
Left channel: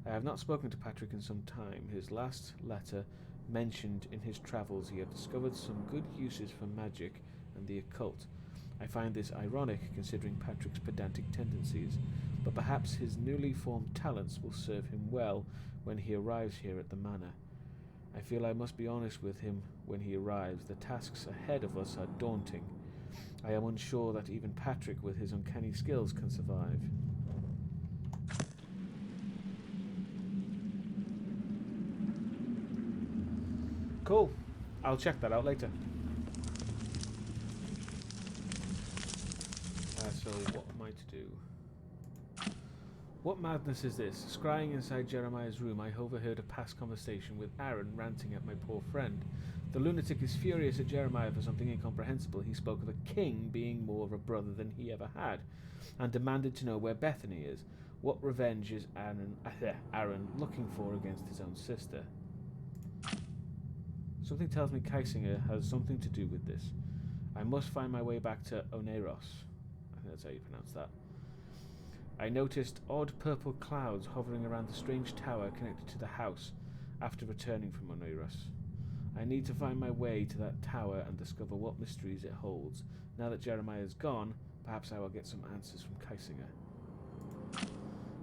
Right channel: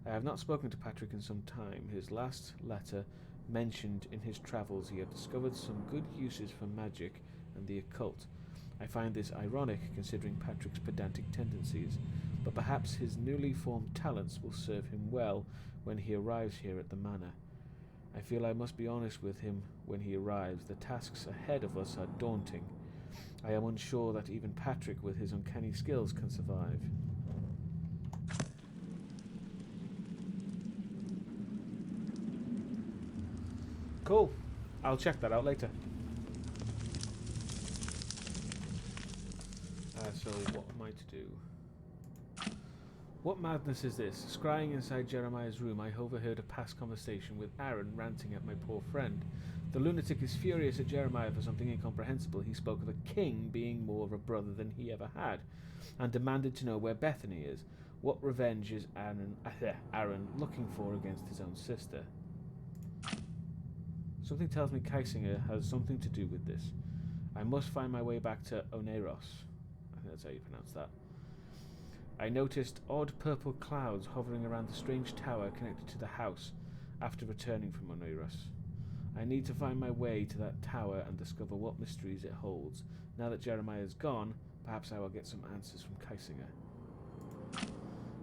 I have not spoken to Patrick in some time. His last letter mentioned in his travels he had discovered some good uses for magic and the occult. I find this ironic considering Patrick's pedantic tendencies, but perhaps his newly formed talents will serve him well when he arrives here at the manor. I feel I must be honest with him when he arrives. The tasks ahead of us are daunting. I am unsure that even Patrick, with his uncanny skills, can survive. Cool. I'll check that out later. So what am I to do? What madness is this? Scrying inside Jeremiah's room, I overheard a past conversation with Aaron ranting at my poor friend. The lunatic is furious at Jeremiah for something incomprehensible. He spoke of a king being more of a brother than he ever had, and demanded to know where Bethany is. What revenge is Aaron looking for against his own sister? Something tells me Kaisinger has something to do with this. I must find my way back to Oneros. I think that's how you pronounce that. I noticed odd purple clouds hovering around the strange tower connected to the house after returning from Oneros. I need to find my way to that tower and discover what mysteries it holds. Now that Jeremiah is gone, perhaps I will get some answers from Kaisinger.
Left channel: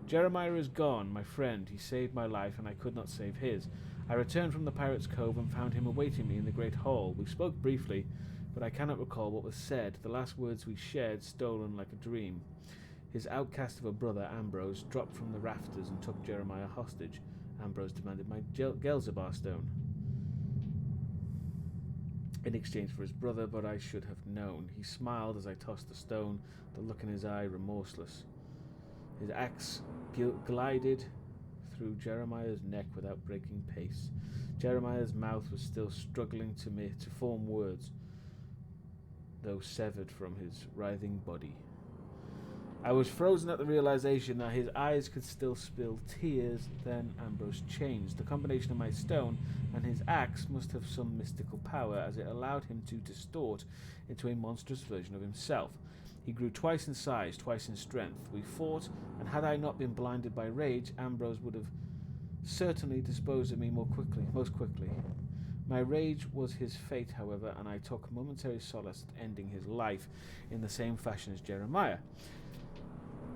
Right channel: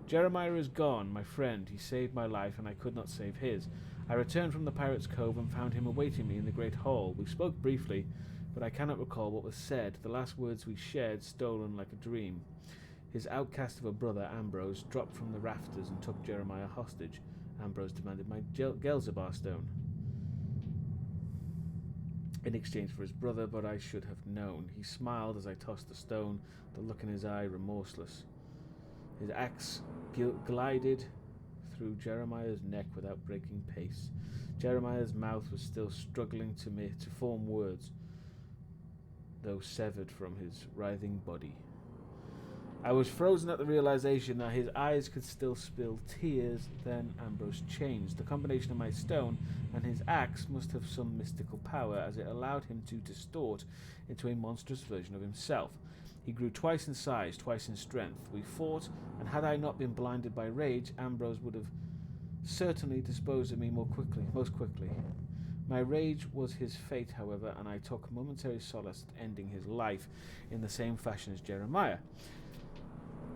Jeremiah is gone, my friend. He saved my life and I could not save his. I returned from the Pirate's Cove and found him awaiting me in the Great Hall. We spoke briefly, but I cannot recall what was said. The last words we shared stolen like a dream. His outcast of a brother, Ambrose, dropped from the rafters and took Jeremiah hostage. Ambrose demanded my Gelzabar stone in exchange for his brother, but I should have known. He smiled as I tossed the stone, the look in his eye remorseless. His axe glided through Jeremiah's neck without breaking pace. Jeremiah's mouth was still struggling to form words, though severed from his writhing body. I was frozen at the realization that his eyes could still spill tears. Then Ambrose changed. The combination of my stone and his axe must have some mystical power, as it allowed him to distort into a monstrous version of himself. He grew twice in size, twice in strength. We fought, and had I not been blinded by rage, Ambrose would have certainly dispose of me most quickly. My rage was his fate, however, and I took momentary solace at ending his life in the same fashion as Jeremiah.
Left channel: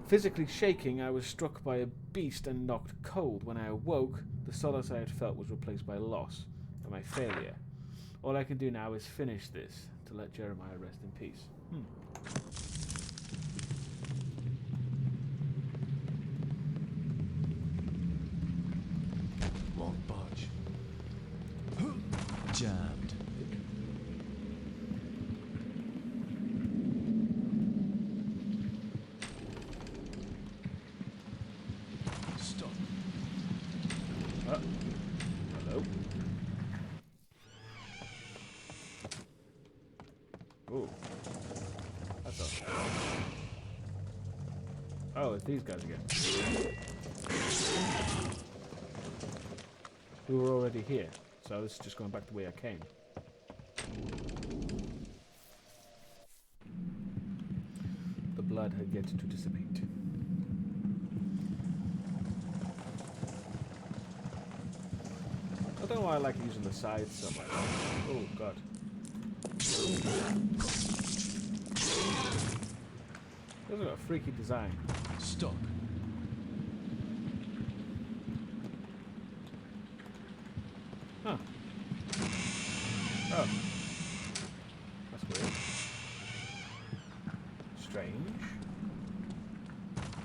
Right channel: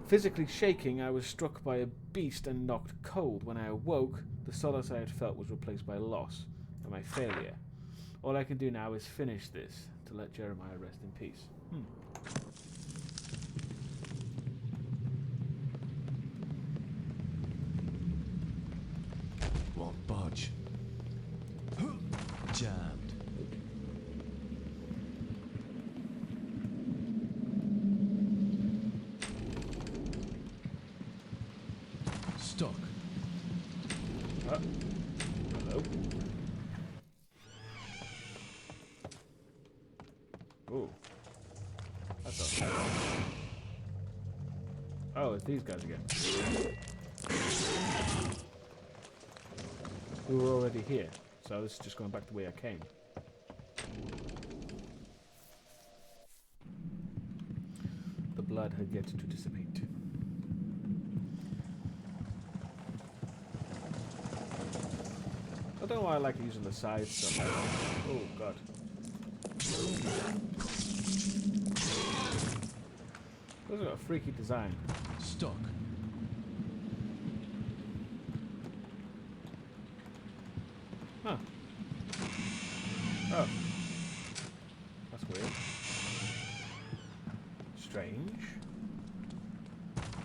Physically shaking, I was struck by a beast and knocked cold. When I awoke, the solace I had felt was replaced by loss and my failure. All I can do now is finish this, to let Jeremiah rest in peace. Won't budge. Jammed. Stuck. Hello. Ooh. That's all. Oh, it's these guys again. We were already here, so this is just going back the way I came. The blood had yet to dissipate. I don't know why I like using the sides so much. Oh god. Those have got a freaky design. Stuck. Huh. Oh. That's weird. Strange.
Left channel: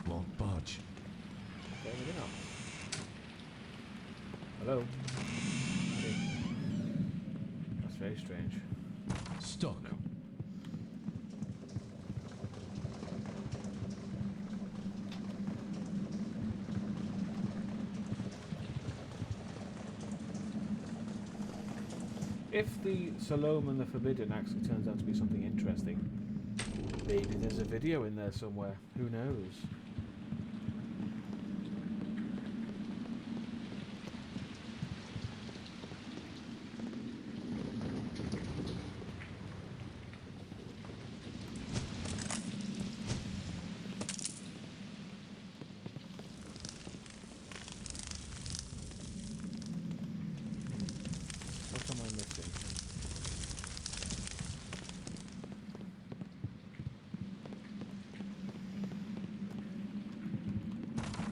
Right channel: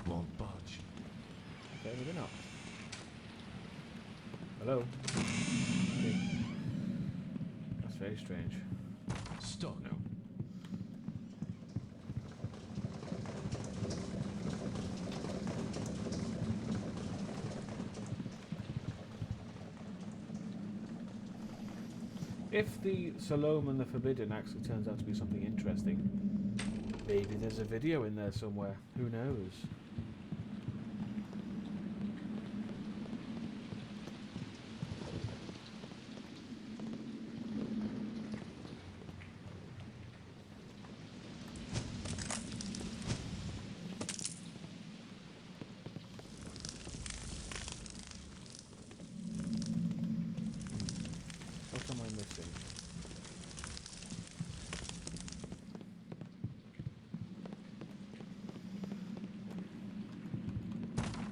Won't budge. Okay, maybe not. Hello? Okay. That's very strange. Stuck. No. If the Salome and the Forbidden actually turns out to be something interesting, maybe there's a video in there somewhere. Who knows? What am I missing?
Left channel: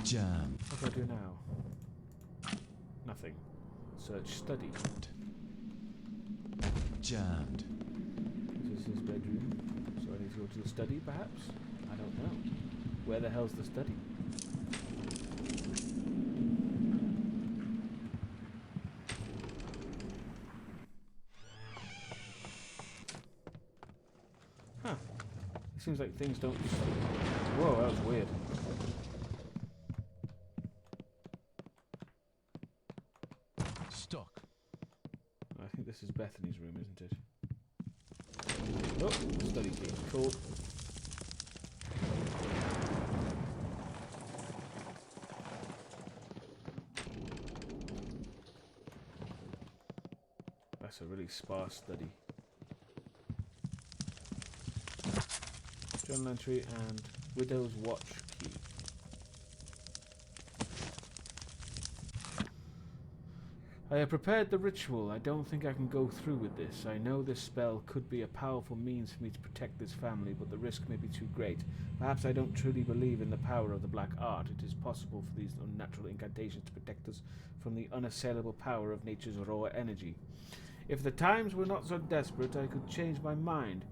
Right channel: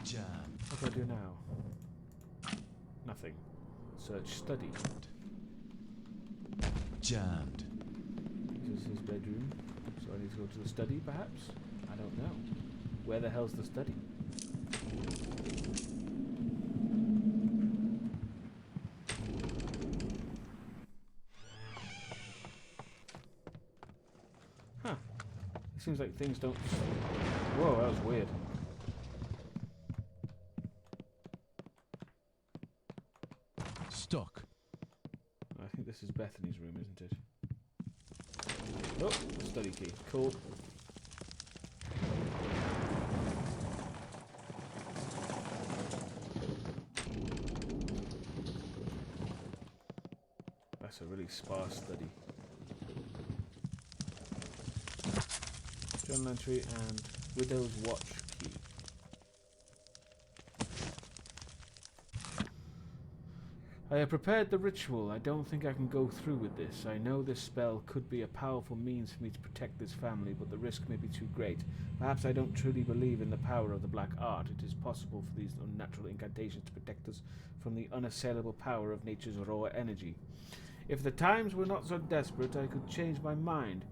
Jam. What do I do now? Nothing. Search study. Jammed. This is his bedroom. So I need to go to the study, perhaps? I don't know. Where the hell's the study? Huh. It seems like things don't... Whoa, that was weird. Stuck. I think this is Bethany's room, isn't it? Oh, study key. Cool. That's a really sparse study. Journal entry and Widow's Watch key. I have prepared the ritual. I don't think I can go through with this. I know this spell could be a powerful means for me to protect this family, but the risk may be too great. Perhaps I don't truly believe in the power of the black art. It is possible for these unnatural incantations to protect us from the unassailable power of nature's raw energy. If the times were not so desperate, I could change my mind.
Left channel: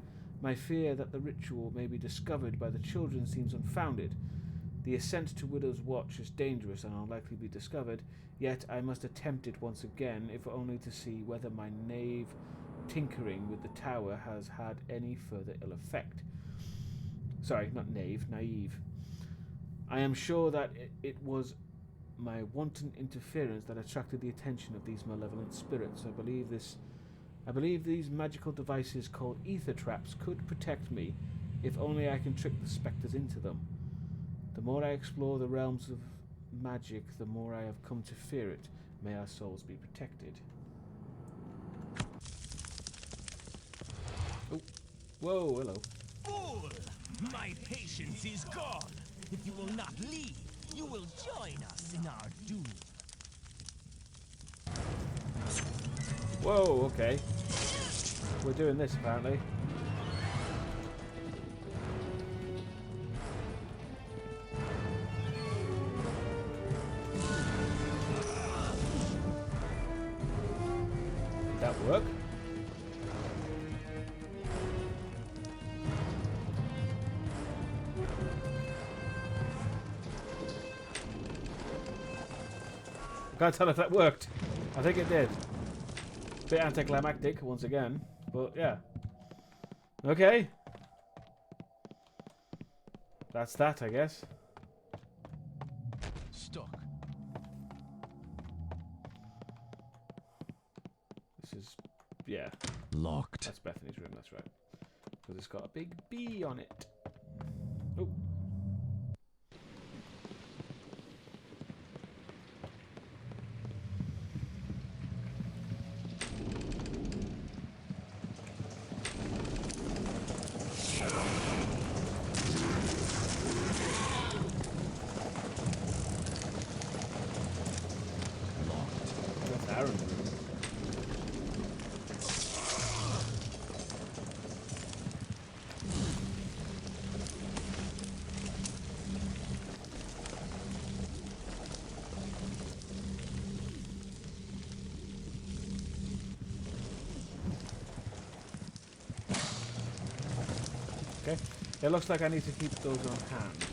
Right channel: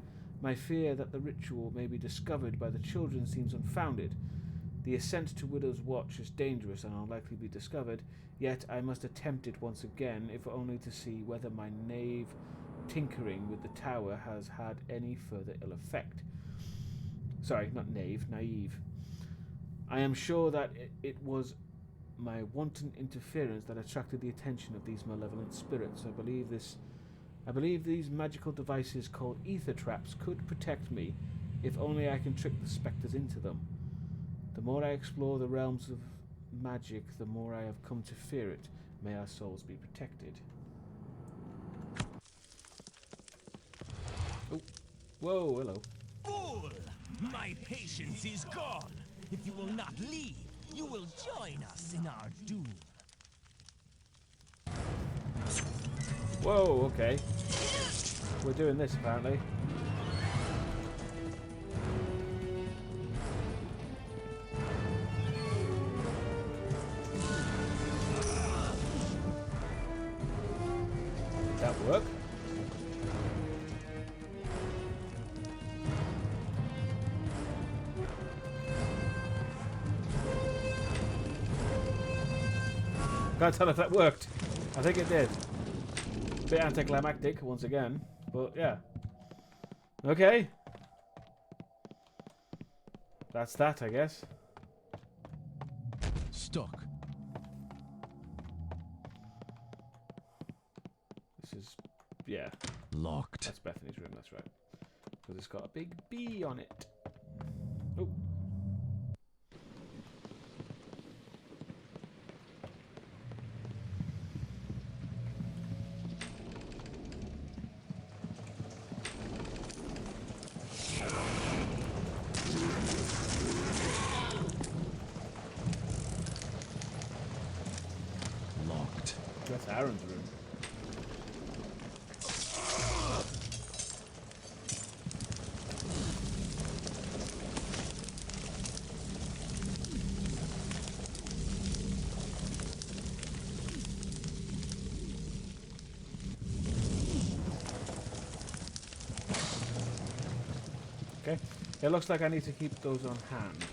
My fear that the ritual may be discovered by the children seems unfounded. The ascent to Widow's Watch is dangerous and unlikely to be discovered, yet I must attempt it once again, if only to see whether my knave tinkering with the tower has had any further ill effect. Sorry, not knave, naive. I am sure that it was my wanton interference that attracted the attention of these malevolent spirits. I believe these magical devices called ether traps could protect me, if only I can trick the spectres into them. The more I explore the realms of magic, the more I have come to fear it. May our souls be protected. Oh, whoa, hello. Fool! My patience is gone. If you will not leave, you will join us in our doom. Whoa, okay. We're doing this apparently. Did that work? Can't tell if that worked. I think it did. Bit anticlimactic once again, but yeah. Okay. That's that, I guess. Stuck. This is, yeah. Locked. That's Bethany's room, that's right. Because it's got a big B on it. Oh. Locked. That's Aaron's room. Okay. It looks like I need to keep those on hand.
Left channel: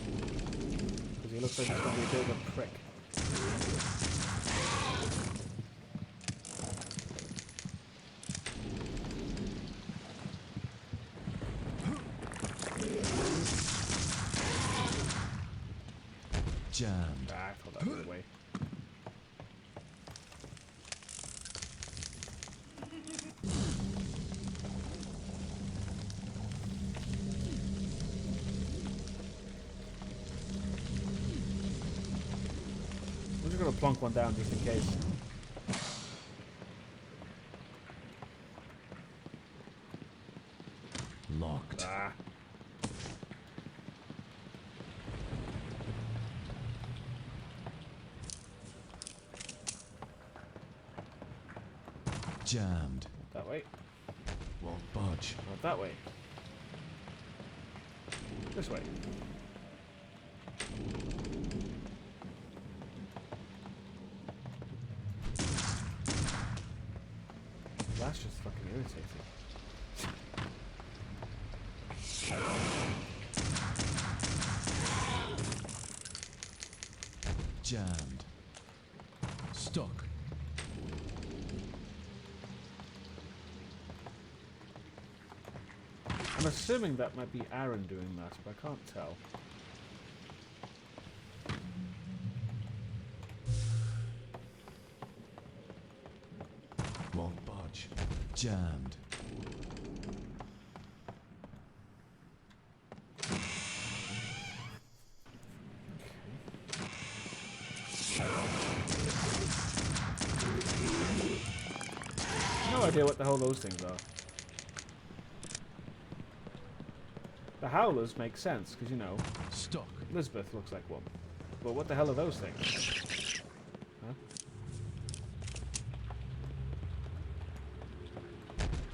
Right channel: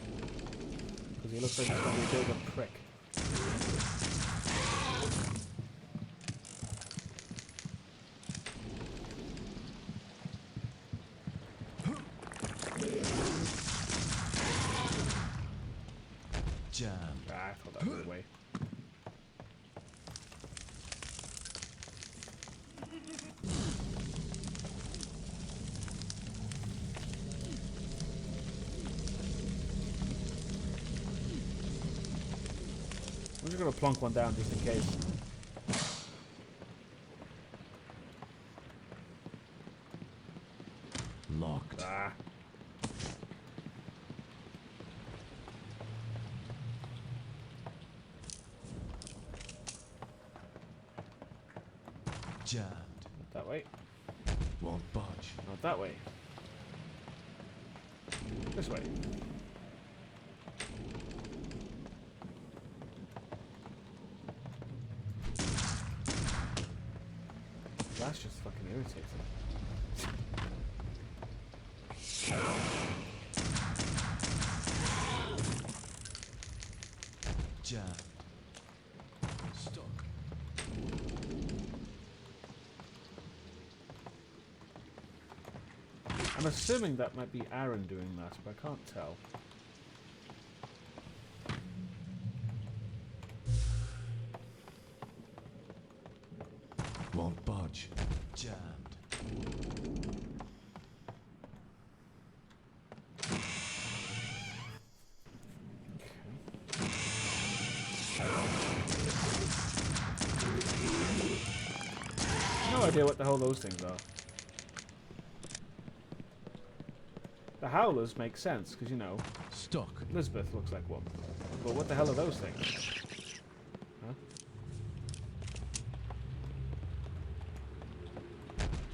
Because he looks like he's going to be a bit of a prick. Jammed. Ah, I thought that was the way. I'm just going to plonk one down just in case. Locked. Ah. Jammed. Not that way. Won't budge. Not that way. This way. That's just fucking irritating. Jammed. Stuck. I'm assuming that might be Aaron doing that, but I can't tell. Won't budge. Jammed. No idea what the hell those things are. The howlers make sense, because, you know, Stuck. Elizabeth looks like one. But what the hell are those things? Huh?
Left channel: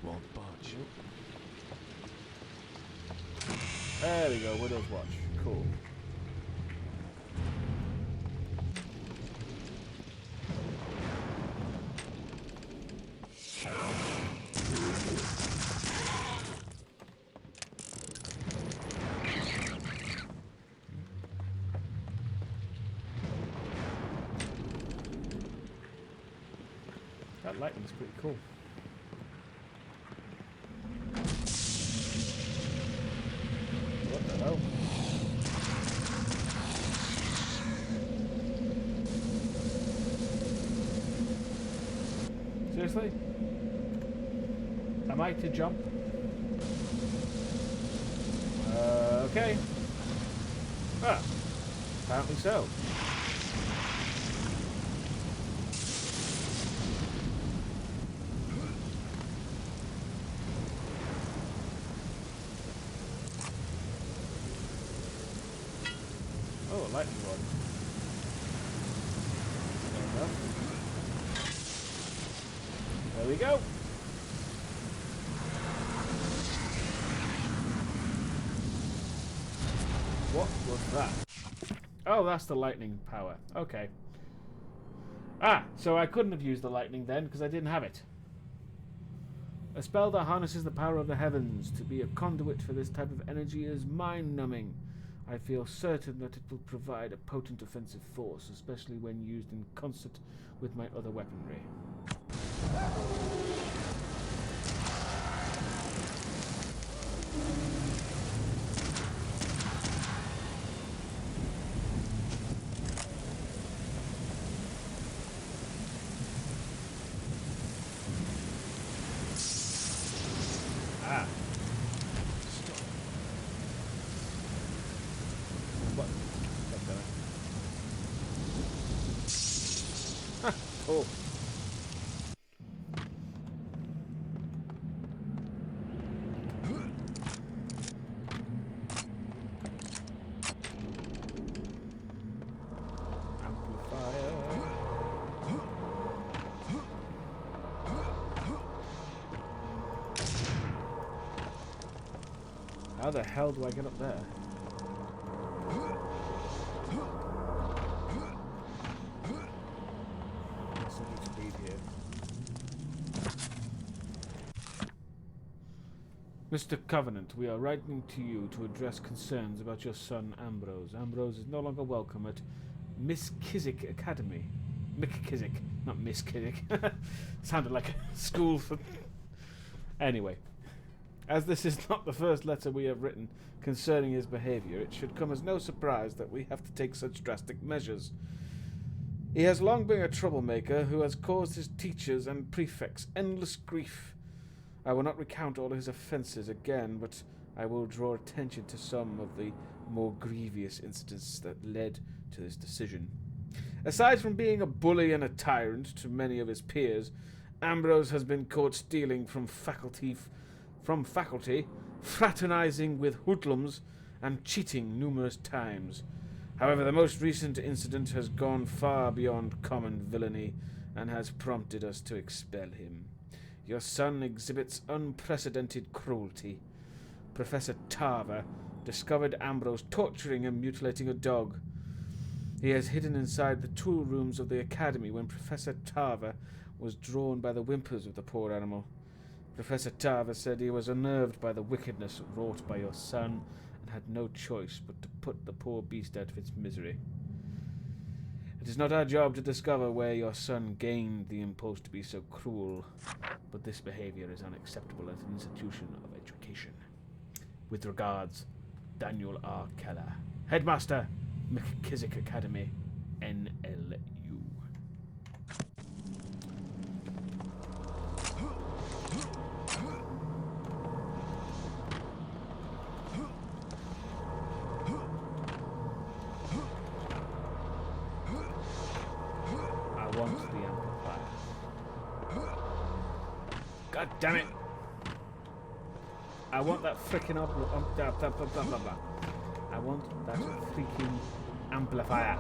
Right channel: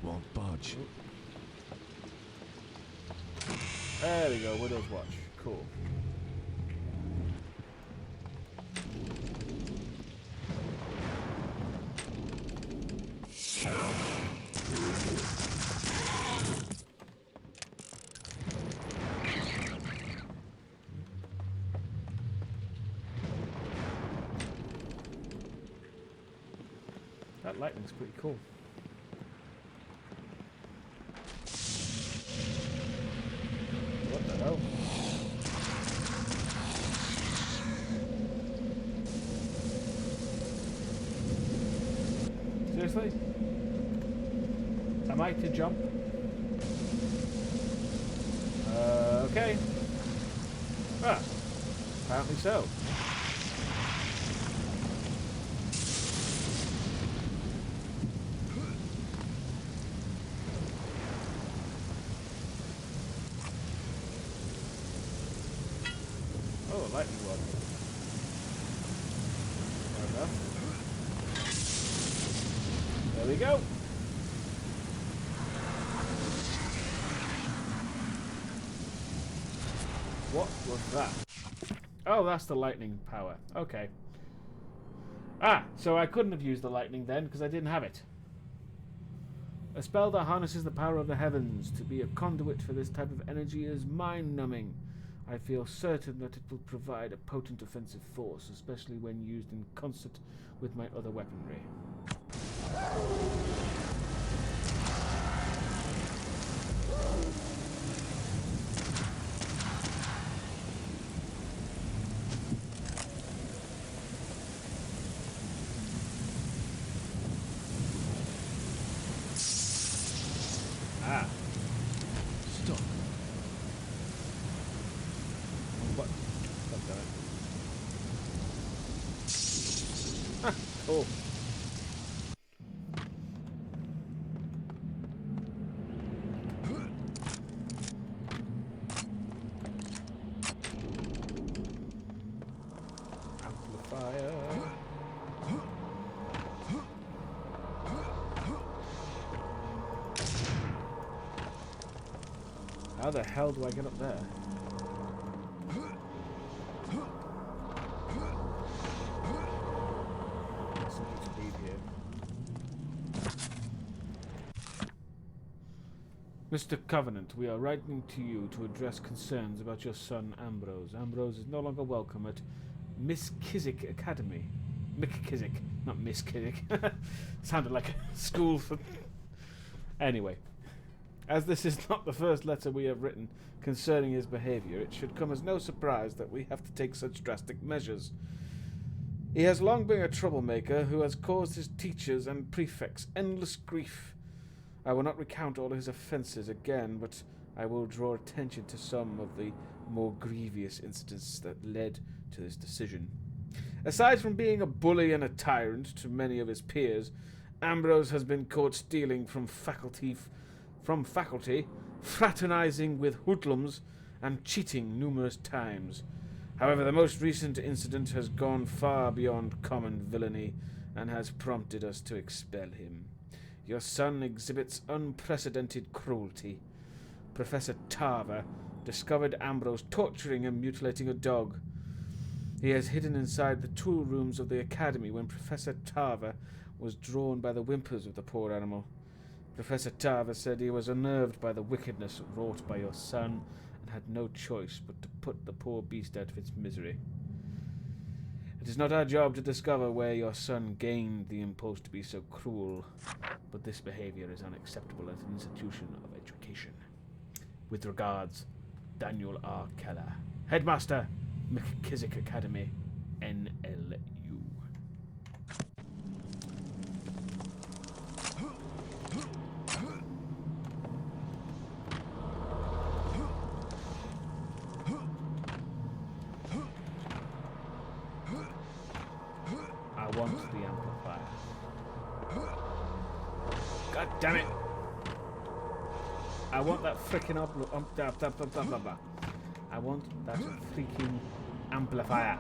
Won't budge. There we go, Widow's Watch. Cool. That lightning's pretty cool. What the hell? Seriously? Am I to jump? Okay. Ah, apparently so. Oh, a lightning rod. Fair enough. There we go. What was that? Oh, that's the lightning power. Okay. Ah, so I couldn't have used the lightning then because I didn't have it. A spell that harnesses the power of the heavens. To be a conduit for this type of energy is mind-numbing. I feel certain that it will provide a potent offensive force, especially when used in concert with my other weaponry. Ah. Stop. What? God damn it. Ah, cool. Amplifier. How the hell do I get up there? Something to read here. Mr. Covenant, we are writing to you to address concerns about your son Ambrose. Ambrose is no longer welcome at Miss Kizik Academy. Mick Kizik, not Miss Kizik. Sounded like a school for... Anyway. As this is not the first letter we have written concerning his behavior, it should come as no surprise that we have to take such drastic measures. He has long been a troublemaker who has caused his teachers and prefects endless grief. I will not recount all his offences again, but I will draw attention to some of the more grievous incidents that led to this decision. Aside from being a bully and a tyrant to many of his peers, Ambrose has been caught stealing from faculty, fraternizing with hoodlums, and cheating numerous times. However, the most recent incident has gone far beyond common villainy and has prompted us to expel him. Your son exhibits unprecedented cruelty. Professor Tarver discovered Ambrose torturing and mutilating a dog. He has hidden inside the tool rooms of the academy when Professor Tarver was drawn by the whimpers of the poor animal. Professor Tarver said he was unnerved by the wickedness wrought by your son and had no choice but to put the poor beast out of its misery. It is not our job to discover where your son gained the impulse to be so cruel, but this behavior is unacceptable at an institution of education. With regards, Daniel R. Keller, Headmaster, McKissick Academy, NLU. I want the amplifier. God damn it! I want that freaking I want that freaking amplifier.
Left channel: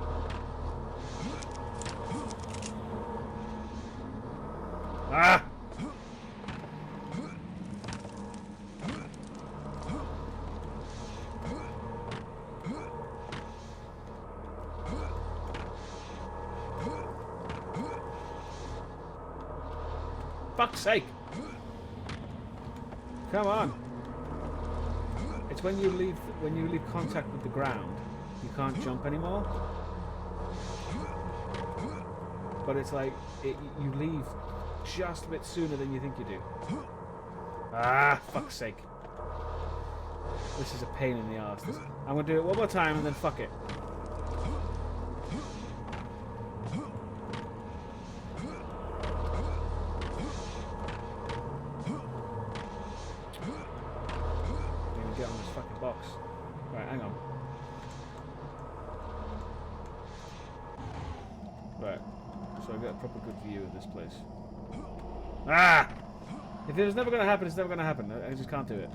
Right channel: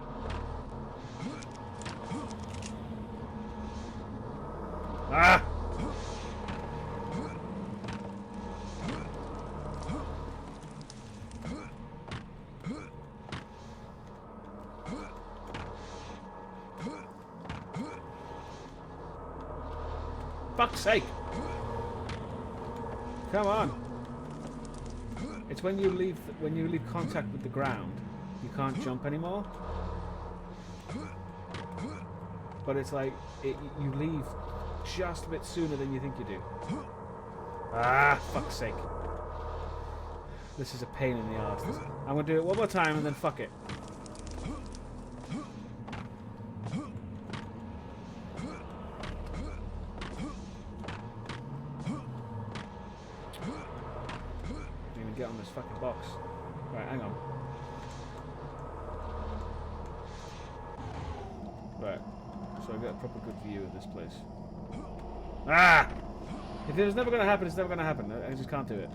Ah! Fuck's sake! Come on! It's when you leave contact with the ground, you can't jump anymore. But it's like you leave just a bit sooner than you think you do. Ah, fuck's sake! This is a pain in the arse. I'm gonna do it one more time and then fuck it. Get on this fucking box. Right, hang on. Right, so I get a proper good view of this place. Ah! If it was never going to happen, it's never going to happen. I just can't do it.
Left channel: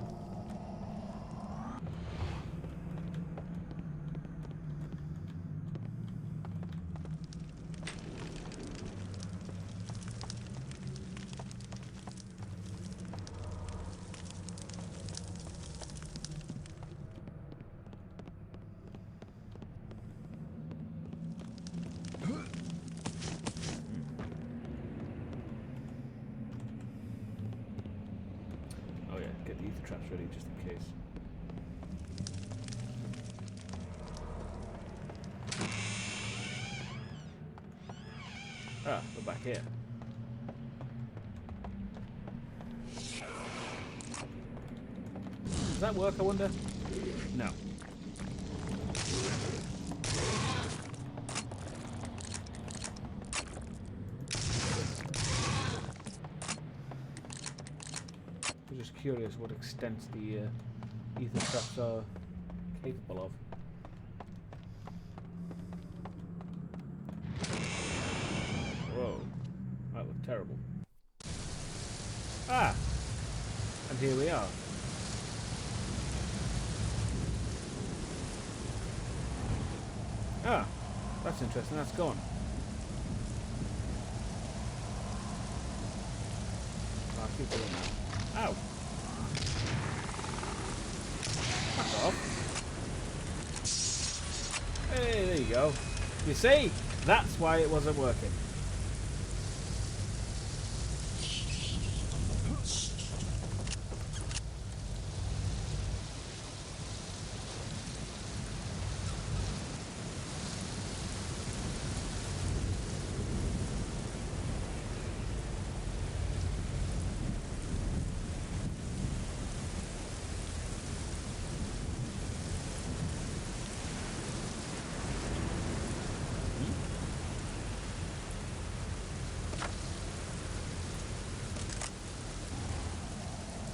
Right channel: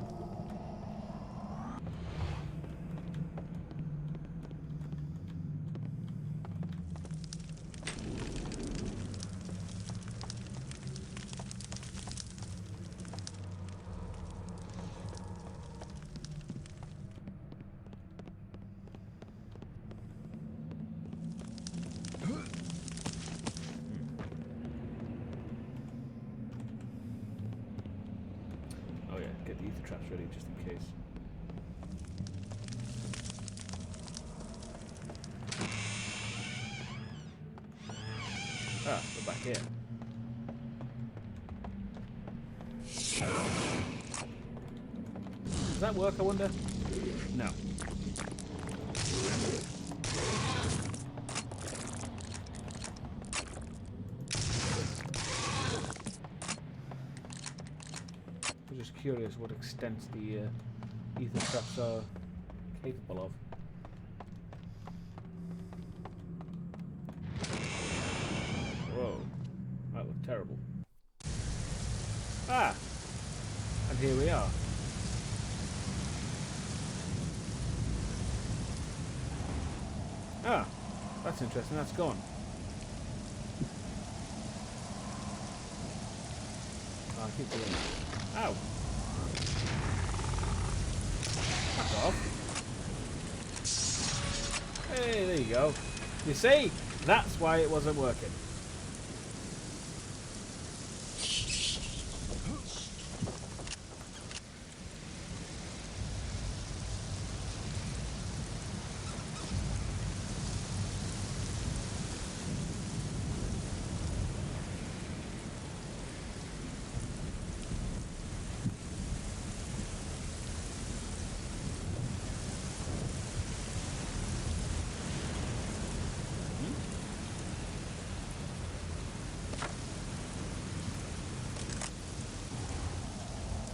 get the ether traps ready just in case. Ah, we're back here. Does that work, I wonder? No. I'm just curious what extent the ether traps are capable of. Whoa, that looked terrible. Ah! And here we are. Ah, that's interesting, that's gone. Oh, I keep doing that. Ow! Fuck off. Hey, there you go. You see? That's why it wasn't working.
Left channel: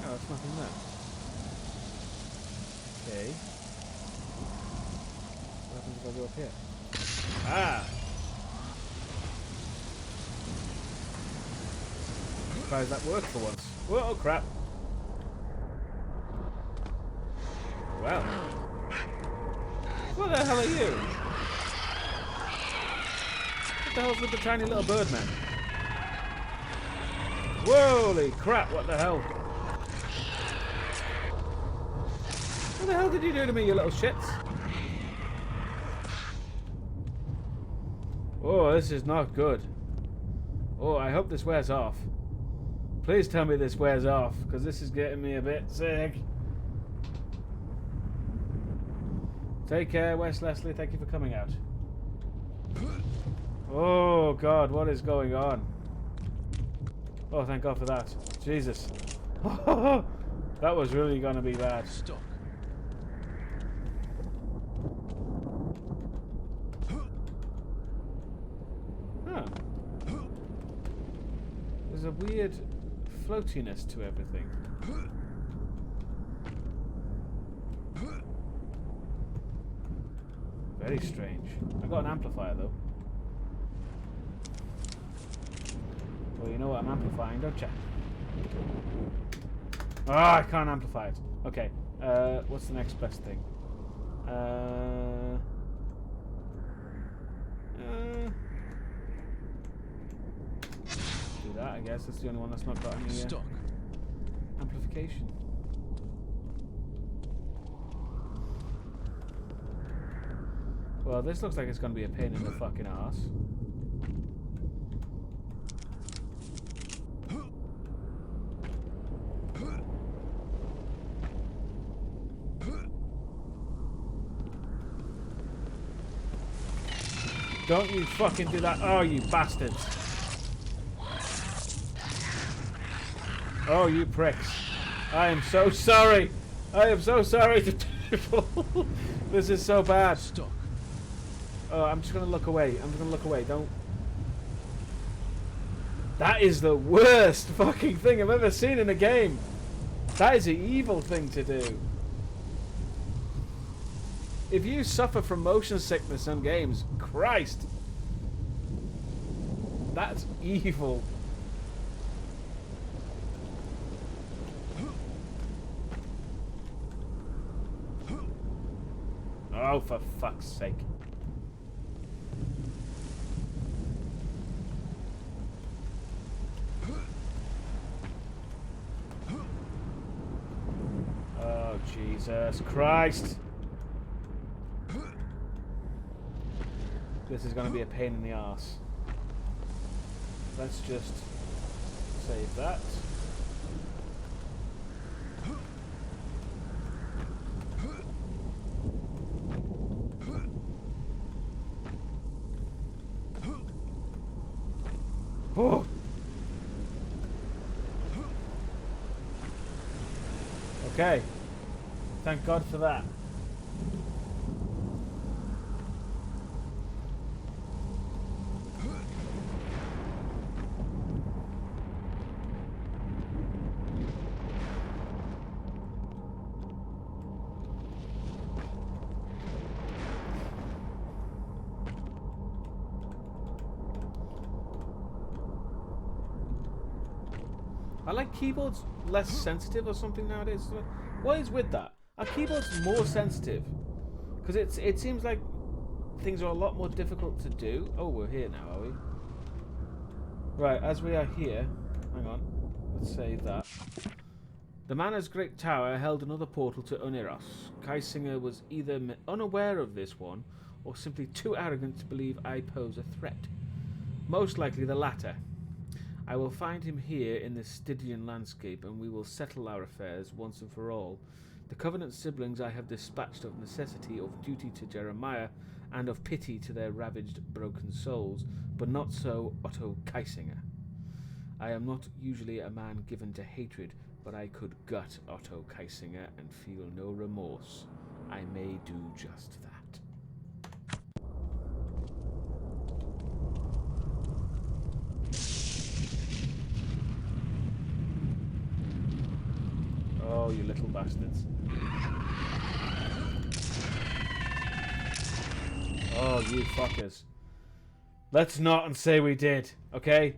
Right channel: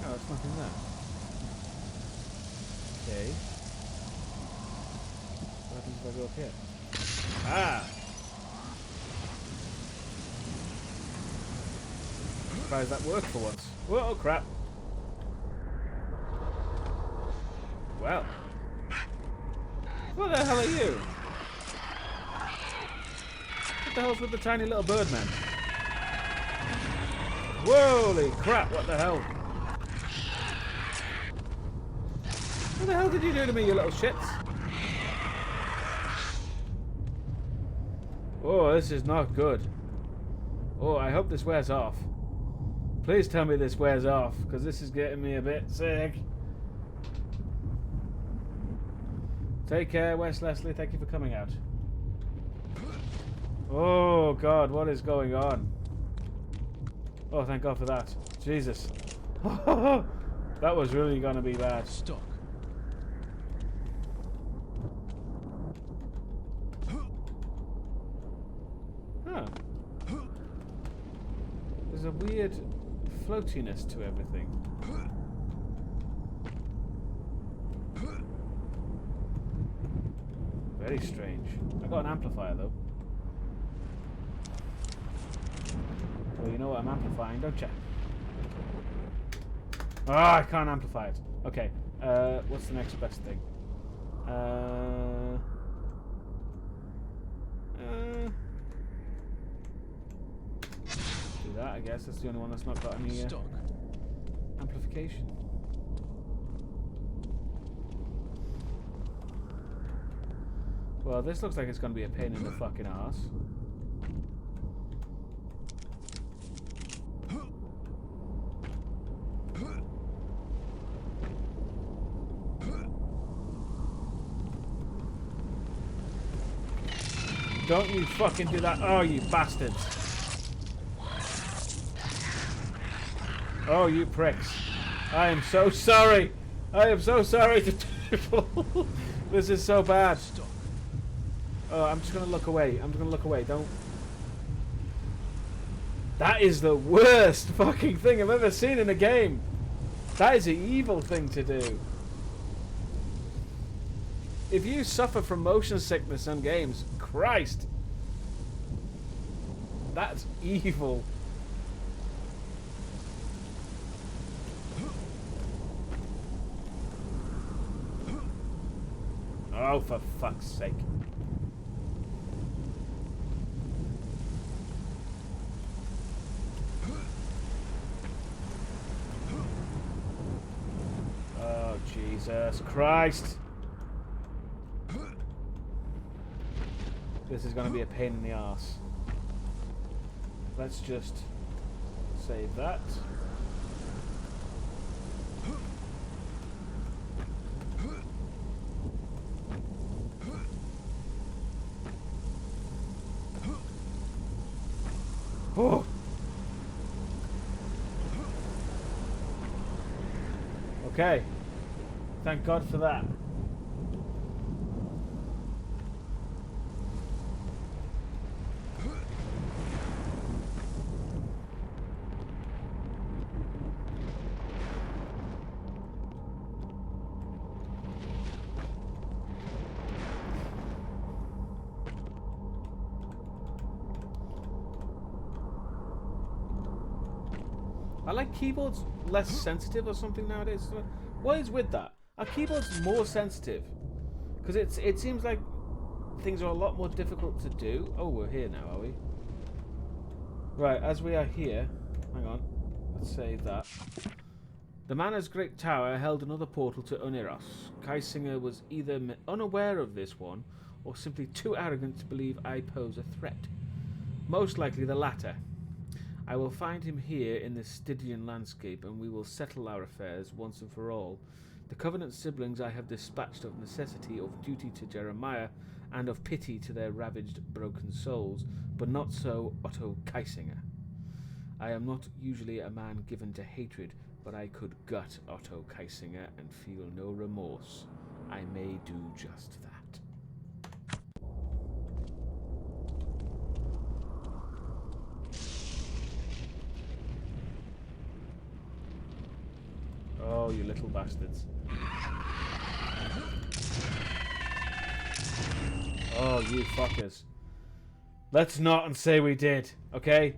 Oh, there's nothing there. Okay. What happens if I go up here? Ah! Surprised that worked for once. Whoa, crap. Well. What the hell are you? What the hell's with the tiny little birdman? Holy crap, what the hell? What the hell did you do to me, you little shits? Oh, this is not good. Oh, I hope this wears off. Please tell me this wears off, because this is getting me a bit sick. Take care, Wes Leslie. Thank you for coming out. Oh, God, what is going on? Oh, thank God for that. Jesus. That was really going to be bad. Stuck. Huh. There's a weird floatiness to everything. Very strange. I got an amplifier though. Well, you know what I'm amplifying, don't you? Oh, I can't amplify it. Okay. What's the next best thing? Do that, I guess. That's the only one that's not got any amplification. Well, this looks like it's going to be a pain in the fucking arse. Don't you fucking do that. Oh, you bastards. Oh, you pricks. I am so sorry. I am so sorry to people. This is so bad. Stuck. Oh, I'm just going to look away. I'm just going to look away. Don't. That is the worst fucking thing I've ever seen in a game. That is an evil thing to do. If you suffer from motion sickness in games, Christ. That's evil. Oh, for fuck's sake. Oh, Jesus Christ. This is going to be a pain in the arse. Let's just save that. Oh. Okay. Thank God for that. Are like keyboards less sensitive or something nowadays? What is with that? Are keyboards more sensitive? Because it seems like things are a lot more difficult to do. Oh, we're here now, are we? Right, as we are here, hang on, let's save that. The Manor's Great Tower held another portal to Uniros. Kaisinger was either unaware of this one, or simply too arrogant to believe I pose a threat. Most likely the latter. I will find him here in this Stygian landscape, and we will settle our affairs once and for all. The Covenant siblings I have dispatched of necessity, of duty to Jeremiah, and of pity to their ravaged, broken souls, but not so Otto Kaisinger. I am not usually a man given to hatred, but I could gut Otto Kaisinger and feel no remorse. I may do just that. Oh, you little bastards. Oh, you fuckers. Let's not and say we did, okay?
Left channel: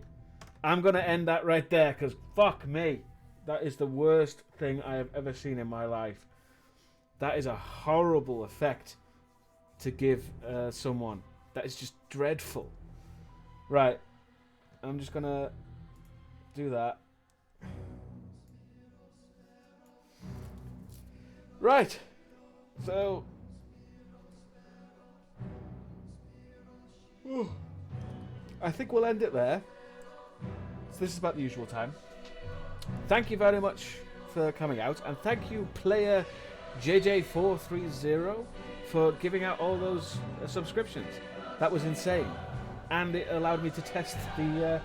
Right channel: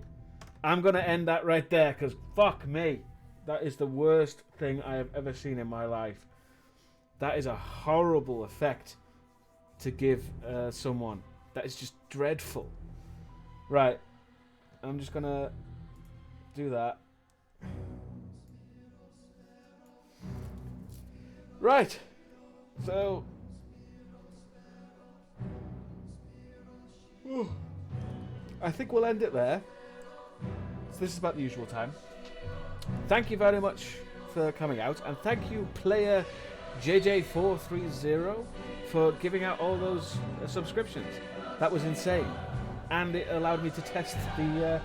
I'm going to end that right there, because fuck me. That is the worst thing I have ever seen in my life. That is a horrible effect to give someone. That is just dreadful. Right. I'm just going to do that. Right. So... I think we'll end it there. So this is about the usual time. Thank you very much for coming out, and thank you, player JJ430, for giving out all those subscriptions. That was insane, and it allowed me to test the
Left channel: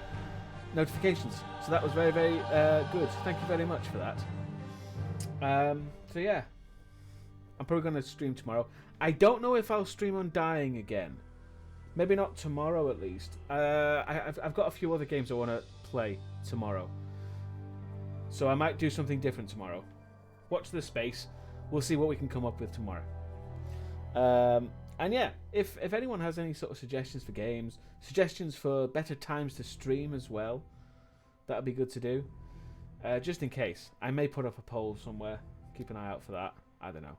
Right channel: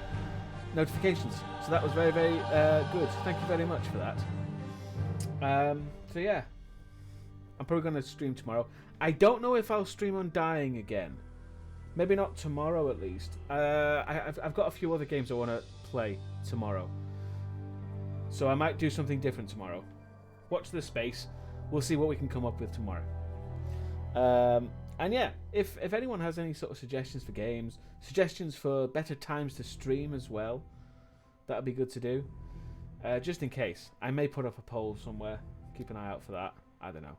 notifications. So that was very, very good. Thank you very much for that. So yeah, I'm probably going to stream tomorrow. I don't know if I'll stream Undying again. Maybe not tomorrow, at least. I've got a few other games I want to play tomorrow. So I might do something different tomorrow. Watch this space. We'll see what we can come up with tomorrow. And yeah, if anyone has any sort of suggestions for games, suggestions for better times to stream as well, that would be good to do. Just in case. I may put up a poll somewhere. Keep an eye out for that. I don't know.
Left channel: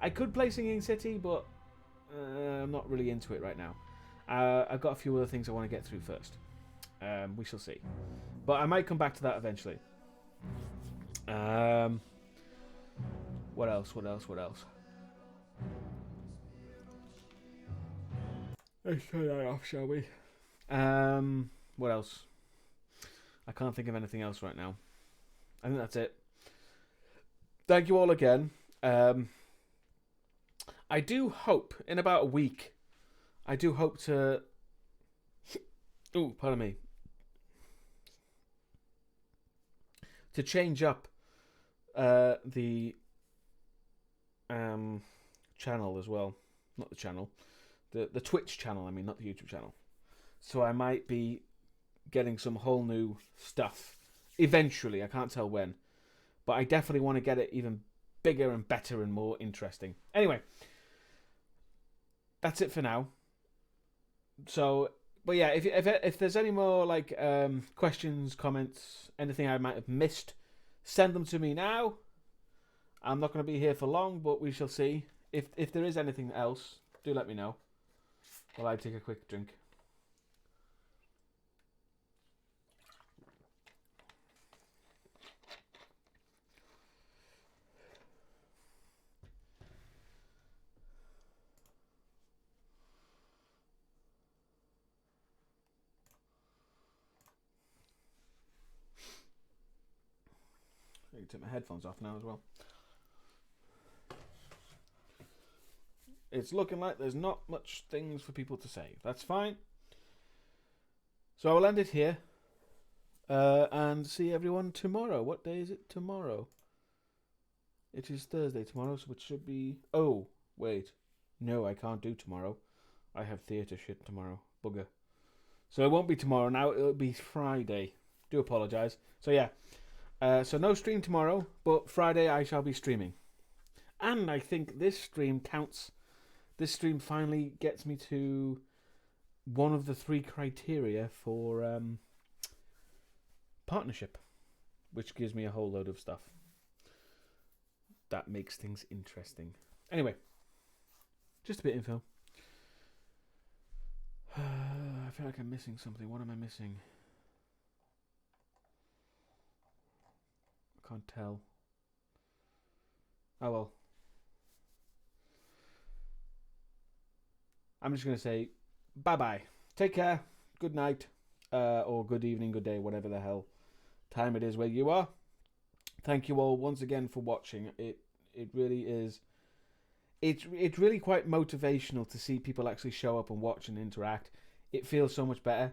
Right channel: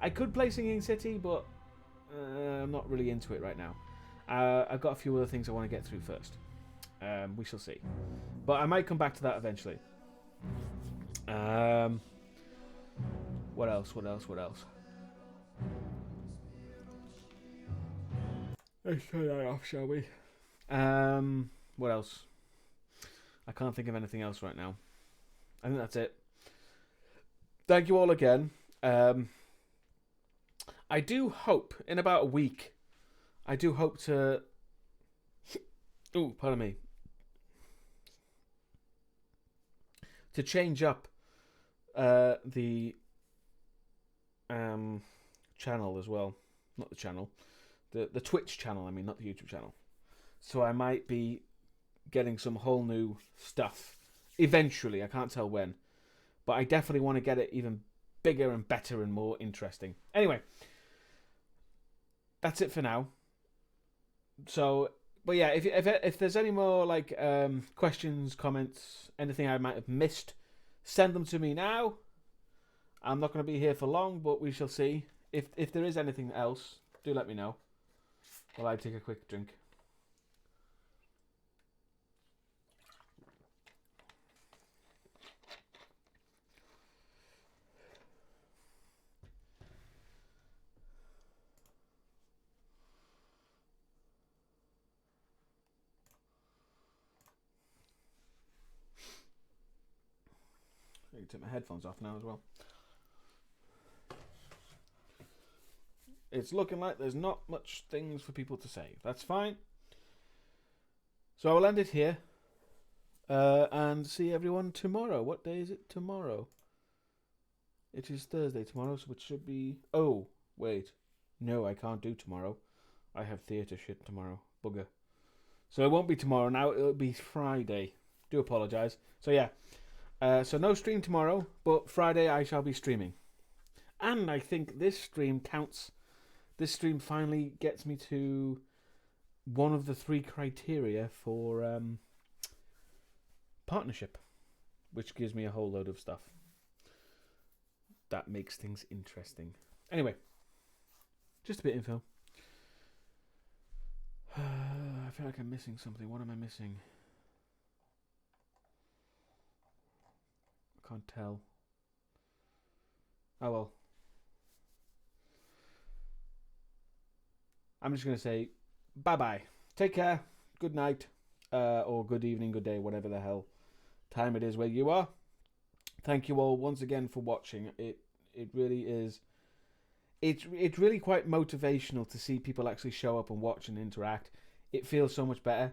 I could play Singing City, but I'm not really into it right now. I've got a few other things I want to get through first. We shall see. But I might come back to that eventually. What else? Let's turn that off, shall we? What else? I can't think of anything else right now. I think that's it. Thank you all again. I do hope in about a week, I do hope to... Ooh, pardon me. To change up the channel as well. Not the channel. The Twitch channel, I mean, not the YouTube channel. So I might be getting some whole new stuff. Eventually, I can't tell when. But I definitely want to get it even bigger and better and more interesting. Anyway. That's it for now. So, but yeah, if there's any more like questions, comments, anything I might have missed, send them to me now. I'm not going to be here for long, but we shall see. If there is anything else, do let me know. While I take a quick drink. I can take my headphones off now as well. It's looking like there's not much things for people to say. That's fine. So I will end it here. And see everyone tomorrow. What day is it tomorrow? It is Thursday tomorrow, so it should be... Oh, wait. No, I can't do tomorrow. I have theatre shit tomorrow. Bugger. So it won't be tomorrow now. It'll be Friday. Do apologise. So yeah. So no stream tomorrow, but Friday I shall be streaming. And I think this stream counts. This stream finally gets me to one of the 3 criteria for partnership, which gives me a whole load of stuff. That makes things interesting. Anyway, just a bit of info. I feel like I'm missing something. What am I missing? I can't tell. Oh well. I'm just going to say bye-bye. Take care. Good night. Or good evening, good day, whatever the hell time it is where you are. Thank you all once again for watching. It really is. It's really quite motivational to see people actually show up and watch and interact. It feels so much better.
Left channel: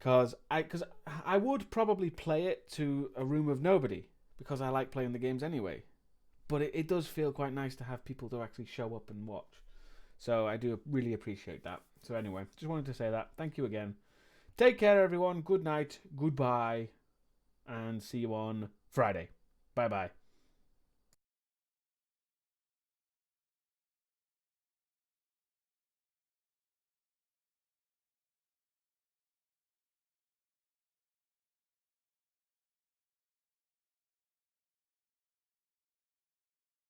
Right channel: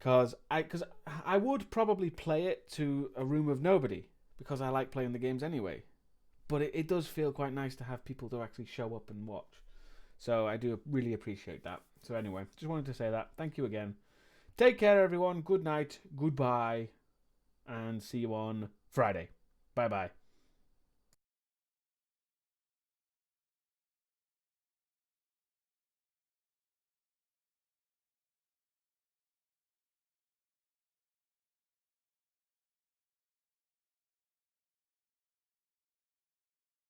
Cause I would probably play it to a room of nobody because I like playing the games anyway. But it does feel quite nice to have people to actually show up and watch. So I do really appreciate that. So anyway, just wanted to say that. Thank you again. Take care, everyone. Good night. Goodbye. And see you on Friday. Bye-bye.